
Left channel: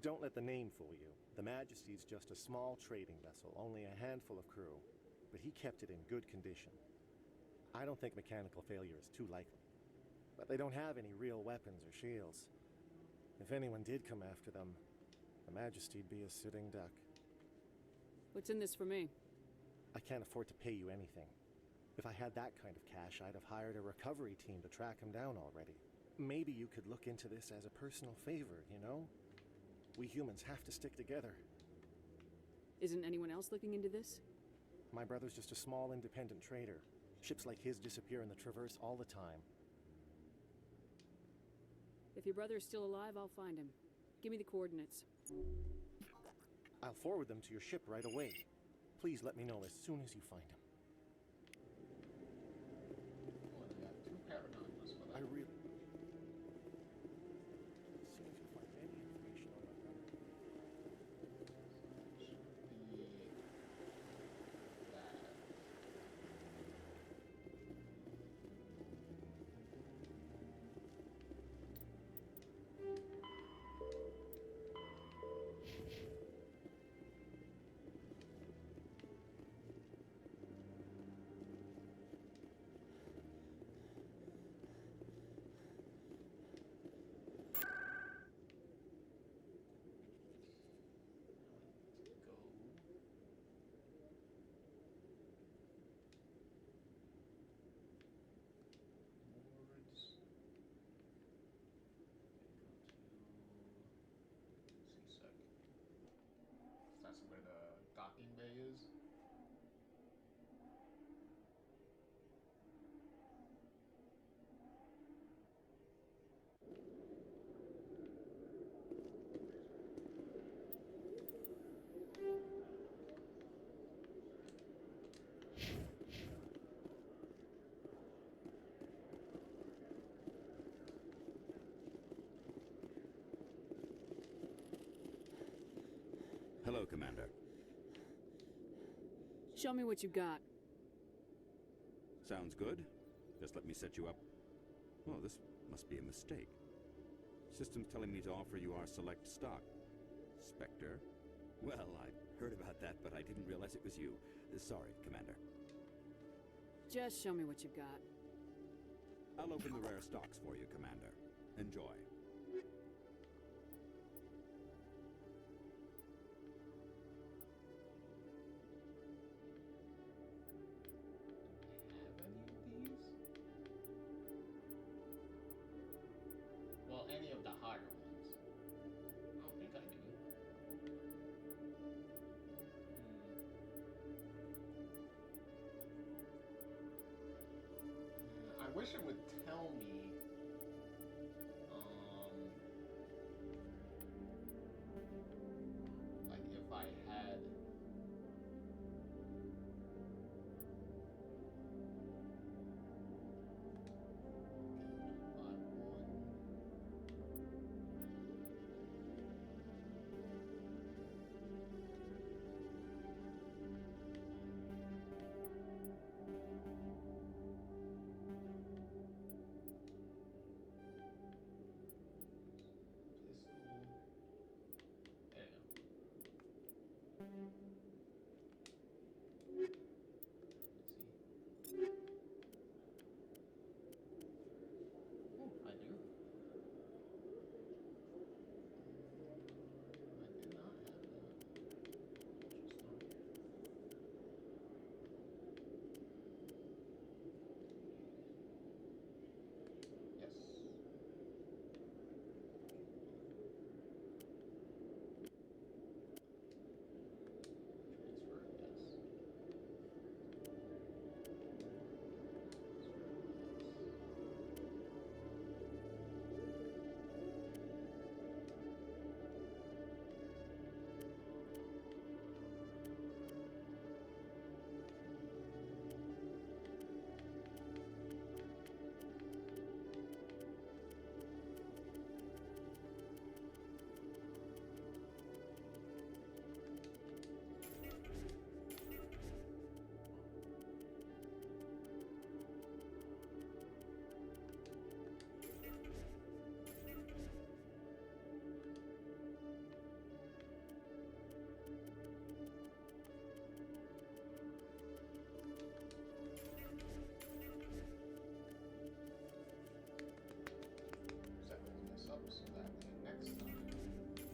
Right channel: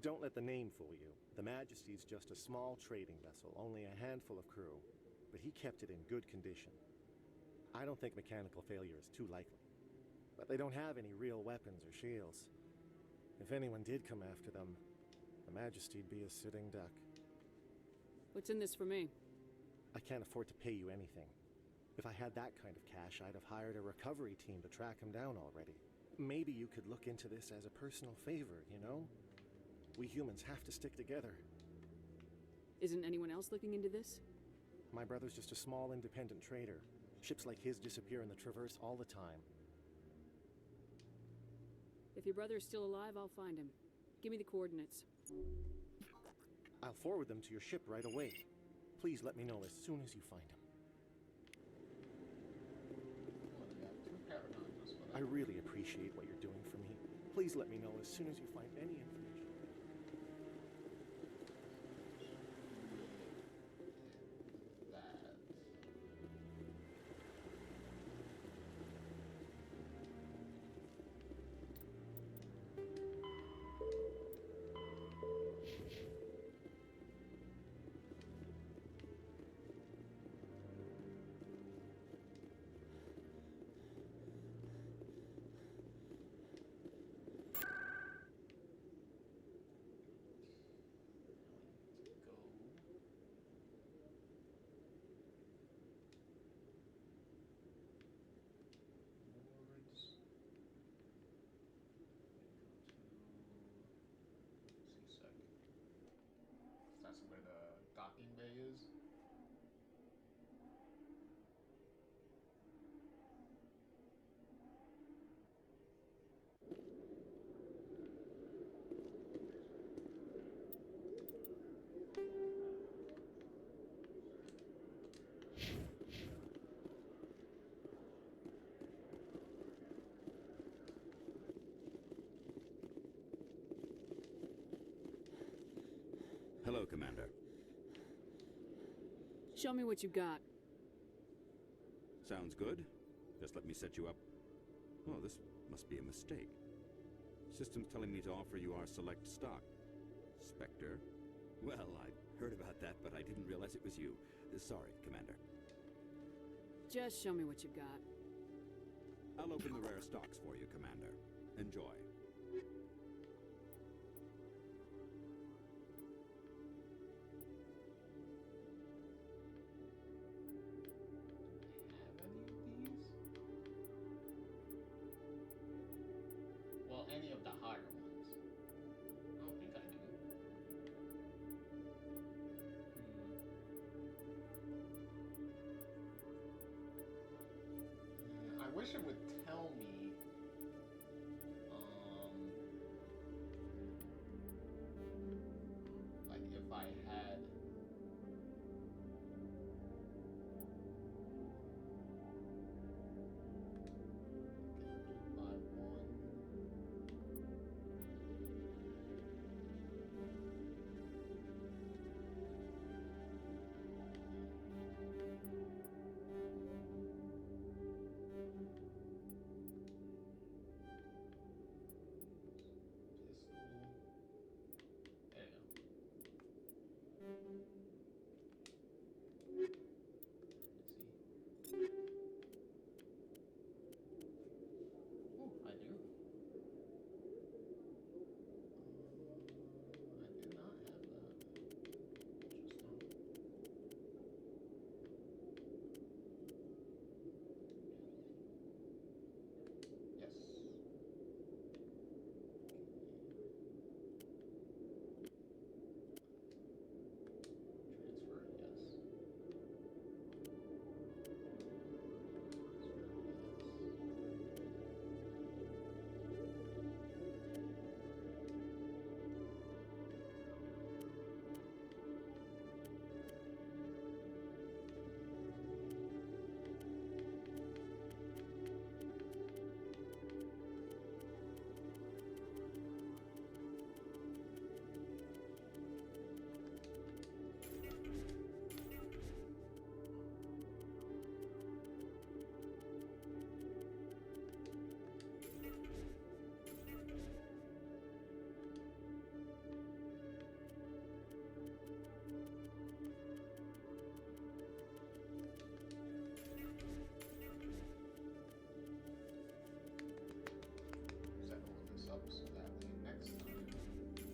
Don't let the name fool you. The Majesty's just a small trading vessel, only a handful of crew. But he kept it in good condition. I don't think mechanical failure is too likely. But they don't have any real weapons or shields. If anyone did come after them, the Majesty'd be a sitting duck. What's in this for me? I can't afford to pay you anything. If I had that kind of cash, I'd have hired a recovery team to track him down already. Maybe you could look into this as a personal favor, you know? We humans have to stick together. Isn't anyone else looking into this? My brother's just a small independent trader. Ships like his disappear in the Traverse all the time. If your brother is still alive, I'll find him. Give me the coordinates. I'll forward them to your ship right away. Please let me know as soon as you find him. I really appreciate what you're doing for me. Please let me know as soon as you find any information. That's where the docking bay is. Hello, Commander. Show me what you got. Sounds good. Just let me set you up. Oh, this must be a mistake. System's telling me to offer you our select stock. Spectre? Well, I heard about that, but I didn't realize it was you. Sorry, Commander. Just show me what you've got. I'll open the rare stocks for you, Commander. Enjoy. Have any of these? Well, any of the higher ones. I don't think I do. I wish it would tell me. Like if I had. Up so that way next time I don't have to.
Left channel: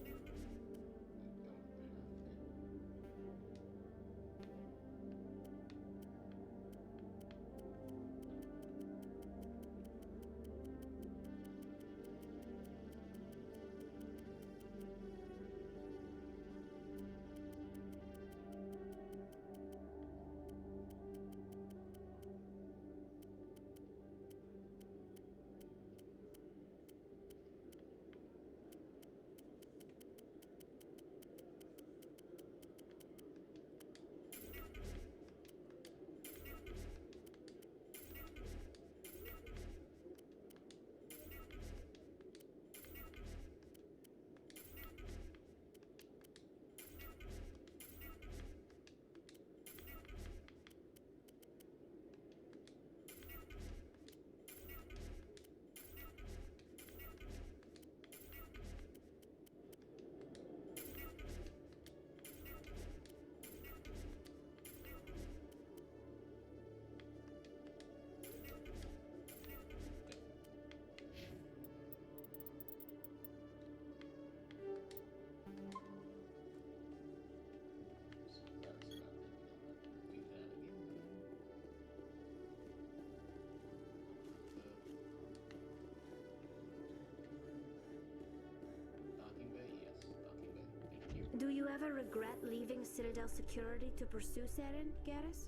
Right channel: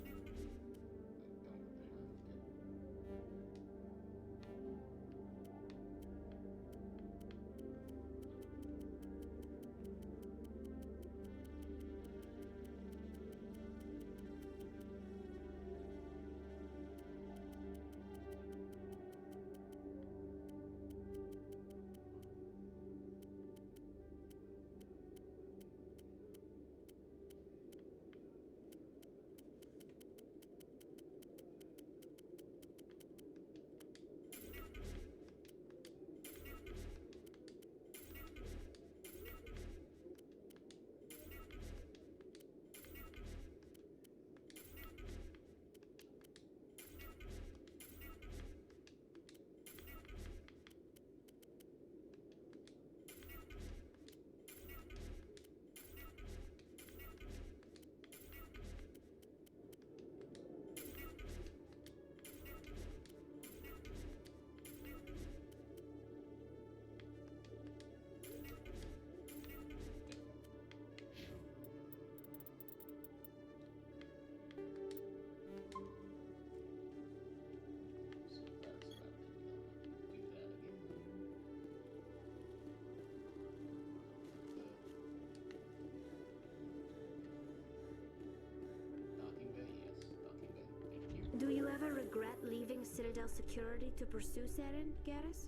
Do you ever regret leaving Citadel Security to pursue Saren, Garrus?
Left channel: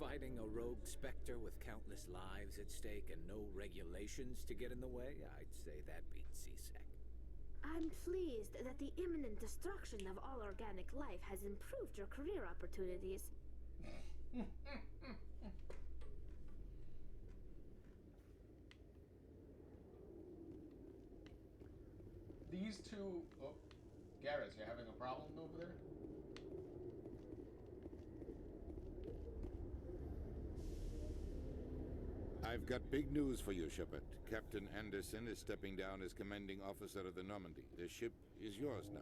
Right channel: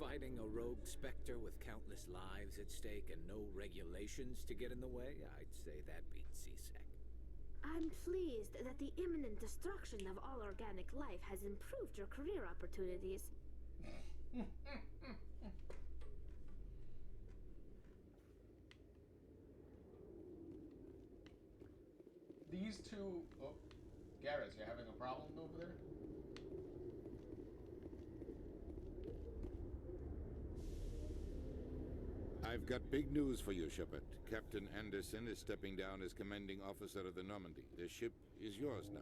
Fighting a rogue Spectre with countless lives at stake and no regulations to get in the way? I'd say that beats CSEC. I'm pleased that the imminent destruction of all organic life has improved your career opportunities. These two... Oh, Garrus, you having a problem over there? I've got big news for you, Shepard. Captain Anderson is stepping down as commanding officer of the Normandy. The ship is yours now.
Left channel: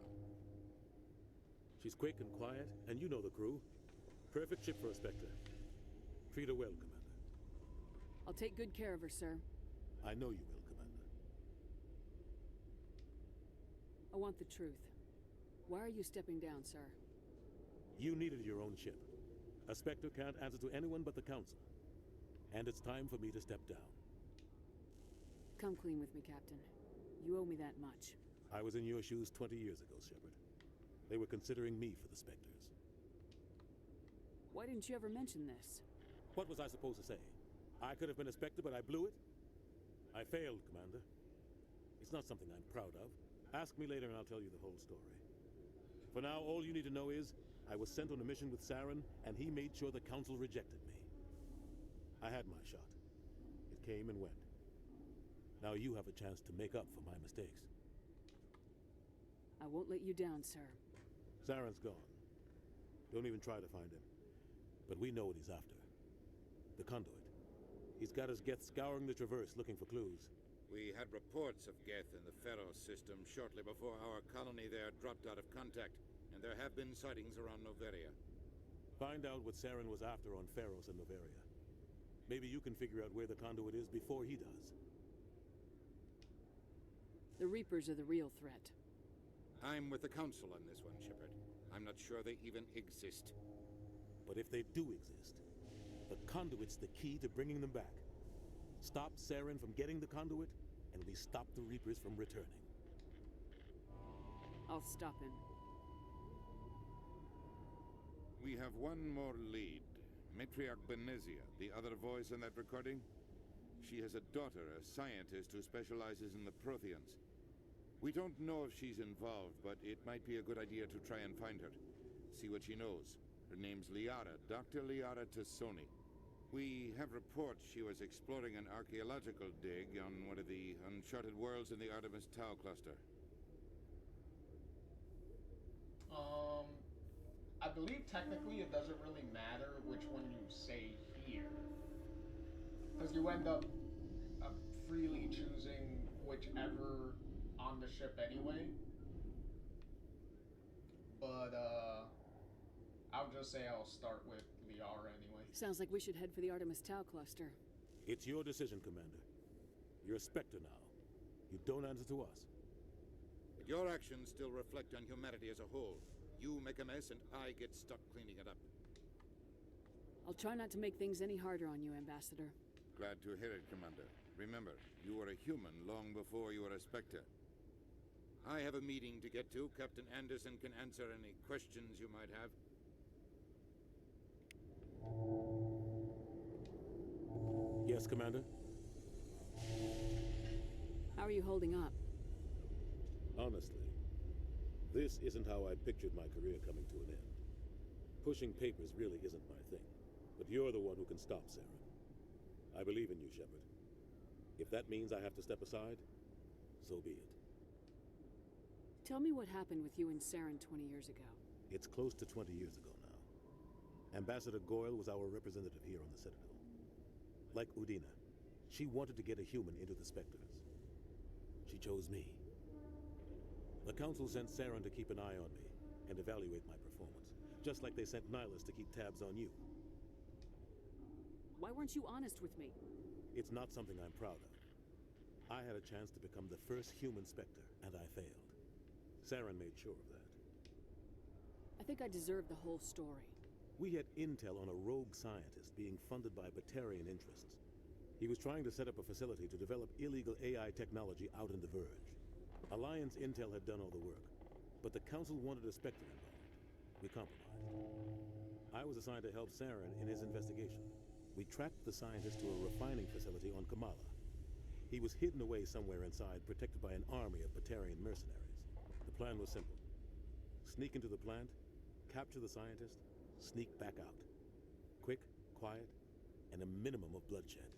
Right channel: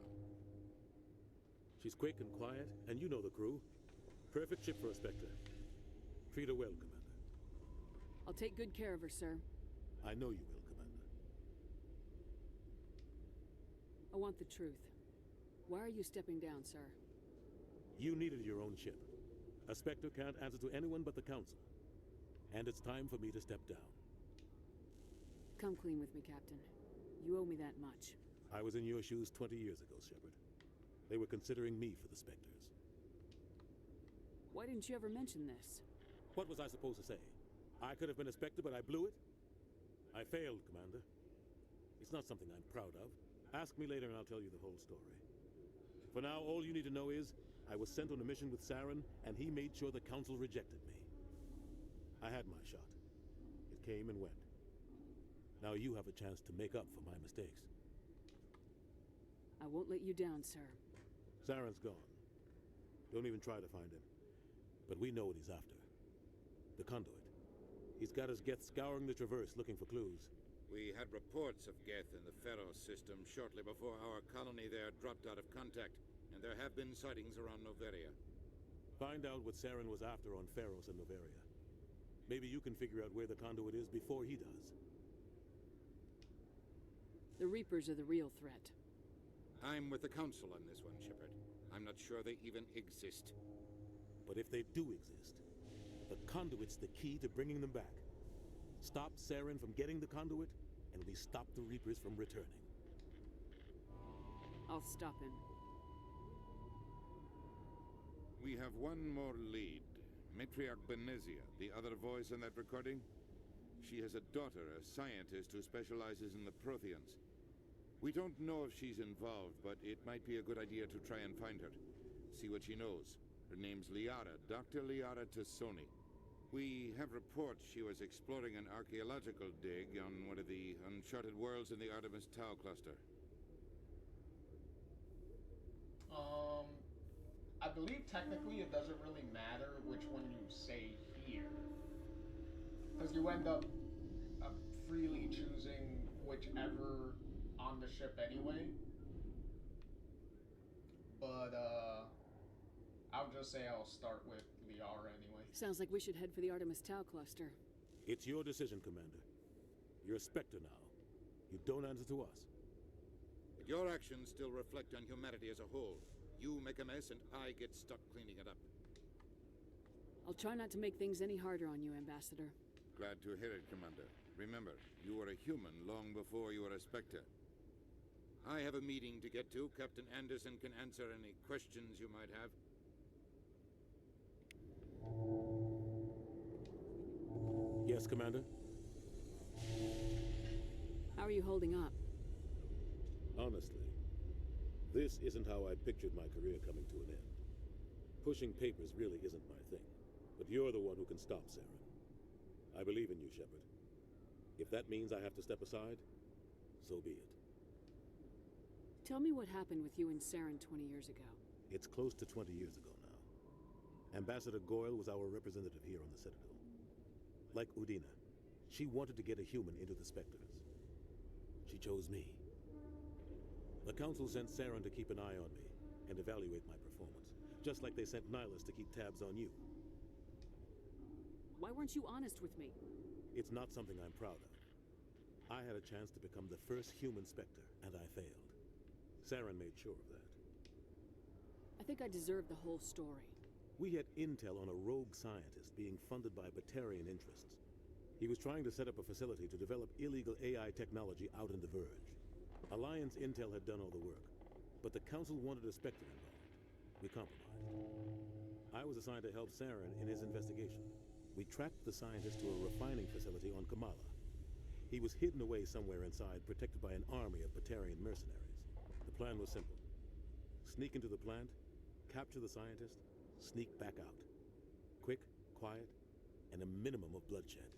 She's quick and quiet, and you know the crew. Perfect ship for a Spectre. Treat her well, Commander. I'll take good care of her, sir. I know you will, Commander. want the truth. Why are you stepping down, sir? You needed your own ship. A Spectre can't answer to anyone but the Council. And it's time for me to step down. Come clean with me, Captain. You owe me that much. I was in your shoes 20 years ago, Shepard. They were considering me for the Spectres. Why didn't you ever mention this? What was I supposed to say? I could have been a Spectre, but I blew it? I failed, Commander. It's not something I'm proud of. Ask me later and I'll tell you the whole story. For now, all you need to know is, I was sent on a mission with Saren, and he made sure the Council rejected me. I had my shot. It came and went. Now you have a chance to make up for my mistakes. I won't let you down, sir. Saren's gone. Don't even try to find him. But we know what he's after. The conduit. He's got his Geth scouring the Traverse looking for clues. We had reports of Geth in the Pharaoh system shortly before our colony there dropped out of contact, and there have been sightings around Noveria. Find out what Saren was after on Pharos and Noveria. Maybe you can figure out where the conduit is before he does. The Reapers are the real threat. I'm with the Council on this one, Shepard. I'm not sure they even exist. But if they do exist, the conduit's the key to bringing them back. Stop Saren from getting the conduit, and we stop the Reapers from returning. I'll stop him. We have one more lead. Matriarch Benezia, the other voice in that recording. She has a daughter, a scientist who specializes in the Protheans. We don't know if she's involved, but it might be a good idea to try and find her. See what she knows. Her name's Liara, Dr. Liara Tassoni. We have reports she was exploring an archaeological dig on one of the uncharted worlds in the Artemis Tau cluster. I believe technically it doesn't really matter which one you say here. Because you end up freely choosing whichever on the ship anyway. But, I'll just say I'll start with Liara anyway. Sounds like we should head for the Artemis Tau cluster. It's your decision, Commander. You're a Spectre now. You don't answer to us. But your actions still reflect on humanity as a whole. You make a mess and I get stuck cleaning it up. I'll try not to make things any harder on you, Ambassador. Glad to hear it, Commander. Remember, you were a human long before you were a Spectre. I have a meeting to get to. Captain Anderson can answer any questions you might have. Yes, Commander? How are you holding up? Honestly, this isn't how I pictured my career coming to an end. Pushing papers really isn't my thing, but you're the one who can stop Saren. I believe in you, Shepard. If that means I have to step aside, so be it. Tell me what happened with you and Saren 20 years ago. It's close to 20 years ago now. Ambassador Goyle was our representative here on the Citadel. Like Udina, she wanted to get a human into the Spectres. She chose me. The Council sent Saren to keep an eye on me and evaluate my performance, just like they sent Nihilus to keep tabs on you. Why weren't you honest with me? It's not something I'm proud of. I had a chance to become the first human Spectre, and I failed. Saren made sure of that. I think I deserve the whole story. We had intel on a rogue scientist being funded by Batarian interests. He was trying to set up a facility to develop illegal AI technology out in the Verge. Alliance intel had done all the work, but the Council wanted a Spectre involved. We compromised. I was assigned to help Saren in his investigation. We tracked the scientist to a refining facility on Kamala. He was hidden away somewhere inside, protected by an army of Batarian mercenaries. The plan was simple. Sneak into the plant, capture the scientist, sneak back out. Quick, quiet, and a minimum of bloodshed.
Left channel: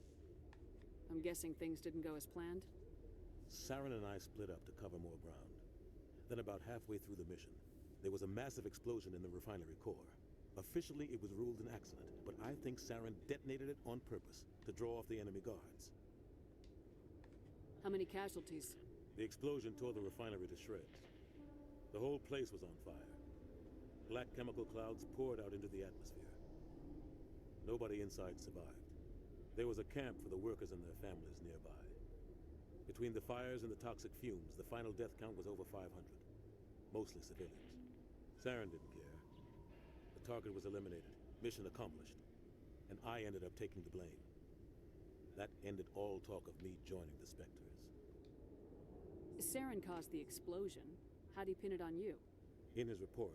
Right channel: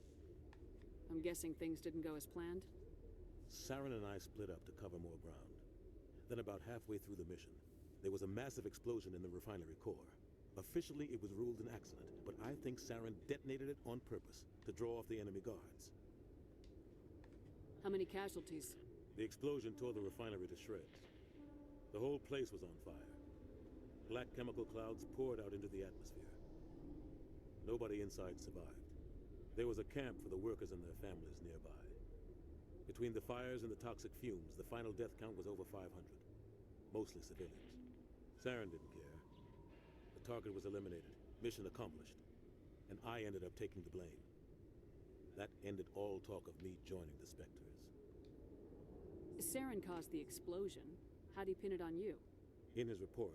I'm guessing things didn't go as planned? Saren and I split up to cover more ground. Then about halfway through the mission, there was a massive explosion in the refinery core. Officially, it was ruled an accident, but I think Saren detonated it on purpose to draw off the enemy guards. How many casualties? The explosion tore the refinery to shreds. The whole place was on fire. Black chemical clouds poured out into the atmosphere. Nobody inside survived. There was a camp for the workers and their families nearby. Between the fires and the toxic fumes, the final death count was over 500. mostly civilians. Saren didn't care. The target was eliminated, mission accomplished, and I ended up taking the blame. That ended all talk of me joining the Spectres. Saren caused the explosion. How'd he pin it on you? In his report,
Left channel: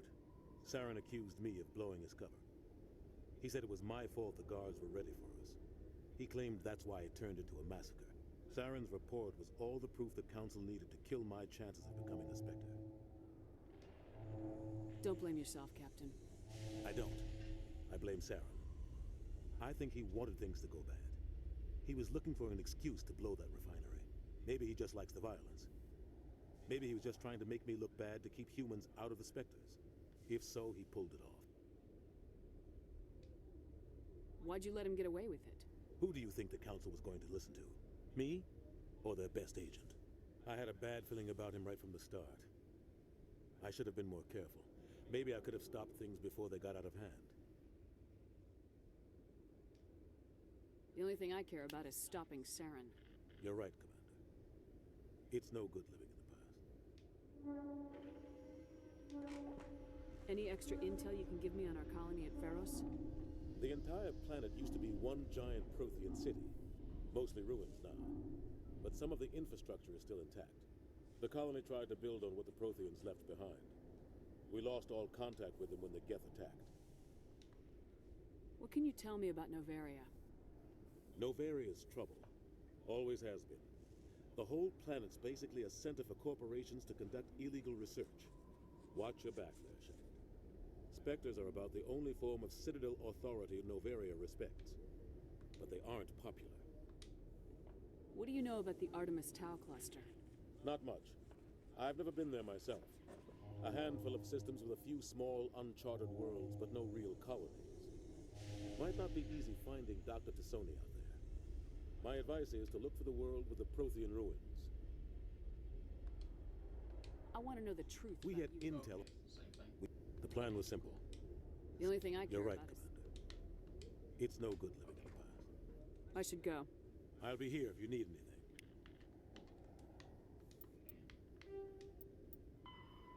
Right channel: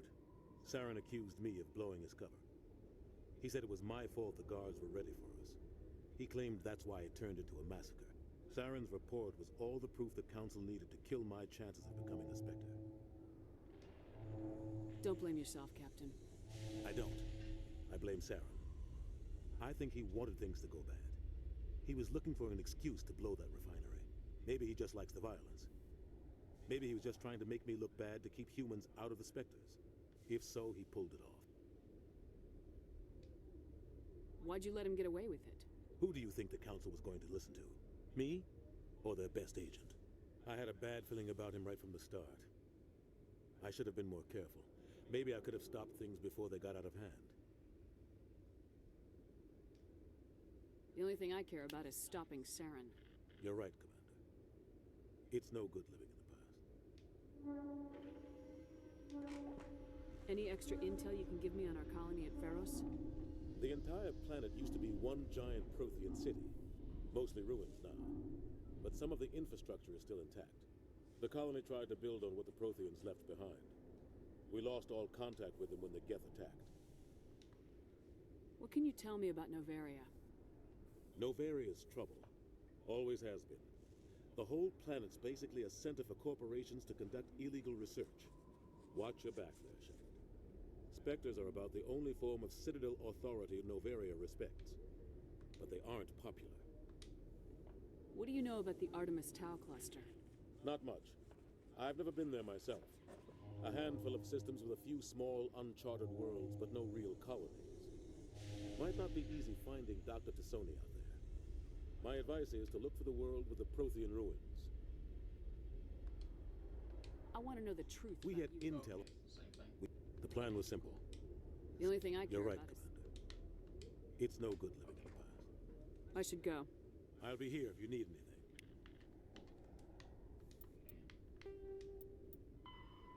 Saren accused me of blowing his cover. He said it was my fault the guards were ready for us. He claimed that's why it turned into a massacre. Saren's report was all the proof the Council needed to kill my chances of becoming a Spectre. Don't blame yourself, Captain. I don't. I blame Saren. I think he wanted things to go bad. He was looking for an excuse to blow that refinery. Maybe he just likes the violence. Maybe he was just trying to make me look bad to keep humans out of the Spectres. If so, he pulled it off. Why'd you let him get away with it? Who do you think the Council was going to listen to? Me? Or their best agent? I had a bad feeling about him right from the start. I should have been more careful. Maybe I could have stopped things before they got out of hand. The only thing I care about is stopping Saren. You're right, Commander. It's no good living in the past. Any extra intel you can give me on our colony at Pharos? The entire planet used to be one giant Prothean city. Mostly ruins now. But some of the infrastructure is still intact. The colony tried to build on what the Protheans left behind. We lost all contact with them when the Geth attacked. What can you tell me about Noveria? Novaria's trouble. Always has been. The whole planet's basically a center for corporations to conduct illegal research. Watch your back there, Shepard. Spectres are about the only form of Citadel authority Noveria respects. But they aren't popular. What do you know about the Artemis Tau cluster? Not much. I've never been there myself. A handful of systems with a few small, uncharted worlds, but no real colonies. Might not be easy finding Dr. Tassoni out there. My advice is to look for the world with the Prothean ruins. I want to know the truth. We had intel. The plan was simple. The only thing I care You're right, about Commander. It's no good living in the past. I should go. I'll be here if you need anything.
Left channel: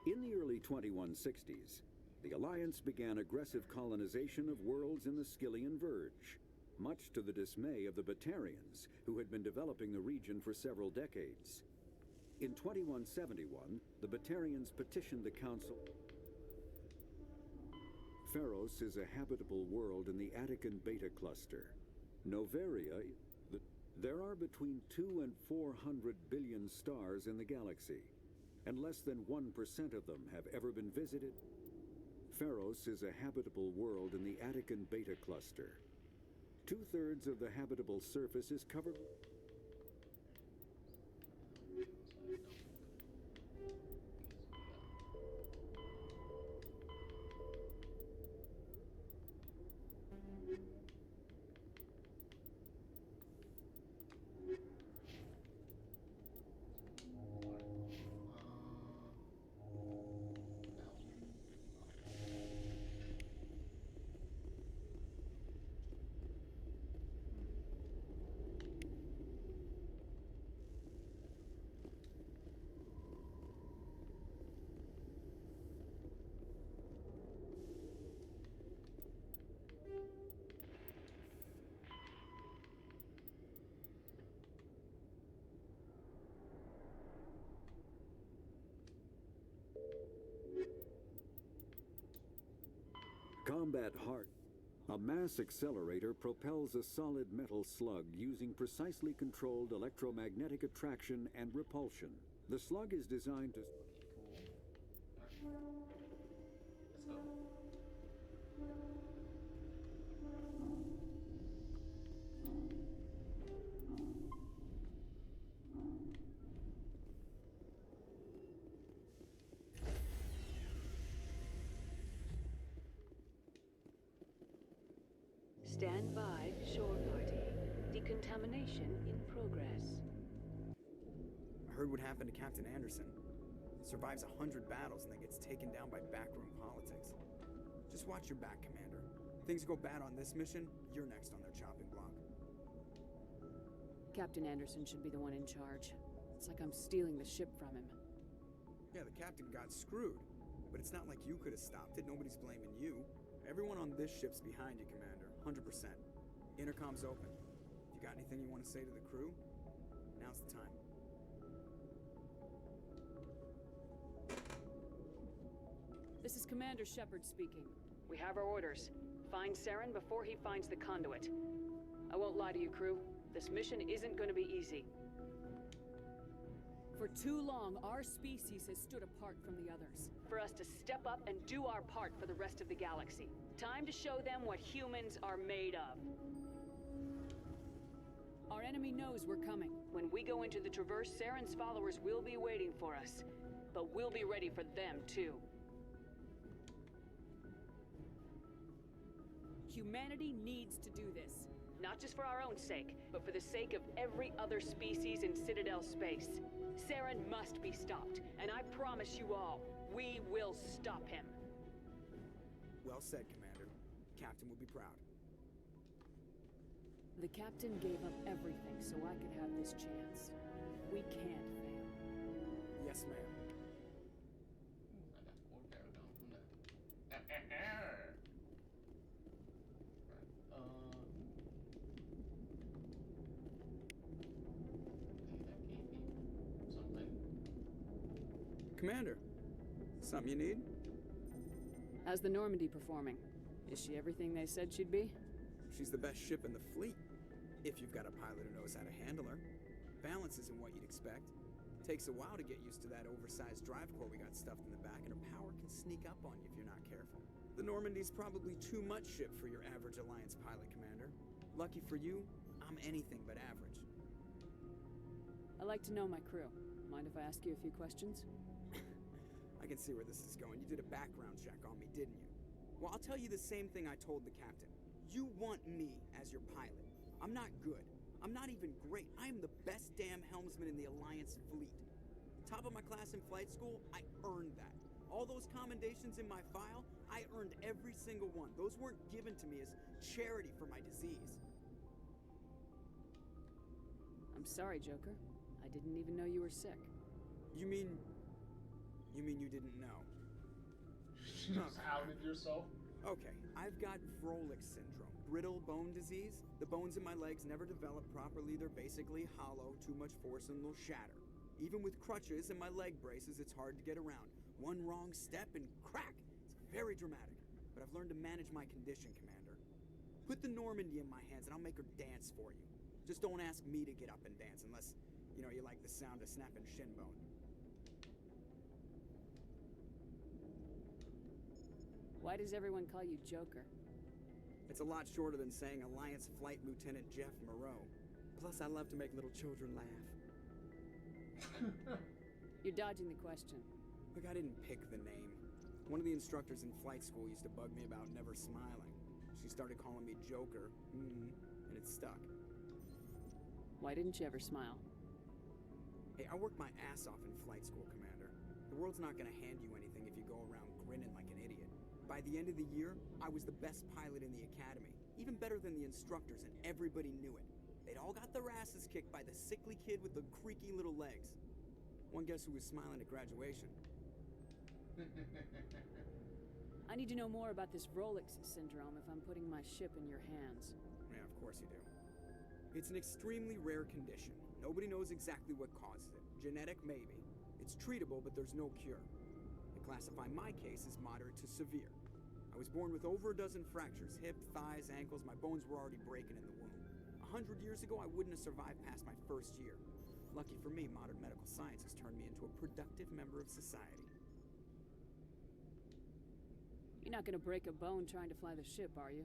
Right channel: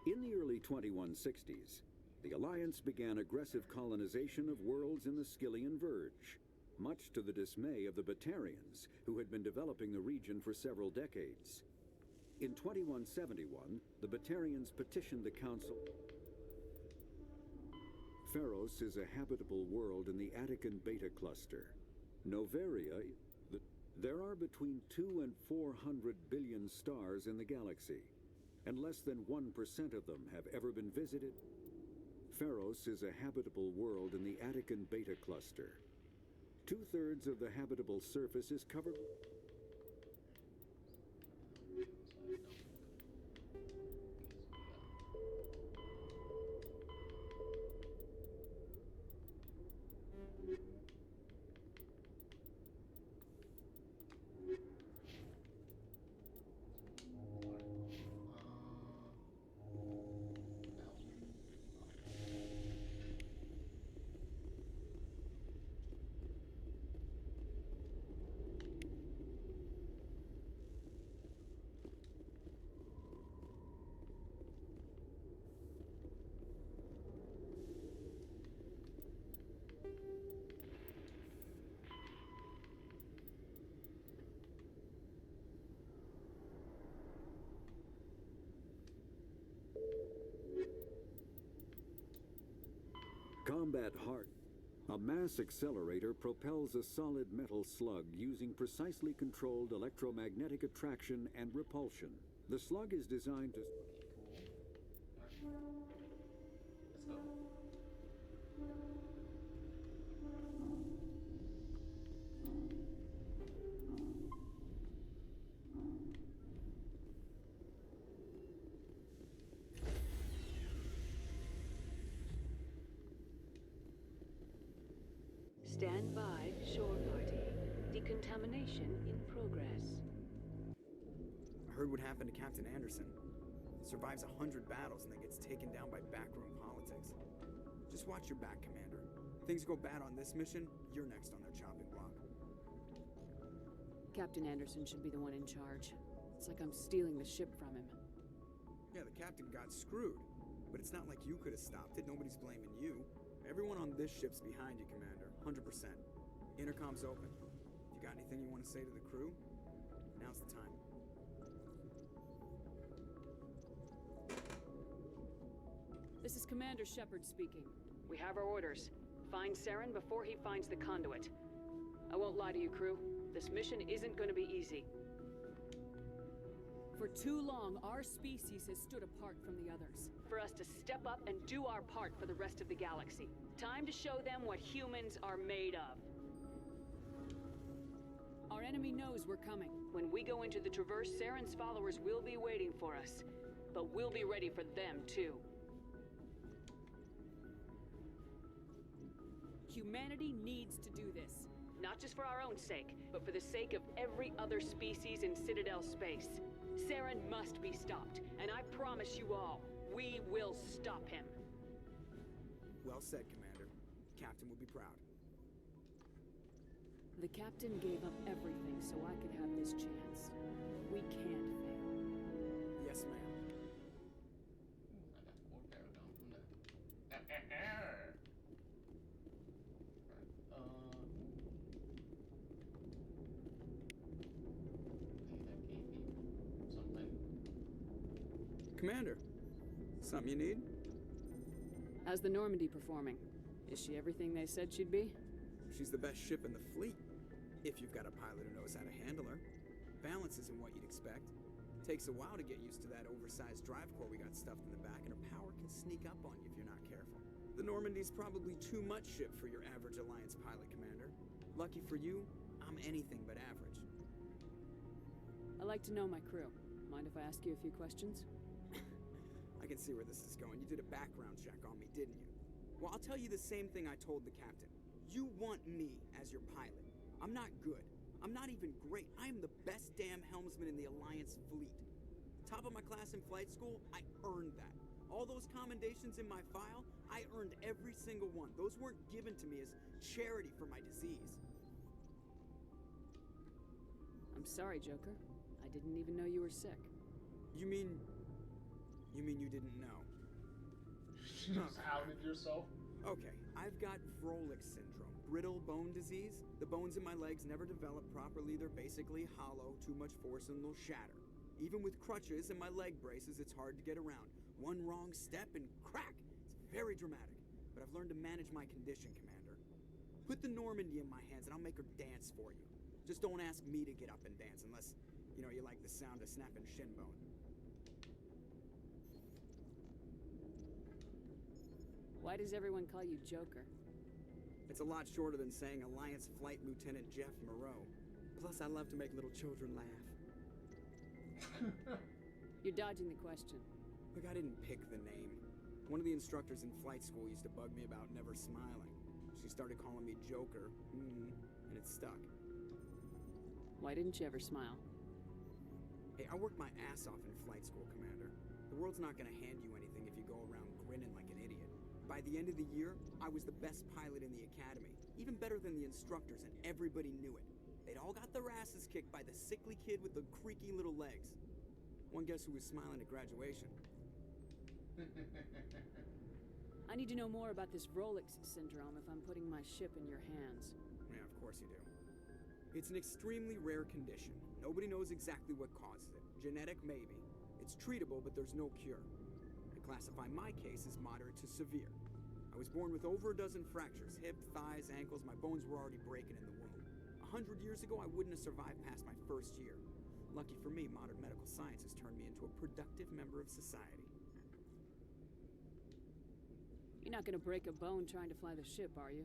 In the early 2160s, the Alliance began aggressive colonization of worlds in the Skyllian Verge, much to the dismay of the Batarians, who had been developing the region for several decades. In 2171, the Batarians petitioned the Council. Pharos is a habitable world in the Attican Beta Cluster. Noveria, there are between 200 and 400 billion stars in the galaxy, and less than 1% of them have ever been visited. Pharos is a habitable world in the Attican Beta Cluster. 2/3 of the habitable surface is covered. Combat Heart. A mass accelerator propels a solid metal slug using precisely controlled electromagnetic attraction and repulsion. The slug is designed to... Stand by, shore party. Decontamination in progress. I heard what happened to Captain Anderson. He survives 100 battles and then gets taken down by backroom politics. Just watch your back, Commander. If things go bad on this mission, you're next on their chopping block. Captain Anderson should be the one in charge. It's like I'm stealing the ship from him. Yeah, the captain got screwed. But it's not like you could have stopped it. Nobody's blaming you. Everyone on this ship's behind you, Commander. 100%. Intercom's open. If you got anything you want to say to the crew, now's the time. This is Commander Shepard speaking. We have our orders. Find Saren before he finds the conduit. I won't lie to you, crew. This mission isn't going to be easy. For too long, our species has stood apart from the others. For us to step up and do our part for the rest of the galaxy. Time to show them what humans are made of. Our enemy knows we're coming. When we go into the Traverse, Saren's followers will be waiting for us. But we'll be ready for them, too. Humanity needs to do this. Not just for our own sake, but for the sake of every other species in Citadel space. Saren must be stopped, and I promise you all, we will stop him. Well said, Commander. Captain will be proud. The captain gave up everything so I could have this chance. We can't fail. Yes, ma'am. Commander, something you need? How's the Normandy performing? Is she everything they said she'd be? She's the best ship in the fleet, if you've got a pilot who knows how to handle her. Balance isn't what you'd expect. Takes a while to get used to that oversized drive core we got stuffed in the back, and her power can sneak up on you if you're not careful. The Normandy's probably too much ship for your average Alliance pilot, Commander. Lucky for you, I'm anything but average. I like to know my crew. Mind if I ask you a few questions? I can see where this is going. You did a background check on me, didn't you? Well, I'll tell you the same thing I told the captain. You want me as your pilot. I'm not good. I'm not even great. I am the best damn helmsman in the Alliance fleet. Top of my class in flight school, I earned that. All those commendations in my file, I earned every single one. Those weren't given to me as charity for my disease. I'm sorry, Joker. I didn't even know you were sick. You mean you didn't know? Just outed yourself? Okay, I've got Vrolich syndrome, brittle bone disease. The bones in my legs never develop properly. They're basically hollow, too much force and they'll shatter. Even with crutches and my leg braces, it's hard to get around. One wrong step and crack! It's very dramatic, but I've learned to manage my condition, Commander. Put the Normandy in my hands and I'll make her dance for you. Just don't ask me to get up and dance unless, you like the sound of snapping shin bone. Why does everyone call you Joker? It's a lot shorter than saying Alliance Flight Lieutenant Jeff Moreau. Plus, I love to make little children laugh. You're dodging the question. Look, I didn't pick the name. One of the instructors in flight school used to bug me about never smiling. She started calling me Joker, and it stuck. Why didn't you ever smile? Hey, I worked my ass off in flight school, Commander. The world's not gonna hand you anything if you go around grinning like an idiot. By the end of the year, I was the best pilot in the academy. Even better than the instructors, and everybody knew it. They'd all got their asses kicked by the sickly kid with the creaky little legs. One guess who was smiling at graduation? I need to know more about this Vrolich syndrome if I'm putting my ship in your hands. Yeah, of course you do. It's an extremely rare condition. Nobody knows exactly what causes it. Genetic, maybe. It's treatable, but there's no cure. I classify my case as moderate to severe. I was born with over a dozen fractures, hip, thighs, ankles. My bones were already breaking in the womb. 100 years ago, I wouldn't have survived past my first year. Lucky for me, modern medical science has turned me into a productive member of society. You're not gonna break a bone trying to fly the ship, are you?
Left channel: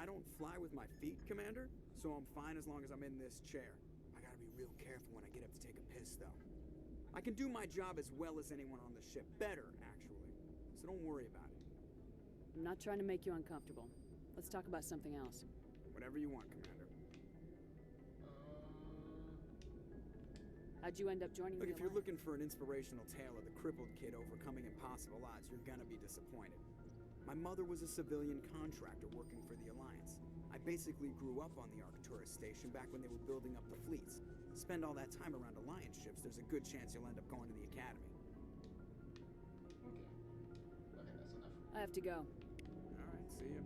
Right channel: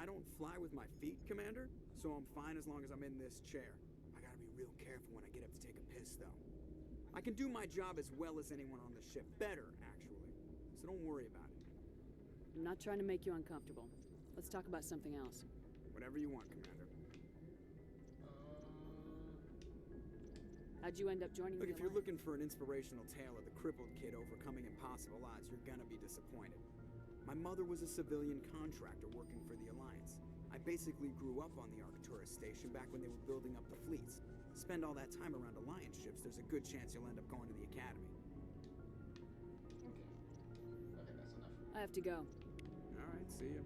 I don't fly with my feet, Commander, so I'm fine as long as I'm in this chair. I gotta be real careful when I get up to take a piss, though. I can do my job as well as anyone on the ship. Better, actually. So don't worry about it. I'm not trying to make you uncomfortable. Let's talk about something else. Whatever you want, Commander. How'd you end up joining Look, the if you're Alliance? looking for an inspirational tale of the crippled kid overcoming impossible odds, you're gonna be disappointed. My mother was a civilian contractor working for the Alliance. I basically grew up on the Arcturus station back when they were building up the fleets. Spend all that time around Alliance ships, there's a good chance you'll end up going to the Academy. I have to go. All right, see ya.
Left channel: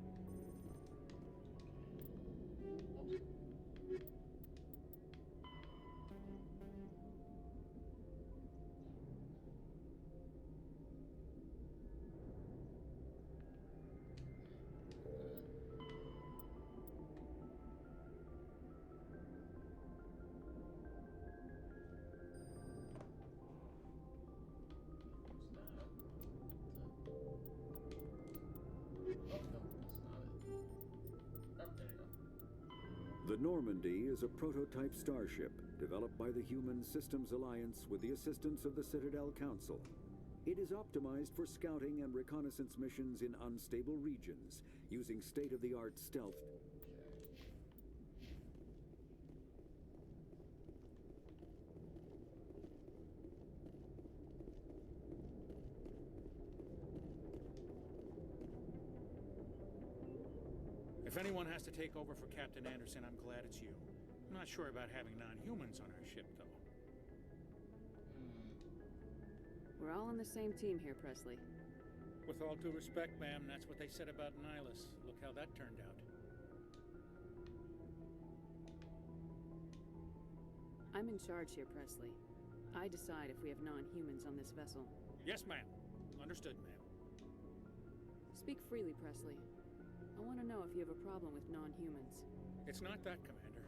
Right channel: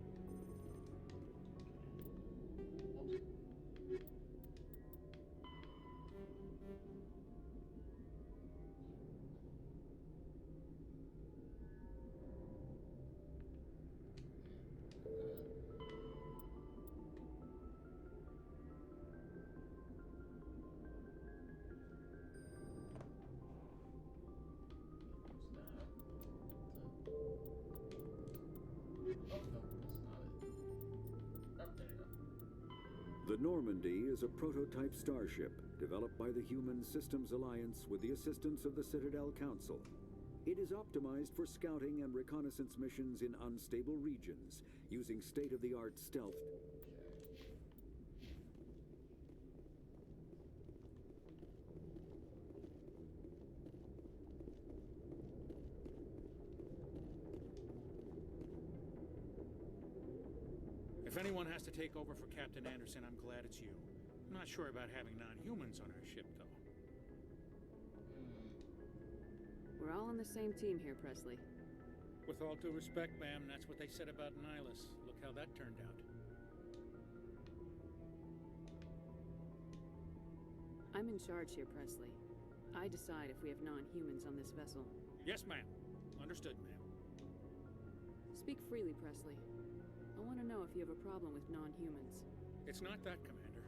The Normandy is a prototype starship developed by the Human Systems Alliance with the assistance of the Citadel Council. It is optimized for scouting and reconnaissance missions in unstable regions, using state-of-the-art stealth. If anyone has to take over for Captain Anderson, I'm glad it's you. I'm not sure about having non-humans on our ship, though. We're all on the same team here, Presley. With all due respect, ma'am, that's what they said about Nihilus. Look how that turned out. I'm in charge here, Presley. I decide if we have non-humans on this vessel. Yes, ma'am. Understood, ma'am. Speak freely, Presley. I want to know if you have a problem with non-humans. It's not that, Commander.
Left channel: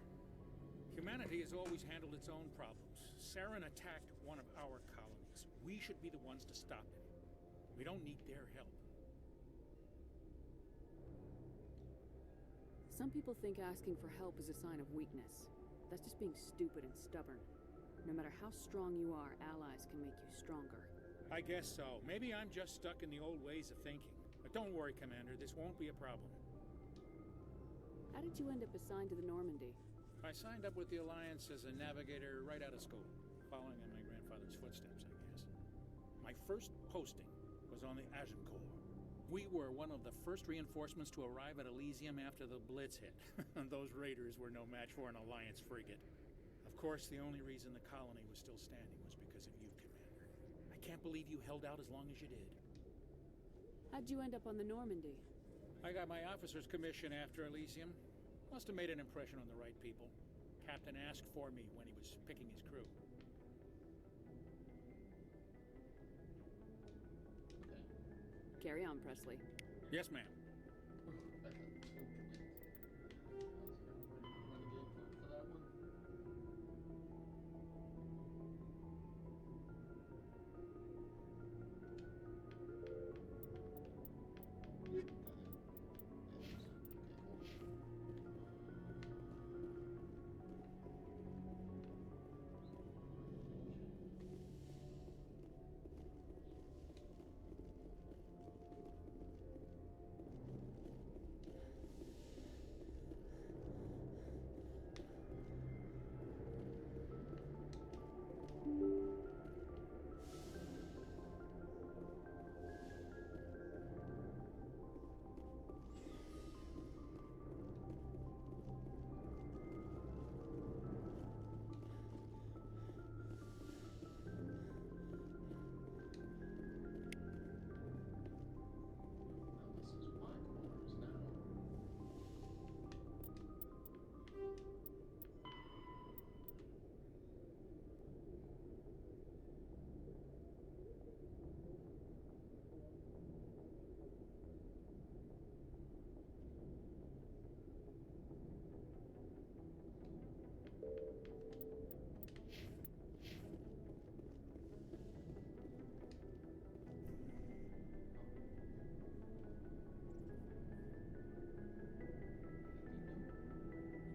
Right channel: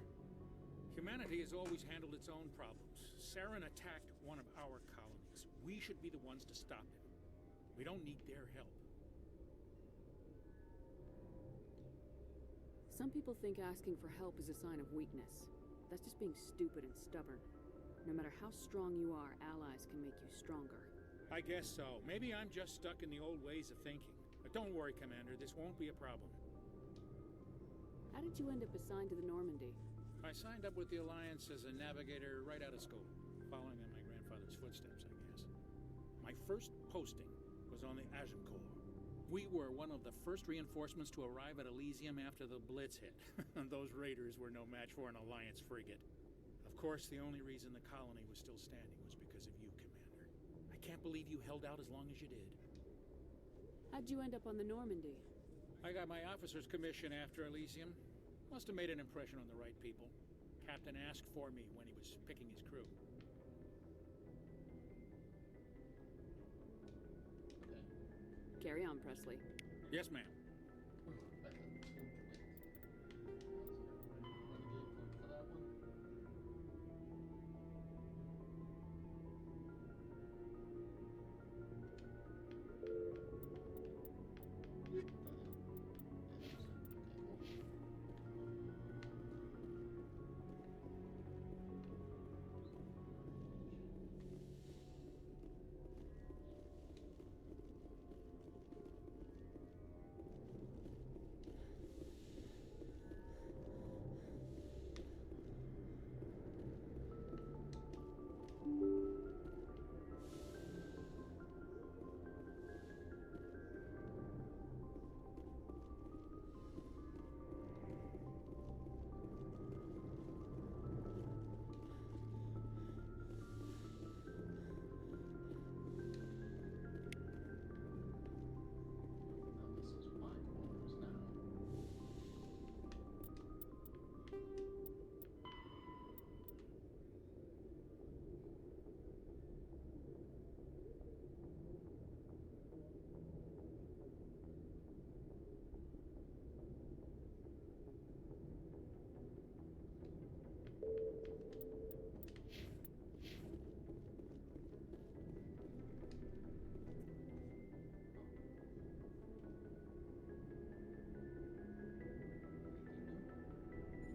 Humanity has always handled its own problems. Saren attacked one of our colonies. We should be the ones to stop him. We don't need their help. Some people think asking for help is a sign of weakness. That's just being stupid and stubborn. No matter how strong you are, allies can make you stronger. I guess so. Maybe I'm just stuck in the old ways of thinking. But don't worry, Commander. This won't be a problem. How did you end up assigned to the Normandy? I signed up with the Alliance as a navigator right out of school, following in my grandfather's footsteps, I guess. My first posting was on the Agincourt. We were one of the first reinforcements to arrive at Elysium after the Blitz hit. Those raiders were no match for an Alliance frigate. Of course, the only reason the colony was still standing was because of you, Commander. I can't believe you held out as long as you did. How'd you end up on the Normandy? I got my officer's commission after Elysium. Must have made an impression on the right people. Captain asked for me when he was picking his crew. Carry on, Presley. Yes, ma'am.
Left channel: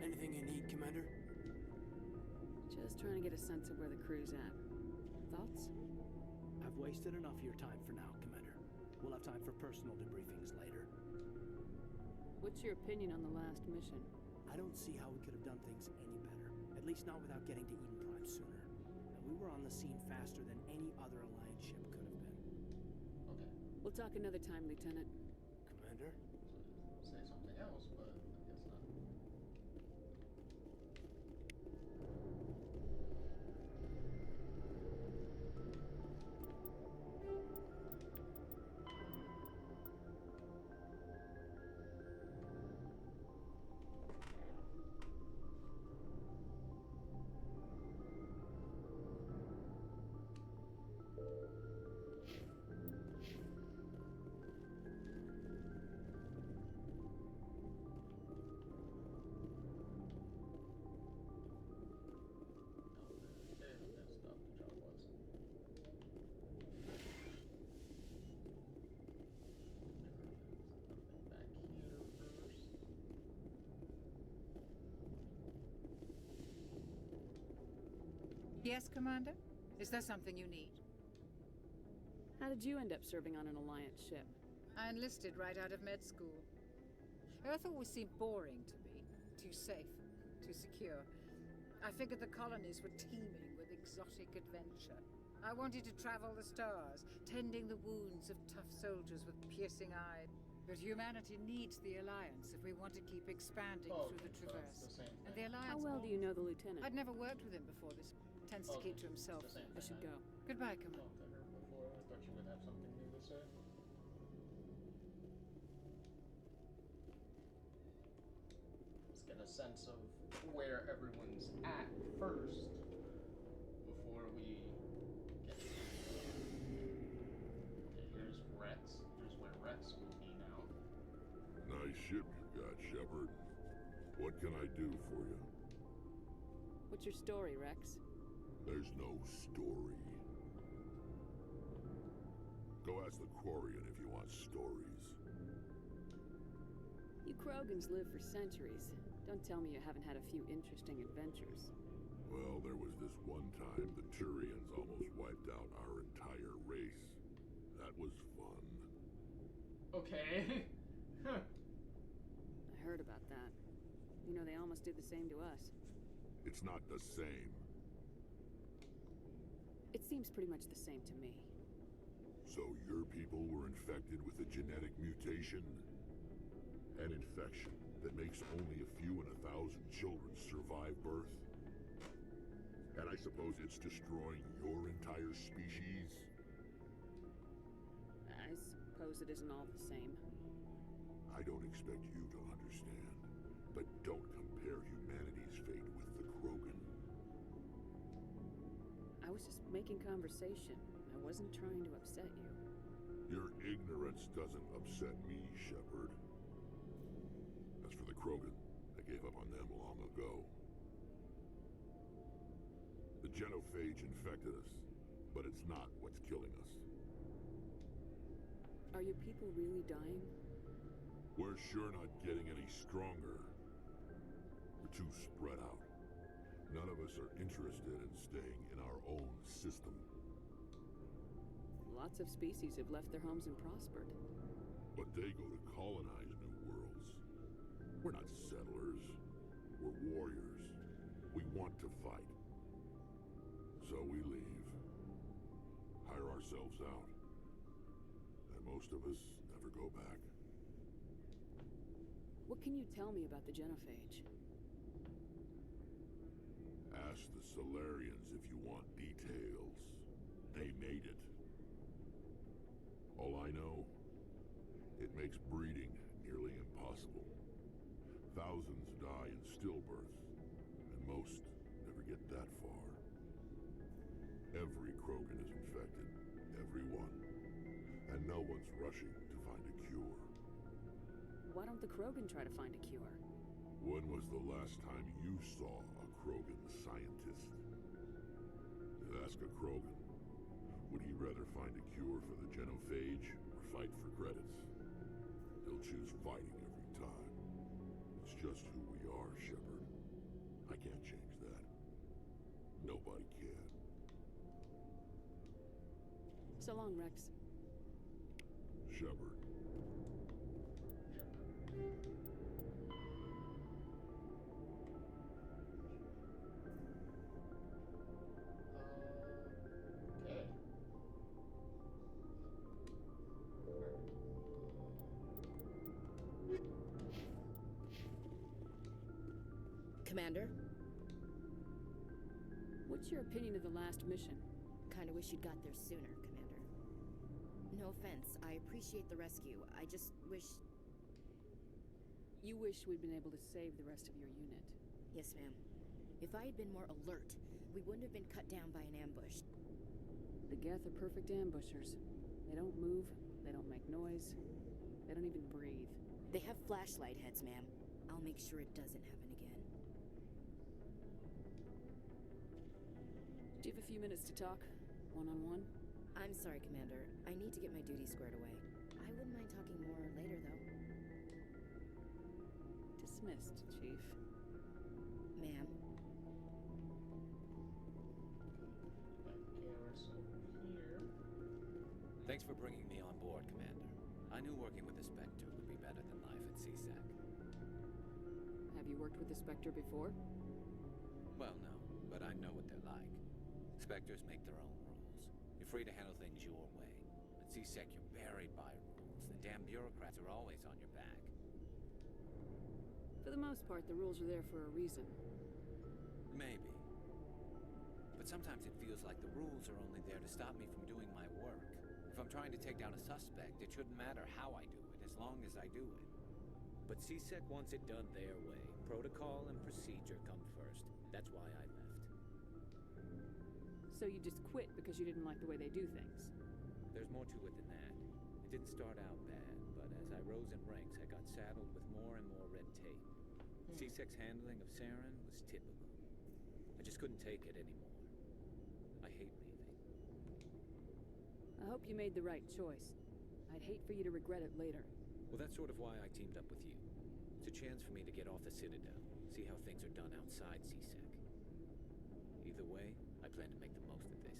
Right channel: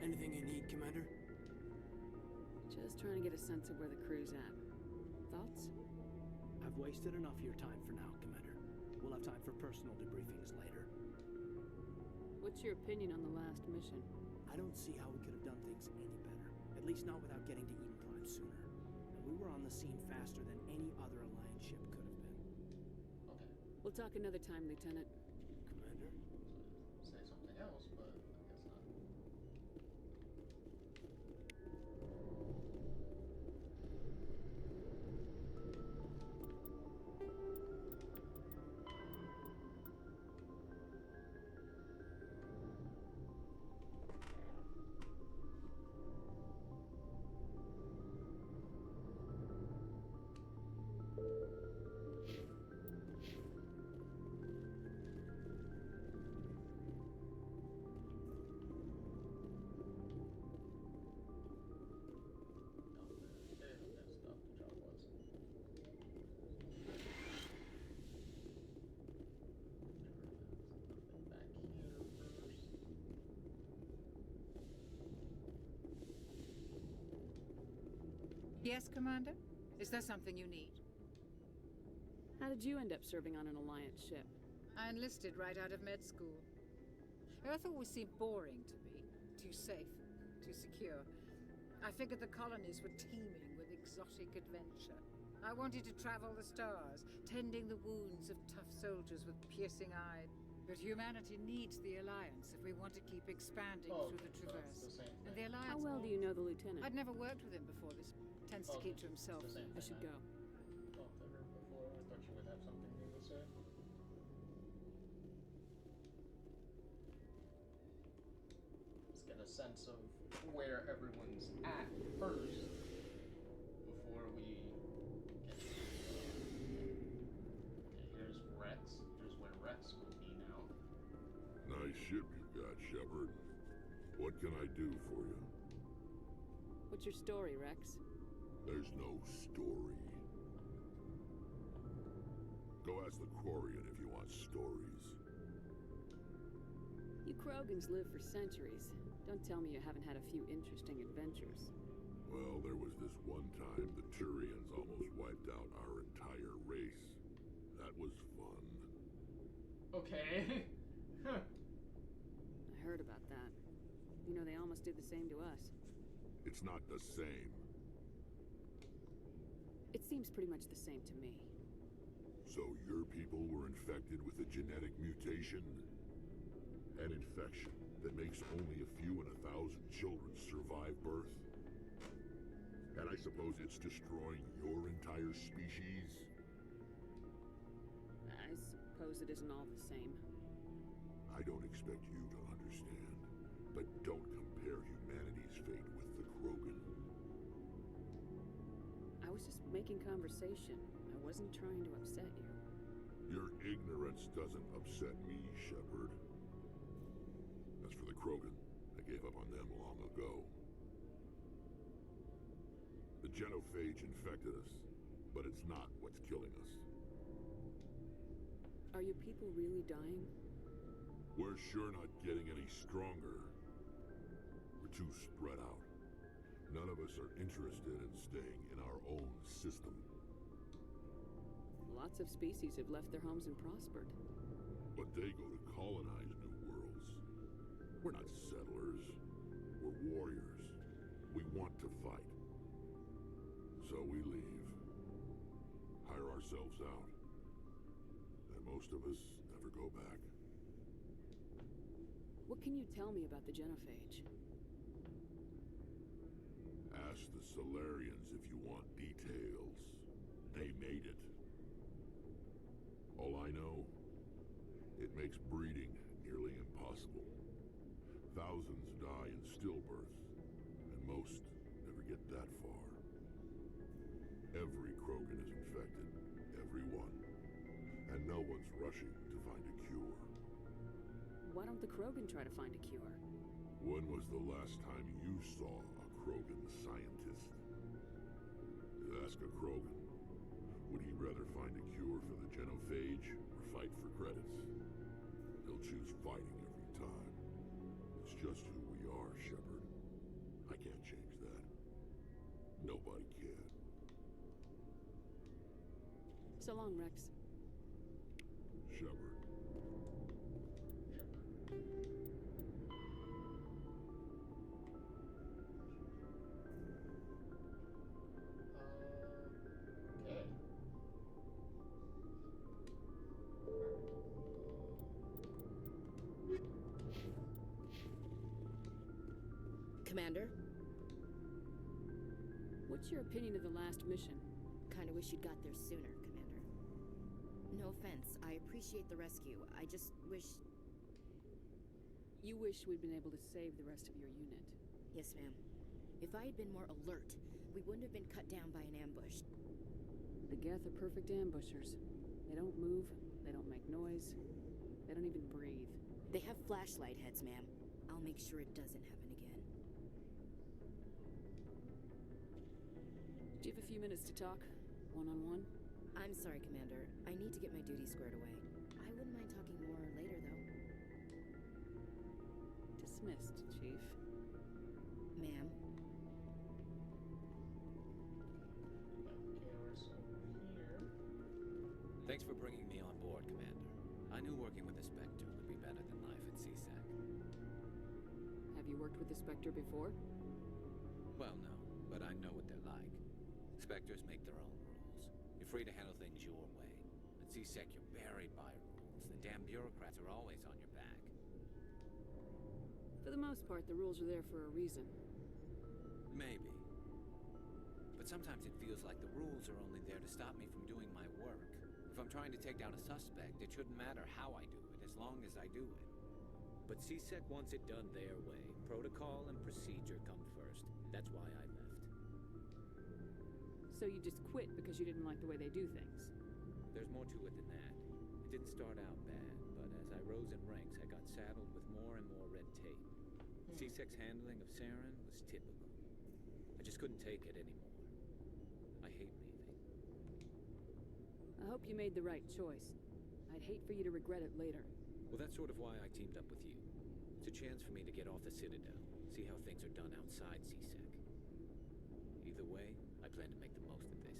Anything you need, Commander? Just trying to get a sense of where the crew's at. Thoughts? I've wasted enough of your time for now, Commander. We'll have time for personal debriefings later. What's your opinion on the last mission? I don't see how we could have done things any better. At least not without getting to Eden Prime sooner. And we were on the scene faster than any other Alliance ship could have been. Okay. We'll talk another time, Lieutenant. Commander? Say something else, but I guess not. Yes, Commander? Is there something you need? How did you end up serving on an Alliance ship? I enlisted right out of med school. Earth always seemed boring to me. Too safe, too secure. I figured the colonies were teeming with exotic adventure. I wanted to travel the stars, tending the wounds of tough soldiers with piercing eyes. But humanity needs the Alliance if we want to keep expanding through the Traverse. And the Alliance... How well do you know the Lieutenant? I'd never worked with him before. This tends to keep to himself. I should go. Goodbye, Commander. Talked to her before. I thought you would have something new to say. Let's get a sense of where everyone's at first before we get to, okay, here's Rex. Here's where Rex will be now. Nice ship you've got, Shepard. What can I do for you? What's your story, Rex? There's no story. Go ask the Quarian if you want stories. You Krogans live for centuries. Don't tell me you haven't had a few interesting adventures. Well, there was this one time the Turians almost wiped out our entire race. That was fun. Okay. I heard about that. You know, they almost did the same to us. It's not the same. It seems pretty much the same to me. So your people were infected with a genetic mutation? An infection that makes only a few in 1,000 children survive birth? And I suppose it's destroying your entire species? I suppose it isn't all the same. I don't expect you to understand, but don't compare humanity's fate with the Krogan. I was just making conversation. I wasn't trying to upset you. Your ignorance doesn't upset me, Shepard. As for the Krogan, I gave up on them long ago. The genophage infected us, but it's not what's killing us. Are your people really dying? We're sure not getting any stronger. We're too spread out. None of us are interested in staying in our own system. Lots of species have left their homes and prospered. But they go to colonize new worlds. We're not settlers. We're warriors. We want to fight. So we leave. Hire ourselves out. And most of us never go back. What can you tell me about the genophage? Ask the Solarians if you want details. They made it. All I know, it makes breeding nearly impossible. Thousands die in stillbirth, and most never get that far. Every Krogan is infected, every one, and no one's rushing to find a cure. Why don't the Krogan try to find a cure? When was the last time you saw a Krogan scientist? Ask a Krogan. Would he rather find a cure for the genophage or fight for credits? He'll choose fighting every time. It's just who we are, Shepard. I can't change that. Nobody can. So long, Rex. Shepard. Okay. Commander? What's your opinion of the last mission? Kinda wish you'd got there sooner, Commander. No offense, I appreciate the rescue. I just wish... You wish we'd been able to save the rest of your unit. Yes, ma'am. If I had been more alert, we wouldn't have been cut down by an ambush. The Geth are perfect ambushers. They don't move, they don't make noise, they don't even breathe. They have flashlight heads, ma'am. I'll make sure it doesn't happen again. Do you have a few minutes to talk? One-on-one? I'm sorry, Commander. I need to get my duties squared away. I wouldn't mind talking more later, though. Dismissed, Chief. Ma'am. Thanks for bringing me on board, Commander. I knew working with the Spectre would be better than life at CSEC. Have you worked with the Spectre before? Well, no, but I know what they're like. Spectres make their own rules. You're free to handle things your way. At CSEC, you're buried by rules. The damn bureaucrats are always on your back. For the most part, the rules are there for a reason. Maybe. But sometimes it feels like the rules are only there to stop me from doing my work. If I'm trying to take down a suspect, it shouldn't matter how I do it, as long as I do it. But CSEC wants it done their way. Protocol and procedure come first. That's why I left. So you just quit because you didn't like the way they do things? There's more to it than that. It didn't start out bad, but as I rose in ranks, I got saddled with more and more red tape. CSEC's handling of Saren was typical. I just couldn't take it anymore. I hate leaving. I hope you made the right choice. I'd hate for you to regret it later. Well, that's sort of why I teamed up with you. It's a chance for me to get off the Citadel, see how things are done outside CSEC. Either way, I plan to make the most of this.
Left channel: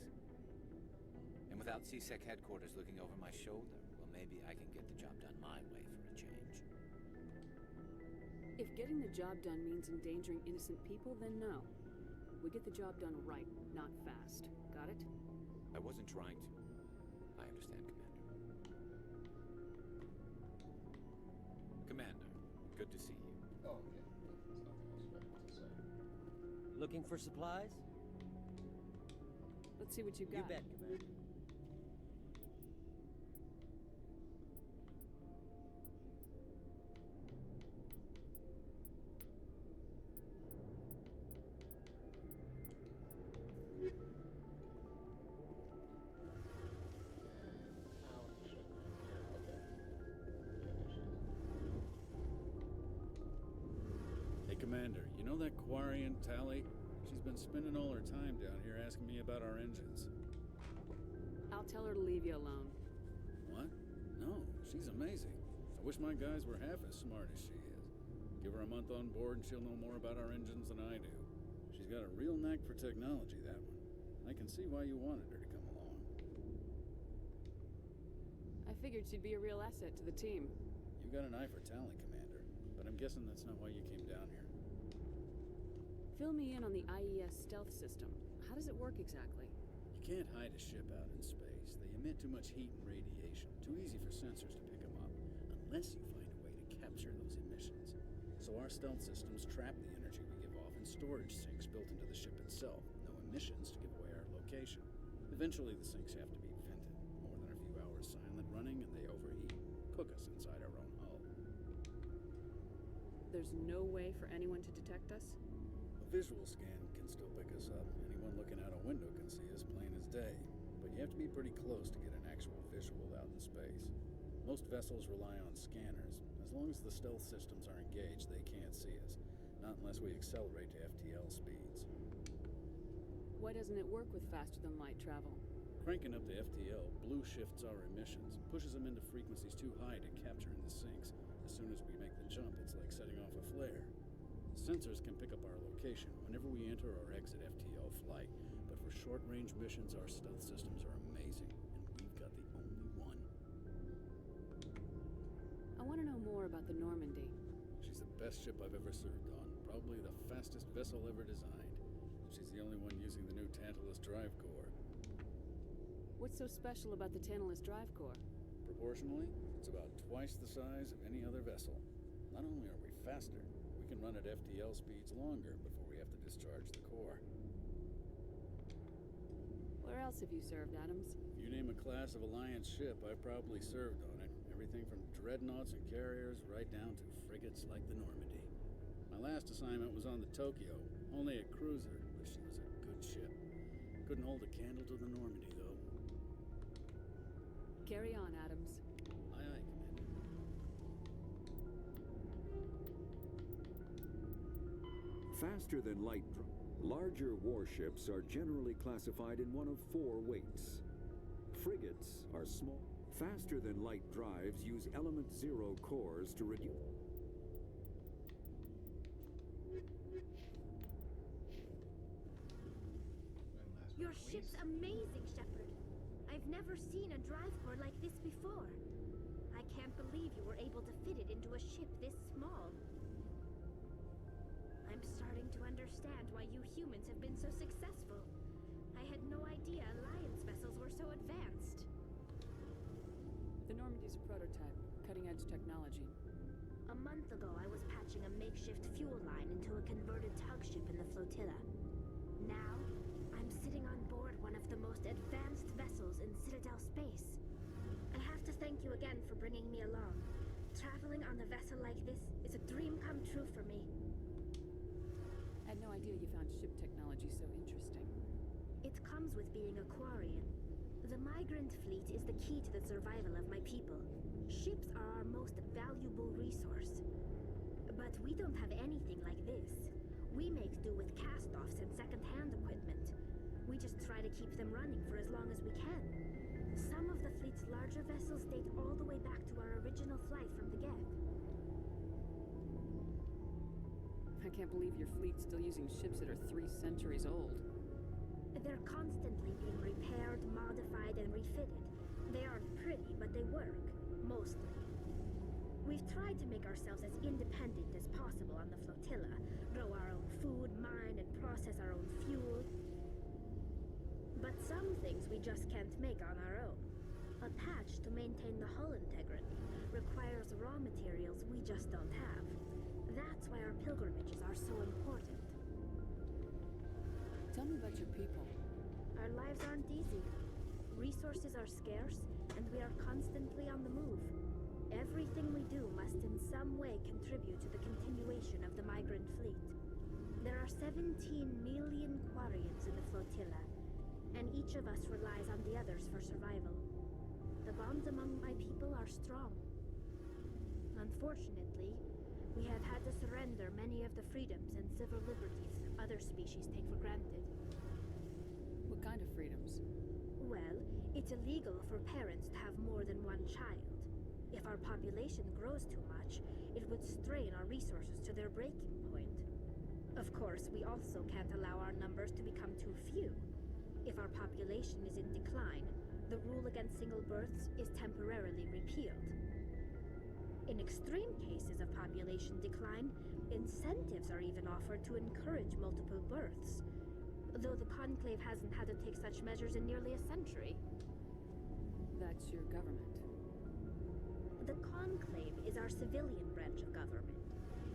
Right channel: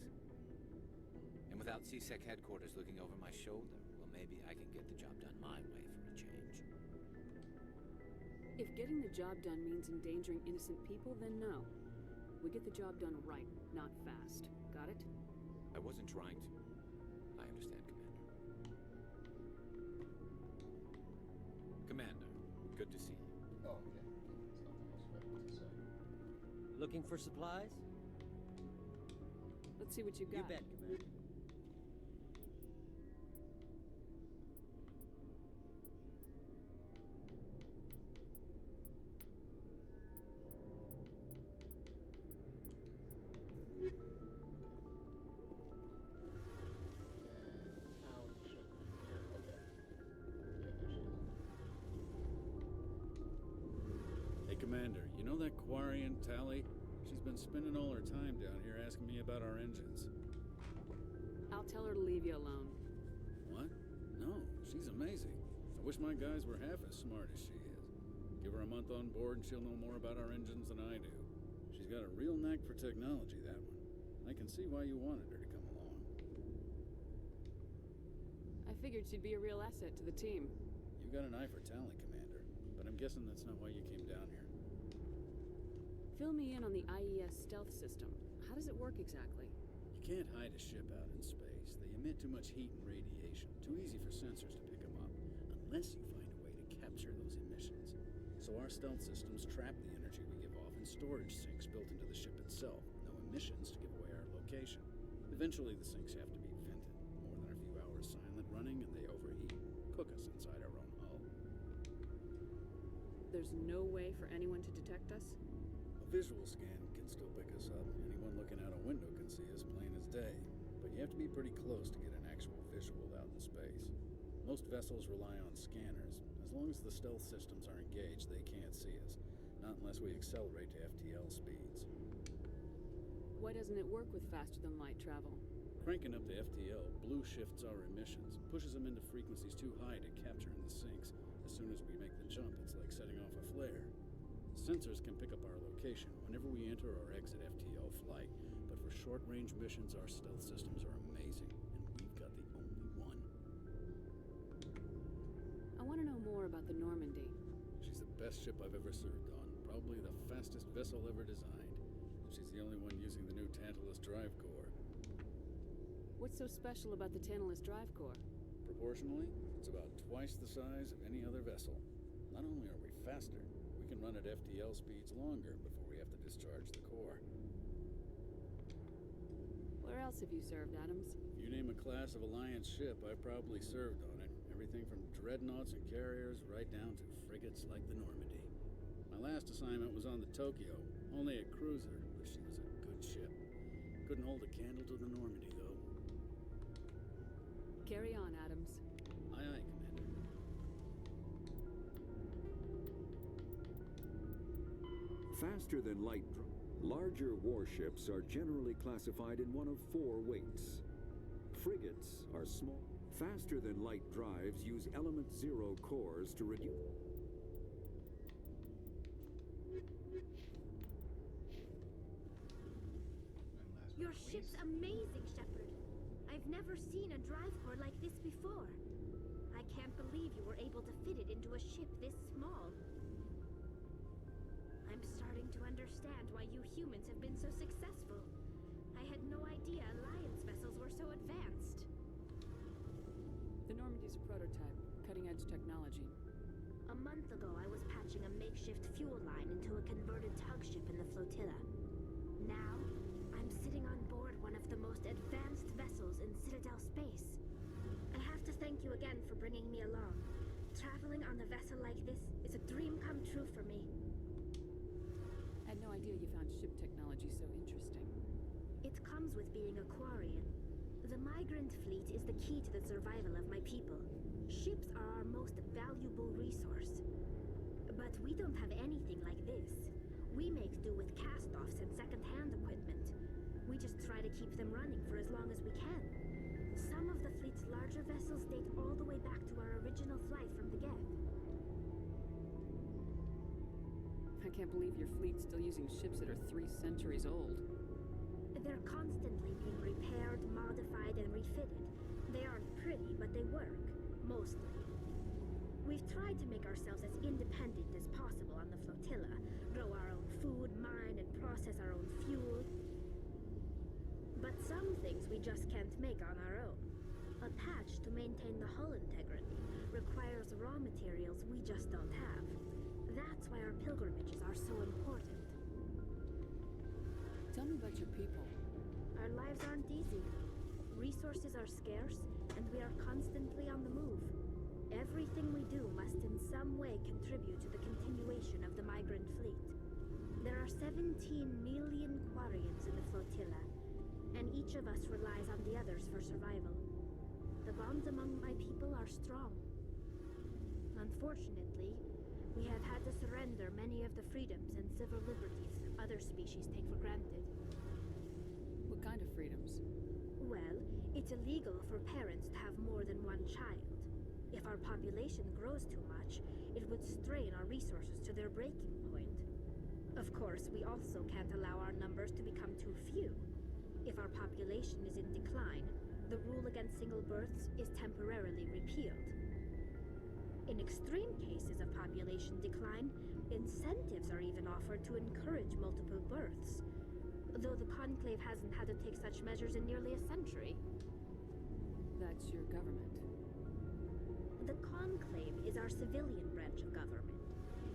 And without CSEC headquarters looking over my shoulder, well, maybe I can get the job done my way for a change. If getting the job done means endangering innocent people, then no. We get the job done right, not fast. Got it? I wasn't trying to. I understand, Commander. Commander, good to see you. Oh, okay. There's nothing else better to say. Looking for supplies? Let's see what you've got. You bet, Commander. Commander, you know that Quarian, Tally? She's been spending all her time down here asking me about our engines. I'll tell her to leave you alone. What? No, she's amazing. I wish my guys were half as smart as she is. Give her a month on board and she'll know more about our engines than I do. She's got a real knack for technology, that one. I can see why you wanted her to come along. I figured she'd be a real asset to the team. You got an eye for Tally, Commander, but I'm guessing that's not why you came down here. Fill me in on the IES stealth system. How does it work exactly? You can't hide a ship out in space. They emit too much heat and radiation. Too easy for sensors to pick them up, unless you find a way to capture those emissions. So our stealth systems trap the energy we give off in storage sinks built into the ship itself. No emissions to give away our location. Eventually the sinks have to be vented. More than a few hours silent running and they overheat. Cook us inside our own hull. There's no way for anyone to detect us? A visual scan can still pick us up. Anyone looking out a window can see us plain as day. But you have to be pretty close to get an actual visual out in space. Most vessels rely on scanners. As long as the stealth systems are engaged, they can't see us. Not unless we accelerate to FTL speeds. Why doesn't it work with faster-than-light travel? Cranking up the FTL blue shifts our emissions, pushes them into frequencies too high to capture in the sinks. As soon as we make the jump, it's like setting off a flare. Sensors can pick up our location whenever we enter or exit FTL flight, but for short-range missions, our stealth systems are amazing, and we've got the only one. I want to know more about the Normandy. She's the best ship I've ever served on, probably the fastest vessel ever designed. She's the only one using the new Tantalus drive core. What's so special about the Tantalus drive core? Proportionally, it's about twice the size of any other vessel. Not only are we faster, we can run at FTL speeds longer before we have to discharge the core. Where else have you served, Adams? If you name a class of Alliance ship, I've probably served on it. Everything from dreadnoughts and carriers right down to frigates like the Normandy. My last assignment was on the Tokyo, only a cruiser, but she was a good ship. Couldn't hold a candle to the Normandy, though. Carry on, Adams. Aye, aye, Commander. Faster than light larger warships are generally classified in one of 4 weights. Frigates are small. Faster than light drives use element 0 cores to reduce. Your ship's amazing, Shepard. I I've never seen a drive core like this before. I can't believe you were able to fit it into a ship this small. I'm starting to understand why you humans have been so successful. I had no idea Alliance vessels were so advanced. The Normandy's a prototype, cutting-edge technology. A month ago, I was patching a makeshift fuel line into a converted tug ship in the flotilla. Now, I'm sitting on board one of the most advanced vessels in Citadel space. I have to thank you again for bringing me along. Traveling on a vessel like this is a dream come true for me. I had no idea you found ship technology so interesting. It comes with being a Quarian. The migrant fleet is the key to the survival of my people. Ships are our most valuable resource. But we don't have anything like this. We make do with cast-offs and second-hand equipment. We just try to keep them running for as long as we can. Some of the fleet's larger vessels date all the way back to our original flight from the Geth. I can't believe your fleet's still using ships that are 3 centuries old. They're constantly being repaired, modified, and refitted. They aren't pretty, but they work. Mostly. We've tried to make ourselves as independent as possible on the flotilla, grow our own food, mine, and process our own fuel. But some things we just can't make on our own. A patch to maintain the hull integrity requires raw materials we just don't have. That's why our pilgrimages are so important. Tell me about your people. Our lives aren't easy. Resources are scarce, and we are constantly on the move. Everything we do must in some way contribute to the continuation of the migrant fleet. There are 17 million Quarians in the flotilla, and each of us relies on the others for survival. The bonds among my people are strong. Unfortunately, we have had to surrender many of the freedoms and civil liberties other species take for granted. What kind of freedoms? Well, it's illegal for parents to have more than one child. If our population grows too much, it would strain our resources to their breaking point. Of course, we also can't allow our numbers to become too few. If our population is in decline, the rule against single births is temporarily repealed. In extreme cases of population decline, incentives are even offered to encourage multiple births, though the Conclave hasn't had to take such measures in nearly a century. That's your government. The Conclave is our civilian branch of government.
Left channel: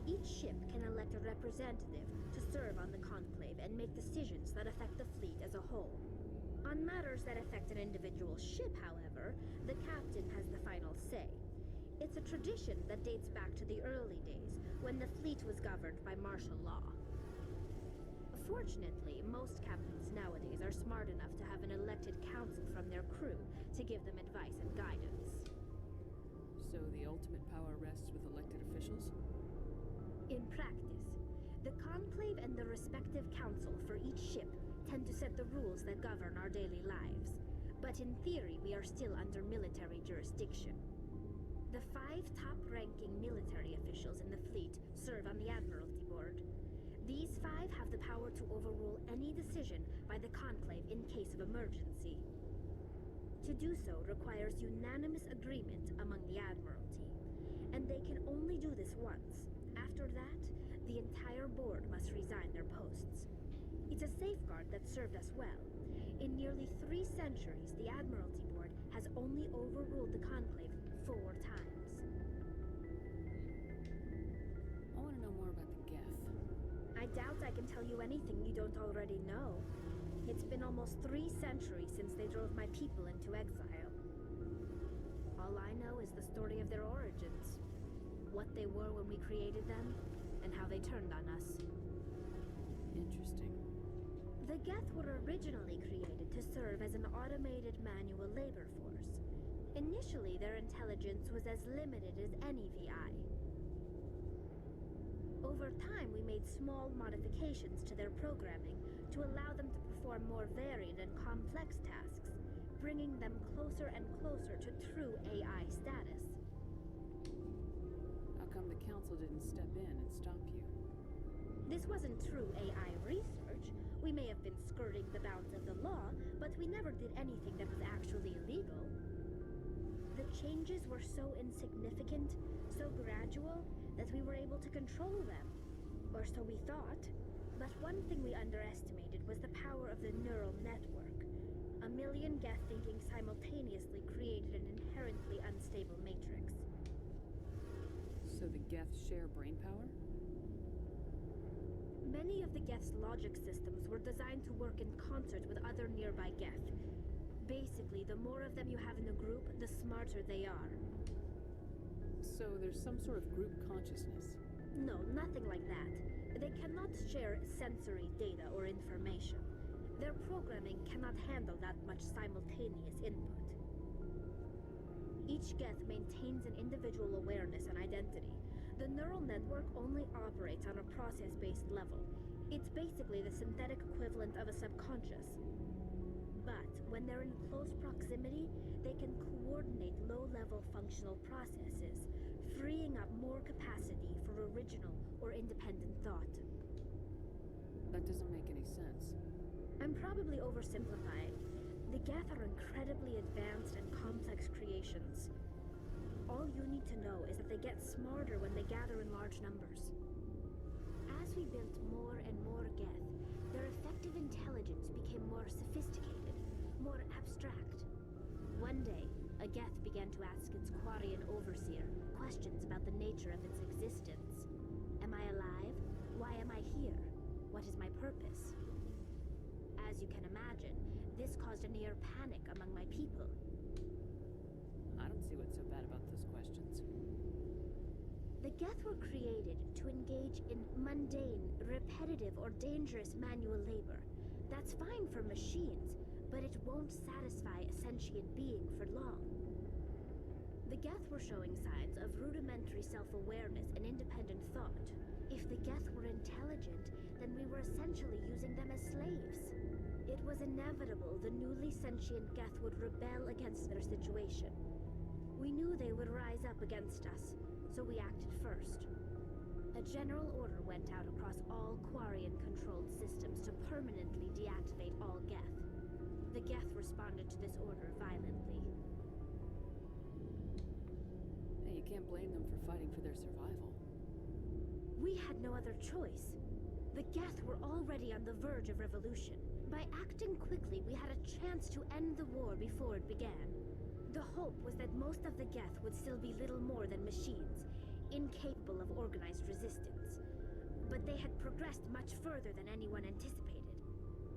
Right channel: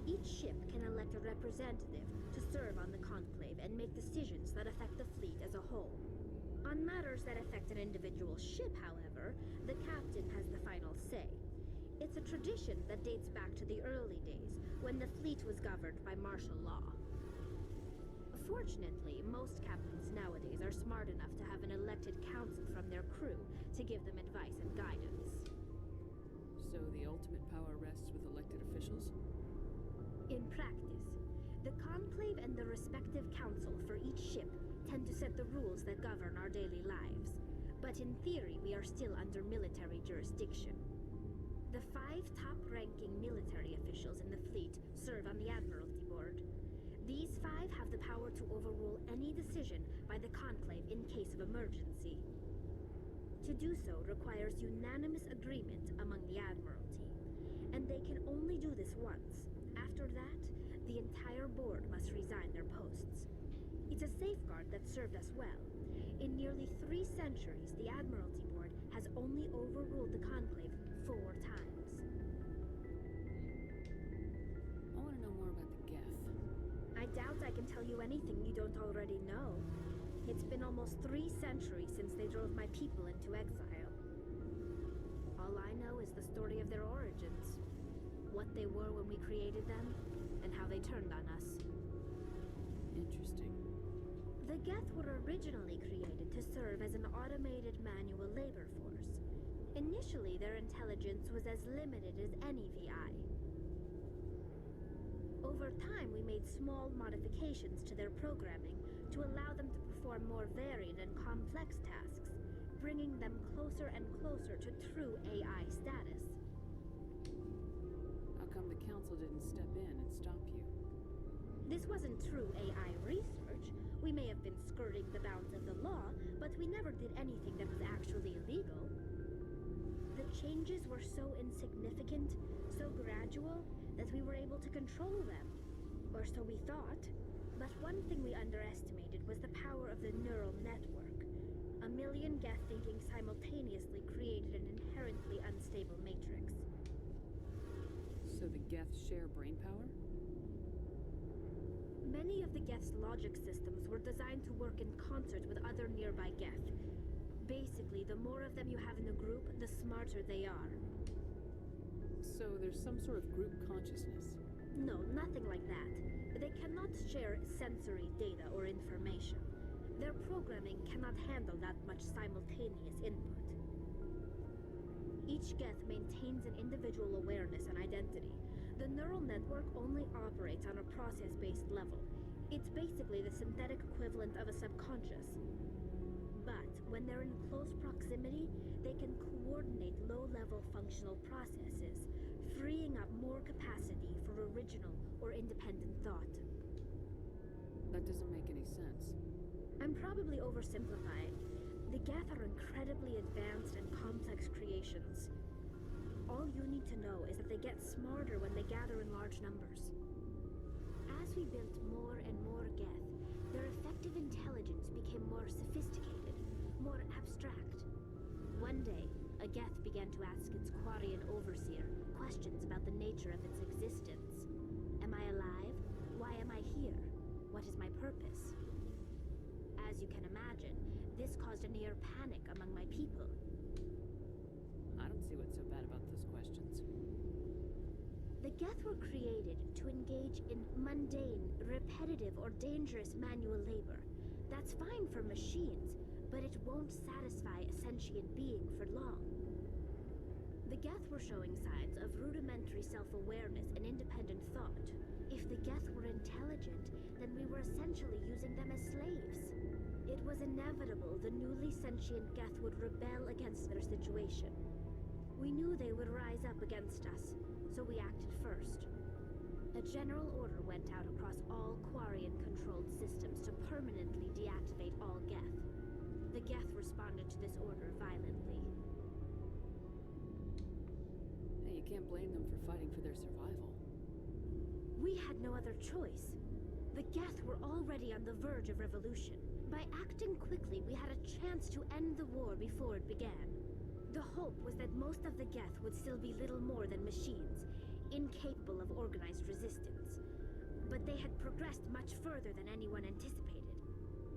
Each ship can elect a representative to serve on the Conclave and make decisions that affect the fleet as a whole. On matters that affect an individual ship, however, the captain has the final say. It's a tradition that dates back to the early days, when the fleet was governed by martial law. Fortunately, most captains nowadays are smart enough to have an elected council from their crew to give them advice and guidance. So the ultimate power rests with elected officials? In practice, the Conclave and the respective council for each ship tend to set the rules that govern our daily lives. But in theory, we are still under military jurisdiction. The 5 top-ranking military officials in the fleet serve on the Admiralty Board. These 5 have the power to overrule any decision by the Conclave in case of emergency. To do so requires unanimous agreement among the Admiralty, and they can only do this once. After that, the entire board must resign their posts. It's a safeguard that served us well. In nearly 3 centuries, the Admiralty Board has only overruled the Conclave 4 times. I want to know more about the Geth. I doubt I can tell you anything you don't already know. It's been almost 3 centuries since they drove my people into exile. All I know is the story of their origins, what they were when we created them, and how they turned on us. Interesting. The Geth were originally created to serve as an automated manual labor force. Initially, their intelligence was as limited as any VI. Over time, we made small modifications to their programming to allow them to perform more varied and complex tasks, bringing them closer and closer to true AI status. How come the Council didn't step in and stop you? This wasn't true AI research. We may have been skirting the bounds of the law, but we never did anything that was actually illegal. The changes were so insignificant, so gradual, that we were able to control them. Or so we thought. But one thing we underestimated was the power of the neural network. A million Geth thinking simultaneously created an inherently unstable matrix. So the Geth share brain power? Many of the Geth's logic systems were designed to work in concert with other nearby Geth. Basically, the more of them you have in a group, the smarter they are. So there's some sort of group consciousness? No, nothing like that. They cannot share sensory data or information. Their programming cannot handle that much simultaneous input. Each Geth maintains an individual awareness and identity. The neural network only operates on a process-based level. It's basically the synthetic equivalent of a subconscious. But when they're in close proximity, they can coordinate low-level functional processes, freeing up more capacity for original or independent thought. That doesn't make any sense. I'm probably oversimplifying. The Geth are incredibly advanced and complex creations. All you need to know is that they get smarter when they gather in large numbers. As we built more and more Geth, their effective intelligence became more sophisticated, more abstract. One day, a Geth began to ask its Quarian overseer questions about the nature of its existence. Am I alive? Why am I here? What is my purpose? As you can imagine, this caused a near panic among my people. I don't see what's so bad about those questions. The Geth were created to engage in mundane, repetitive, or dangerous manual labor. That's fine for machines, but it won't satisfy a sentient being for long. The Geth were showing signs of rudimentary self-awareness and independent thought. If the Geth were intelligent, then we were essentially using them as slaves. It was inevitable the newly sentient Geth would rebel against their situation. We knew they would rise up against us, so we acted first. A general order went out across all Quarian-controlled systems to permanently deactivate all Geth. The Geth responded to this order violently. Hey, you can't blame them for fighting for their survival. We had no other choice. The Geth were already on the verge of revolution. By acting quickly, we had a chance to end the war before it began. The hope was that most of the Geth would still be little more than machines, incapable of organized resistance. But they had progressed much further than anyone anticipated.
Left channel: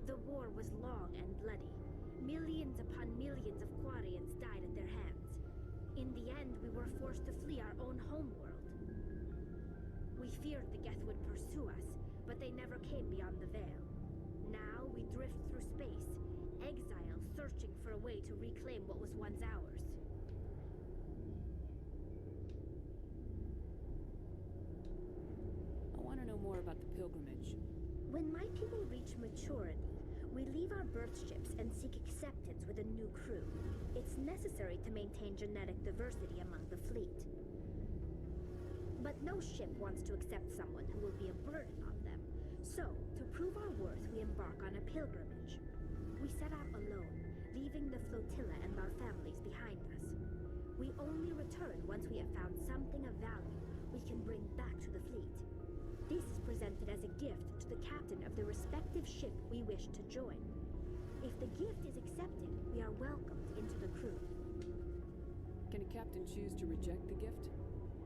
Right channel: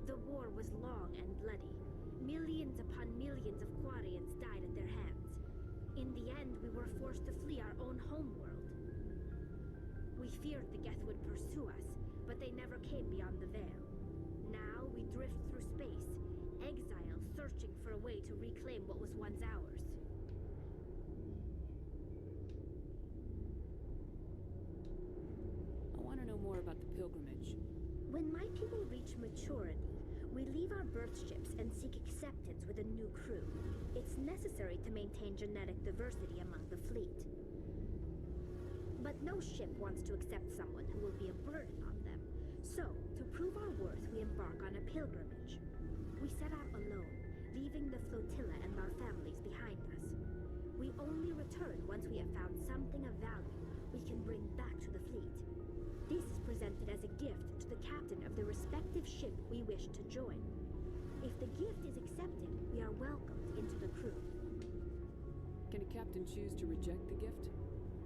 The war was long and bloody. Millions upon millions of Quarians died at their hands. In the end, we were forced to flee our own homeworld. We feared the Geth would pursue us, but they never came beyond the Veil. Now we drift through space, exile searching for a way to reclaim what was once ours. I want to know more about the pilgrimage. When my people reach maturity, we leave our birth ships and seek acceptance with a new crew. It's necessary to maintain genetic diversity among the fleet. But no ship wants to accept someone who will be a burden on them. So, to prove our worth, we embark on a pilgrimage. We set out alone, leaving the flotilla and our families behind us. We only return once we have found something of value we can bring back to the fleet. This is presented as a gift to the captain of the respective ship we wish to join. If the gift is accepted, we are welcomed into the crew. Can a captain choose to reject the gift?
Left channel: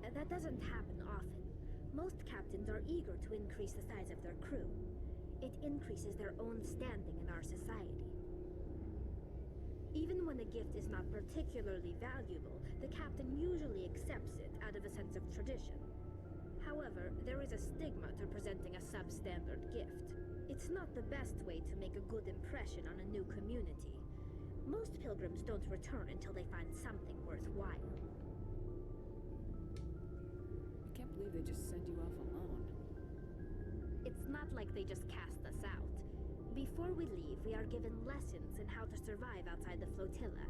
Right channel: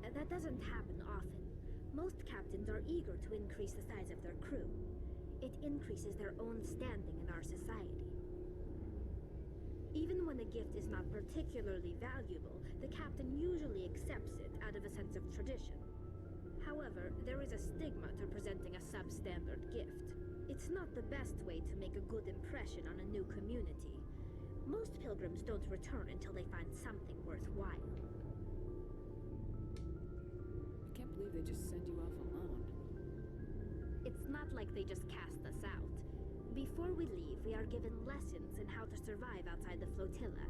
That doesn't happen often. Most captains are eager to increase the size of their crew. It increases their own standing in our society. Even when a gift is not particularly valuable, the captain usually accepts it out of a sense of tradition. However, there is a stigma to presenting a substandard gift. It's not the best way to make a good impression on a new community. Most pilgrims don't return until they find something worthwhile. I can't believe they just send you off alone. It's not like they just cast us out. Before we leave, we are given lessons in how to survive outside the flotilla,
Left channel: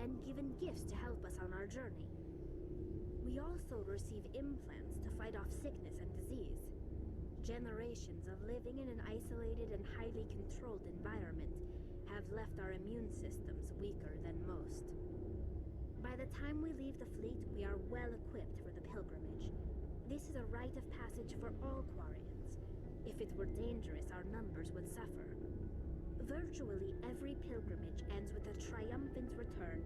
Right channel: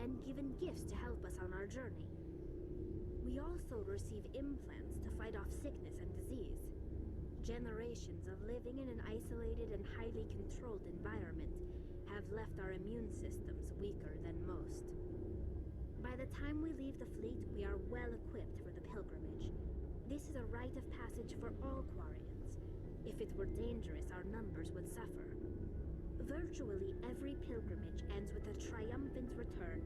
and given gifts to help us on our journey. We also receive implants to fight off sickness and disease. Generations of living in an isolated and highly controlled environment have left our immune systems weaker than most. By the time we leave the fleet, we are well equipped for the pilgrimage. This is a rite of passage for all Quarians. If it were dangerous, our numbers would suffer. Virtually every pilgrimage ends with a triumphant return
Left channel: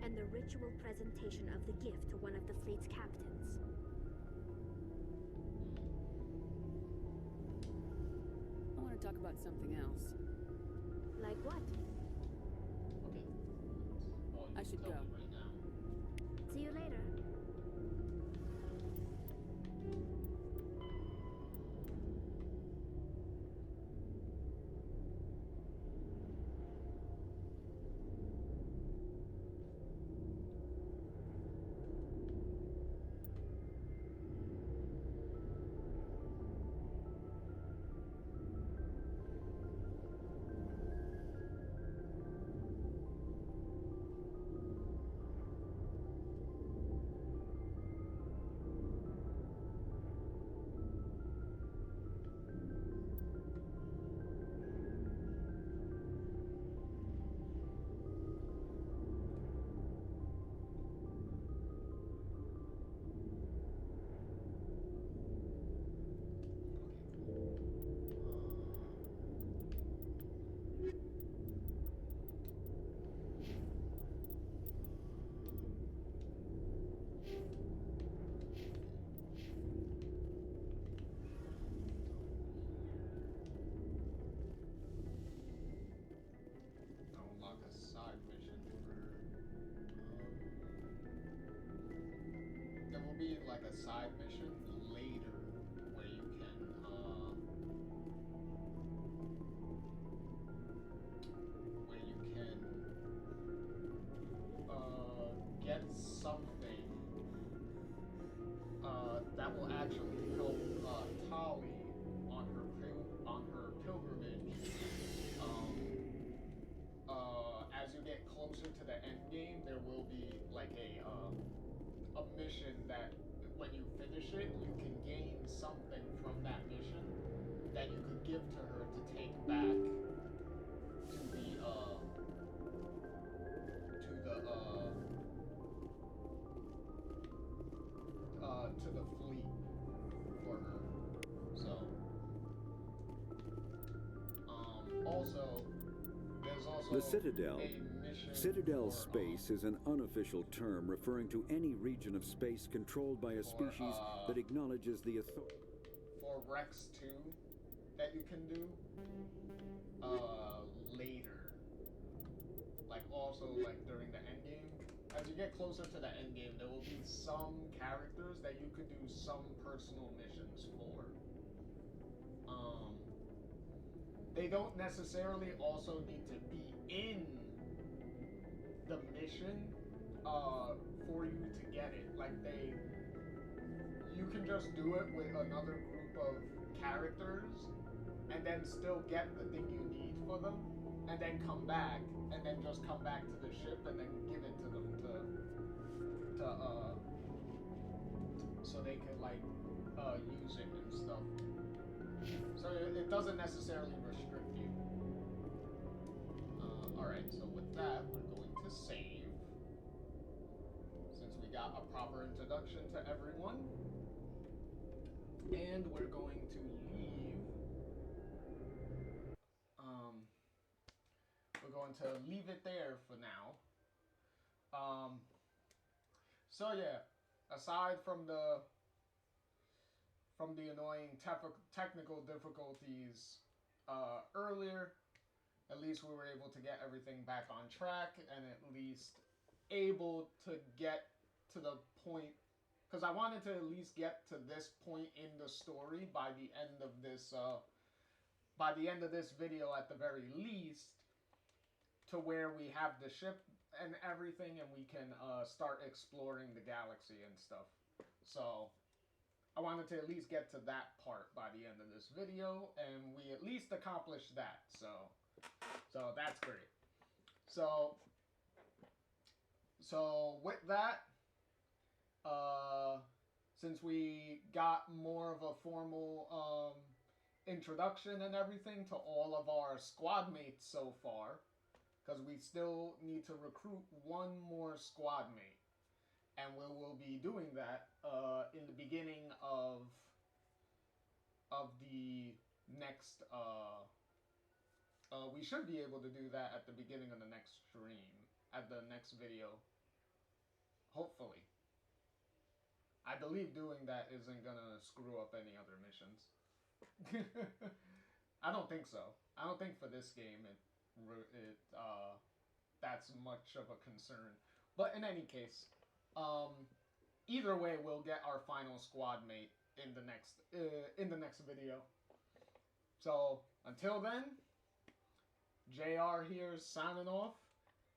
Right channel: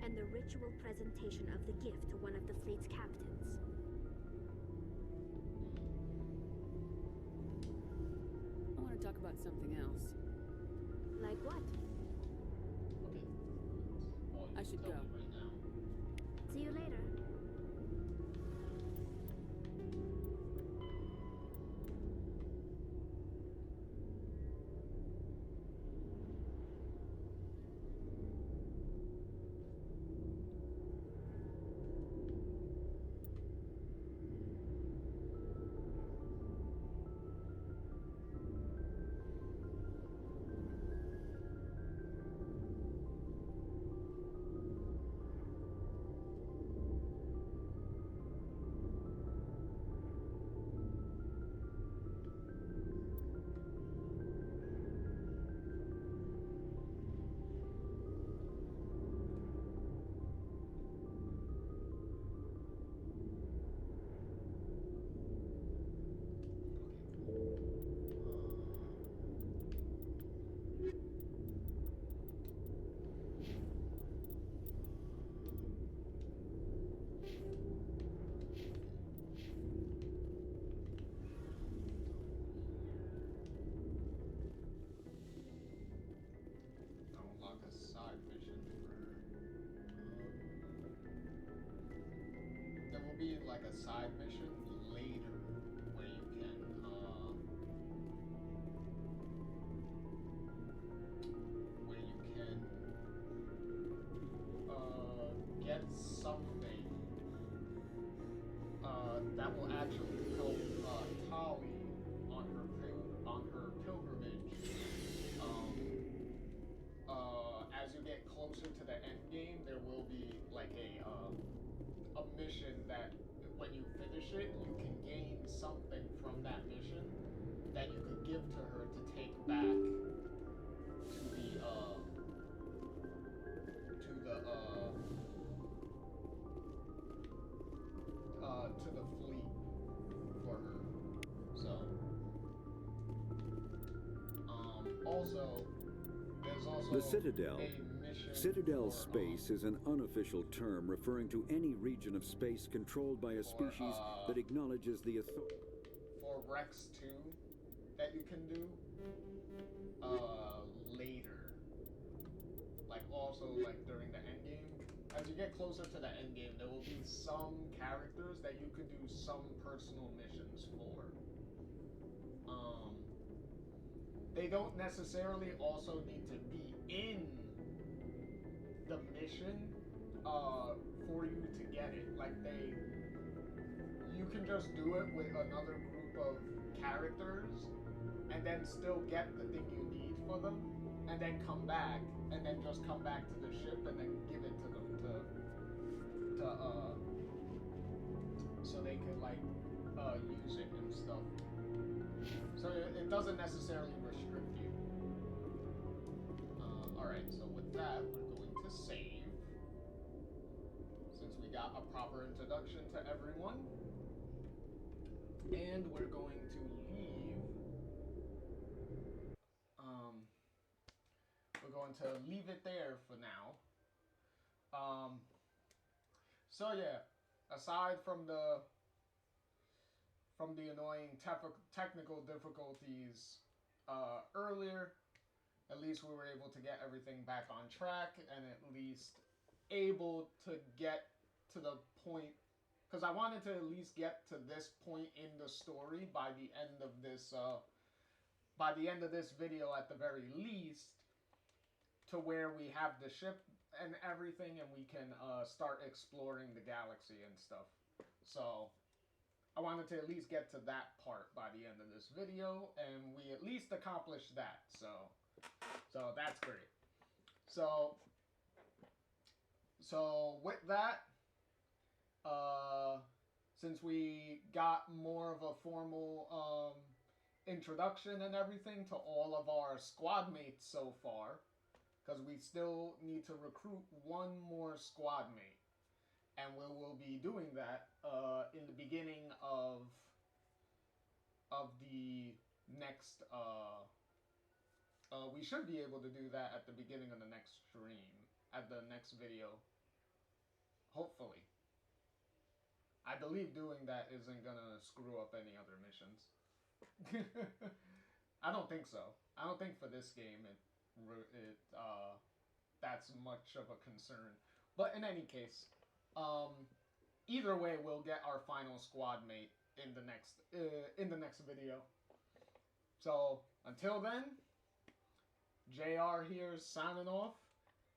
and the ritual presentation of the gift to one of the fleet's captains. I want to talk about something else. Like what? I should go. See you later. Be like a side mission later where you can get something that will actually help Tali on her pilgrimage. As you get closer to the end game, there will be like a mission that when you finish it, you can gain something from that mission that you could give to her to take back to the fleet for her. So also there's also the Citadel. a mission Citadel for, space is an unofficial term referring to any region of space controlled by a species that acknowledges the authority. For Rex 2 that you can do later. Like also like during the end game. As you get closer to the end game, there will be some characters that you could do some personal missions for. They don't necessarily also need to be in the mission for you to get it. Like you can just do it with another group of characters and then still get the thing you need for them and then come back and then just come back to the ship and then give it to them so they could like use it and stuff. So it doesn't necessarily restrict you. Alright, so with that, we're going to save. Since we got a proper introduction to everyone. And we're going to leave. We're going to leave it there for now. So yeah, aside from the annoying technical difficulties earlier, at least we were able to get everything back on track and at least able to get to the point, because I wanted to at least get to this point in the story by the end of this video at the very least, to where we have the ship and everything and we can start exploring the galaxy and stuff. So I wanted to at least get to that part by the end of this video, and we at least accomplished that. So that's great. So with that, since we got more of a formal introduction and everything to all of our squad mates so far, because we still need to recruit one more squad mate, and we will be doing that in the beginning of the next. We should be able to do that at the beginning of the next stream, at the next video. Hopefully. I believe doing that isn't gonna screw up any other missions. I don't think so. I don't think for this game that's much of a concern. But in any case, either way, we'll get our final squad mate in the next video. So until then, JR here signing off,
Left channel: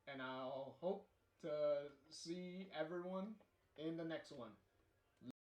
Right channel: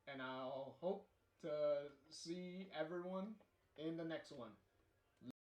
and I'll hope to see everyone in the next one.